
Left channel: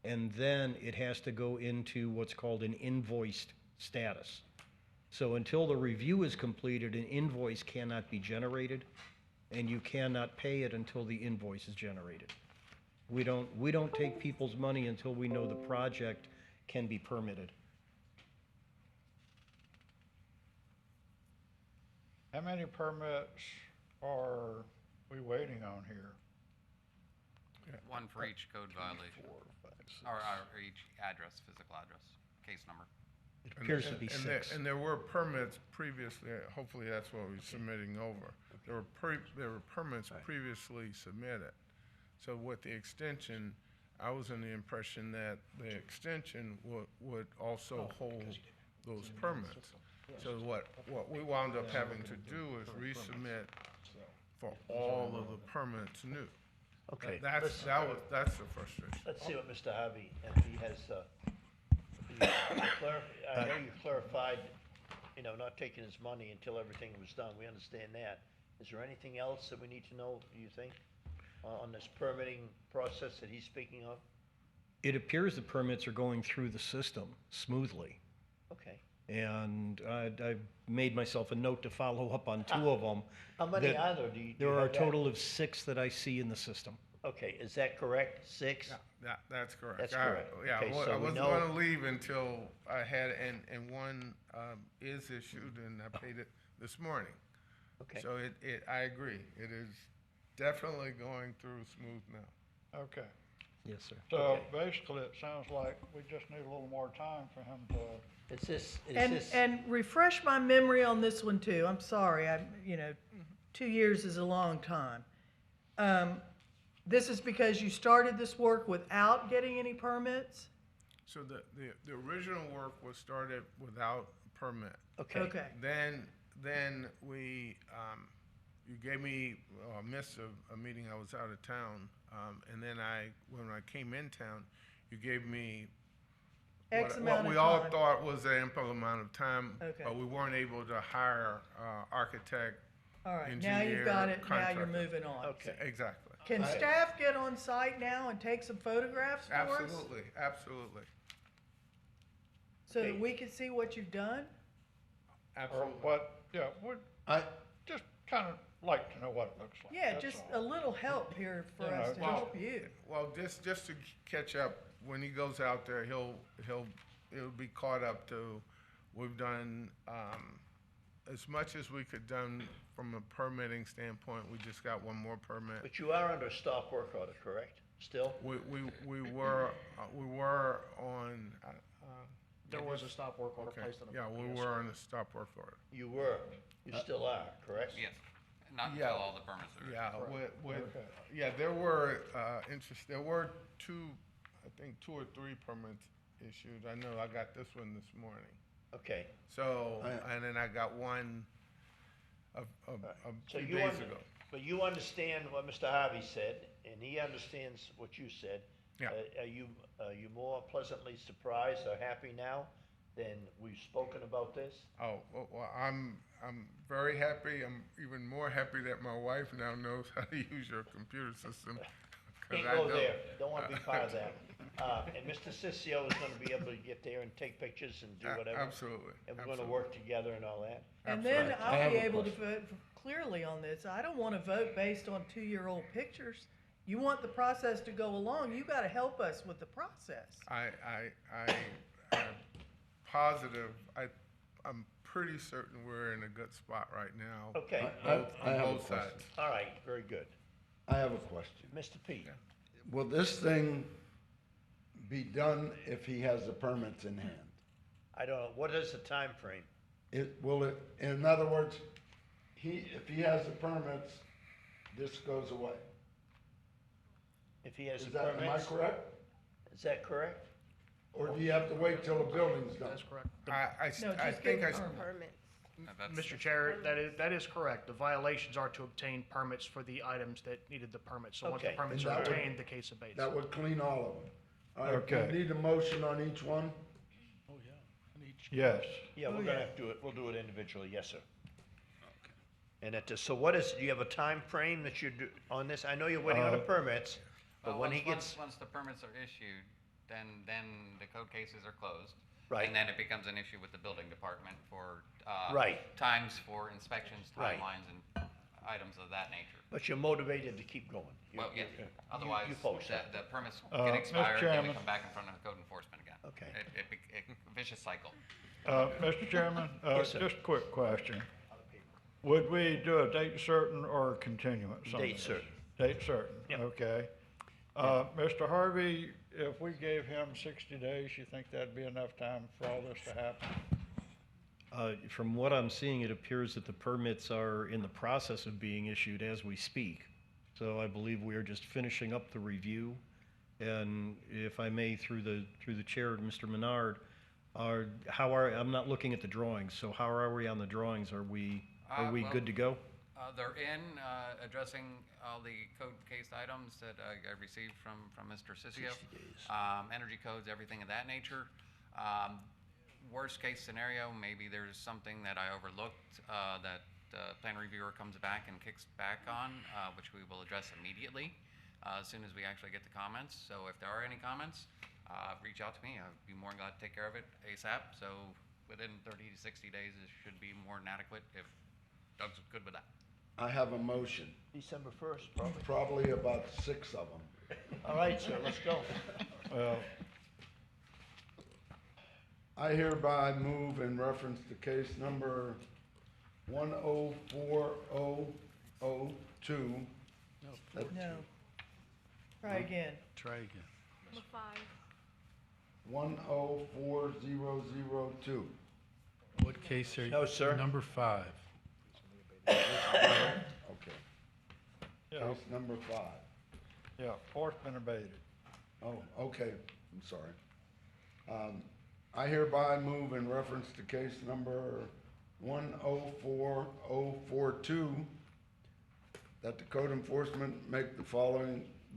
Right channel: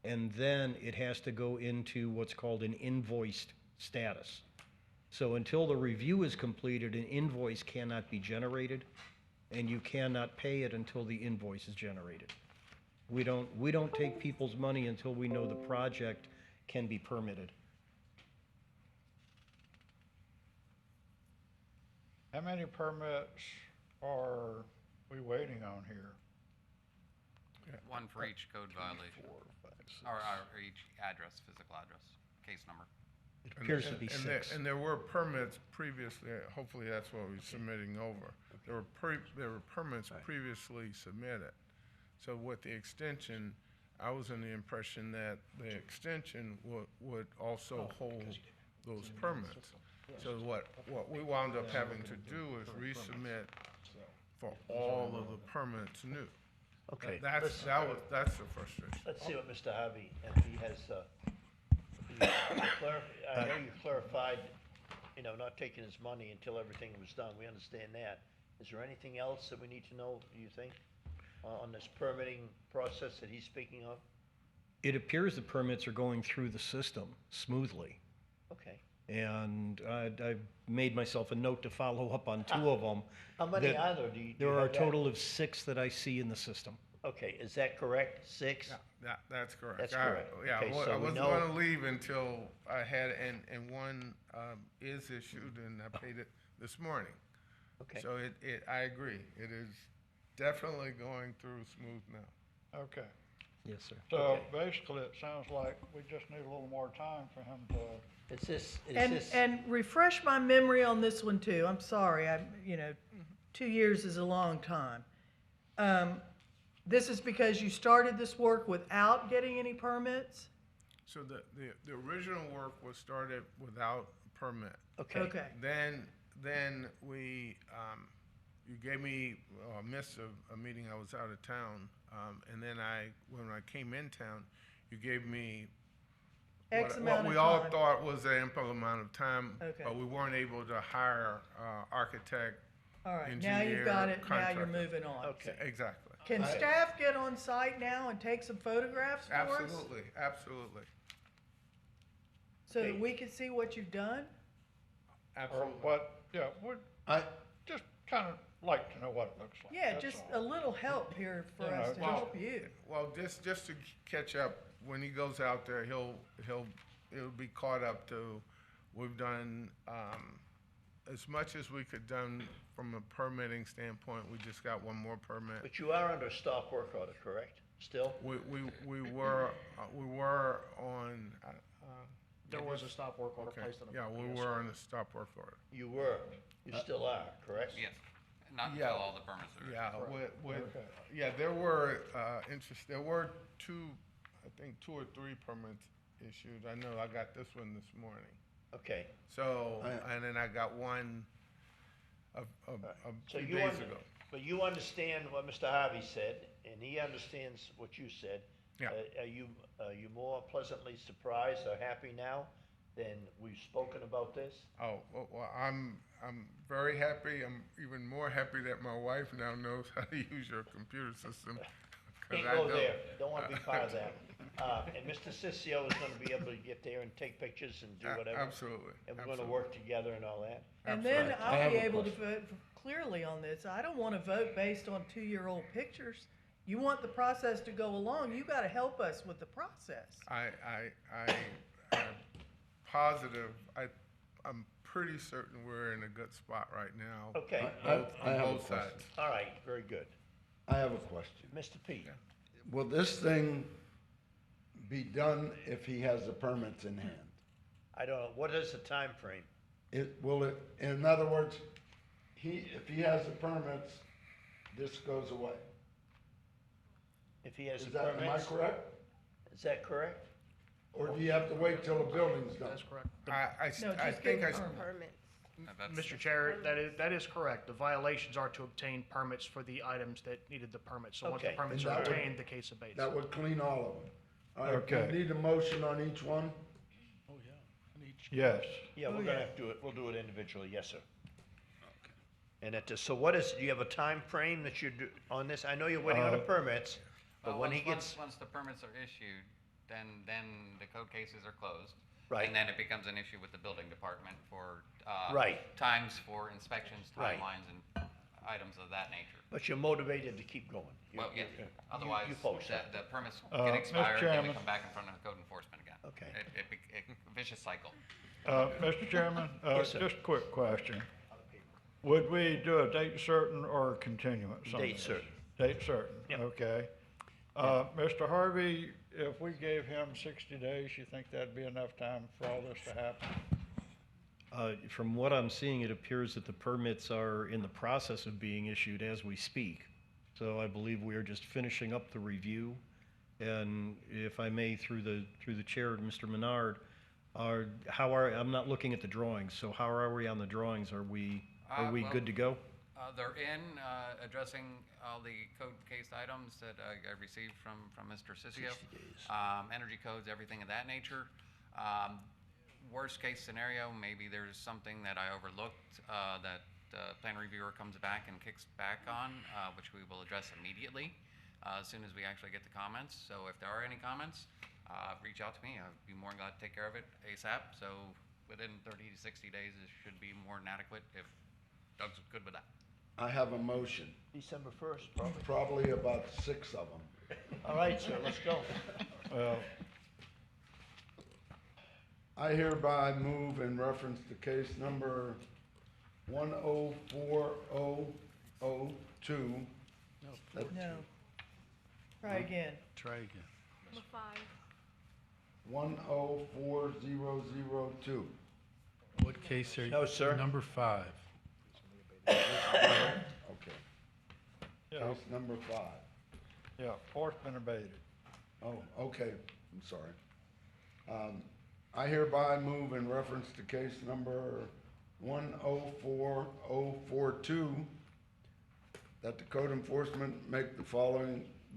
and then it has to go into what's called an invoiced status. So until the review is completed, an invoice cannot be generated, and you cannot pay it until the invoice is generated. We don't take people's money until we know the project can be permitted. How many permits are we waiting on here? One for each code violation. Or each address, physical address, case number. It appears to be six. And there were permits previously, hopefully that's what we're submitting over. There were permits previously submitted. So with the extension, I was under the impression that the extension would also hold those permits. So what we wound up having to do is resubmit for all of the permits new. Okay, That's the frustration. Let's see what Mr. Harvey, and he has, I know you clarified, not taking his money until everything was done, we understand that. Is there anything else that we need to know, do you think, on this permitting process that he's speaking of? It appears the permits are going through the system smoothly. Okay. And I've made myself a note to follow up on 2 of them. How many that- are there? Do you There are have a that? total of 6 that I see in the system. Okay, is that correct? 6? That's correct. That's correct. Yeah, Okay, I so we wasn't know- gonna leave until I had, and one, is issued and I paid it this morning. Okay. So I agree, it is definitely going through smooth now. Okay. Yes, sir. So basically, it sounds like we just need a little more time for him to. And refresh my memory on this one too. I'm sorry, 2 years is a long time. This is because you started this work without getting any permits? So the original work was started without a permit. Okay. Okay. Then we, you gave me, missed a meeting, I was out of town, and then when I came in town, you gave me X what amount we of all time. thought was an ample amount of time, Okay. but we weren't able to hire architect, All right, now engineer, you've got it, now you're contractor. moving on. Okay. Exactly. Can staff get on site now and take some photographs for us? Absolutely. So that we can see what you've done? Or what, yeah, would, just kind of like to know what it looks like. Yeah, that's just all. a little help here for us to help you. Well, just to catch up, when he goes out there, it'll be caught up to, we've done, as much as we could done from a permitting standpoint, we just got one more permit. But you are under stop work order, correct? Still? We were on, There was a stop work order okay, placed on the. yeah, we were on the stop work order. You were, you still are, correct? Yes, not until all the permits are. Yeah, there were, there were 2 or 3 permits issued. I know I got this one this morning. Okay. So, and then I got one a So few you days under- ago. But you understand what Mr. Harvey said, and he understands what you said. Yeah. Are you more pleasantly surprised or happy now than we've spoken about this? Oh, well, I'm very happy. I'm even more happy that my wife now knows how to use your computer system. 'cause Can't I go don't. there, don't wanna be part of that. And Mr. Sissio is gonna be able to get there and take pictures and do whatever. Absolutely. And we're gonna work together and all that. And then Absolutely. I'll be able to vote clearly on this. I don't wanna vote based on 2-year-old pictures. You want the process to go along, you gotta help us with the process. I'm positive, I'm pretty certain we're in a good spot right now. Okay. On I have a both question. sides. All right, very good. I have a question. Mr. Pete? Will this thing be done if he has the permits in hand? I don't know, what is the time frame? In other words, if he has the permits, this goes away? If he has Is the that, am I permits? correct? Is that correct? Or do you have to wait till the building's done? That's correct. I No, think just give I, them Mr. Chair, that is correct. The violations are to obtain permits for the items that needed the permits. So once the Okay. permits And are that would- obtained, the case abates. That would clean all of them. All right, do Okay. you need a motion on each one? Yes. Yeah, we're gonna have to do it, we'll do it individually, yes, sir. And so do you have a time frame that you do on this? I know you're waiting on the permits, but Well, when he gets, once the permits are issued, then the code cases are closed. Right. And then it becomes an issue with the building department for, Right. times for inspections, Right. timelines, and items of that nature. but you're motivated to keep going. Well, yeah, You otherwise, post that. the permits Mr. get expired, then we Chairman. come back in front of code enforcement again. Okay. Vicious cycle. Mr. Chairman, Yes, sir. just a quick question. Would we do a date certain or continuance on Date this? certain. Date certain, Yep. okay. Mr. Harvey, if we gave him 60 days, you think that'd be enough time for all this to happen? From what I'm seeing, it appears that the permits are in the process of being issued as we speak. So I believe we are just finishing up the review. And if I may, through the chair, Mr. Menard, I'm not looking at the drawings, so how are we on the drawings? Are we Well, good to go? They're addressing all the code case items that I received from Mr. Sissio. 60 days. Energy codes, everything of that nature. Worst case scenario, maybe there's something that I overlooked that the plan reviewer comes back and kicks back on, which we will address immediately as soon as we actually get the comments. So if there are any comments, reach out to me. I'd be more than glad to take care of it ASAP. So within 30 to 60 days, it should be more than adequate if Doug's good with that. I have a motion, December 1st, probably. probably about 6 of them. All right, sir, let's go. I hereby move in reference to case number 104002. No. Try again. Try again. Number 5. 104002. What case are you? No, sir. Number 5. Okay. Yeah, Case number 5. yeah, four's been abated. Oh, okay, I'm sorry. I hereby move in reference to case number 104042 that the code enforcement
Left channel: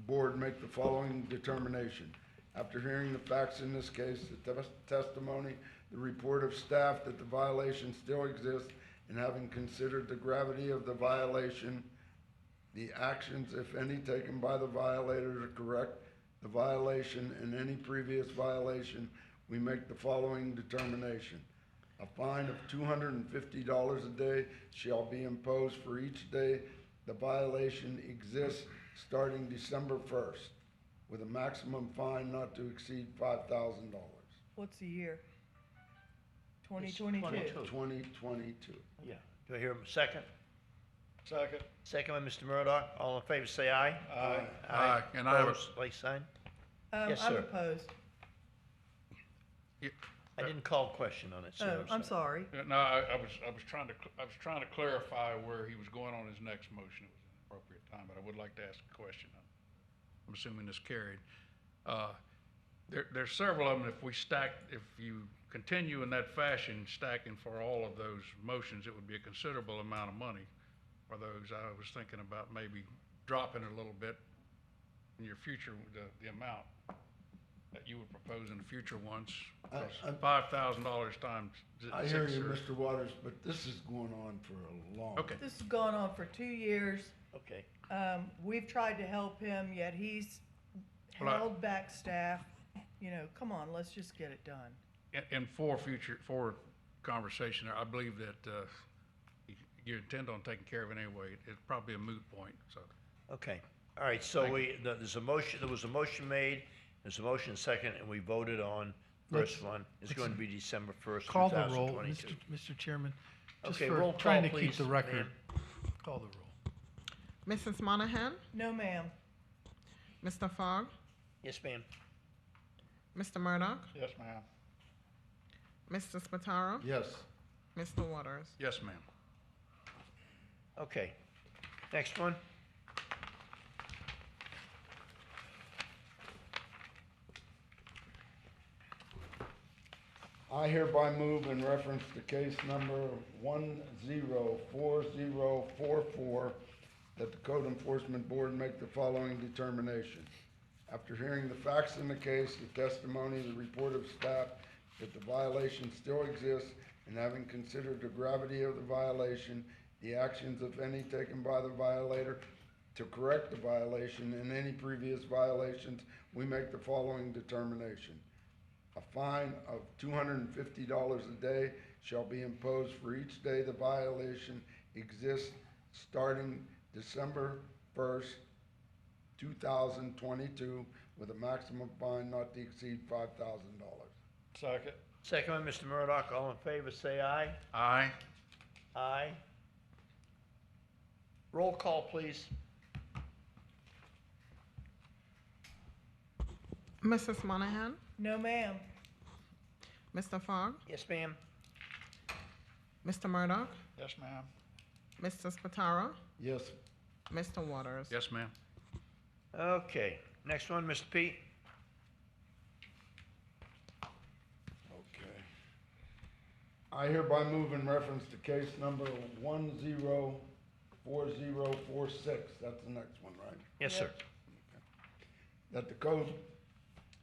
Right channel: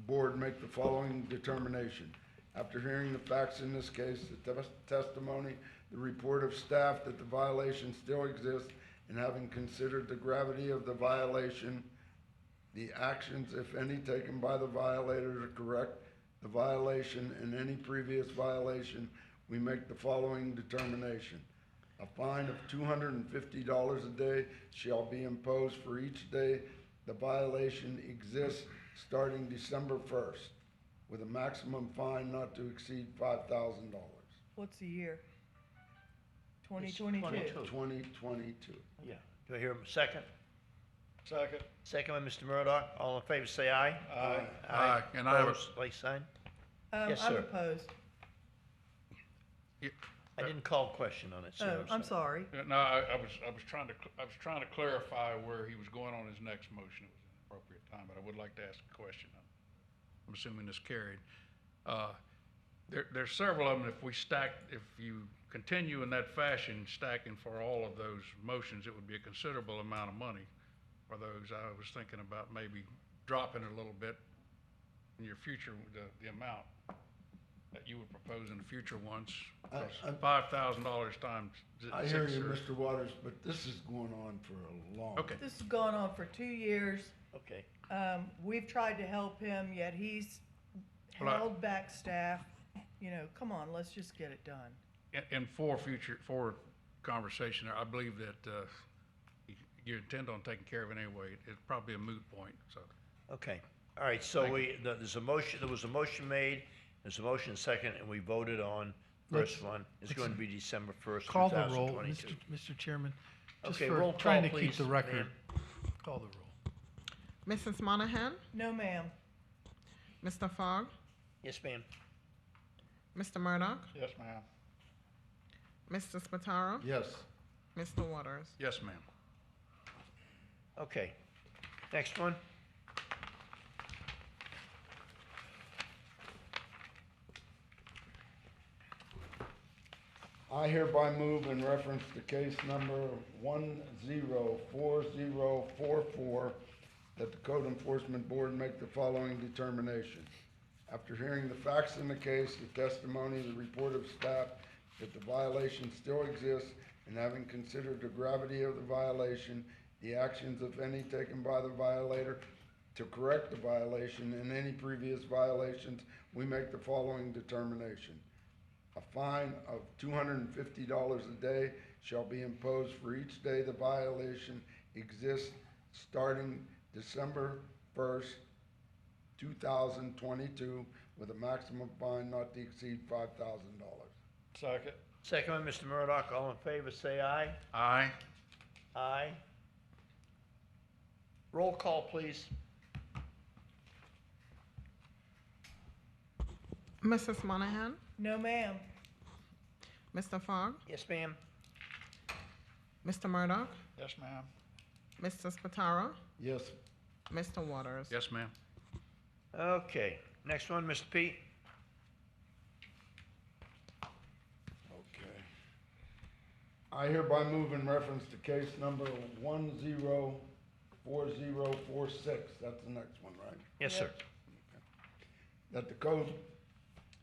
board make the following determination. After hearing the facts in this case, the testimony, the report of staff that the violation still exists, and having considered the gravity of the violation, the actions, if any, taken by the violator to correct the violation and any previous violation, we make the following determination. A fine of $250 a day shall be imposed for each day the violation exists starting December 1st, with a maximum fine not to exceed $5,000. What's the year? 2022. 2022. Yeah. Do I hear a second? Second. Second by Mr. Murdock. All in favor, say aye. Aye. Aye. And I have a- Opposed, like sign. Yes, I'm sir. opposed. I didn't call question on it, sir. Oh, I'm sorry. Yeah, no, I was trying to clarify where he was going on his next motion. It was an appropriate time, but I would like to ask a question. I'm assuming this carried. There's several of them. If you continue in that fashion, stacking for all of those motions, it would be a considerable amount of money for those. I was thinking about maybe dropping a little bit in your future, the amount that you would propose in the future ones. $5,000 times I hear you, Mr. Waters, but this is going on for a long. Okay. This has gone on for 2 years. Okay. We've tried to help him, yet he's Well, held back staff. You know, come on, let's just get it done. And for conversation, I believe that you intend on taking care of it anyway. It's probably a moot point, so. Okay. All right, so there's a motion, there was a motion made, there's a motion second, and we voted on first one. It's going to be December 1st, Call the roll, 2022. Mr. Chairman. Just Okay, for roll trying call, to keep the please, record. ma'am. Call the roll. Mrs. Monahan? No, ma'am. Mr. Fogg? Yes, ma'am. Mr. Murdock? Yes, ma'am. Mr. Spataro? Yes. Mr. Waters? Yes, ma'am. Okay. Next one. I hereby move in reference to case number 104044 that the Code Enforcement Board make the following determination. After hearing the facts in the case, the testimony, the report of staff, that the violation still exists, and having considered the gravity of the violation, the actions, if any, taken by the violator to correct the violation and any previous violations, we make the following determination. A fine of $250 a day shall be imposed for each day the violation exists starting December 1st, 2022, with a maximum fine not to exceed $5,000. Second. Second by Mr. Murdock. All in favor, say aye. Aye. Aye. Roll call, please. Mrs. Monahan? No, ma'am. Mr. Fogg? Yes, ma'am. Mr. Murdock? Yes, ma'am. Mr. Spataro? Yes. Mr. Waters? Yes, ma'am. Okay. Next one, Mr. Pete. Okay. I hereby move in reference to case number 104046, that's the next one, right? Yes, sir. That the Code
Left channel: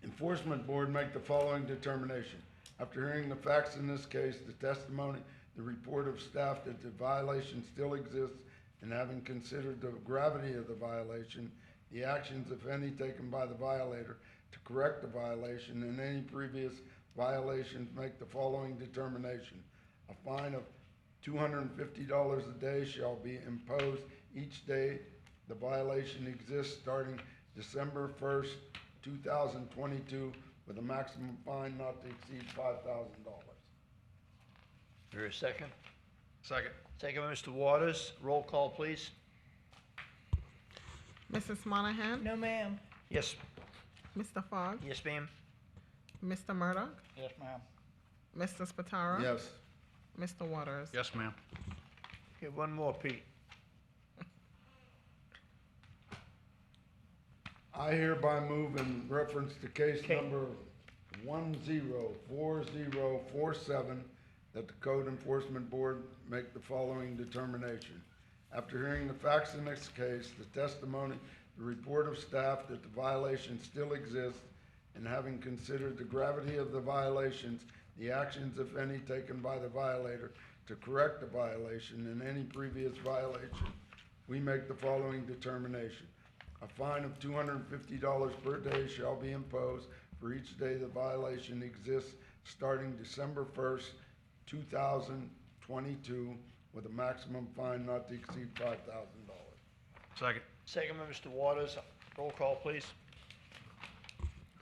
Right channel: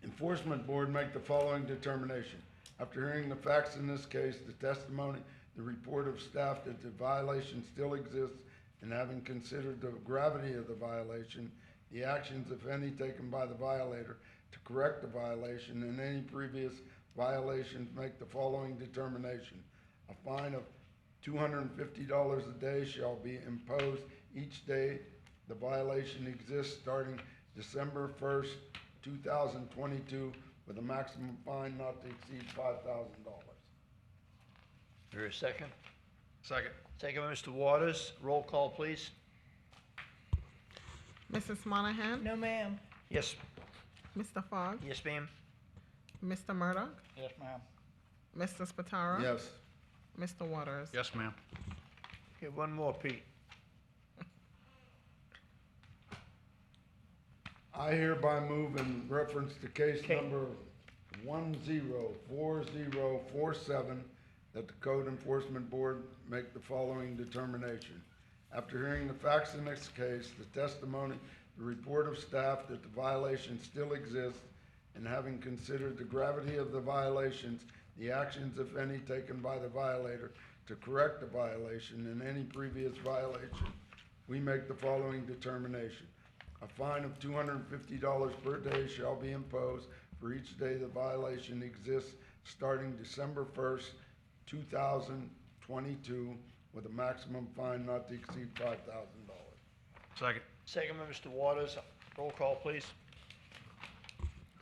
Enforcement Board make the following determination. After hearing the facts in this case, the testimony, the report of staff that the violation still exists, and having considered the gravity of the violation, the actions, if any, taken by the violator to correct the violation, and any previous violations, make the following determination. A fine of $250 a day shall be imposed each day the violation exists starting December 1st, 2022, with a maximum fine not to exceed $5,000. Is there a second? Second. Second by Mr. Waters. Roll call, please. Mrs. Monahan? No, ma'am. Yes. Mr. Fogg? Yes, ma'am. Mr. Murdoch? Yes, ma'am. Mr. Spataro? Yes. Mr. Waters? Yes, ma'am. Okay, one more, Pete. I hereby move in reference to case number 104047 that the Code Enforcement Board make the following determination. After hearing the facts in this case, the testimony, the report of staff that the violation still exists, and having considered the gravity of the violations, the actions, if any, taken by the violator to correct the violation, and any previous violation, we make the following determination. A fine of $250 per day shall be imposed for each day the violation exists starting December 1st, 2022, with a maximum fine not to exceed $5,000. Second. Second by Mr. Waters. Roll call, please.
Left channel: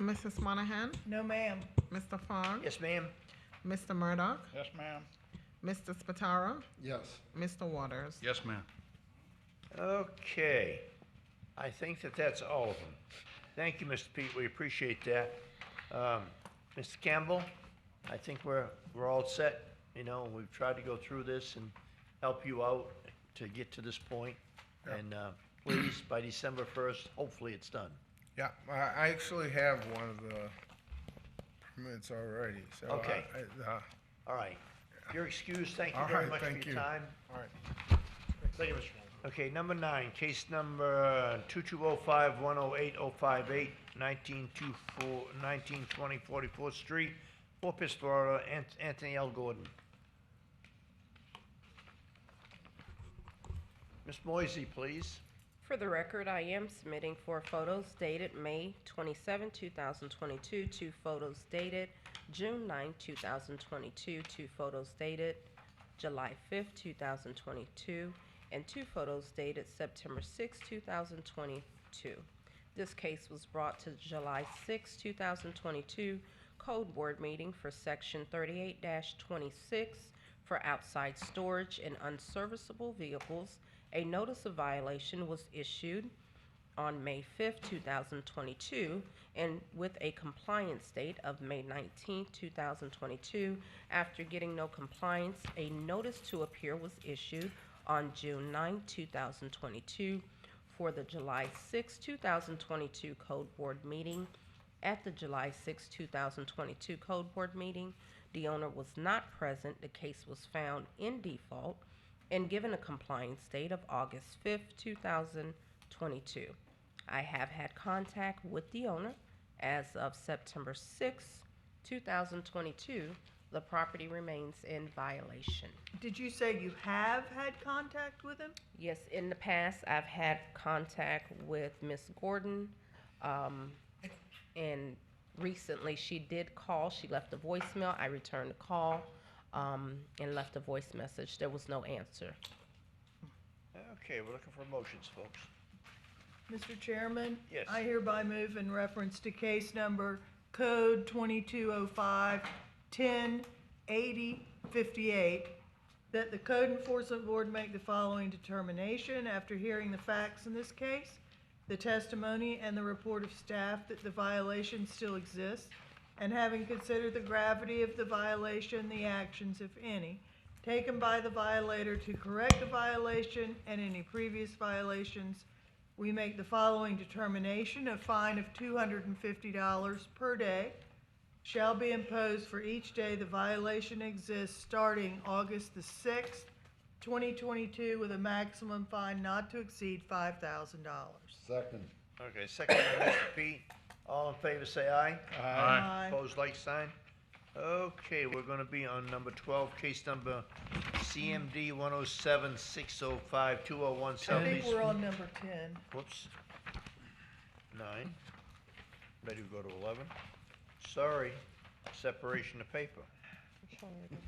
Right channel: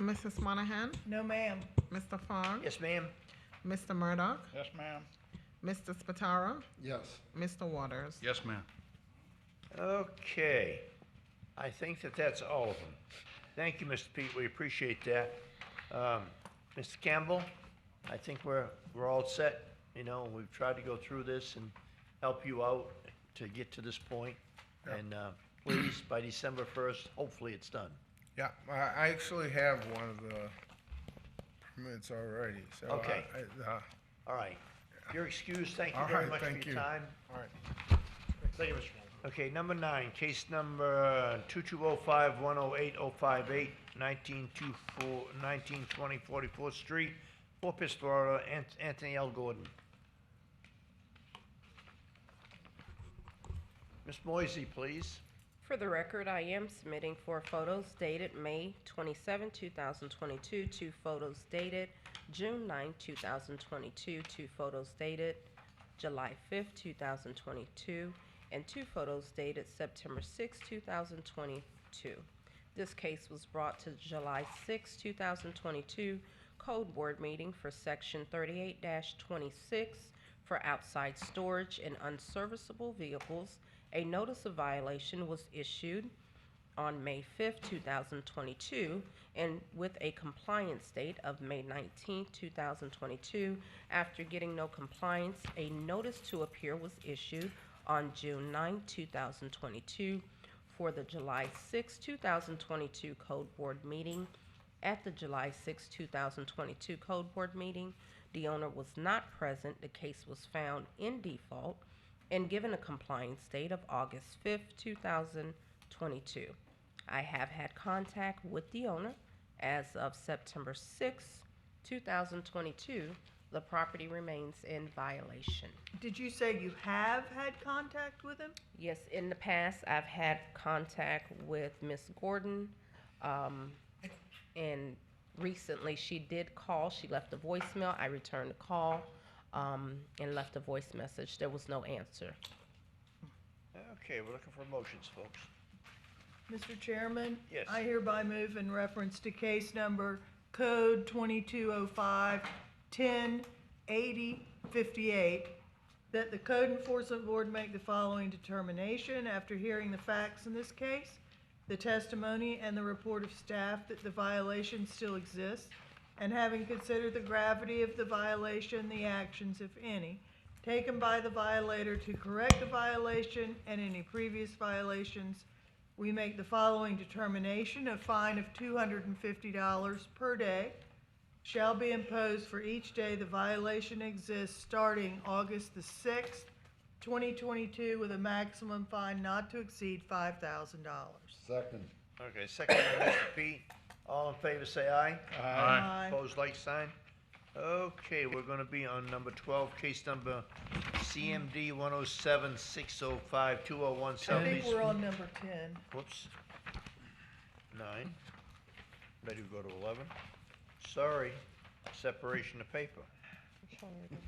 Mrs. Monahan? No, ma'am. Mr. Fogg? Yes, ma'am. Mr. Murdoch? Yes, ma'am. Mr. Spataro? Yes. Mr. Waters? Yes, ma'am. Okay. I think that that's all of them. Thank you, Mr. Pete. We appreciate that. Mr. Campbell, I think we're all set. You know, we've tried to go through this and help you out to get to this point. And please, by December 1st, hopefully it's done. Yeah, I actually have one of the permits already, so. Okay. All right. You're excused. Thank you All very right, much for thank your you. time. All right. Thank you, Mr. Chairman. Okay, number 9, case number 2205-108-058, 1920 44th Street, Fort Pierce, Florida, Anthony L. Gordon. Ms. Moisey, please. For the record, I am submitting 4 photos dated May 27, 2022, 2 photos dated June 9, 2022, 2 photos dated July 5, 2022, and 2 photos dated September 6, 2022. This case was brought to July 6, 2022 Code Board meeting for Section 38-26 for outside storage and unserviceable vehicles. A notice of violation was issued on May 5th, 2022, and with a compliance date of May 19th, 2022. After getting no compliance, a notice to appear was issued on June 9, 2022 for the July 6, 2022 Code Board meeting. At the July 6, 2022 Code Board meeting, the owner was not present. The case was found in default and given a compliance date of August 5th, 2022. I have had contact with the owner. As of September 6th, 2022, the property remains in violation. Did you say you have had contact with him? Yes, in the past, I've had contact with Miss Gordon, and recently she did call. She left a voicemail. I returned the call and left a voice message. There was no answer. Okay, we're looking for motions, folks. Mr. Chairman? Yes. I hereby move in reference to case number code 2205-1080-58 that the Code Enforcement Board make the following determination after hearing the facts in this case, the testimony and the report of staff that the violation still exists, and having considered the gravity of the violation, the actions, if any, taken by the violator to correct the violation and any previous violations, we make the following determination: a fine of $250 per day shall be imposed for each day the violation exists starting August the 6th, 2022, with a maximum fine not to exceed $5,000. Second. Okay, second by Mr. P. All in favor, say aye. Aye. Opposed, like sign. Okay, we're gonna be on number 12, case number CMD 107-605-2017. I think we're on number 10. Whoops. 9. Ready to go to 11? Sorry, separation of paper. Number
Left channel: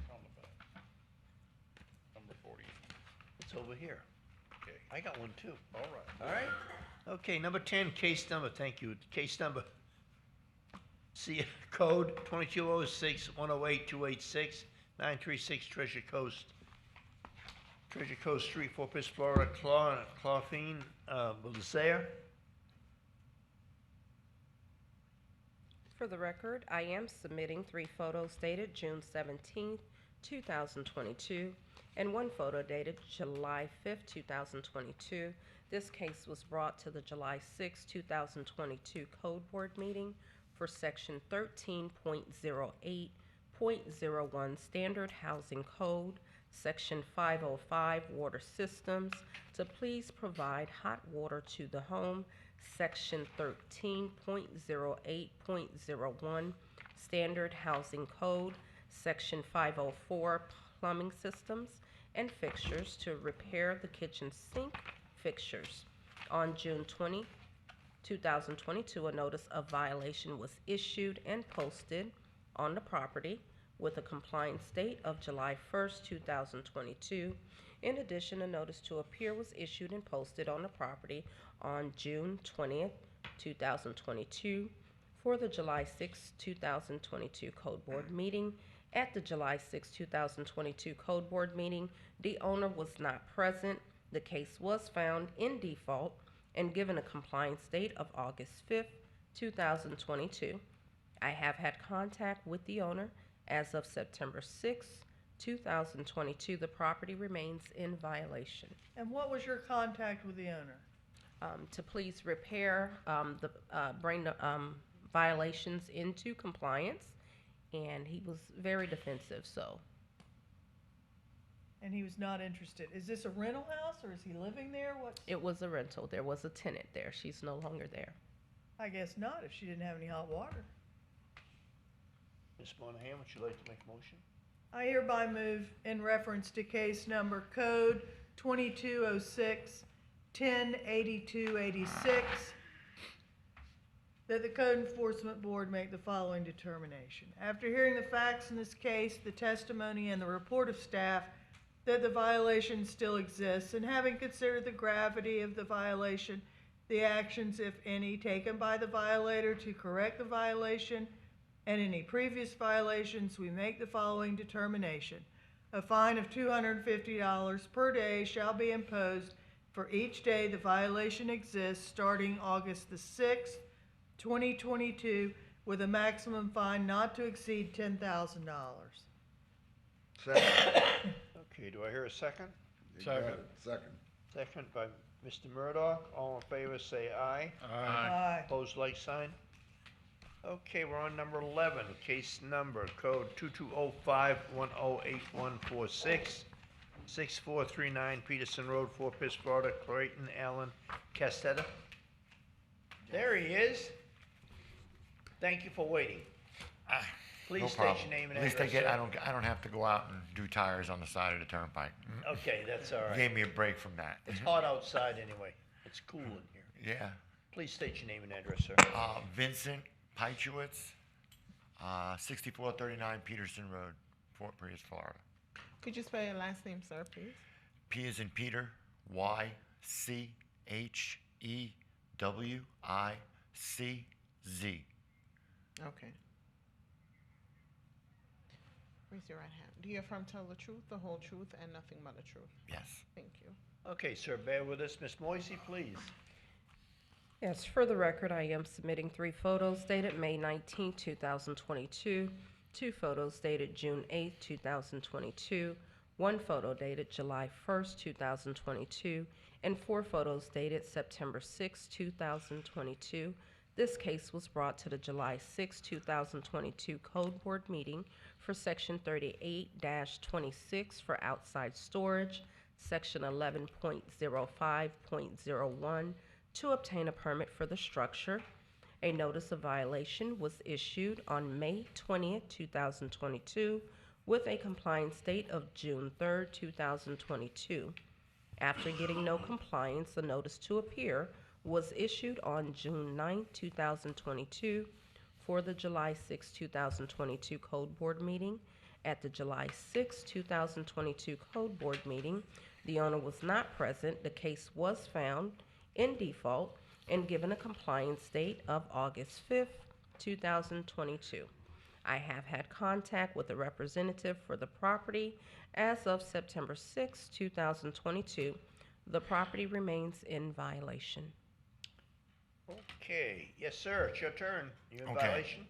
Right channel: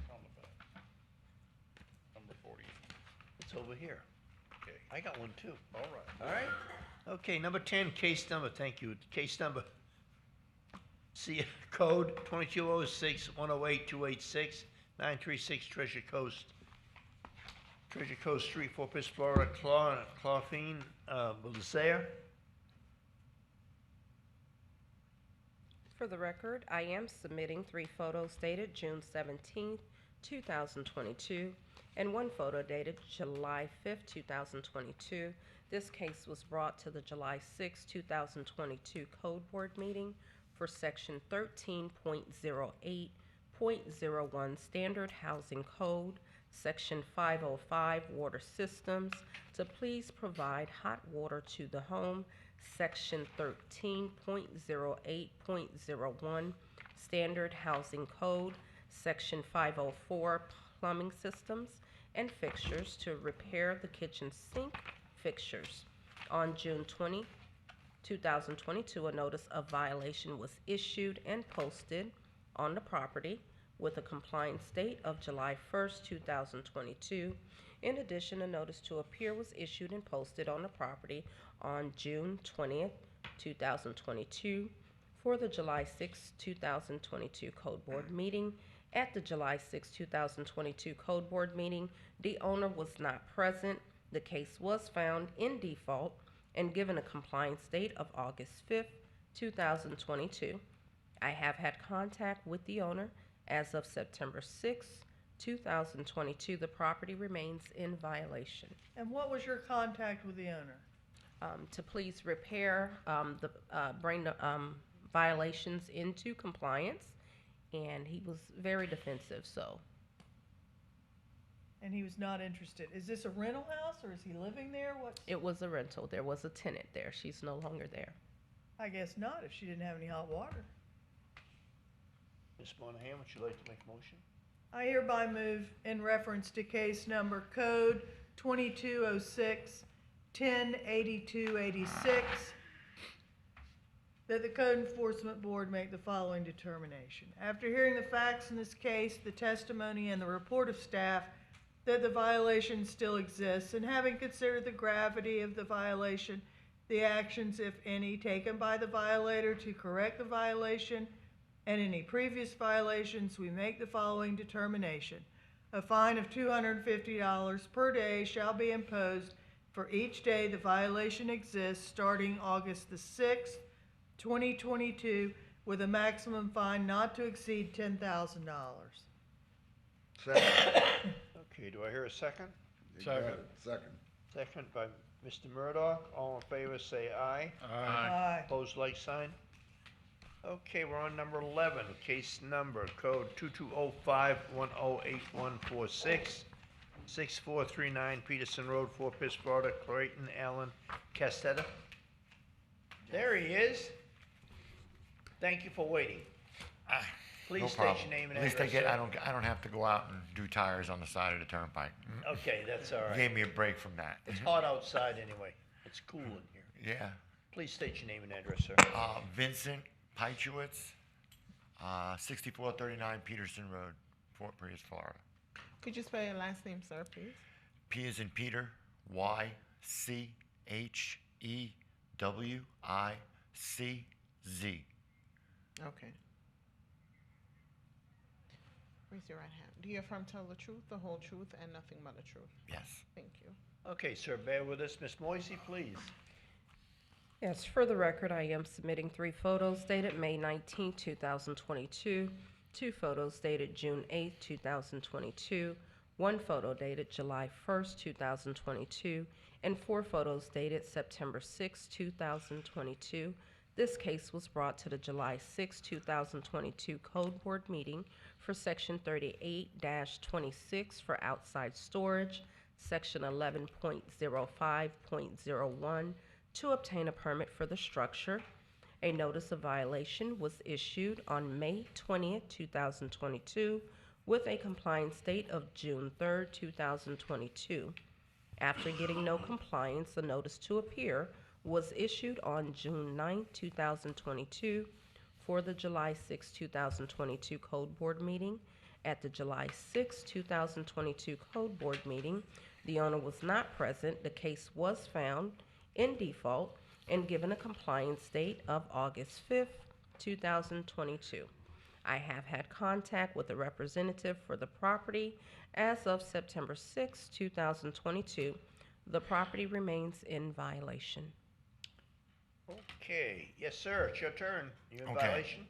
40. It's over here. Okay, I got one too. All right. Okay, number 10, case number, thank you. Case number, see, code 2206-108-286, 936 Treasure Coast Street, Fort Pierce, Florida, Claudine Belisaire. For the record, I am submitting 3 photos dated June 17th, 2022, and 1 photo dated July 5th, 2022. This case was brought to the July 6, 2022 Code Board meeting for Section 13.08.01 Standard Housing Code, Section 505 Water Systems, to please provide hot water to the home, Section 13.08.01 Standard Housing Code, Section 504 Plumbing Systems and Fixtures to repair the kitchen sink fixtures. On June 20, 2022, a notice of violation was issued and posted on the property with a compliance date of July 1st, 2022. In addition, a notice to appear was issued and posted on the property on June 20th, 2022 for the July 6, 2022 Code Board meeting. At the July 6, 2022 Code Board meeting, the owner was not present. The case was found in default and given a compliance date of August 5th, 2022. I have had contact with the owner as of September 6th, 2022. The property remains in violation. And what was your contact with the owner? To please repair, bring the violations into compliance, and he was very defensive, so. And he was not interested. Is this a rental house or is he living there? What? It was a rental. There was a tenant there. She's no longer there. I guess not, if she didn't have any hot water. Ms. Monahan, would you like to make a motion? I hereby move in reference to case number code 2206-108286 that the Code Enforcement Board make the following determination. After hearing the facts in this case, the testimony, and the report of staff, that the violation still exists, and having considered the gravity of the violation, the actions, if any, taken by the violator to correct the violation, and any previous violations, we make the following determination. A fine of $250 per day shall be imposed for each day the violation exists starting August the 6th, 2022, with a maximum fine not to exceed $10,000. Second. Okay, do I hear a second? Second. Second by Mr. Murdoch. All in favor, say aye. Aye. Opposed, like sign. Okay, we're on number 11, case number, code 2205-108146, 6439 Peterson Road, Fort Pierce, Florida, Clayton Allen Castetta. There he is. Thank you for waiting. Please No state problem. your name and At least address. I don't have to go out and do tires on the side of the turnpike. Okay, that's all right. Gave me a break from that. It's hot outside anyway. It's cool in here. Yeah. Please state your name and address, sir. Vincent Peichowitz, 6439 Peterson Road, Fort Pierce, Florida. Could you spell your last name, sir, please? P as in Peter, YCHEWICZ. Okay. Raise your right hand. Do you affirm to tell the truth, the whole truth, and nothing but the truth? Yes. Thank you. Okay, sir, bear with us. Ms. Moisey, please. Yes, for the record, I am submitting 3 photos dated May 19, 2022, 2 photos dated June 8, 2022, 1 photo dated July 1st, 2022, and 4 photos dated September 6, 2022. This case was brought to the July 6, 2022 Code Board meeting for Section 38-26 for outside storage, Section 11.05.01 to obtain a permit for the structure. A notice of violation was issued on May 20th, 2022 with a compliance date of June 3rd, 2022. After getting no compliance, a notice to appear was issued on June 9, 2022 for the July 6, 2022 Code Board meeting. At the July 6, 2022 Code Board meeting, the owner was not present. The case was found in default and given a compliance date of August 5th, 2022. I have had contact with a representative for the property as of September 6, 2022. The property remains in violation. Okay, yes, sir, it's your turn. You in Okay. violation?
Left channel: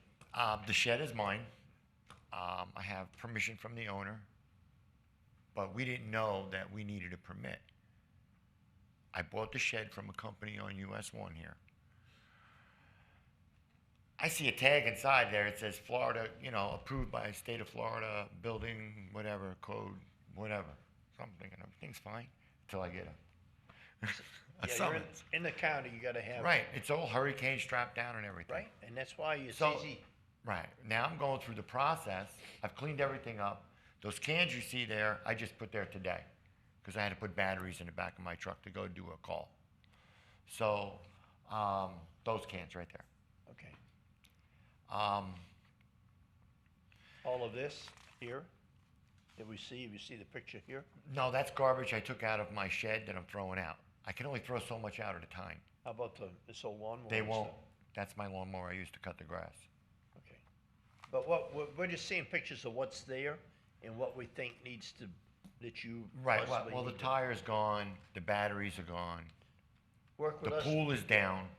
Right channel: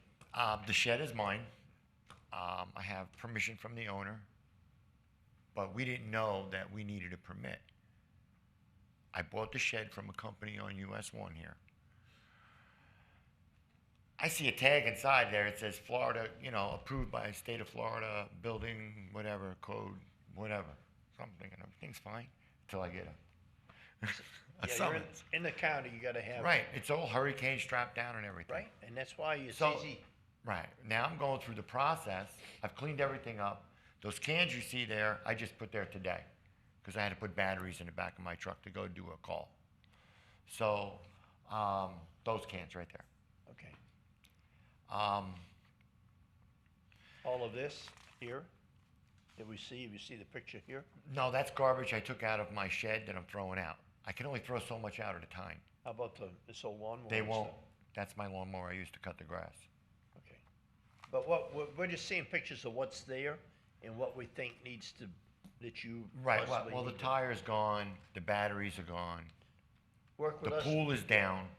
The shed is mine. I have permission from the owner, but we didn't know that we needed a permit. I bought the shed from a company on US 1 here. I see a tag inside there. It says Florida, approved by state of Florida, building, whatever, code, whatever. So I'm thinking everything's fine until I get a Yeah, you're summons. in the county, you gotta have. Right, it's all hurricane strapped down and everything. Right, and that's why it's So- easy. Right, now I'm going through the process. I've cleaned everything up. Those cans you see there, I just put there today because I had to put batteries in the back of my truck to go do a call. So, those cans right there. Okay. All of this here that we see, you see the picture here? No, that's garbage I took out of my shed that I'm throwing out. I can only throw so much out at a time. How about this old lawnmower? They and won't. stuff? That's my lawnmower I used to cut the grass. Okay. But we're just seeing pictures of what's there and what we think needs to, that you Right, possibly well, the need. tire's gone, the batteries are gone, Work with the us. pool is down.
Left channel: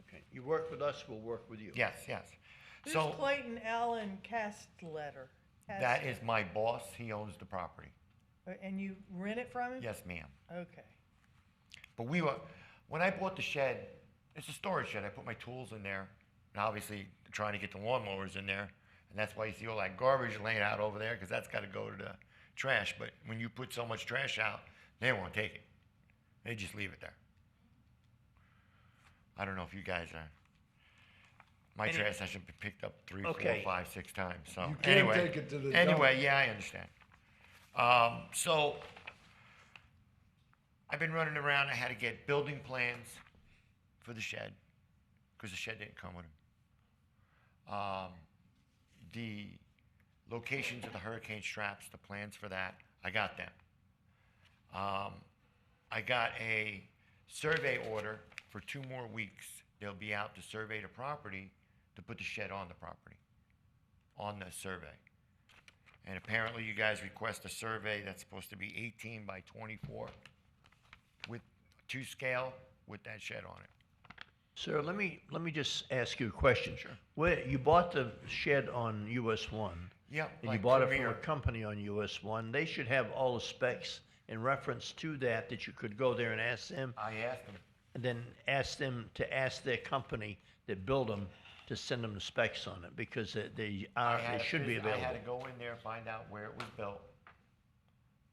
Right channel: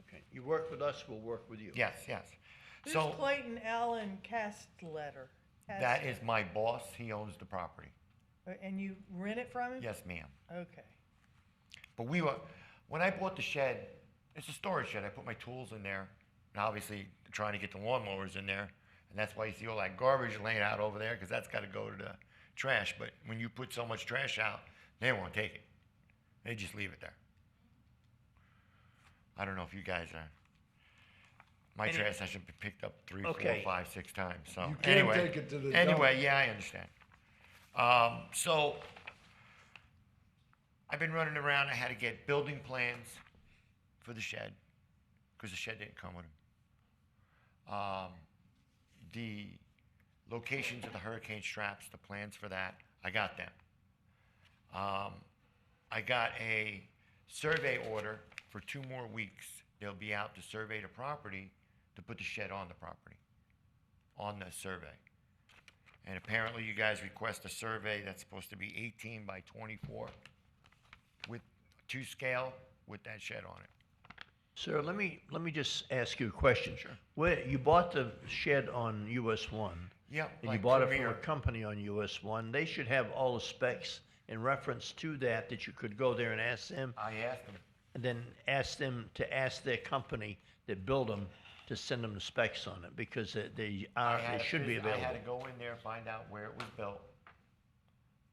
Okay, you work with us, we'll work with you. Yes, yes. Who's So, Clayton Allen Castletter? that is my boss, he owns the property. And you rent it from him? Yes, ma'am. Okay. But when I bought the shed, it's a storage shed. I put my tools in there, and obviously trying to get the lawnmowers in there, and that's why you see all that garbage laying out over there, because that's got to go to the trash. But when you put so much trash out, they won't take it. They just leave it there. I don't know if you guys are. My And it- trash hasn't been picked up 3, Okay. 4, 5, 6 times. So You can't anyway, take it to the anyway, dump. yeah, I understand. So I've been running around. I had to get building plans for the shed because the shed didn't come with them. The locations of the hurricane straps, the plans for that, I got them. I got a survey order for 2 more weeks. They'll be out to survey the property to put the shed on the property, on the survey. And apparently you guys request a survey that's supposed to be 18 by 24 with 2 scale with that shed on it. Sir, let me just ask you a question. Sure. Where, you bought the shed on US 1. Yeah, And you like bought it from Premier. a company on US 1. They should have all the specs in reference to that you could go there and ask them. I asked them. And then ask them to ask their company that built them to send them the specs on it, because they should be I had to available. go in there, find out where it was built,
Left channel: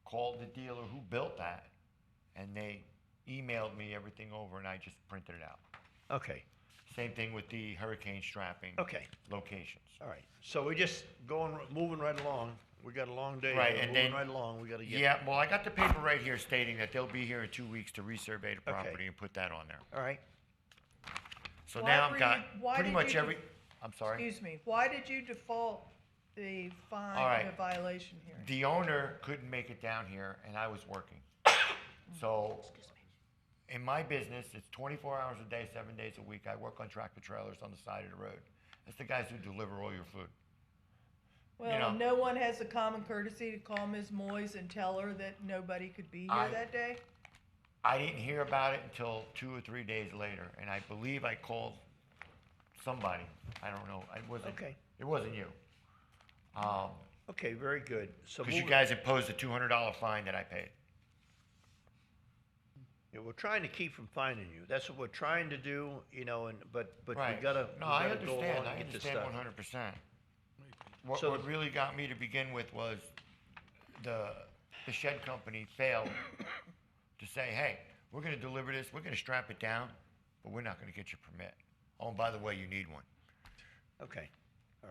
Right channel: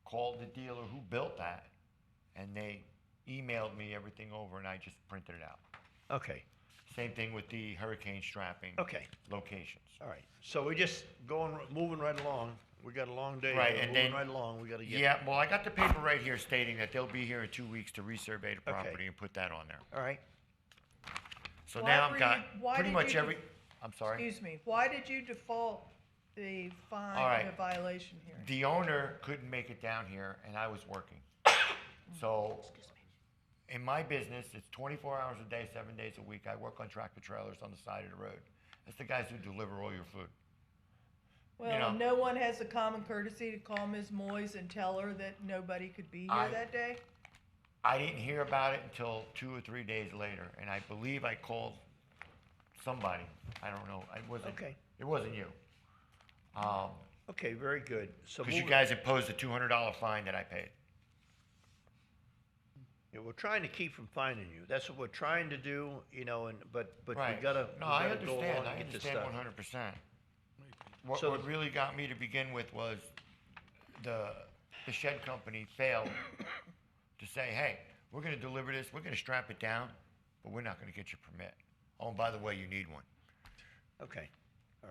called the dealer who built that, and they emailed me everything over, and I just printed it out. Okay. Same thing with the hurricane strapping. Okay. Locations. All right. So we're just moving right along. We got a long day. Right, We're and moving then- right along. We gotta get. Yeah, well, I got the paper right here stating that they'll be here in 2 weeks to resurvey the property and put that on there. All right. So Why now were I've got why pretty did much you every, I'm sorry? Excuse me, why did you default the fine All right. and the violation hearing? The owner couldn't make it down here, and I was working. So, in my business, it's 24 hours a day, 7 days a week. I work on tractor trailers on the side of the road. It's the guys who deliver all your food. Well, know- no one has the common courtesy to call Ms. Moyes and tell her that nobody could be here that day? I didn't hear about it until 2 or 3 days later, and I believe I called somebody. I don't know. It wasn't. Okay. It wasn't you. Okay, very good. So Because you guys imposed a $200 fine that I paid. You know, we're trying to keep from finding you. That's what we're trying to do, you know, but we Right. gotta, No, we I gotta go understand, along I and get this understand stuff. 100%. What, So what really got me to begin with was the shed company failed to say, hey, we're gonna deliver this, we're gonna strap it down, but we're not gonna get your permit. Oh, and by the way, you need one. Okay, all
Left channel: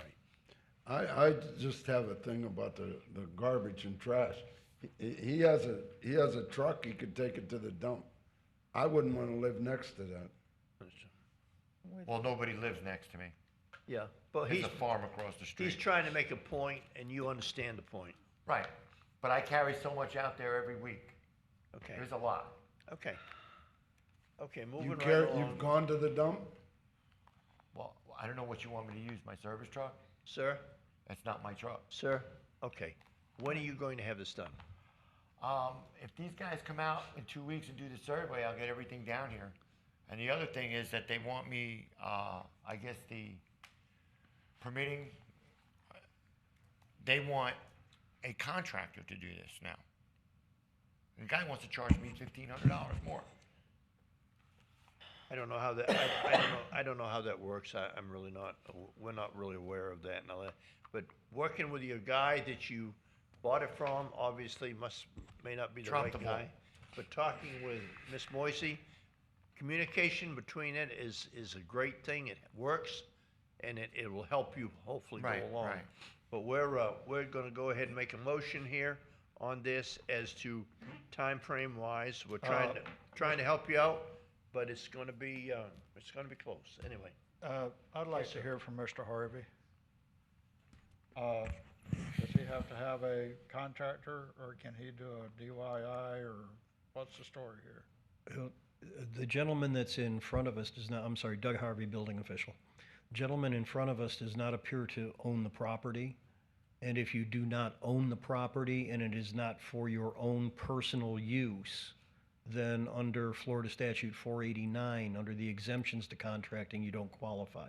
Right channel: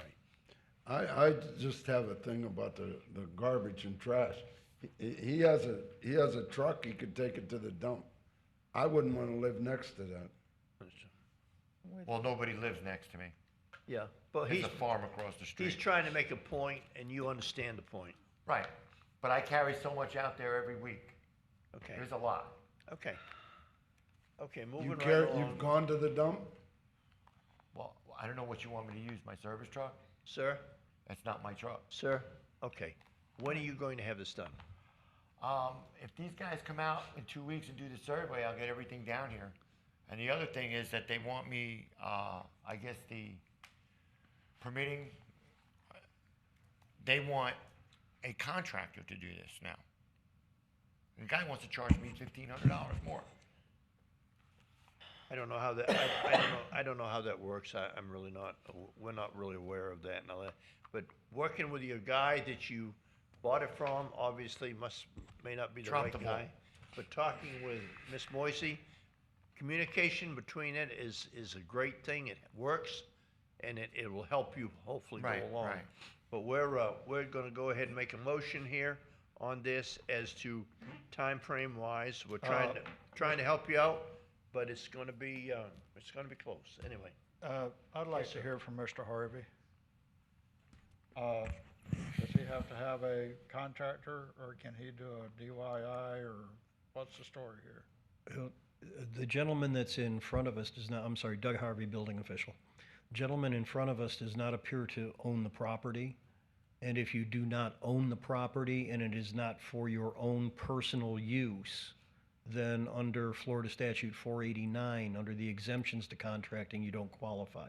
right. I just have a thing about the garbage and trash. He has a truck, he could take it to the dump. I wouldn't wanna live next to that. Well, nobody lives next to me. Yeah, but There's he's, a farm across the street. he's trying to make a point, and you understand the point. Right, but I carry so much out there every week. Okay. There's a lot. Okay. Okay, You moving right care, along. you've gone to the dump? Well, I don't know what you want me to use, my service truck? Sir? That's not my truck. Sir? Okay. When are you going to have this done? If these guys come out in 2 weeks and do the survey, I'll get everything down here. And the other thing is that they want me, I guess the permitting, they want a contractor to do this now. And the guy wants to charge me $1,500 more. I don't know how that, I don't know how that works. I'm really not, we're not really aware of that and all that. But working with your guy that you bought it from, obviously may not be the Drop right the ball. guy. But talking with Miss Moisey, communication between it is a great thing. It works, and it will help you hopefully Right, go along. right. But we're gonna go ahead and make a motion here on this as to time frame wise. We're trying to help you out, but it's gonna be close, anyway. I'd like to hear from Mr. Harvey. Does he have to have a contractor, or can he do a DIY, or what's the story here? The gentleman that's in front of us does not, I'm sorry, Doug Harvey, building official. Gentleman in front of us does not appear to own the property. And if you do not own the property and it is not for your own personal use, then under Florida statute 489, under the exemptions to contracting, you don't qualify,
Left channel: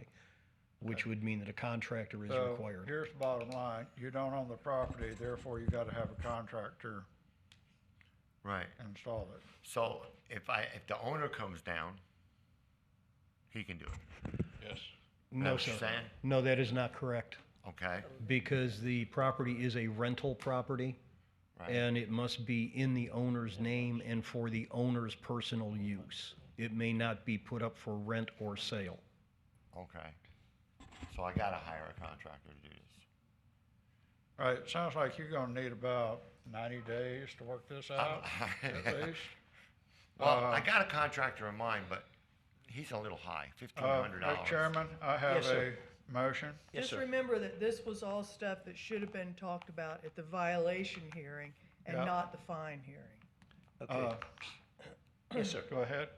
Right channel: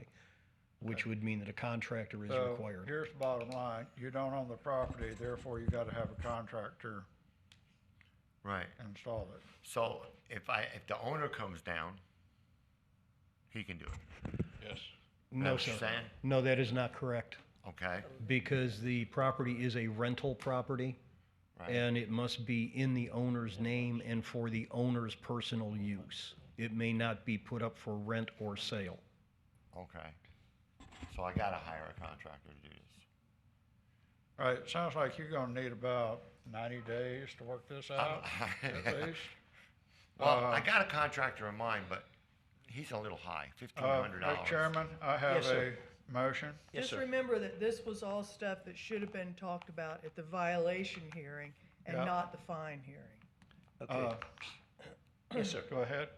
which would mean that a contractor is So, required. here's the bottom line, you don't own the property, therefore you gotta have a contractor Right. install it. So if the owner comes down, he can do it. Yes. No, what you're sir. saying? No, that is not correct. Okay. Because the property is a rental property, Right. and it must be in the owner's name and for the owner's personal use. It may not be put up for rent or sale. Okay. So I gotta hire a contractor to do this. All right, sounds like you're gonna need about 90 days to work this out, at least. Well, I got a contractor in mind, but he's a little high, $1,500. Mr. Chairman, I have Yes, sir. a motion. Yes, Just sir. remember that this was all stuff that should have been talked about at the violation hearing and Yeah. not the fine hearing. Okay. Yes, sir. Go ahead.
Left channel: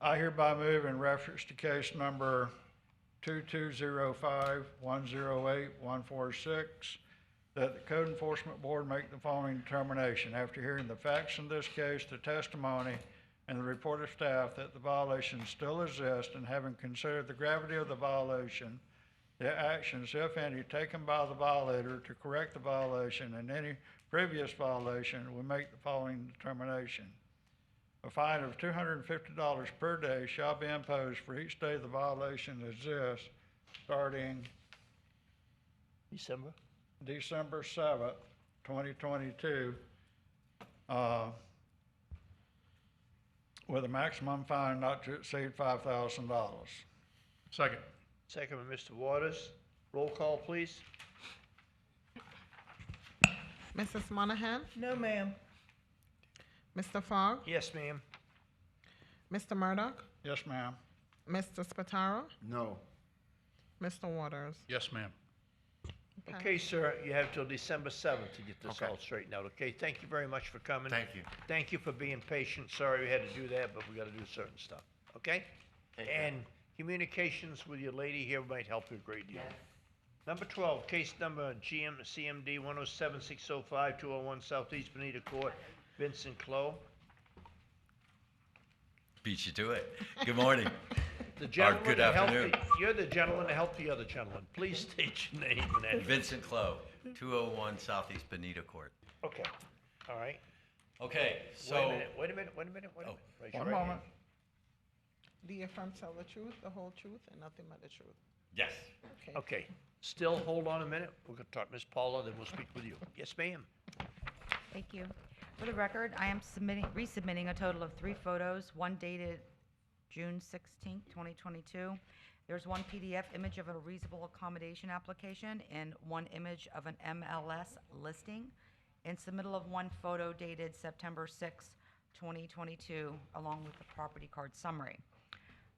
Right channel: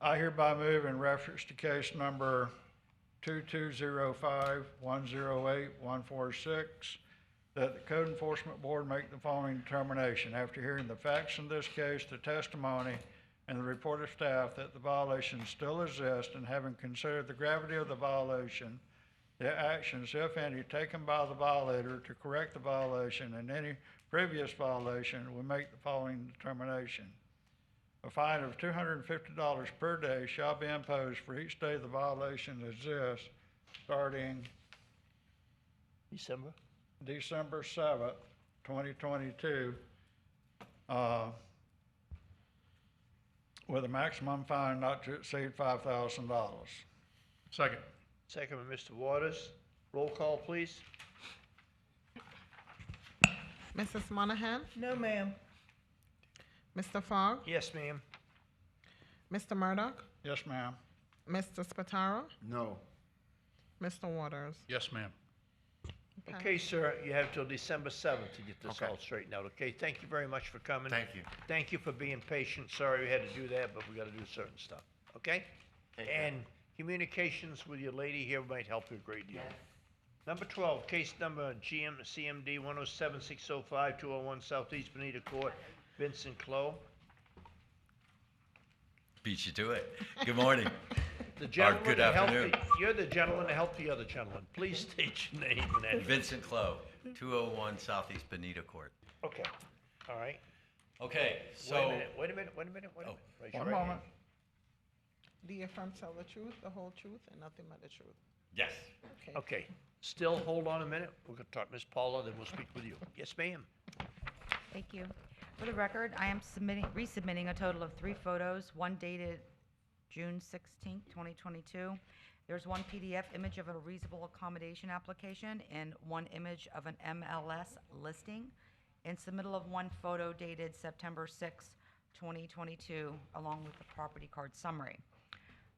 I hereby move in reference to case number 2205-108-146 that the Code Enforcement Board make the following determination. After hearing the facts in this case, the testimony, and the report of staff that the violation still exists, and having considered the gravity of the violation, the actions, if any, taken by the violator to correct the violation and any previous violation, we make the following determination. A fine of $250 per day shall be imposed for each day the violation exists, starting December? December 7th, 2022, with a maximum fine not to exceed $5,000. Second. Second by Mr. Waters. Roll call, please. Mrs. Monahan? No, ma'am. Mr. Fogg? Yes, ma'am. Mr. Murdoch? Yes, ma'am. Mr. Spataro? No. Mr. Waters? Yes, ma'am. Okay, sir, you have till December 7th to get this Okay. all straightened out, okay? Thank you very much for coming. Thank you. Thank you for being patient. Sorry we had to do that, but we gotta do certain stuff, okay? And communications with your lady here might help you a great deal. Number 12, case number CMD 107605, 201 Southeast Benita Court, Vincent Clow. Beat you to it. Good morning. The gentleman good to help afternoon. you're the gentleman to help the other gentleman. Please state your name and address. Vincent Clow, 201 Southeast Benita Court. Okay, all right. Okay, Wait a so, minute, wait a minute. Raise your One right moment. hand. Do you affirm to tell the truth, the whole truth, and nothing but the truth? yes. Okay, still, hold on a minute. We're gonna talk, Ms. Paula, then we'll speak with you. Yes, ma'am. Thank you. For the record, I am resubmitting a total of 3 photos, one dated June 16th, 2022. There's one PDF image of a reasonable accommodation application and one image of an MLS listing, and submittal of one photo dated September 6th, 2022, along with the property card summary.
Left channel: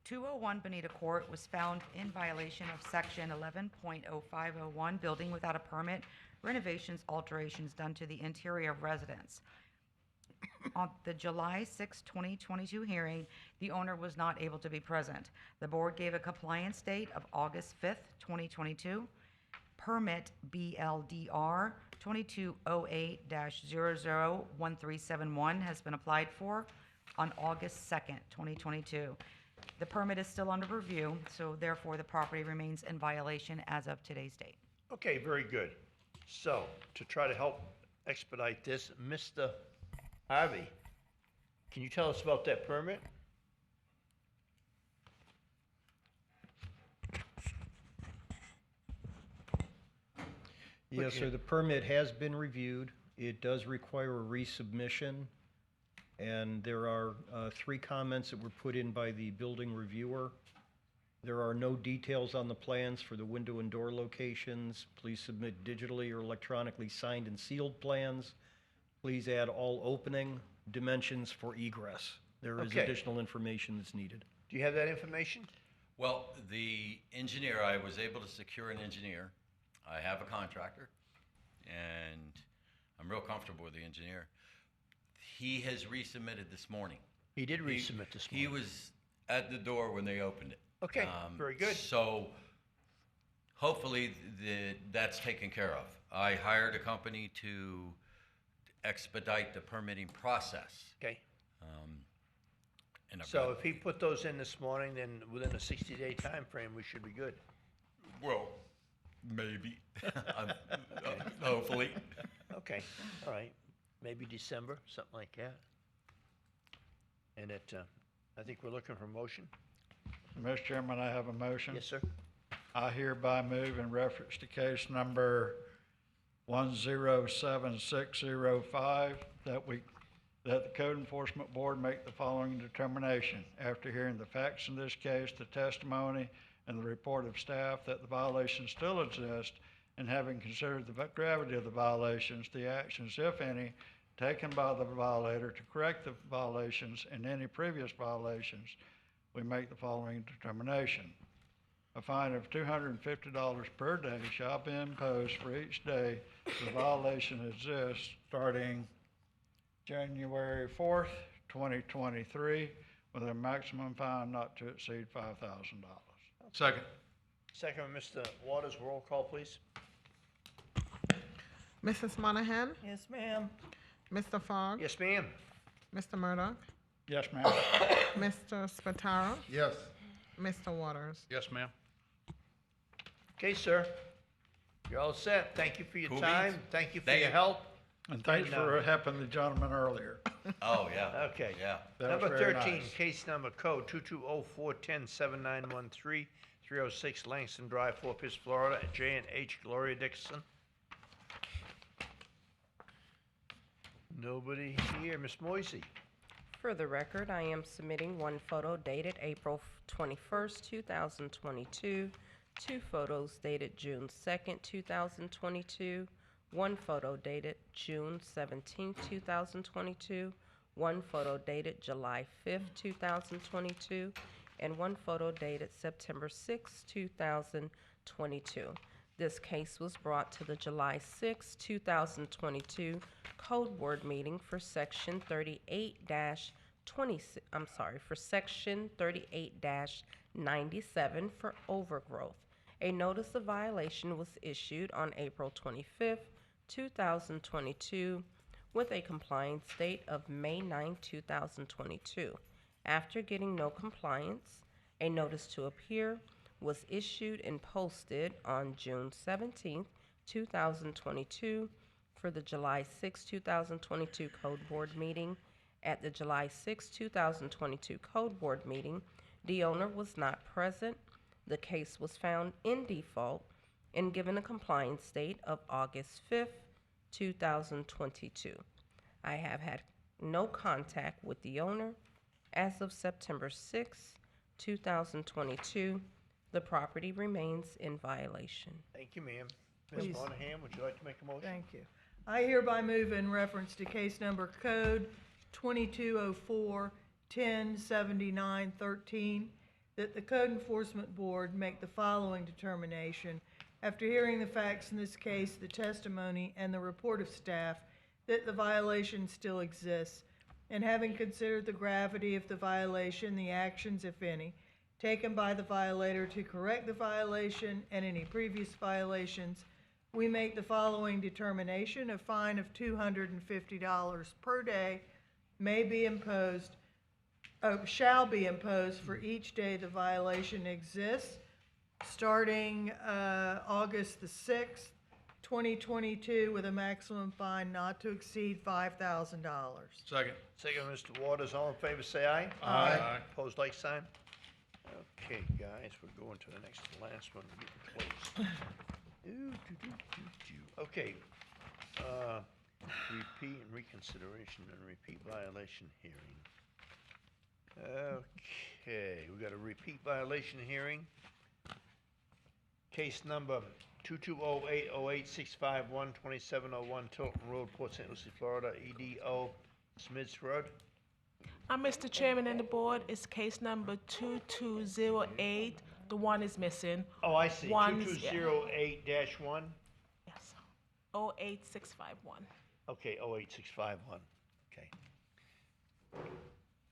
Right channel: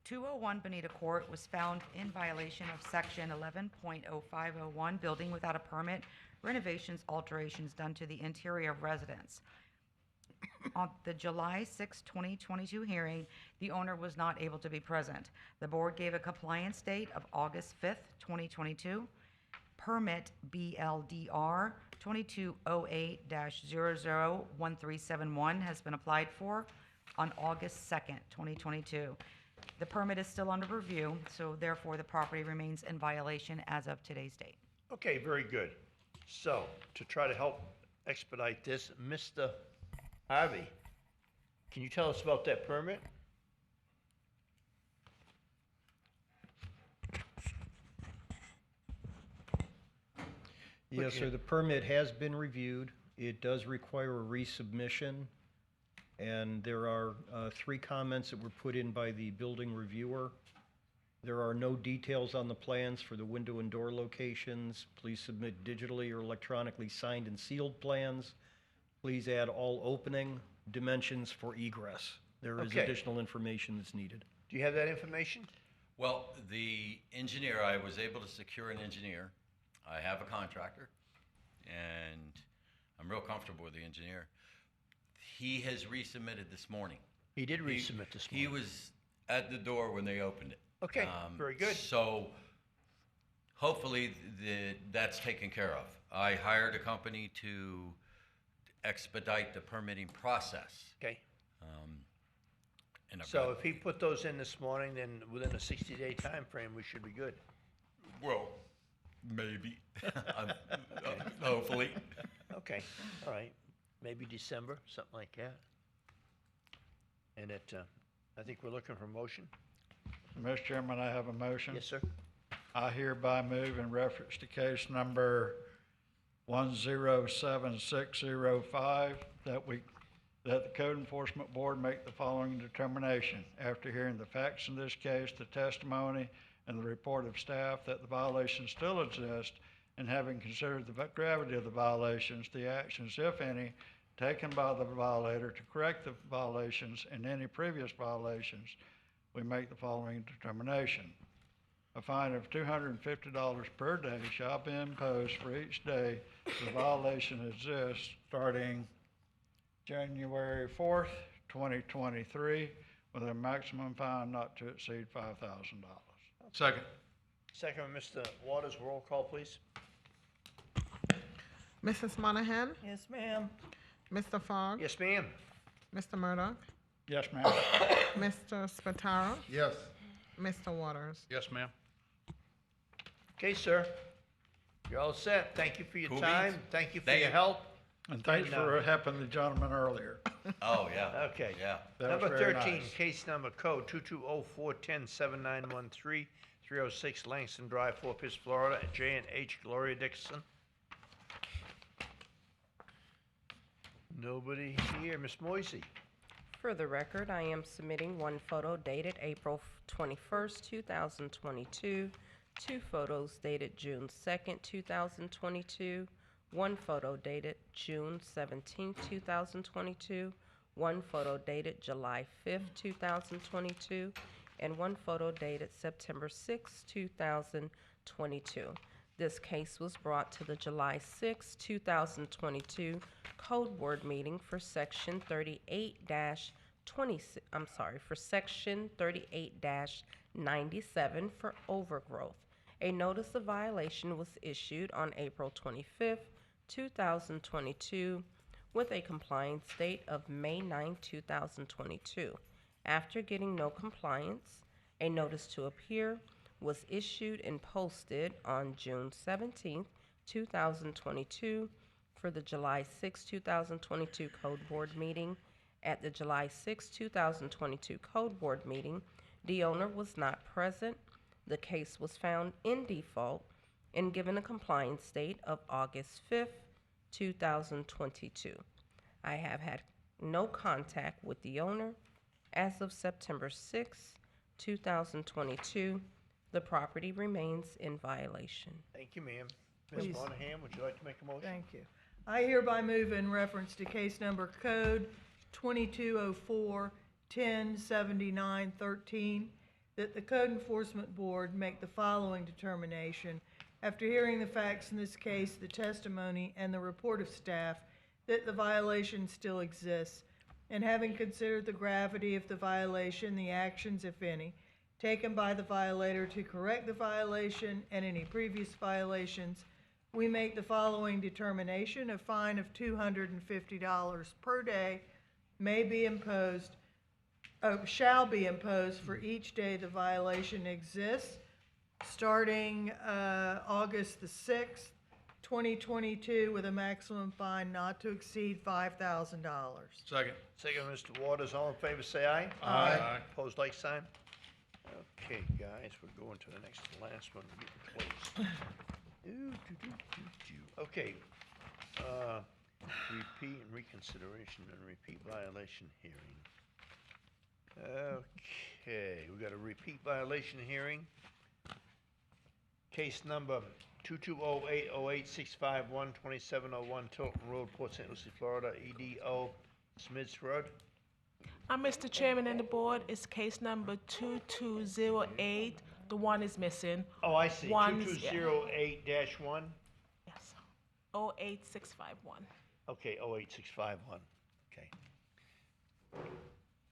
201 Bonita Court was found in violation of section 11.0501, building without a permit, renovations, alterations done to the interior of residence. On the July 6, 2022 hearing, the owner was not able to be present. The board gave a compliance date of August 5th, 2022. Permit BLDR 2208-001371 has been applied for on August 2nd, 2022. The permit is still under review, so therefore the property remains in violation as of today's date. Okay, very good. So, to try to help expedite this, Mr. Harvey, can you tell us about that permit? Yes, sir, the permit has been reviewed. It does require a resubmission, and there are 3 comments that were put in by the building reviewer. There are no details on the plans for the window and door locations. Please submit digitally or electronically signed and sealed plans. Please add all opening dimensions for egress. There is Okay. additional information that's needed. Do you have that information? Well, the engineer, I was able to secure an engineer. I have a contractor, and I'm real comfortable with the engineer. He has resubmitted this morning. He did resubmit this He morning. was at the door when they opened it. Okay, very good. So hopefully that's taken care of. I hired a company to expedite the permitting process. Okay. And I've So got- if he put those in this morning, then within a 60-day time frame, we should be good. Well, maybe. Hopefully. Okay, all right. Maybe December, something like that. And I think we're looking for a motion. Mr. Chairman, I have a motion. Yes, sir. I hereby move in reference to case number 107605 that the Code Enforcement Board make the following determination. After hearing the facts in this case, the testimony, and the report of staff that the violations still exist, and having considered the gravity of the violations, the actions, if any, taken by the violator to correct the violations and any previous violations, we make the following determination. A fine of $250 per day shall be imposed for each day the violation exists, starting January 4th, 2023, with a maximum fine not to exceed $5,000. Second. Second, Mr. Waters, roll call, please. Mrs. Monahan? Yes, ma'am. Mr. Fogg? Yes, ma'am. Mr. Murdoch? Yes, ma'am. Mr. Spataro? Yes. Mr. Waters? Yes, ma'am. Okay, sir. You're all set. Thank you for your Cool time. beans. Thank you for Thank your you. help. And thanks for helping the gentleman earlier. Oh, yeah. Okay. Yeah. That was Number very 13, nice. case number code 22041079133, 306 Langston Drive, Fort Pierce, Florida, J&H Gloria Dixon. Nobody here. Miss Moisey. For the record, I am submitting one photo dated April 21st, 2022, 2 photos dated June 2nd, 2022, 1 photo dated June 17th, 2022, 1 photo dated July 5th, 2022, and 1 photo dated September 6th, 2022. This case was brought to the July 6, 2022 Code Board meeting for Section 38-97 for overgrowth. A notice of violation was issued on April 25, 2022, with a compliance date of May 9, 2022. After getting no compliance, a notice to appear was issued and posted on June 17, 2022, for the July 6, 2022 Code Board meeting. At the July 6, 2022 Code Board meeting, the owner was not present. The case was found in default and given a compliance date of August 5th, 2022. I have had no contact with the owner. As of September 6, 2022, the property remains in violation. Thank you, ma'am. Ms. Please. Monahan, would you like to make a motion? Thank you. I hereby move in reference to case number code 2204-1079-13 that the Code Enforcement Board make the following determination. After hearing the facts in this case, the testimony, and the report of staff, that the violation still exists, and having considered the gravity of the violation, the actions, if any, taken by the violator to correct the violation and any previous violations, we make the following determination: a fine of $250 per day may be imposed, shall be imposed for each day the violation exists, starting August the 6th, 2022, with a maximum fine not to exceed $5,000. Second. Second, Mr. Waters. All in favor, say aye. Aye. Opposed, like sign. Okay, guys, we're going to the last one. We're getting close. Okay, repeat and reconsideration and repeat violation hearing. Okay, we got a repeat violation hearing. Case number 22080865 2701 Tilton Road, Port St. Lucie, Florida, EDO Smiths Road. Mr. Chairman and the board, it's case number 2208. The one is missing. Oh, I see. One is- 2208-1. Yes. 08651. Okay, 08651. Okay.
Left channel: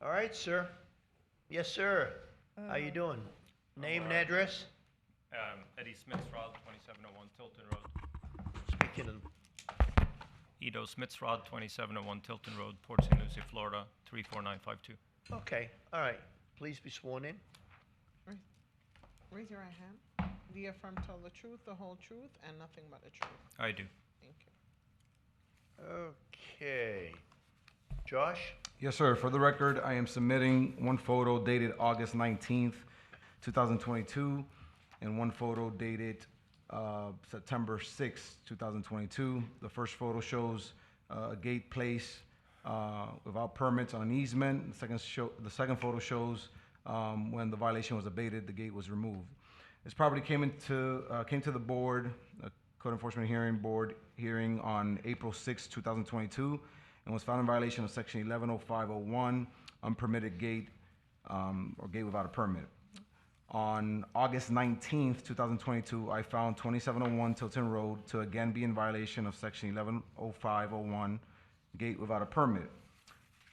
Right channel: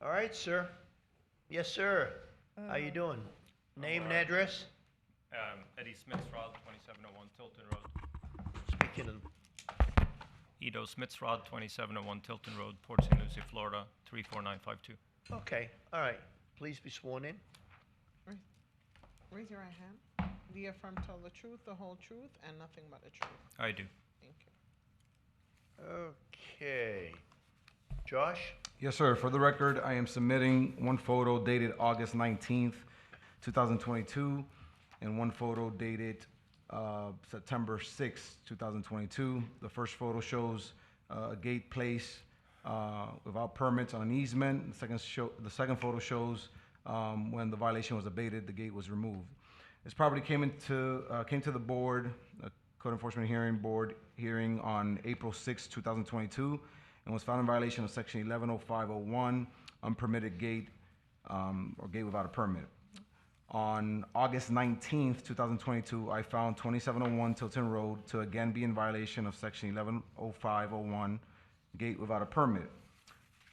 All right, sir. Yes, sir. How you doing? Name and address? Eddie Smithsrod, 2701 Tilton Road. Speaking of. Edo Smithsrod, 2701 Tilton Road, Port St. Lucie, Florida, 34952. Okay, all right. Please be sworn in. Raise your right hand. Do you affirm to tell the truth, the whole truth, and nothing but the truth? I do. Thank you. Okay. Josh? Yes, sir. For the record, I am submitting one photo dated August 19th, 2022, and one photo dated September 6th, 2022. The first photo shows a gate placed without permits on an easement. The second photo shows when the violation was abated, the gate was removed. This property came to the board, Code Enforcement Board hearing on April 6, 2022, and was found in violation of Section 110501, unpermitted gate or gate without a permit. On August 19th, 2022, I found 2701 Tilton Road to again be in violation of Section 110501, gate without a permit.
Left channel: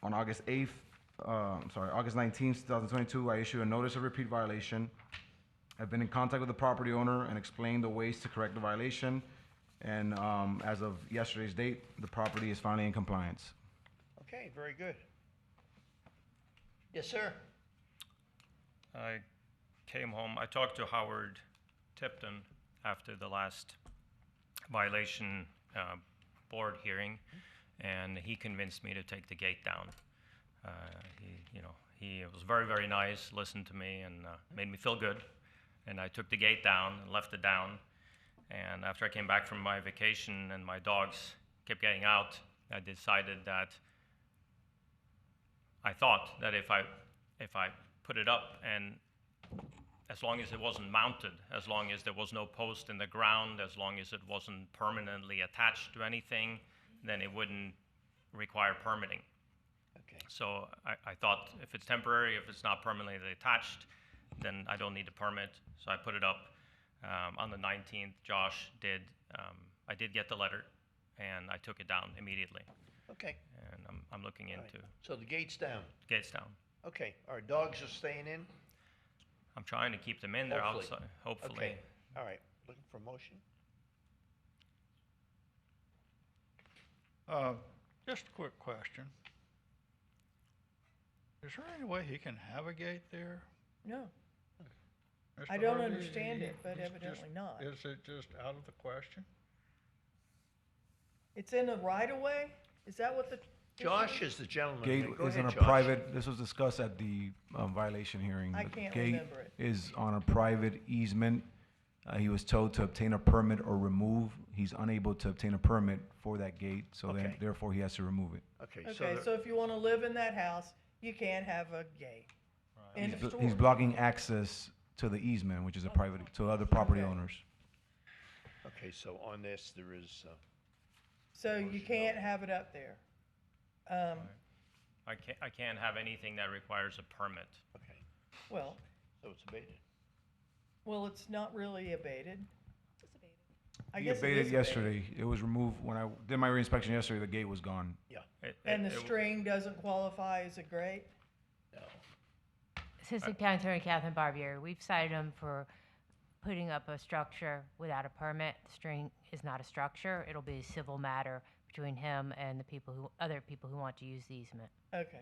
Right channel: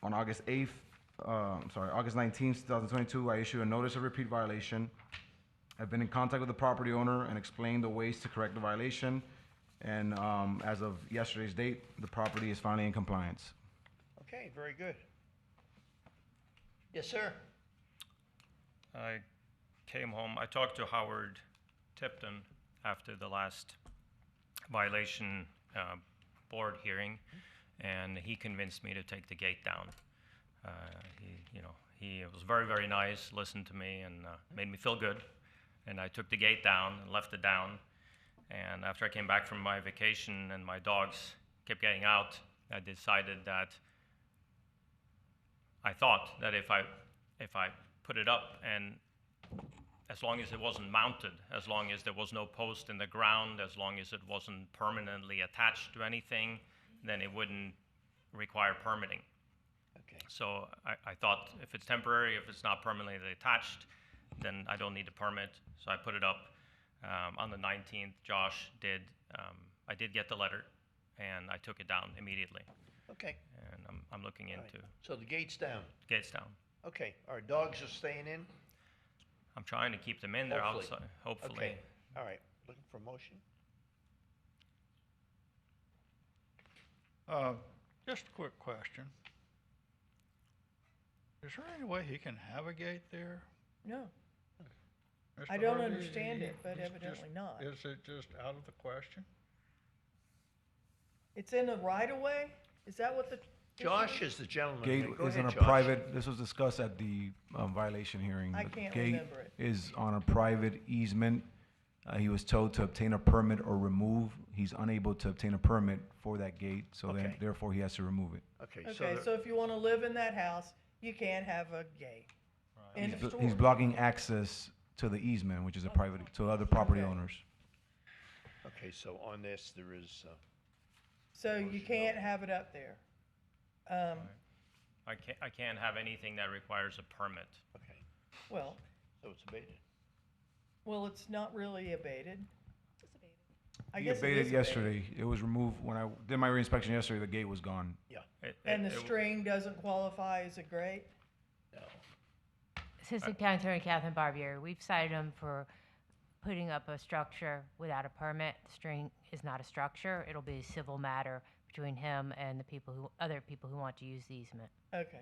On August 19th, 2022, I issued a notice of repeat violation. I've been in contact with the property owner and explained the ways to correct the violation. And as of yesterday's date, the property is finally in compliance. Okay, very good. Yes, sir. I came home. I talked to Howard Tipton after the last violation board hearing, and he convinced me to take the gate down. He was very, very nice, listened to me, and made me feel good. And I took the gate down and left it down. And after I came back from my vacation and my dogs kept getting out, I decided that I thought that if I put it up, and as long as it wasn't mounted, as long as there was no post in the ground, as long as it wasn't permanently attached to anything, then it wouldn't require permitting. Okay. So I thought if it's temporary, if it's not permanently attached, then I don't need a permit. So I put it up. On the 19th, Josh did, I did get the letter, and I took it down immediately. Okay. And I'm looking into. Right. So the gate's down. Gates down. Okay. Our dogs are staying in? I'm trying to keep them in there outside, hopefully. Okay. All right. Looking for a motion? Just a quick question. Is there any way he can have a gate there? No. Mr. I don't Harvey, understand it, but it's evidently not. Is it just out of the question? It's in a right of way? Is that what the? Josh is the gentleman. Gate Go is ahead, on a Josh. private, this was discussed at the violation hearing. I The can't gate remember it. is on a private easement. He was told to obtain a permit or remove. He's unable to obtain a permit for that gate, so then Okay. therefore he has to remove it. Okay, Okay, so if you wanna live in that house, you can't have a gate. In the store. He's blocking access to the easement, which is a private, to other property owners. Okay, so on this, there is, So you can't have it up there. I can't have anything that requires a permit. okay, Well, so it's abated. well, it's not really abated. I He guess it abated is yesterday. It was removed when I did my reinspection yesterday. The gate was gone. Yeah. And the string doesn't qualify as a grate? Assistant County Attorney Catherine Barbieri, we've cited him for putting up a structure without a permit. The string is not a structure. It'll be a civil matter between him and the other people who want to use the easement. Okay.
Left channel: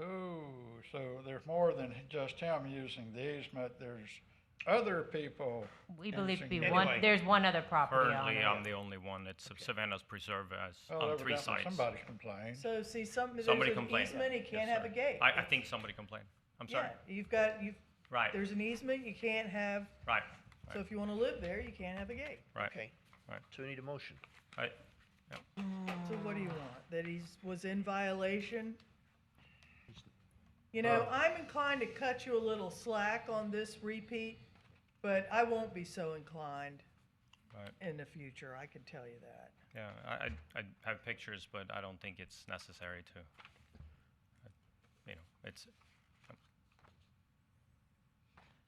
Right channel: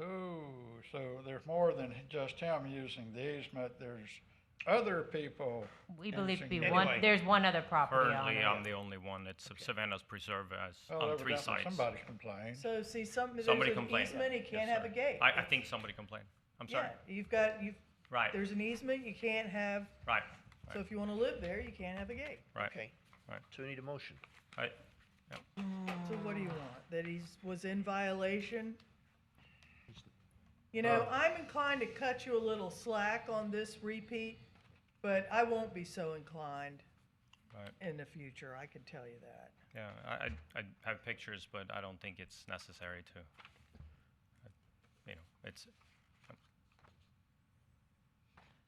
Oh, so there's more than just him using the easement, there's other people. We believe to be using- one, there's one other property Currently, owner. I'm the only one. It's Savannah's Preserve as Well, on 3 evidently sites. somebody's complained. So see, there's Somebody an complained. easement, he can't have a gate. I think somebody complained. I'm sorry. Yeah, Right. there's an easement, you can't have, Right. so if you wanna live there, you can't have a gate. Right. Okay. Right. So we need a motion. Right. So what do you want? That was in violation? You know, I'm inclined to cut you a little slack on this repeat, but I won't be so inclined Right. in the future, I can tell you that. Yeah, I have pictures, but I don't think it's necessary to. It's.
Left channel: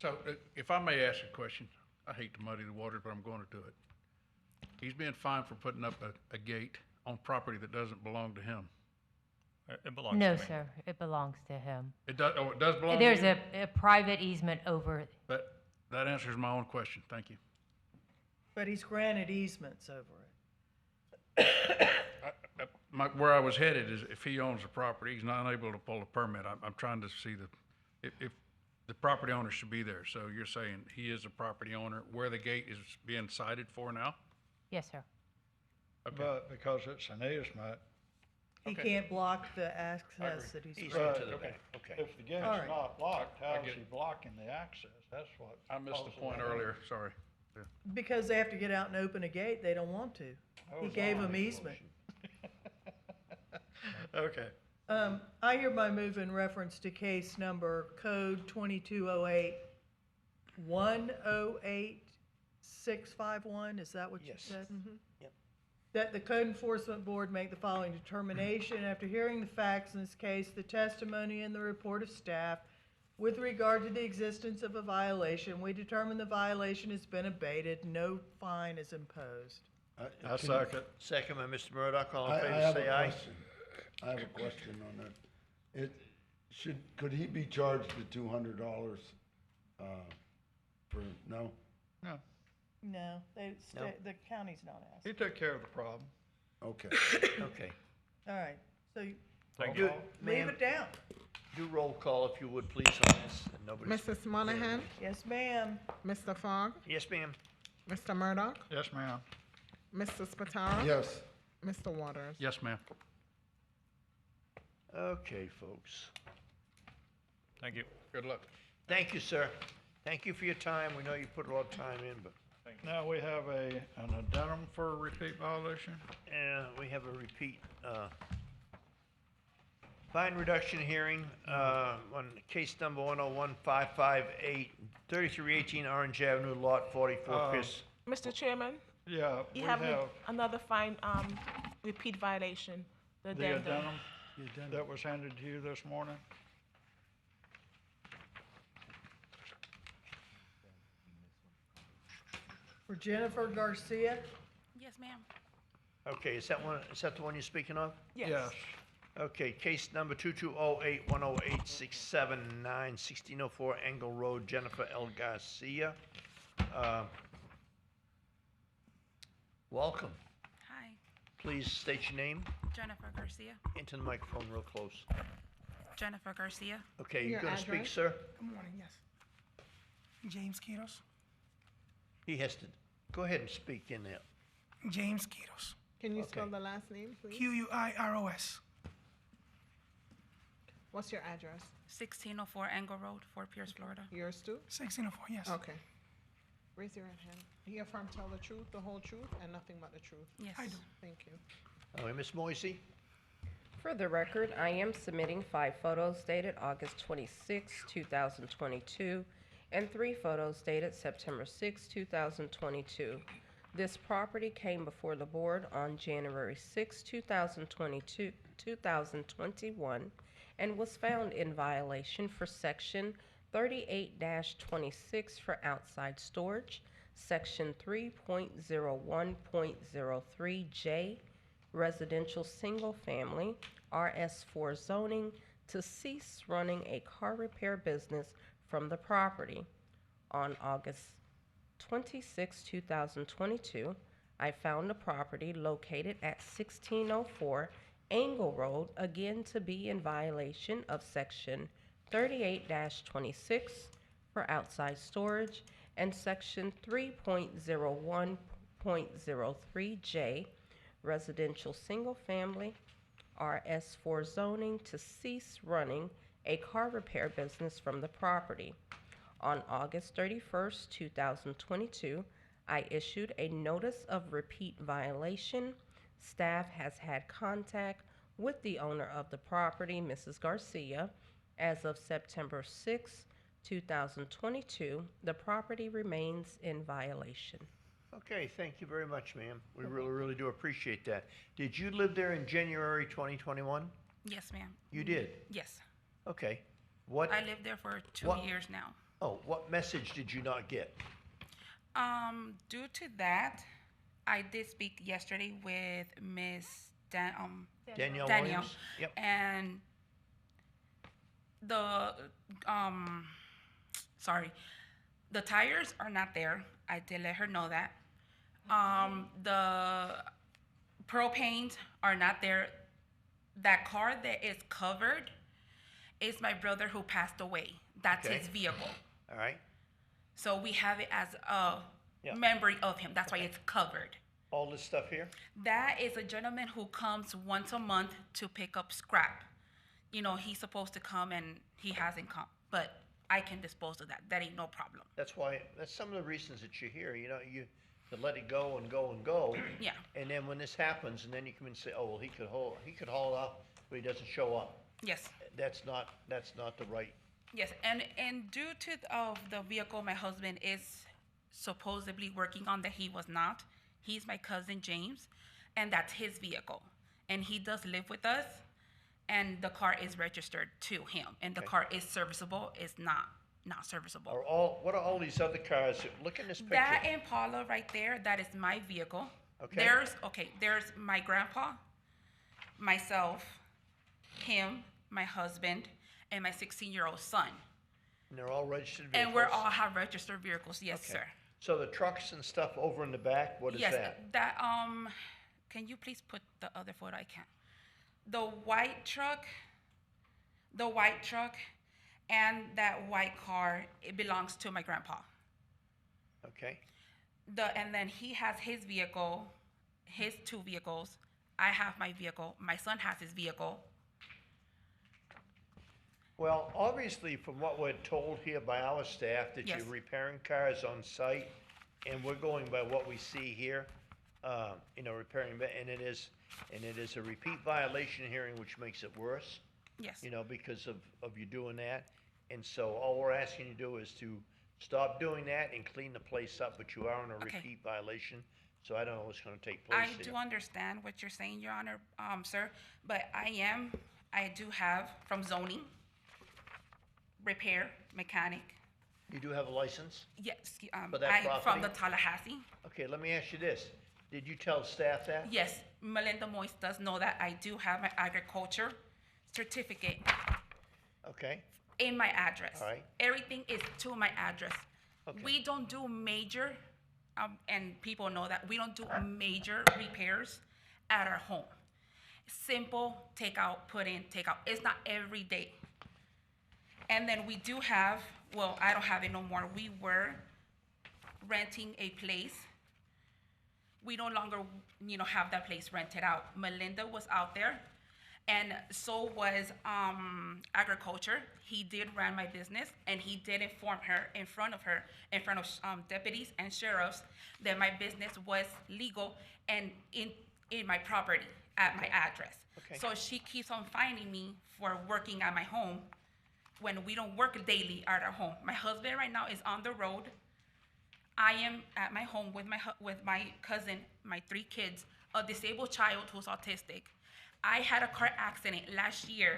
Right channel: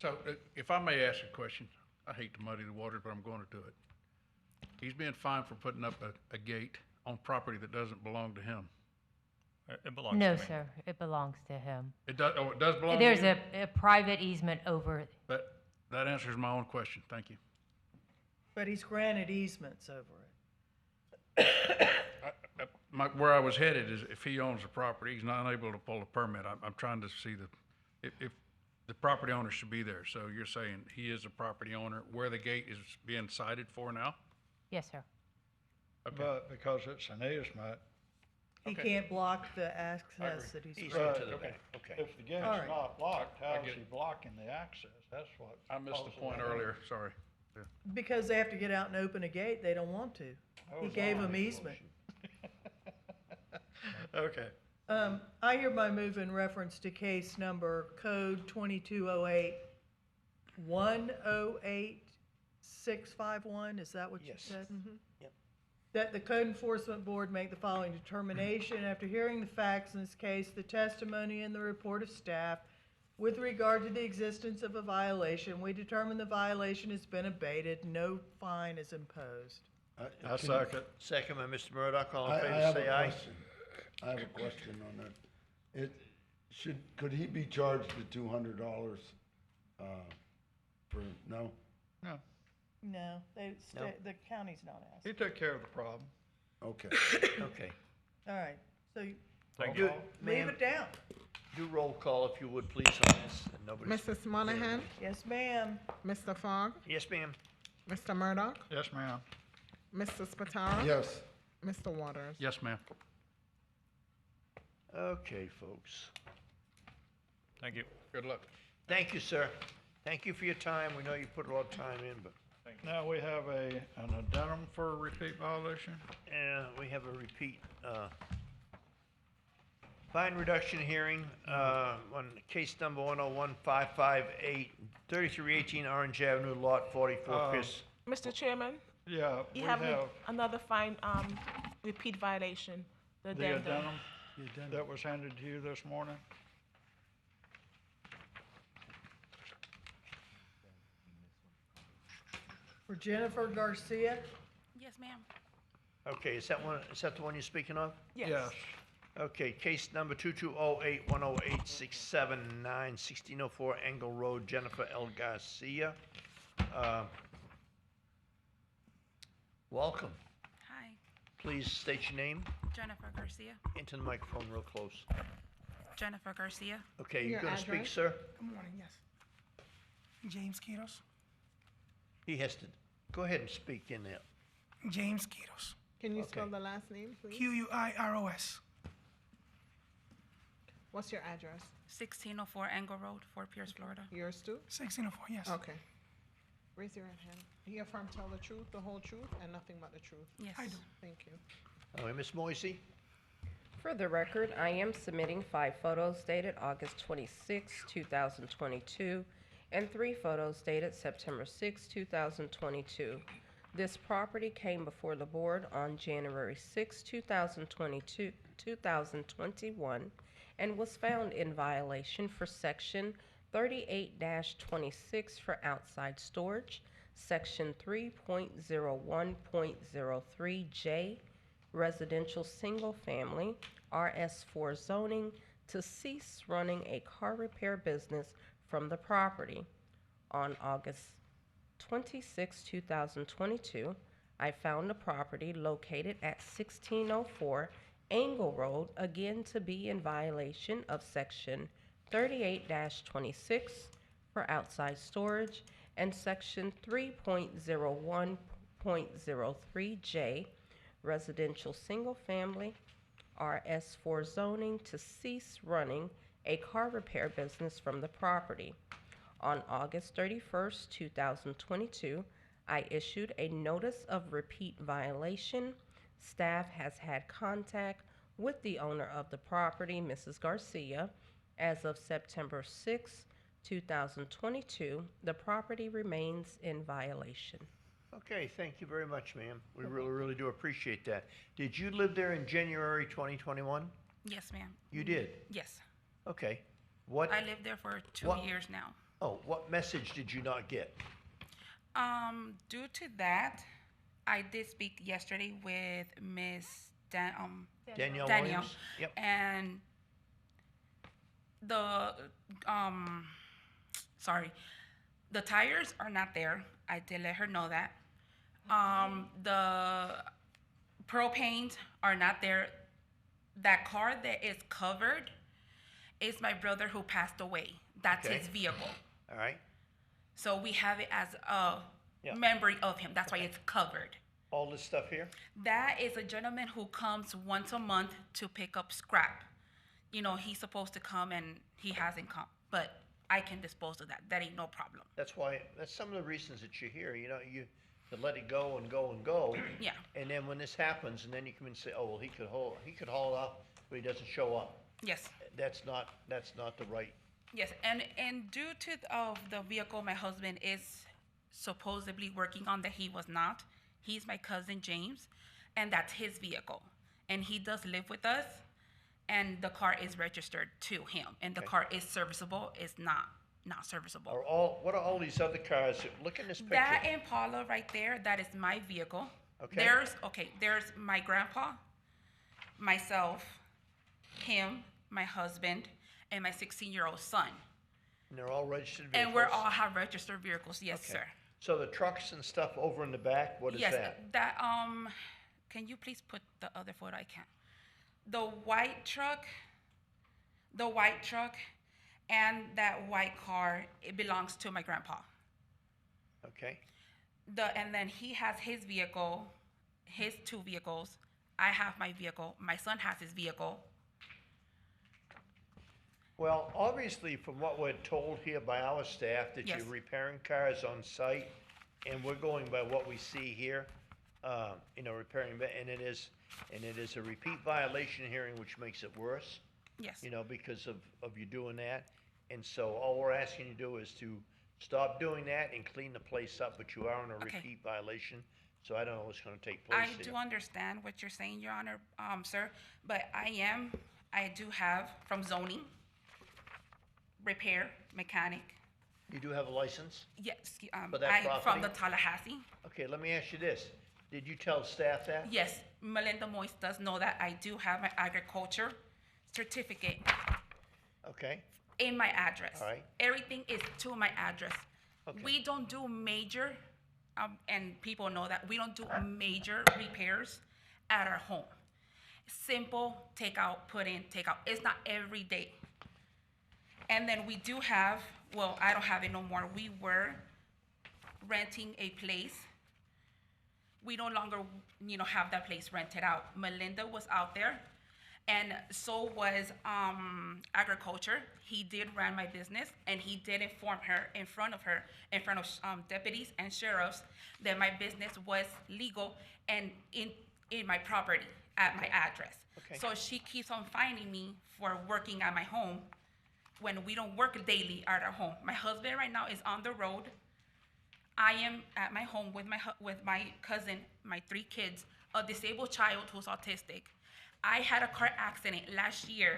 So, if I may ask a question, I hate to muddy the waters, but I'm going to do it. He's being fined for putting up a gate on property that doesn't belong to him. It belongs No, to me. sir, it belongs to him. It does, oh, it does belong to There's you? a private easement over, That answers my own question, thank you. But he's granted easements over it. Where I was headed is if he owns the property, he's not able to pull a permit. I'm trying to see if the property owner should be there. So you're saying he is a property owner where the gate is being cited for now? yes, sir. But because it's an easement. He Okay. can't block the access that he's. Easement to Right, the okay. back, okay. If the gate's All right. not blocked, I how's get he it. blocking the access? That's what. I missed the causes point that. earlier, sorry. Because they have to get out and open a gate, they don't want to. That He was gave all them the easement. Okay. I hereby move in reference to case number code 2208 108651, is that what you Yes. said? Yep. That the code enforcement board make the following determination. After hearing the facts in this case, the testimony and the report of staff, with regard to the existence of a violation, we determine the violation has been abated, no fine is imposed. I second. Second by Mr. Murdock, all in I favor, have say a aye. question. I have a question on that. Could he be charged the $200, for, no? No, No, No. the county's not he asking. took care of the problem. Okay. Okay. All right, so Thank Do- you. leave ma'am, it down. do roll call if you would, please, on this. and nobody's- Mrs. Monahan, Yes, ma'am. Mr. Fogg, Yes, ma'am. Mr. Murdoch, Yes, ma'am. Mr. Spataro. Yes. Mr. Waters. Yes, ma'am. Okay, folks. Thank you. Good luck. Thank you, sir. Thank you for your time. We know you put a lot of time in, but, Now we have an addendum for a repeat violation. we have a repeat, fine reduction hearing, on case number 101558, 3318 Orange Avenue, lot 44, Chris. Mr. Chairman, Yeah, we you have have another fine, repeat violation, the the addendum. addendum that was handed to you this morning. For Jennifer Garcia, Yes, ma'am. Okay, is that the one you're speaking of? Yes. Okay, case number 2208-108-679, 1604 Engel Road, Jennifer L. Garcia. Welcome. Hi, Please state your name Jennifer Garcia. into the microphone real close. Jennifer Garcia. Okay, you're Your gonna speak, address? sir? Good morning, yes. James Quiros. He has to, go ahead and speak in there. James Quiros. Can you spell the last name, please? Quiros. What's your address? 1604 Angle Road, Fort Pierce, Florida. Yours too? 1604, yes. Okay. Raise your right hand. Do you affirm to tell the truth, the whole truth, and nothing but the truth? Yes. I do. Thank you. All right, Ms. Moisey? For the record, I am submitting 5 photos dated August 26, 2022, and 3 photos dated September 6, 2022. This property came before the board on January 6, 2021, and was found in violation for Section 38-26 for outside storage, Section 3.01.03J, residential single family, RS4 zoning, to cease running a car repair business from the property. On August 26, 2022, I found the property located at 1604 Angle Road, again to be in violation of Section 38-26 for outside storage and Section 3.01.03J, residential single family, RS4 zoning, to cease running a car repair business from the property. On August 31st, 2022, I issued a notice of repeat violation. Staff has had contact with the owner of the property, Mrs. Garcia. As of September 6, 2022, the property remains in violation. Okay, thank you very much, ma'am. We really do appreciate that. Did you live there in January 2021? Yes, ma'am. You did? Yes. Okay. What? I lived there for 2 years now. Oh, what message did you not get? Due to that, I did speak yesterday with Miss Danielle Danielle, Williams? Yep. and the the tires are not there. I did let her know that. The propanes are not there. That car that is covered is my brother who passed away. That's Okay. his vehicle. All right. So we have it as a memory of him. That's why it's covered. All this stuff here? That is a gentleman who comes once a month to pick up scrap. You know, he's supposed to come and he hasn't come, but I can dispose of that. That ain't no problem. That's some of the reasons that you're here. You know, you to let it go and go and go. Yeah. And then when this happens, and then you come and say, oh, well, he could haul it up, but he doesn't show up. Yes. That's not the right. Yes, and due to the vehicle my husband is supposedly working on that he was not, he's my cousin James, and that's his vehicle. And he does live with us, and the car is registered to him, and the car is serviceable, it's not serviceable. What are all these other cars? Look in this picture. That Impala right there, that is my vehicle. Okay. There's my grandpa, myself, him, my husband, and my 16-year-old son. And they're all registered vehicles? And we all have registered vehicles, yes, Okay. sir. So the trucks and stuff over in the back, what is Yes, that? Can you please put the other photo? I can't. The white truck, and that white car, it belongs to my grandpa. Okay. And then he has his vehicle, his 2 vehicles. I have my vehicle. My son has his vehicle. Well, obviously, from what we're told here by our staff, that Yes. you're repairing cars on site, and we're going by what we see here, repairing, and it is a repeat violation hearing, which makes it worse. Yes. Because of you doing that. And so all we're asking you to do is to stop doing that and clean the place up, but you are in a repeat violation, so I don't know what's gonna take place I here. do understand what you're saying, Your Honor, sir, but I do have from zoning, repair, mechanic. You do have a license? Yes, For that from the property? Tallahassee. Okay, let me ask you this. Did you tell staff that? Yes, Melinda Moise does know that I do have my agriculture certificate Okay, in my address. all right. Everything is to my address. Okay. We don't do major, and people know that, we don't do major repairs at our home. Simple, take out, put in, take out. It's not every day. And then we do have, well, I don't have it no more. We were renting a place we no longer, have that place rented out. Melinda was out there, and so was agriculture. He did run my business, and he did inform her in front of deputies and sheriffs that my business was legal and in my property at my address. Okay. So she keeps on finding me for working at my home when we don't work daily at our home. My husband right now is on the road. I am at my home with my cousin, my 3 kids, a disabled child who's autistic. I had a car accident last year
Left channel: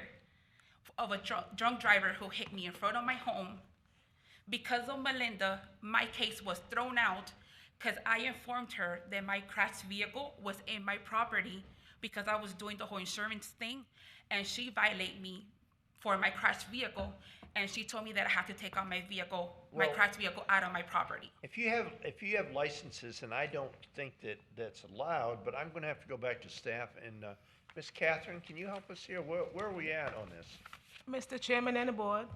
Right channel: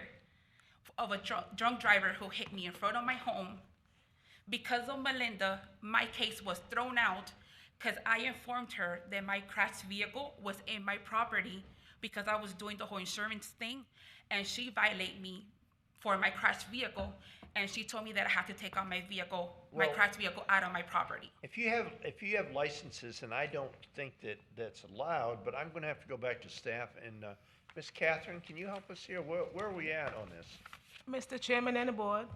of a drunk driver who hit me in front of my home. Because of Melinda, my case was thrown out because I informed her that my crashed vehicle was in my property because I was doing the whole insurance thing, and she violated me for my crashed vehicle, and she told me that I have to take out my crashed vehicle out of my property. If you have licenses, and I don't think that's allowed, but I'm gonna have to go back to staff, and, Ms. Catherine, can you help us here? Where are we at on this? Mr. Chairman and the board,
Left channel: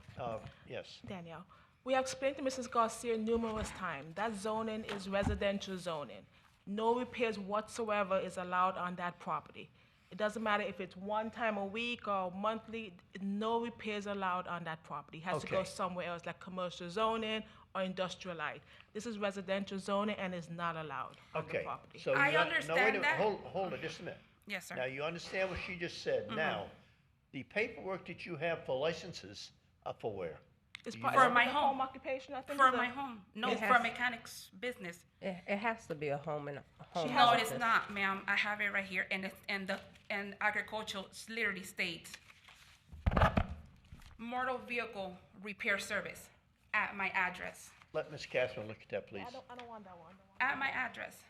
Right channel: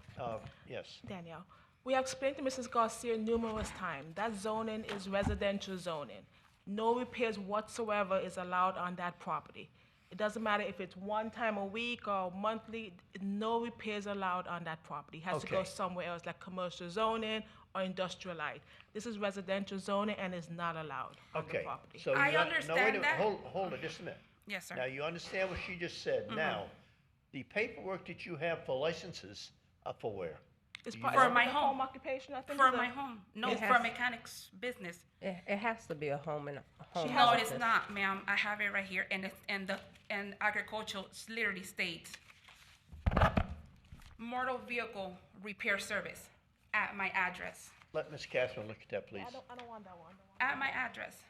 Yes. Danielle, we explained to Mrs. Garcia numerous times that zoning is residential zoning. No repairs whatsoever is allowed on that property. It doesn't matter if it's one time a week or monthly, no repairs allowed on that property. It has to go Okay. somewhere else, like commercial zoning or industrialized. This is residential zoning and is not allowed on the Okay, property. so I no, understand wait a minute, that. hold it just a minute. Yes, sir. Now, you understand what she just said. Mhm. Now, the paperwork that you have for licenses are for where? It's Do you part know? of my home occupation, I think. For is a- my home, no, It for has- mechanics business. It has to be a home and a home. No, office. it's not, ma'am. I have it right here, and agricultural literally states motor vehicle repair service at my address. Let Ms. Catherine look at that, please. I don't want that one. At my address.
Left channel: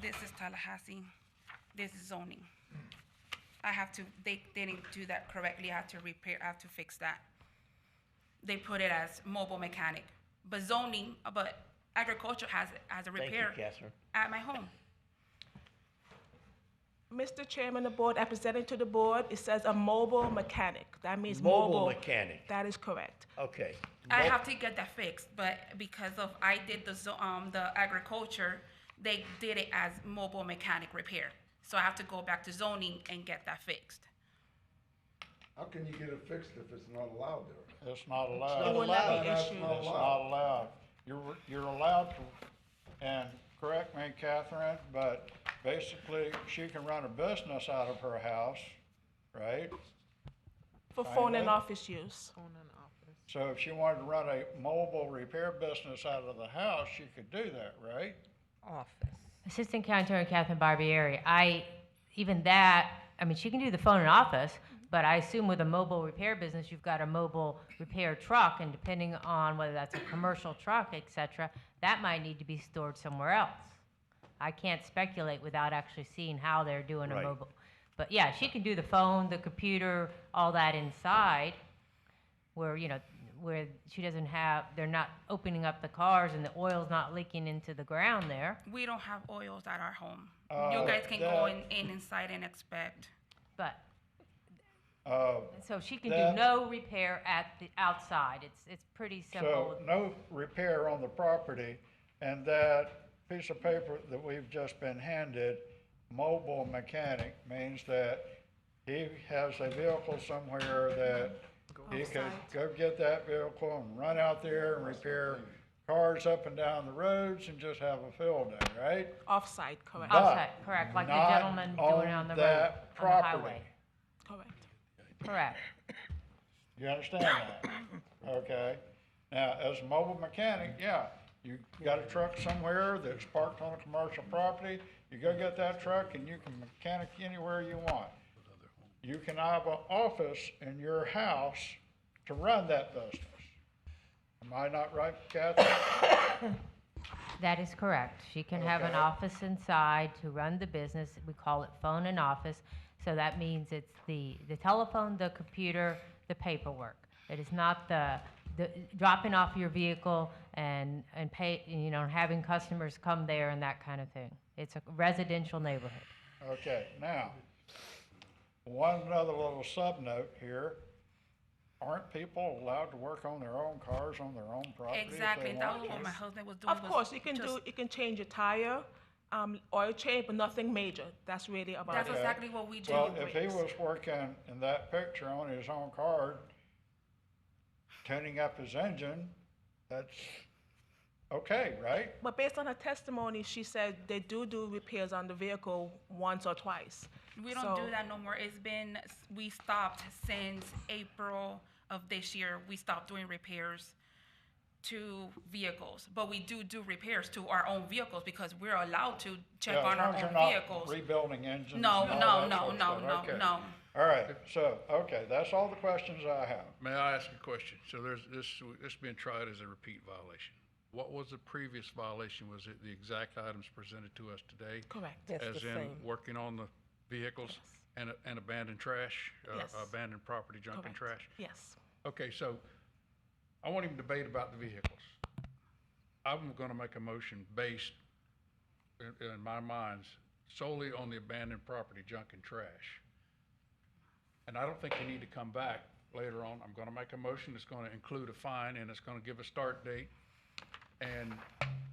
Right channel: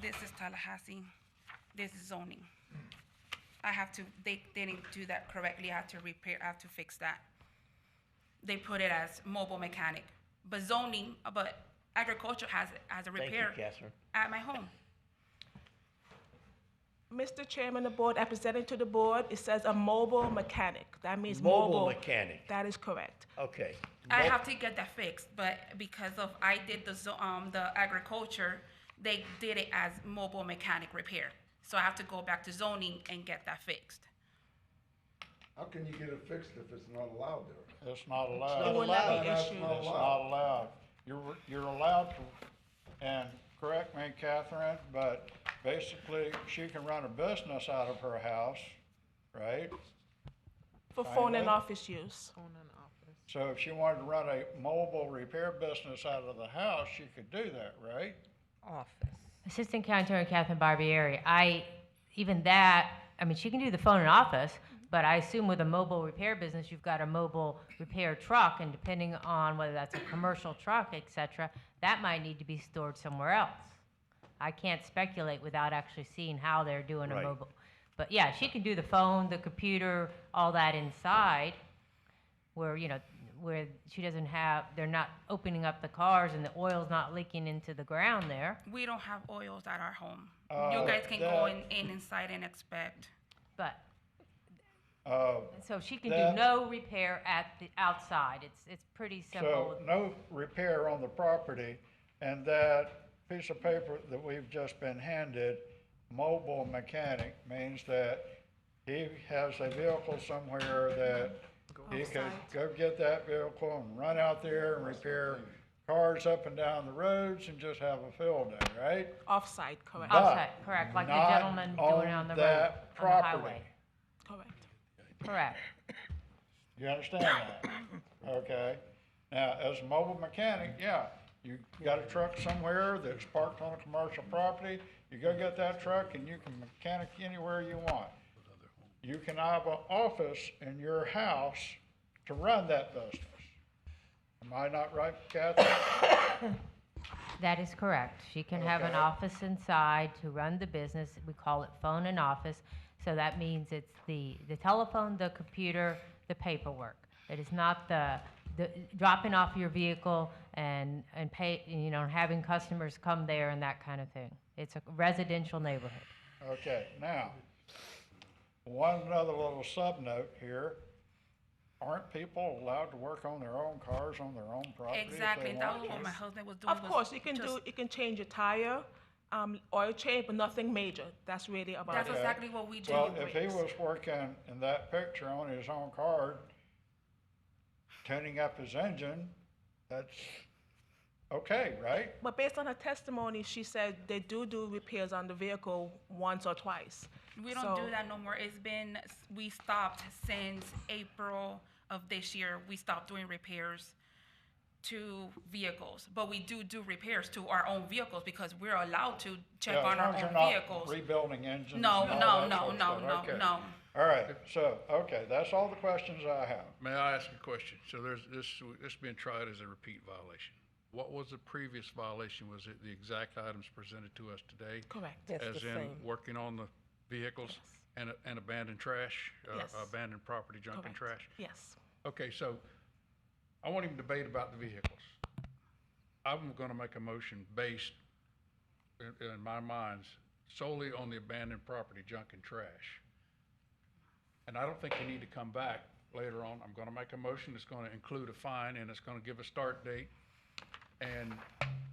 This is Tallahassee. This is zoning. They didn't do that correctly. I have to fix that. They put it as mobile mechanic. But agriculture has a Thank you, repair Catherine. at my home. Mr. Chairman of the board, presenting to the board, it says a mobile mechanic. That means Mobile mechanic. That is correct. Okay. I have to get that fixed, but because I did the agriculture, they did it as mobile mechanic repair. So I have to go back to zoning and get that fixed. How can you get it fixed if it's not allowed there? It's not not allowed. allowed. That's It's not allowed. You're allowed to, and correct me, Catherine, but basically, she can run a business out of her house, right? For phone and Kinda. office use. So if she wanted to run a mobile repair business out of the house, she could do that, right? Office. Assistant County Attorney Catherine Barbieri, she can do the phone and office, but I assume with a mobile repair business, you've got a mobile repair truck, and depending on whether that's a commercial truck, et cetera, that might need to be stored somewhere else. I can't speculate without actually seeing how they're doing a Right. mobile. But yeah, she can do the phone, the computer, all that inside, where they're not opening up the cars and the oil's not leaking into the ground there. We don't have oils at our home. Uh, You guys can go inside and inspect. But, Uh, so she can that- do no repair at the outside. It's pretty simple. So no repair on the property, and that piece of paper that we've just been handed, mobile mechanic, means that he has a vehicle somewhere that he could go get that vehicle and run out there and repair cars up and down the roads and just have a field day, right? Off-site, correct. But Off-site, correct, like the not gentleman doing it on the road, that on the property. highway. Correct. Correct. You understand that? Okay. Now, as a mobile mechanic, yeah, you got a truck somewhere that's parked on a commercial property, you go get that truck and you can mechanic anywhere you want. You can have an office in your house to run that business. Am I not right, Kathy? That is correct. She can have an Okay. office inside to run the business. We call it phone and office. So that means it's the telephone, the computer, the paperwork. It is not the dropping off your vehicle and pay, having customers come there and that kind of thing. It's a residential neighborhood. Okay, now, one other little sub note here. aren't people allowed to work on their own cars on their own property if they Exactly, that want was to? what my husband was doing. Of was course, you can just- change a tire, oil change, but nothing major. That's really about That's it. exactly what we do. Well, if he was working in that picture on his own car, tuning up his engine, that's okay, right? But based on her testimony, she said they do repairs on the vehicle once or twice. We don't So- do that no more. We stopped since April of this year. We stopped doing repairs to vehicles, but we do repairs to our own vehicles because we're allowed to check Yeah, on as our long as own you're not vehicles. rebuilding engines. No, and no, all that no, sort of no, stuff. no, Okay. no. All right, so, okay, that's all the questions I have. May I ask a question? So there's this being tried as a repeat violation. What was the previous violation? Was it the exact items presented to us today? Correct. That's As the in same. working on the vehicles and abandoned trash, Yes. abandoned property, junk and Correct. trash? Yes. Okay, so I won't even debate about the vehicles. I'm gonna make a motion based, in my mind, solely on the abandoned property, junk and trash. And I don't think we need to come back later on. I'm gonna make a motion that's gonna include a fine and it's gonna give a start date. And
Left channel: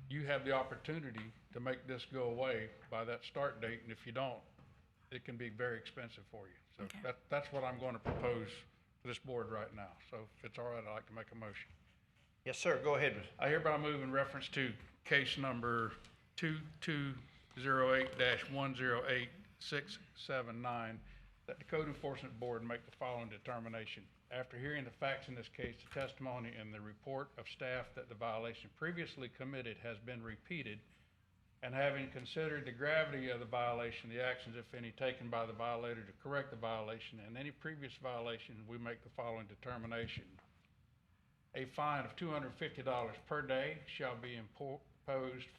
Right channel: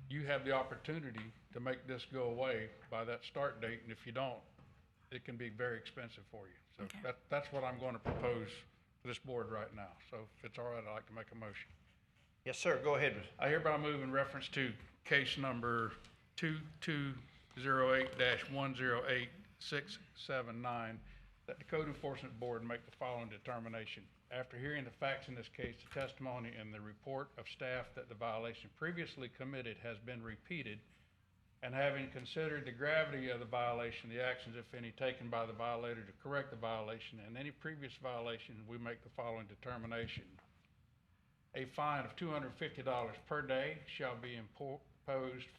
you have the opportunity to make this go away by that start date, and if you don't, it can be very expensive for you. So Okay. that's what I'm gonna propose to this board right now. So if it's all right, I'd like to make a motion. Yes, sir, go ahead. I hereby move in reference to case number 2208-108679, that the Code Enforcement Board make the following determination. After hearing the facts in this case, the testimony and the report of staff that the violation previously committed has been repeated, and having considered the gravity of the violation, the actions, if any, taken by the violator to correct the violation, and any previous violation, we make the following determination. A fine of $250 per day shall be imposed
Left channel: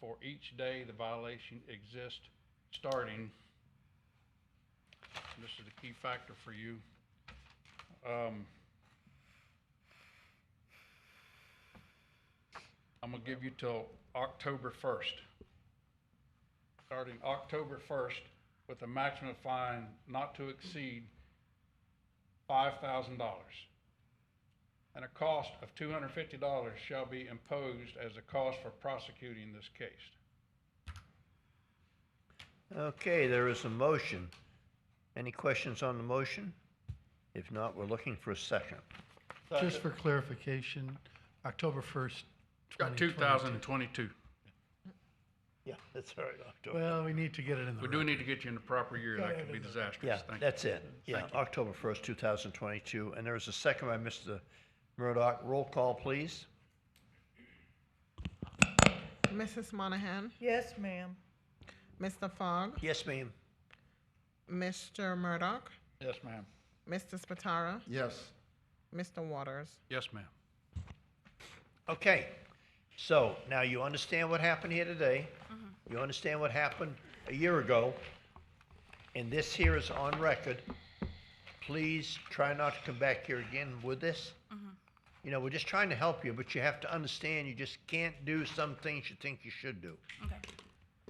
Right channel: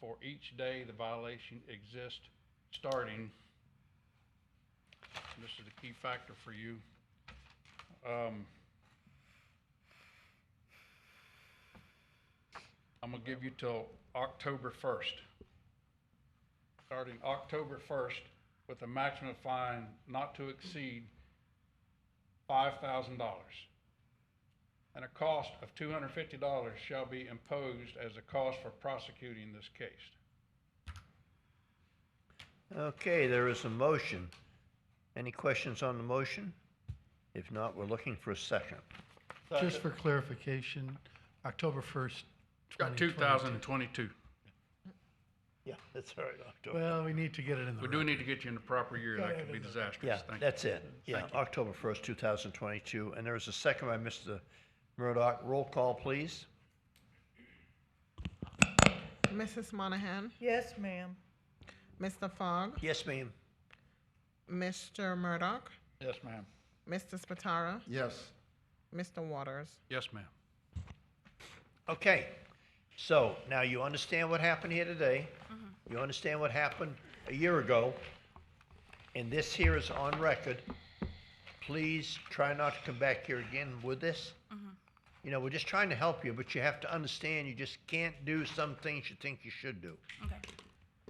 for each day the violation exists, starting, and this is the key factor for you. I'm gonna give you till October 1st. Starting October 1st, with a maximum fine not to exceed $5,000. And a cost of $250 shall be imposed as a cost for prosecuting this case. Okay, there is a motion. Any questions on the motion? If not, we're looking for a second. Just for clarification, October 1st, Got 2022. Yeah, that's all right, October. Well, we need to get it in the We do need to get you in the proper year. That could be disastrous. Yeah, Thank you. that's it. Yeah, October 1st, 2022. And there is a second by Mr. Murdoch. Roll call, please. Mrs. Monahan, Yes, ma'am. Mr. Fogg, Yes, ma'am. Mr. Murdoch, Yes, ma'am. Mr. Spatara, Yes. Mr. Waters. Yes, ma'am. Okay, so now you understand what happened here today. You understand what happened a year ago. And this here is on record. Please try not to come back here again with this. You know, we're just trying to help you, but you have to understand you just can't do some things you think you should do. Okay.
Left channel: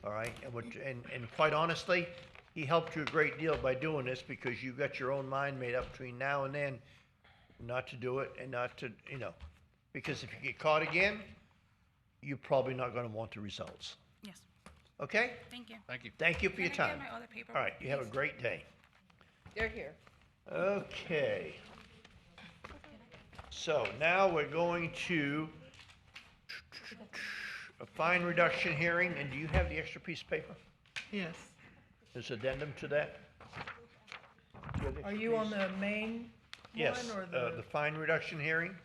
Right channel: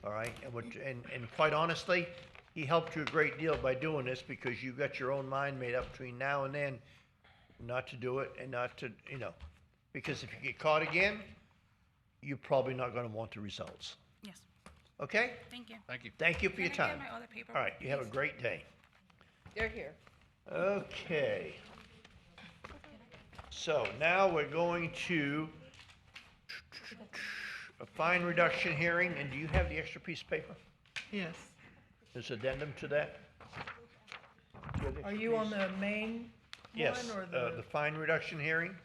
All right, and quite honestly, he helped you a great deal by doing this because you got your own mind made up between now and then not to do it and not to, you know, because if you get caught again, you're probably not gonna want the results. Yes. Okay? Thank you. Thank you. Thank you for your Can I time. get my other paper, All right, you have a please? great day. They're here. Okay. So now we're going to a fine reduction hearing, and do you have the extra piece of paper? Yes. There's addendum to that? Do have the Are extra you on piece? the main Yes, one or the fine reduction hearing.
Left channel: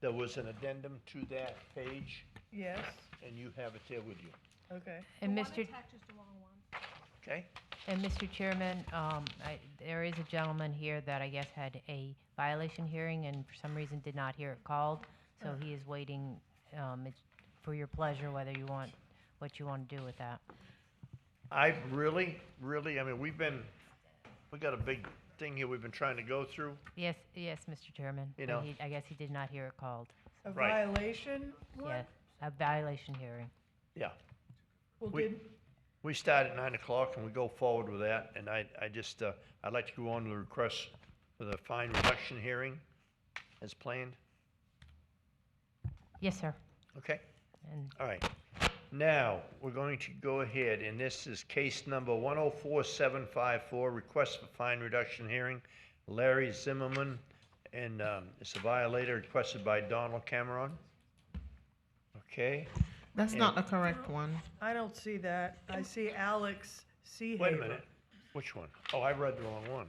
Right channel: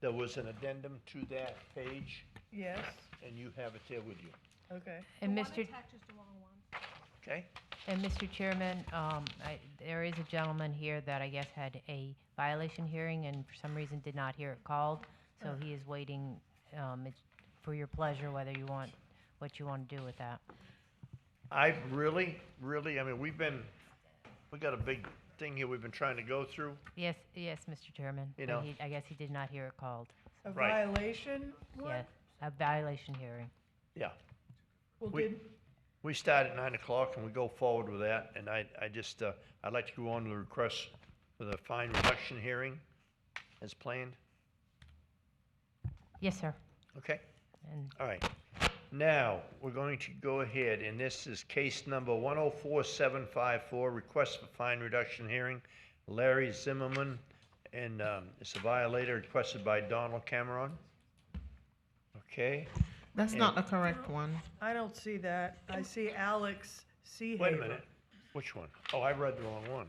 There was an addendum to that page, Yes, and you have it there with you, okay. And Mr. okay? And Mr. Chairman, there is a gentleman here that I guess had a violation hearing and for some reason did not hear it called. So he is waiting, it's for your pleasure whether you want, what you want to do with that. I really, I mean, we got a big thing here we've been trying to go through. Yes, Mr. Chairman. You but know. I guess he did not hear it called. A Right. violation? one? Yes, a violation hearing. Yeah. Well, We- did, We start at 9 o'clock and we go forward with that, and I just, I'd like to go on to the request for the fine reduction hearing. as planned? Yes, sir. Okay, And all right. Now, we're going to go ahead, and this is case number 104754, request for fine reduction hearing. Larry Zimmerman, and it's a violator requested by Donald Cameron. Okay. That's And- not the correct one. I don't see that. I see Alex Seahaver. Wait a minute, which one? Oh, I read the wrong one.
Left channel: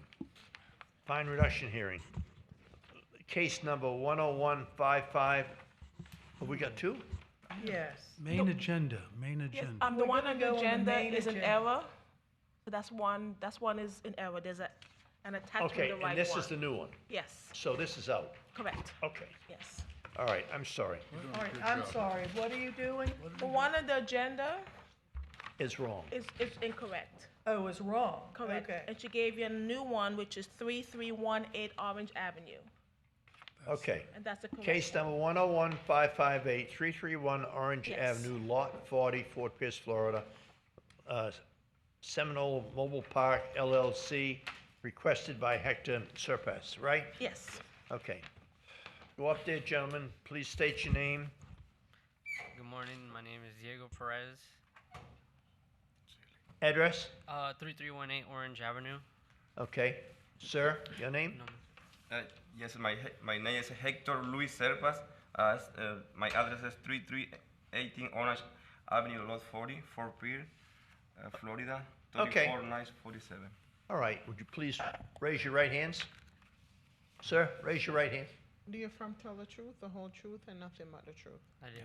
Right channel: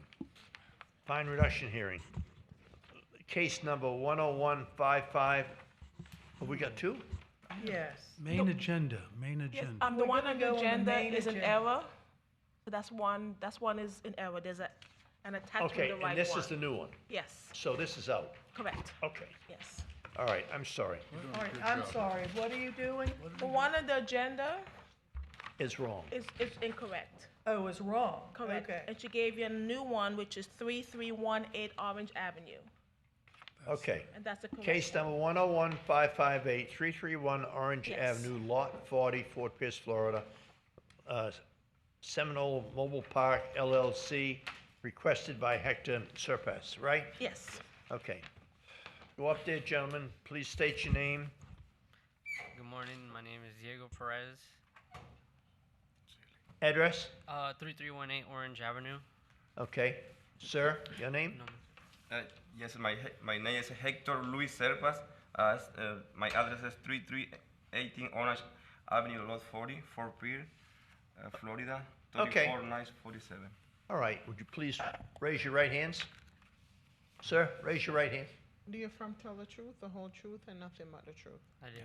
Fine reduction hearing. Case number 10155. Have we got two? Yes. Main agenda, main Yes, agenda. the We're one gonna on go the on the agenda main is an agenda. error. So that's one is in error. There's an attachment Okay, to the right and this one. is the new one. Yes, So this is out. correct, Okay, yes. all right, I'm sorry. All right, I'm sorry, what are you doing? The one on the agenda It's wrong. is incorrect. Oh, it's wrong. Correct. Okay. And she gave you a new one, which is 3318 Orange Avenue. Okay. And that's the correct Case one. number 101558, 331 Orange Yes. Avenue, Lot 40, Fort Pierce, Florida. Seminole Mobile Park LLC, requested by Hector Surpass, right? Yes. Okay. Go up there, gentlemen. Please state your name. Good morning. My name is Diego Perez. Address? 3318 Orange Avenue. Okay. Sir, your name? Yes, my name is Hector Luis Serpas. My address is 3318 Orange Avenue, Lot 40, Fort Pierce, Florida, Okay. 34947. All right. Would you please raise your right hands? Sir, raise your right hand. Do you affirm to tell the truth, the whole truth, and nothing but the truth? I do.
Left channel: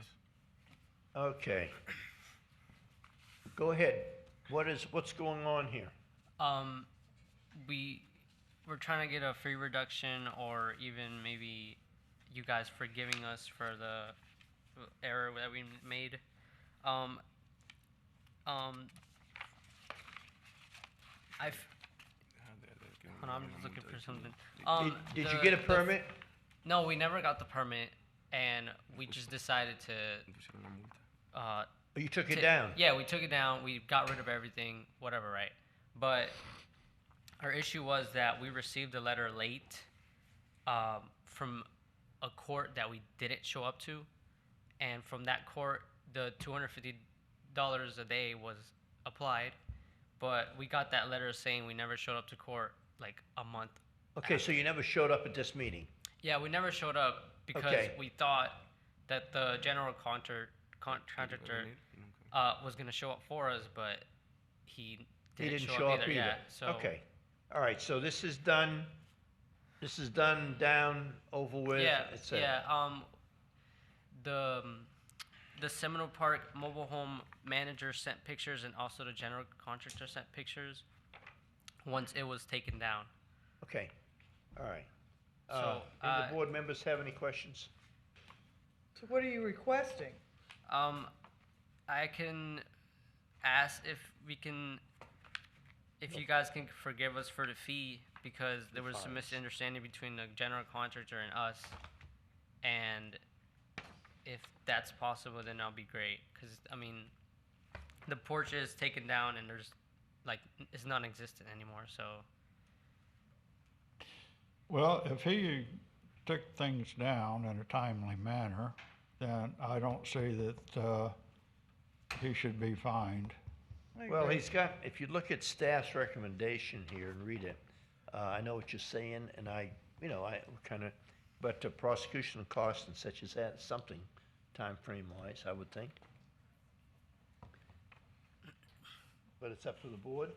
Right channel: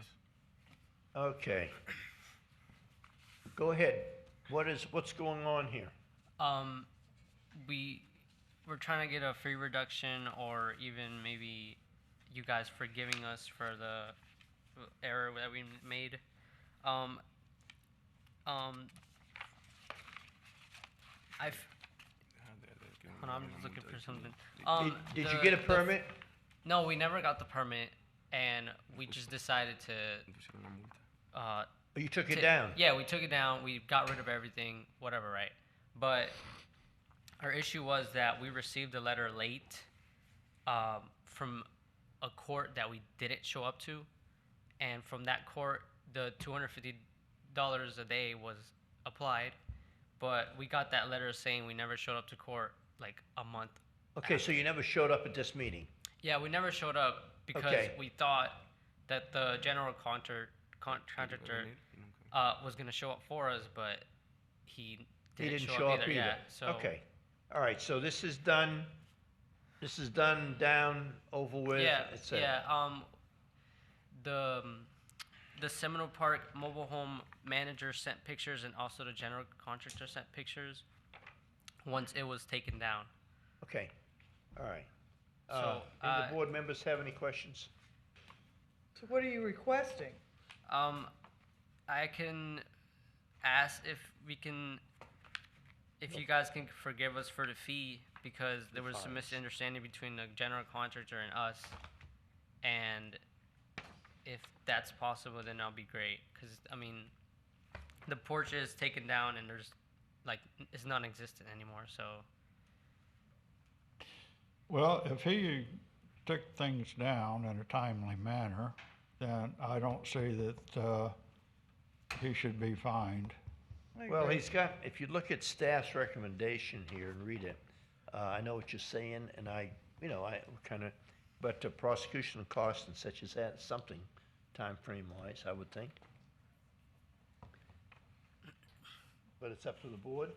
Okay. Go ahead. What's going on here? We're trying to get a free reduction, or even maybe you guys forgiving us for the error that we made. Hold on, I'm just looking for something. Did you get a permit? No, we never got the permit, and we just decided to. You took it down? Yeah, we took it down. We got rid of everything, whatever, right? But our issue was that we received a letter late from a court that we didn't show up to, and from that court, the $250 a day was applied, but we got that letter saying we never showed up to court like a month. Okay, so you never showed up at this meeting? Yeah, we never showed up because Okay. we thought that the general contractor was going to show up for us, but he didn't, show up either? Yeah, so Okay. All right, so this is done, down, over with, yeah, et cetera. yeah. The Seminole Park mobile home manager sent pictures, and also the general contractor sent pictures once it was taken down. Okay, all right. So, Do the board members have any questions? So what are you requesting? I can ask if you guys can forgive us for the fee, because there was some misunderstanding between the general contractor and us, and if that's possible, then that'll be great, because, I mean, the porch is taken down and there's, like, it's non-existent anymore, so. Well, if he took things down in a timely manner, then I don't see that he should be fined. Well, he's got, if you look at staff's recommendation here and read it, I know what you're saying, and I kind of, but the prosecution costs and such as that, something time frame wise, I would think. But it's up to the board.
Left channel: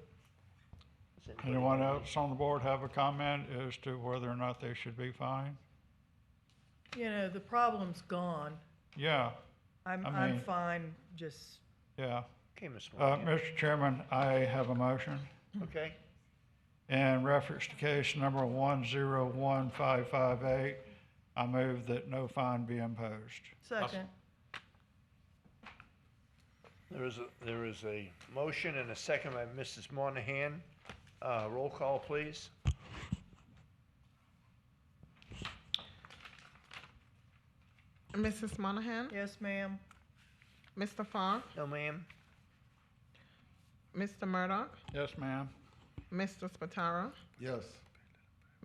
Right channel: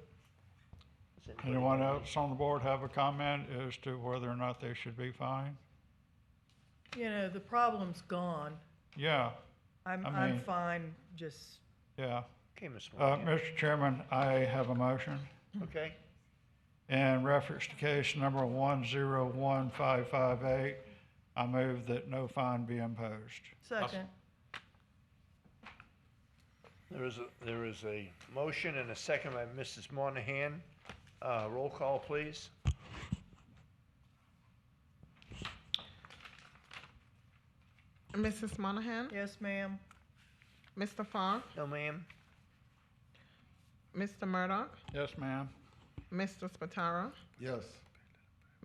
Does anybody Anyone have any- else on the board have a comment as to whether or not they should be fined? You know, the problem's gone. Yeah, I'm I mean- fine, just, yeah. Okay, Ms. Moore. Mr. Chairman, I have a motion. Okay. In reference to case number 101558, I move that no fine be imposed. second. There is a motion and a second by Mrs. Monahan. Roll call, please. Mrs. Monahan? Yes, ma'am. Mr. Fogg? No, ma'am. Mr. Murdoch? Yes, ma'am. Mr. Spataro? Yes.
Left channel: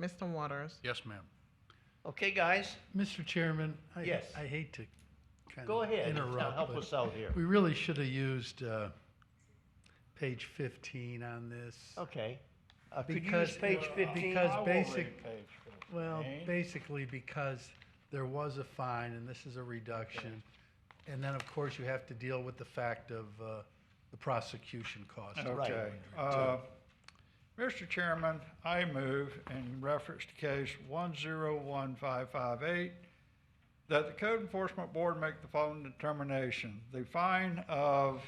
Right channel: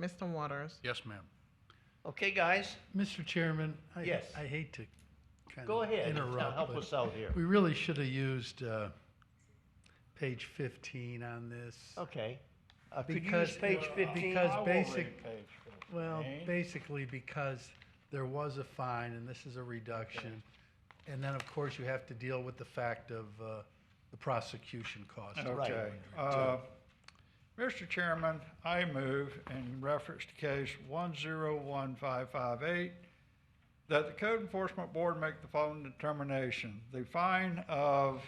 Mr. Waters? Yes, ma'am. Okay, guys? Mr. Chairman, Yes. I hate to kind Go of ahead, interrupt. help but us out here. We really should have used page 15 on this. Okay. Could you use page 15? Because basically because there was a fine and this is a reduction. And then, of course, you have to deal with the fact of the prosecution cost. Okay. Mr. Chairman, I move in reference to case 101558 that the Code Enforcement Board make the following determination. The fine of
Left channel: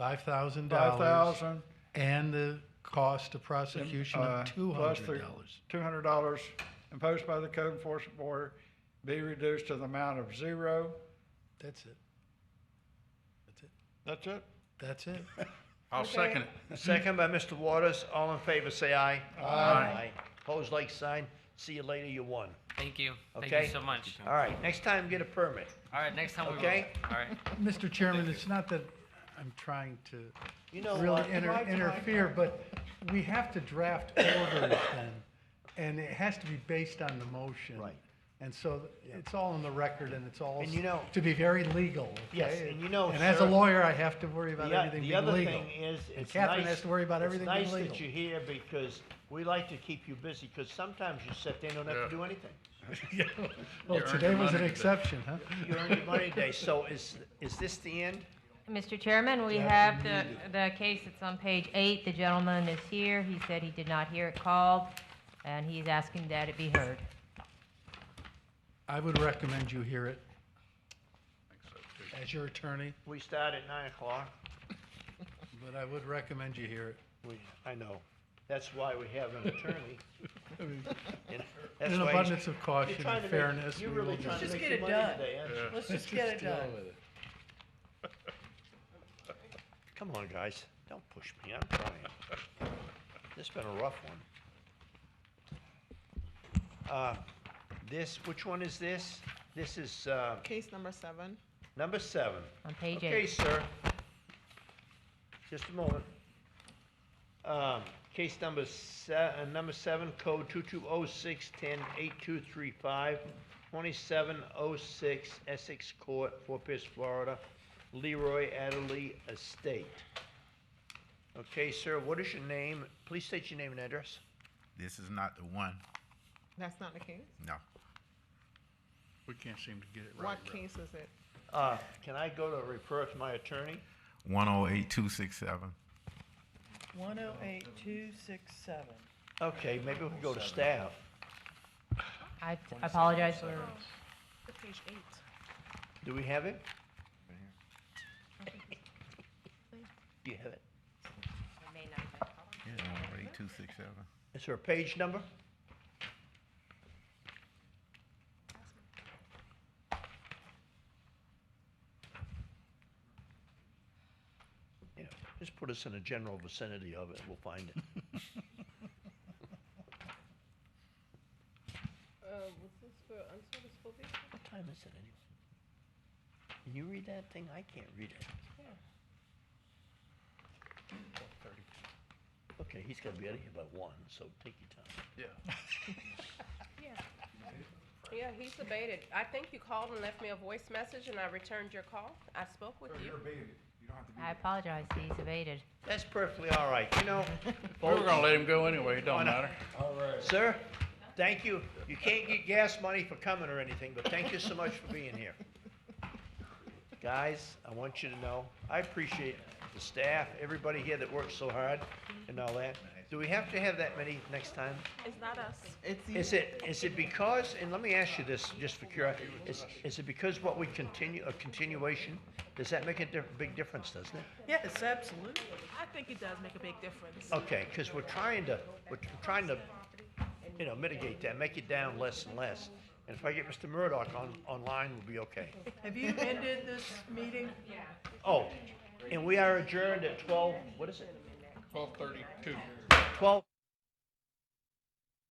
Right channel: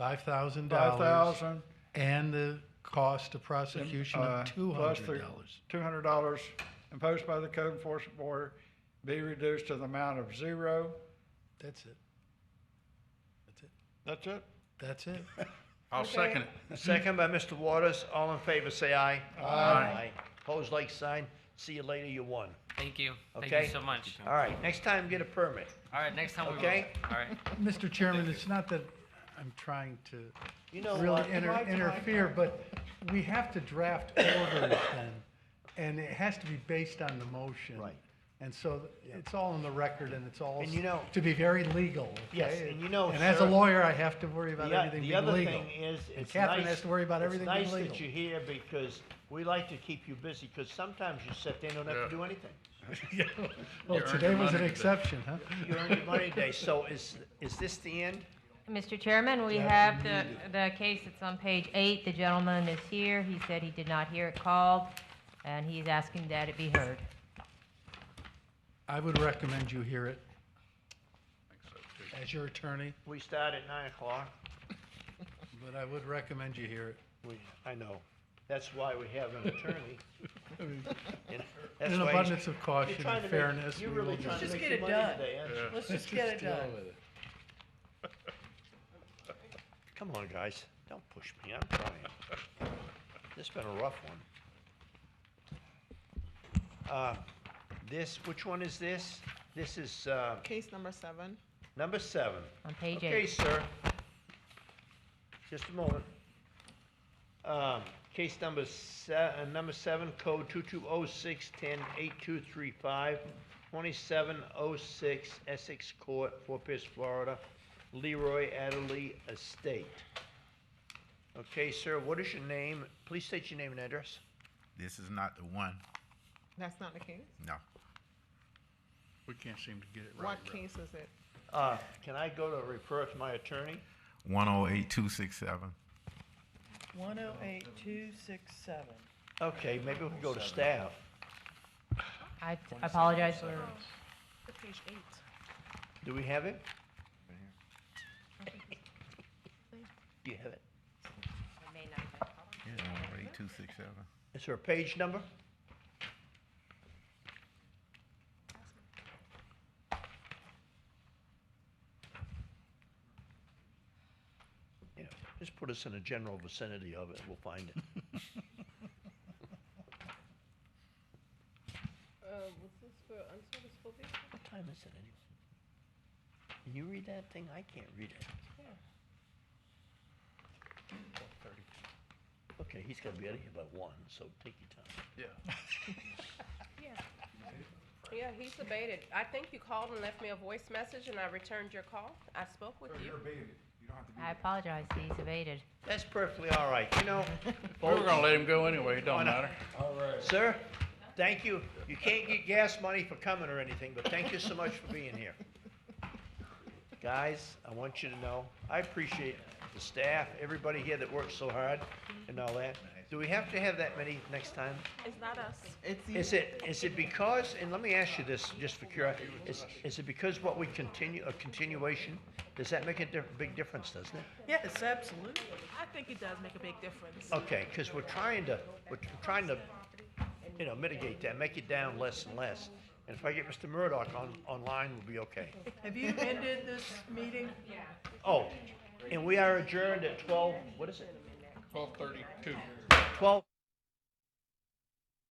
$5,000. $5,000 and the cost of prosecution of plus the $200. $200 imposed by the Code Enforcement Board be reduced to the amount of $0. That's it. That's it? That's it. I'll second it. Second by Mr. Waters. All in favor, say aye. Aye. Opposed, like sign. See you later, you won. Thank you. Okay? Thank you so much. All right, next time, get a permit. All right, next time we will. Okay? All right. Mr. Chairman, it's not that I'm trying to You know really what? interfere, but we have to draft orders then, and it has to be based on the motion. Right. And so it's all in the record, and it's all And you know- to be very legal. Okay? Yes, and you know, And as a sir, lawyer, I have to worry about everything The being other legal. thing is, And it's Catherine nice. has to worry about everything being It's legal. nice that you're here because we like to keep you busy, because sometimes you sit there and don't have to do anything. Well, today was an exception, huh? You earned your money today, so is this the end? Mr. Chairman, we have the case that's on page 8. The gentleman is here. He said he did not hear it called, and he's asking that it be heard. I would recommend you hear it. As your attorney, We start at 9 o'clock. but I would recommend you hear it. I know. That's why we have an attorney. I mean, And that's in an why abundance of you're caution trying and to make- fairness, You're we really will trying to just make get your it money done. today, aren't you? Let's just get it done. Come on, guys, don't push me, I'm trying. This has been a rough one. Which one is this? This is, Case number 7. number 7. On page Okay, 8. sir. Just a moment. Case number 7, code 2206-10-8235, 2706 Essex Court, Fort Pierce, Florida, Leroy Adderley Estate. Okay, sir, what is your name? Please state your name and address. This is not the one. That's not the case? No. We can't seem to get it right. What case is it? Can I go to refer to my attorney? 108267. 108267. Okay, maybe we can go to staff. I apologize for Page 8. Do we have it? Do you have it? 108267. Is there a page number? Yeah, just put us in a general vicinity of it, we'll find it. Was this for unserviced probation? What time is it anyway? Can you read that thing? I can't read it. Okay, he's gonna be out of here by 1, so take your time. Yeah, he's abated. I think you called and left me a voice message, and I returned your call. I spoke with you. I apologize, he's evaded. That's perfectly all right, you know. We were gonna let him go anyway, it don't matter. Sir, thank you. You can't get gas money for coming or anything, but thank you so much for being here. Guys, I want you to know, I appreciate the staff, everybody here that works so hard and all that. Do we have to have that many next time? It's not us. Is it because, and let me ask you this, just for curiosity, is it because what we continue, a continuation, does that make a big difference, doesn't it? Yes, absolutely. I think it does make a big difference. Okay, because we're trying to, you know, mitigate that, make it down less and less. And if I get Mr. Murdoch online, we'll be okay. Have you ended this meeting? Oh, and we are adjourned at 12, what is it? 12:32. 12.